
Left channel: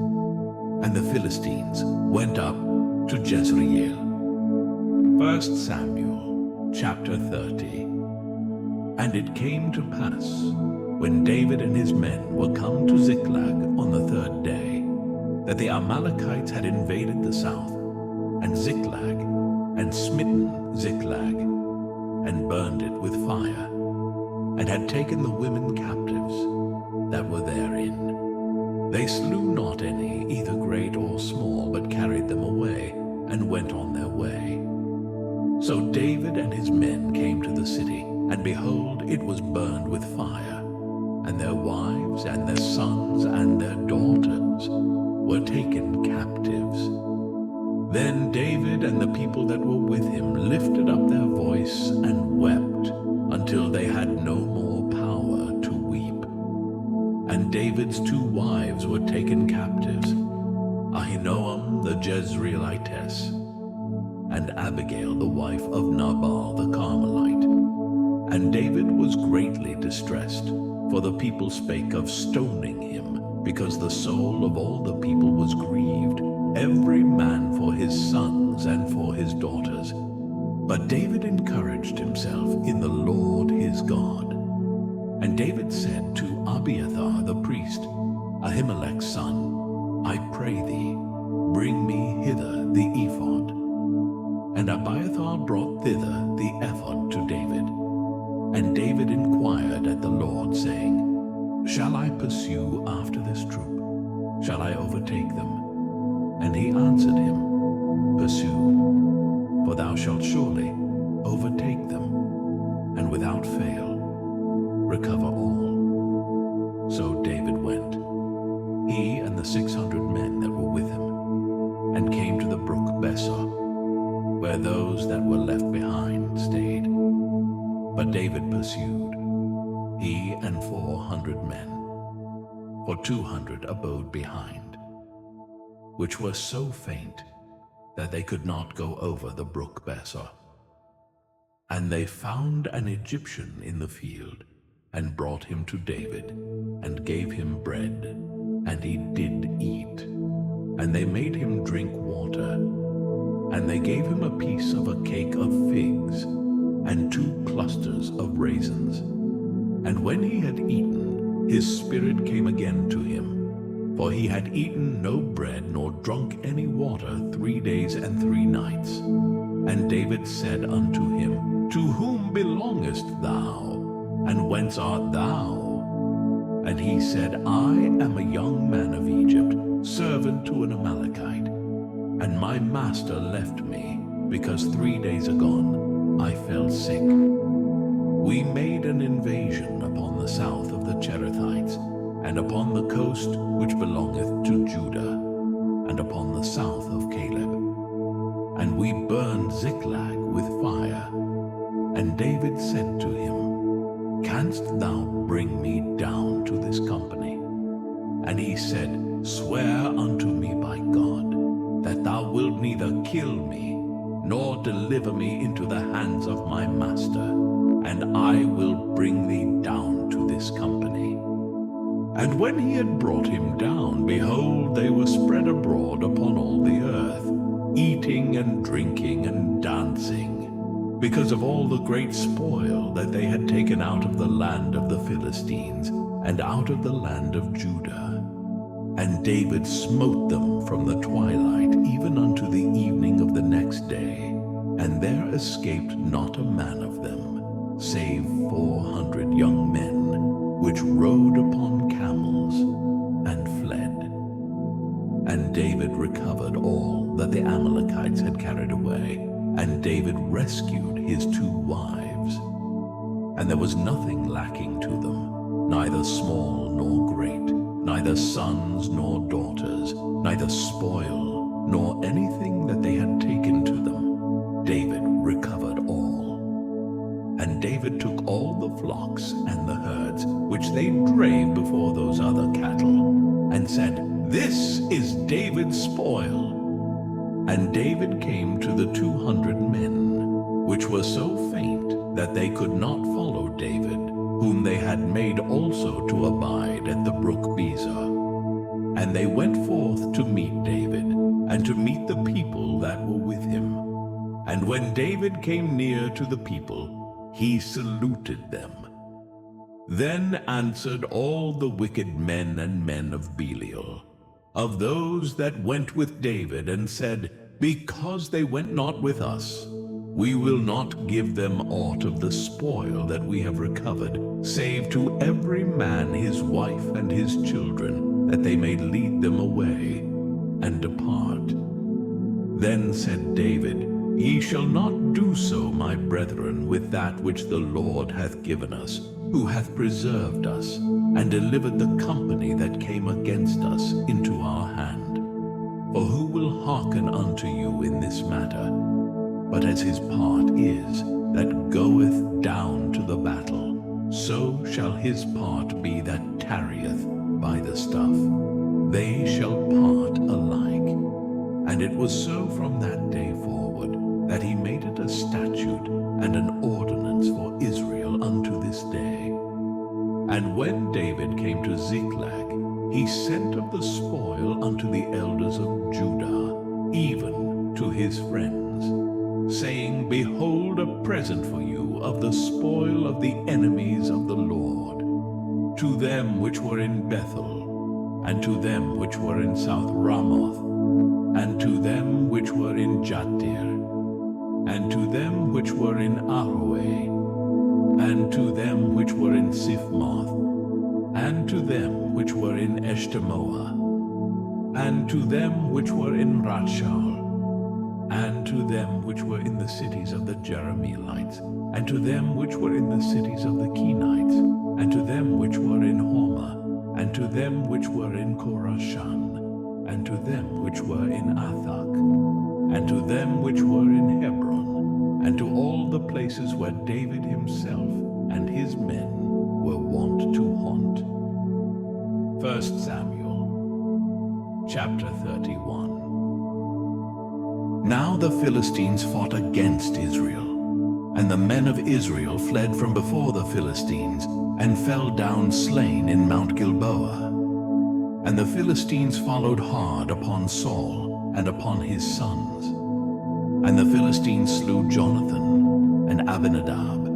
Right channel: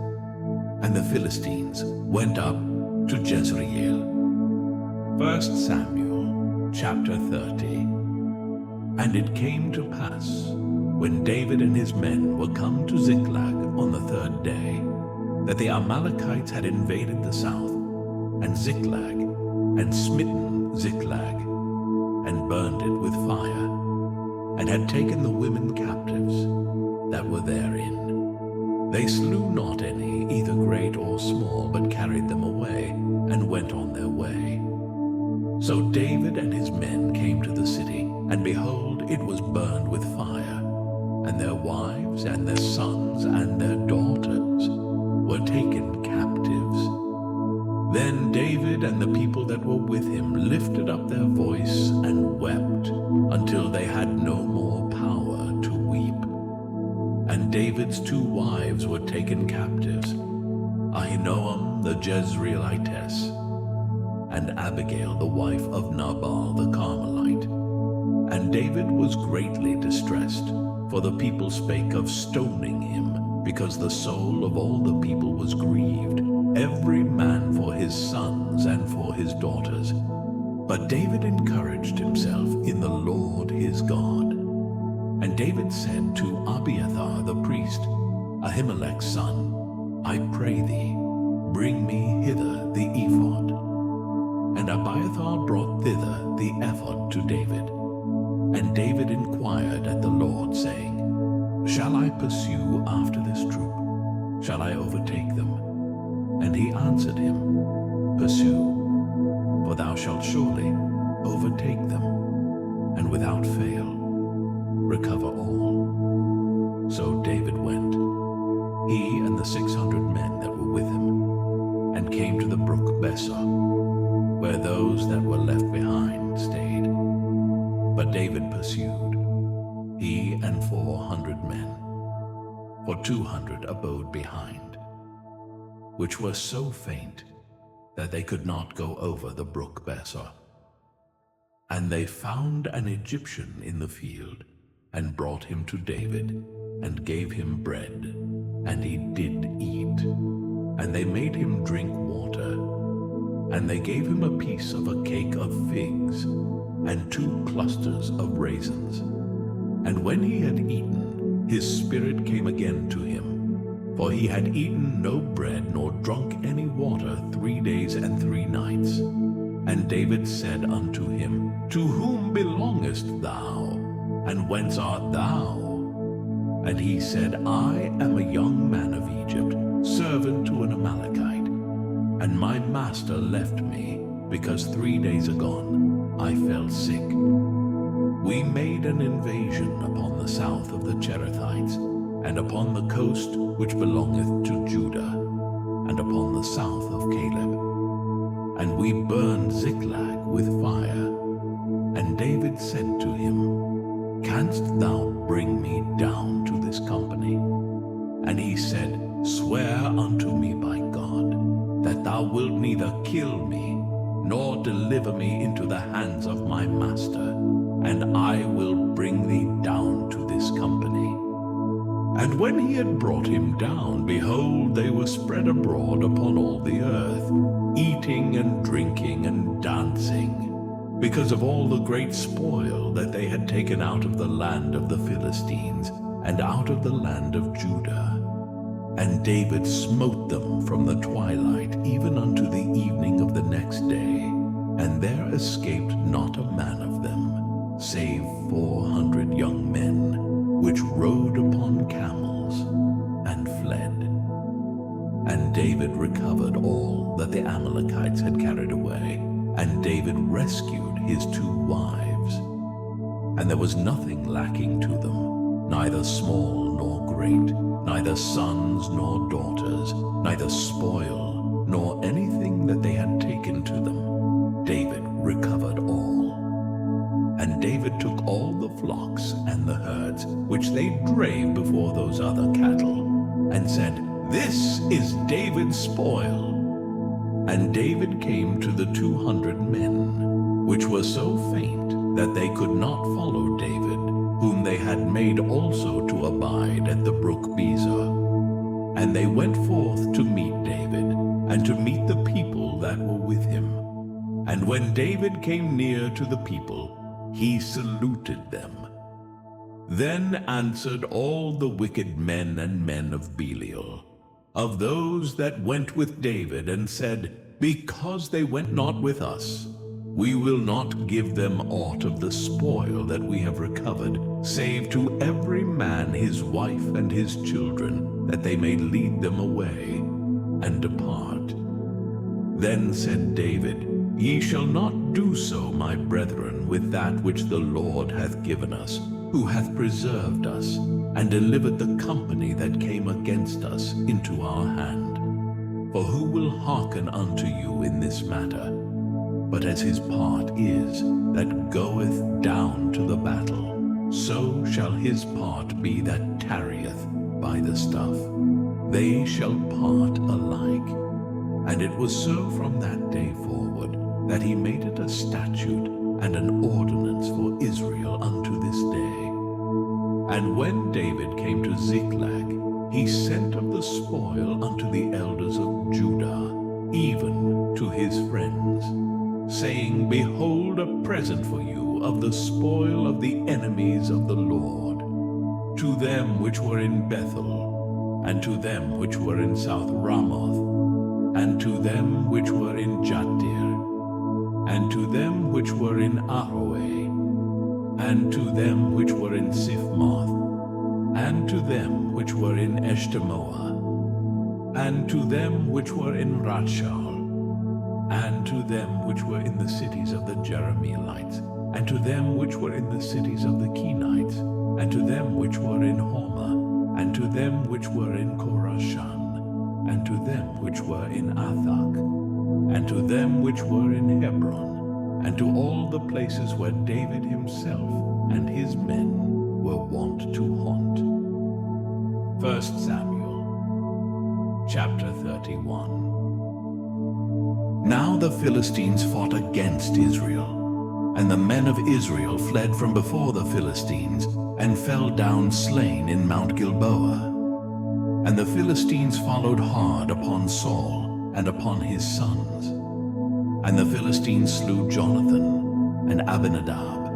And the Philistines went up to Jezreel. 1 Samuel chapter 30. And it came to pass, when David and his men were come to Ziklag on the third day, that the Amalekites had invaded the south, and Ziklag, and smitten Ziklag, and burned it with fire, and had taken the women captives that were therein. They slew not any, either great or small, but carried them away, and went on their way. So David and his men came to the city, and behold, it was burned with fire, and their wives, and their sons, and their daughters were taken captives. Then David and the people that were with him lifted up their voice and wept, until they had no more power to weep. And David's 2 wives were taken captives, Ahinoam the Jezreelitess, and Abigail the wife of Nabal the Carmelite. And David was greatly distressed, for the people spake of stoning him, because the soul of all the people was grieved, every man for his sons and for his daughters. But David encouraged himself in the Lord his God. And David said to Abiathar the priest, Ahimelech's son, I pray thee, bring me hither the ephod. And Abiathar brought thither the ephod to David. And David inquired at the Lord, saying, Shall I pursue after this troop? Shall I overtake them? And he answered him, Pursue, for thou shalt surely overtake them, and without fail recover all. So David went, he and the 600 men that were with him, and came to the brook Besor, where those that were left behind stayed. But David pursued, he and 400 men, for 200 abode behind, which were so faint that they could not go over the brook Besor. And they found an Egyptian in the field, and brought him to David, and gave him bread, and he did eat. And they made him drink water, and they gave him a piece of a cake of figs, and 2 clusters of raisins. And when he had eaten, his spirit came again to him, for he had eaten no bread nor drunk any water 3 days and 3 nights. And David said unto him, To whom belongest thou? And whence art thou? And he said, I am a young man of Egypt, servant to an Amalekite, and my master left me, because 3 days agone I fell sick. We made an invasion upon the south of the Cherethites, and upon the coast which belongeth to Judah, and upon the south of Caleb. And we burned Ziklag with fire. And David said to him, Canst thou bring me down to this company? And he said, Swear unto me by God, that thou wilt neither kill me, nor deliver me into the hands of my master, and I will bring thee down to this company. And when he had brought him down, behold, they were spread abroad upon all the earth, eating and drinking and dancing, because of all the great spoil that they had taken out of the land of the Philistines, and out of the land of Judah. And David smote them from the twilight even unto the evening of the next day, and there escaped not a man of them, save 400 young men, which rode upon camels and fled. And David recovered all that the Amalekites had carried away, and David rescued his 2 wives. And there was nothing lacking to them, neither small nor great, neither sons nor daughters, neither spoil, nor anything that they had taken to them. David recovered all. And David took all the flocks and the herds, which they drave before those other cattle, and said, This is David's spoil. And David came to the 200 men, which were so faint that they could not follow David, whom they had made also to abide at the brook Bezor. And they went forth to meet David, and to meet the people that were with him. And when David came near to the people, he saluted them. Then answered all the wicked men and men of Belial, of those that went with David, and said, Because they went not with us, we will not give them aught of the spoil that we have recovered, save to every man his wife and his children, that they may lead them away and depart. Then said David, Ye shall not do so, my brethren, with that which the Lord hath given us, who hath preserved us, and delivered the company that came against us into our hand. For who will hearken unto you in this matter? But as his part is, that goeth down to the battle, so shall his part be that tarrieth by the stuff. They shall part alike. And it was so from that day forward, that he made it a statute and an ordinance for Israel unto this day. And when David came to Ziklag, he sent of the spoil unto the elders of Judah, even to his friends, saying, Behold, a present for you of the spoil of the enemies of the Lord, to them which were in Bethel, and to them which were in South Ramoth, and to them which were in Jattir, and to them which were in Aroeh, and to them which were in Siphmoth, and to them which were in Eshtemoa, and to them which were in Rathshaul, and to them which were in the cities of the Jerahmeelites, and to them which were in the cities of the Kenites, and to them which were in Hormah, and to them which were in Korashan, and to them which were in Athak, and to them which were in Hebron, and to all the places where David himself and his men were wont to haunt. 1 Samuel, chapter 31. Now the Philistines fought against Israel, and the men of Israel fled from before the Philistines, and fell down slain in Mount Gilboa. And the Philistines followed hard upon Saul, and upon his sons. And the Philistines slew Jonathan, and Abinadab,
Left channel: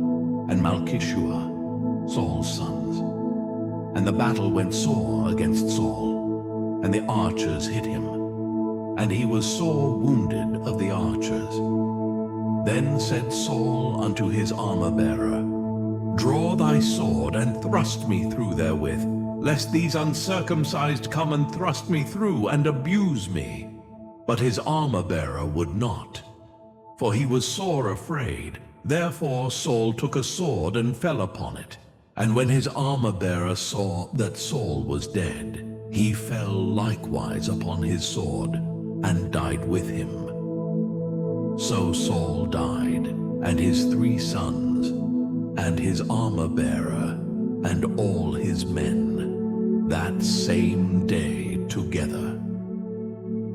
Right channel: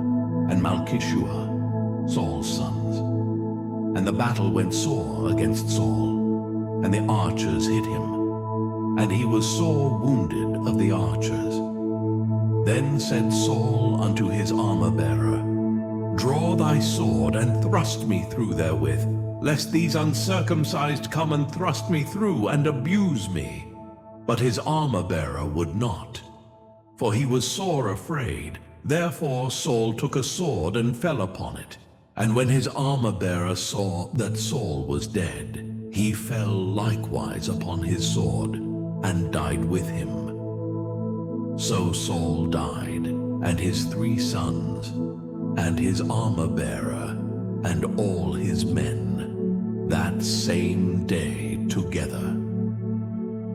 and Malchishua, Saul's sons. And the battle went sore against Saul, and the archers hit him, and he was sore wounded of the archers. Then said Saul unto his armor-bearer, Draw thy sword, and thrust me through therewith, lest these uncircumcised come and thrust me through and abuse me. But his armor-bearer would not, for he was sore afraid. Therefore Saul took a sword and fell upon it. And when his armor-bearer saw that Saul was dead, he fell likewise upon his sword, and died with him. So Saul died, and his 3 sons, and his armor-bearer, and all his men, that same day together.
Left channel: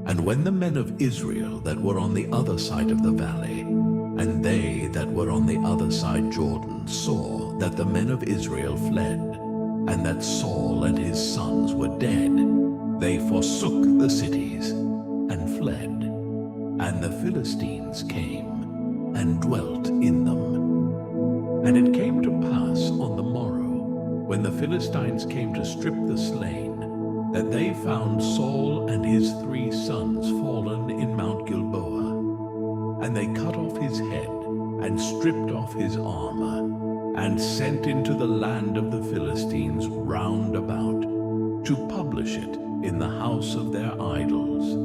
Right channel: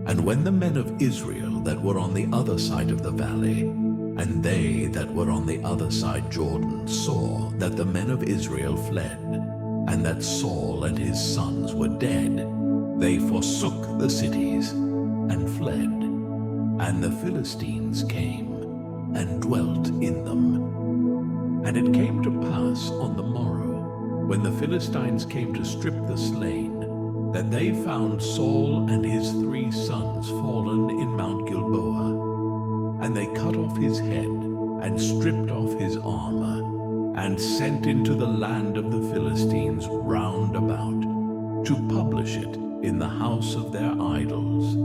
And when the men of Israel that were on the other side of the valley, and they that were on the other side Jordan, saw that the men of Israel fled, and that Saul and his sons were dead, they forsook the cities and fled. And the Philistines came and dwelt in them. And it came to pass on the morrow, when the Philistines came to strip the slain, that they found Saul and his 3 sons fallen in Mount Gilboa. And they cut off his head, and stripped off his armor, and sent into the land of the Philistines round about, to publish it in the house of their idols,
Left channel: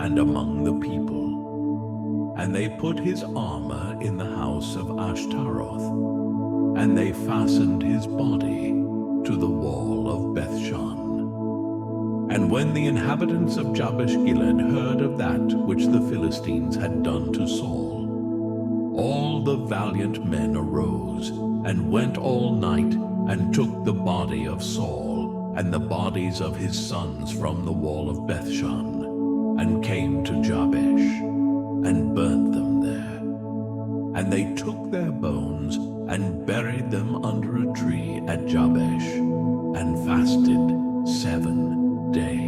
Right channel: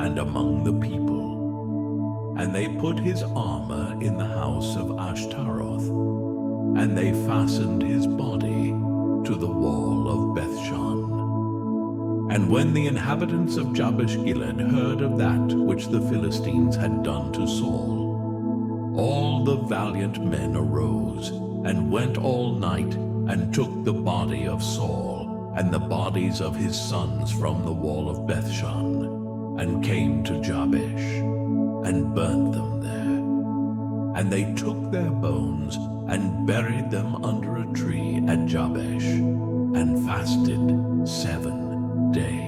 and among the people. And they put his armor in the house of Ashtaroth, and they fastened his body to the wall of Bethshan. And when the inhabitants of Jabesh-Gilead heard of that which the Philistines had done to Saul, all the valiant men arose, and went all night, and took the body of Saul, and the bodies of his sons from the wall of Bethshan, and came to Jabesh, and burnt them there. And they took their bones, and buried them under a tree at Jabesh, and fasted 7 days.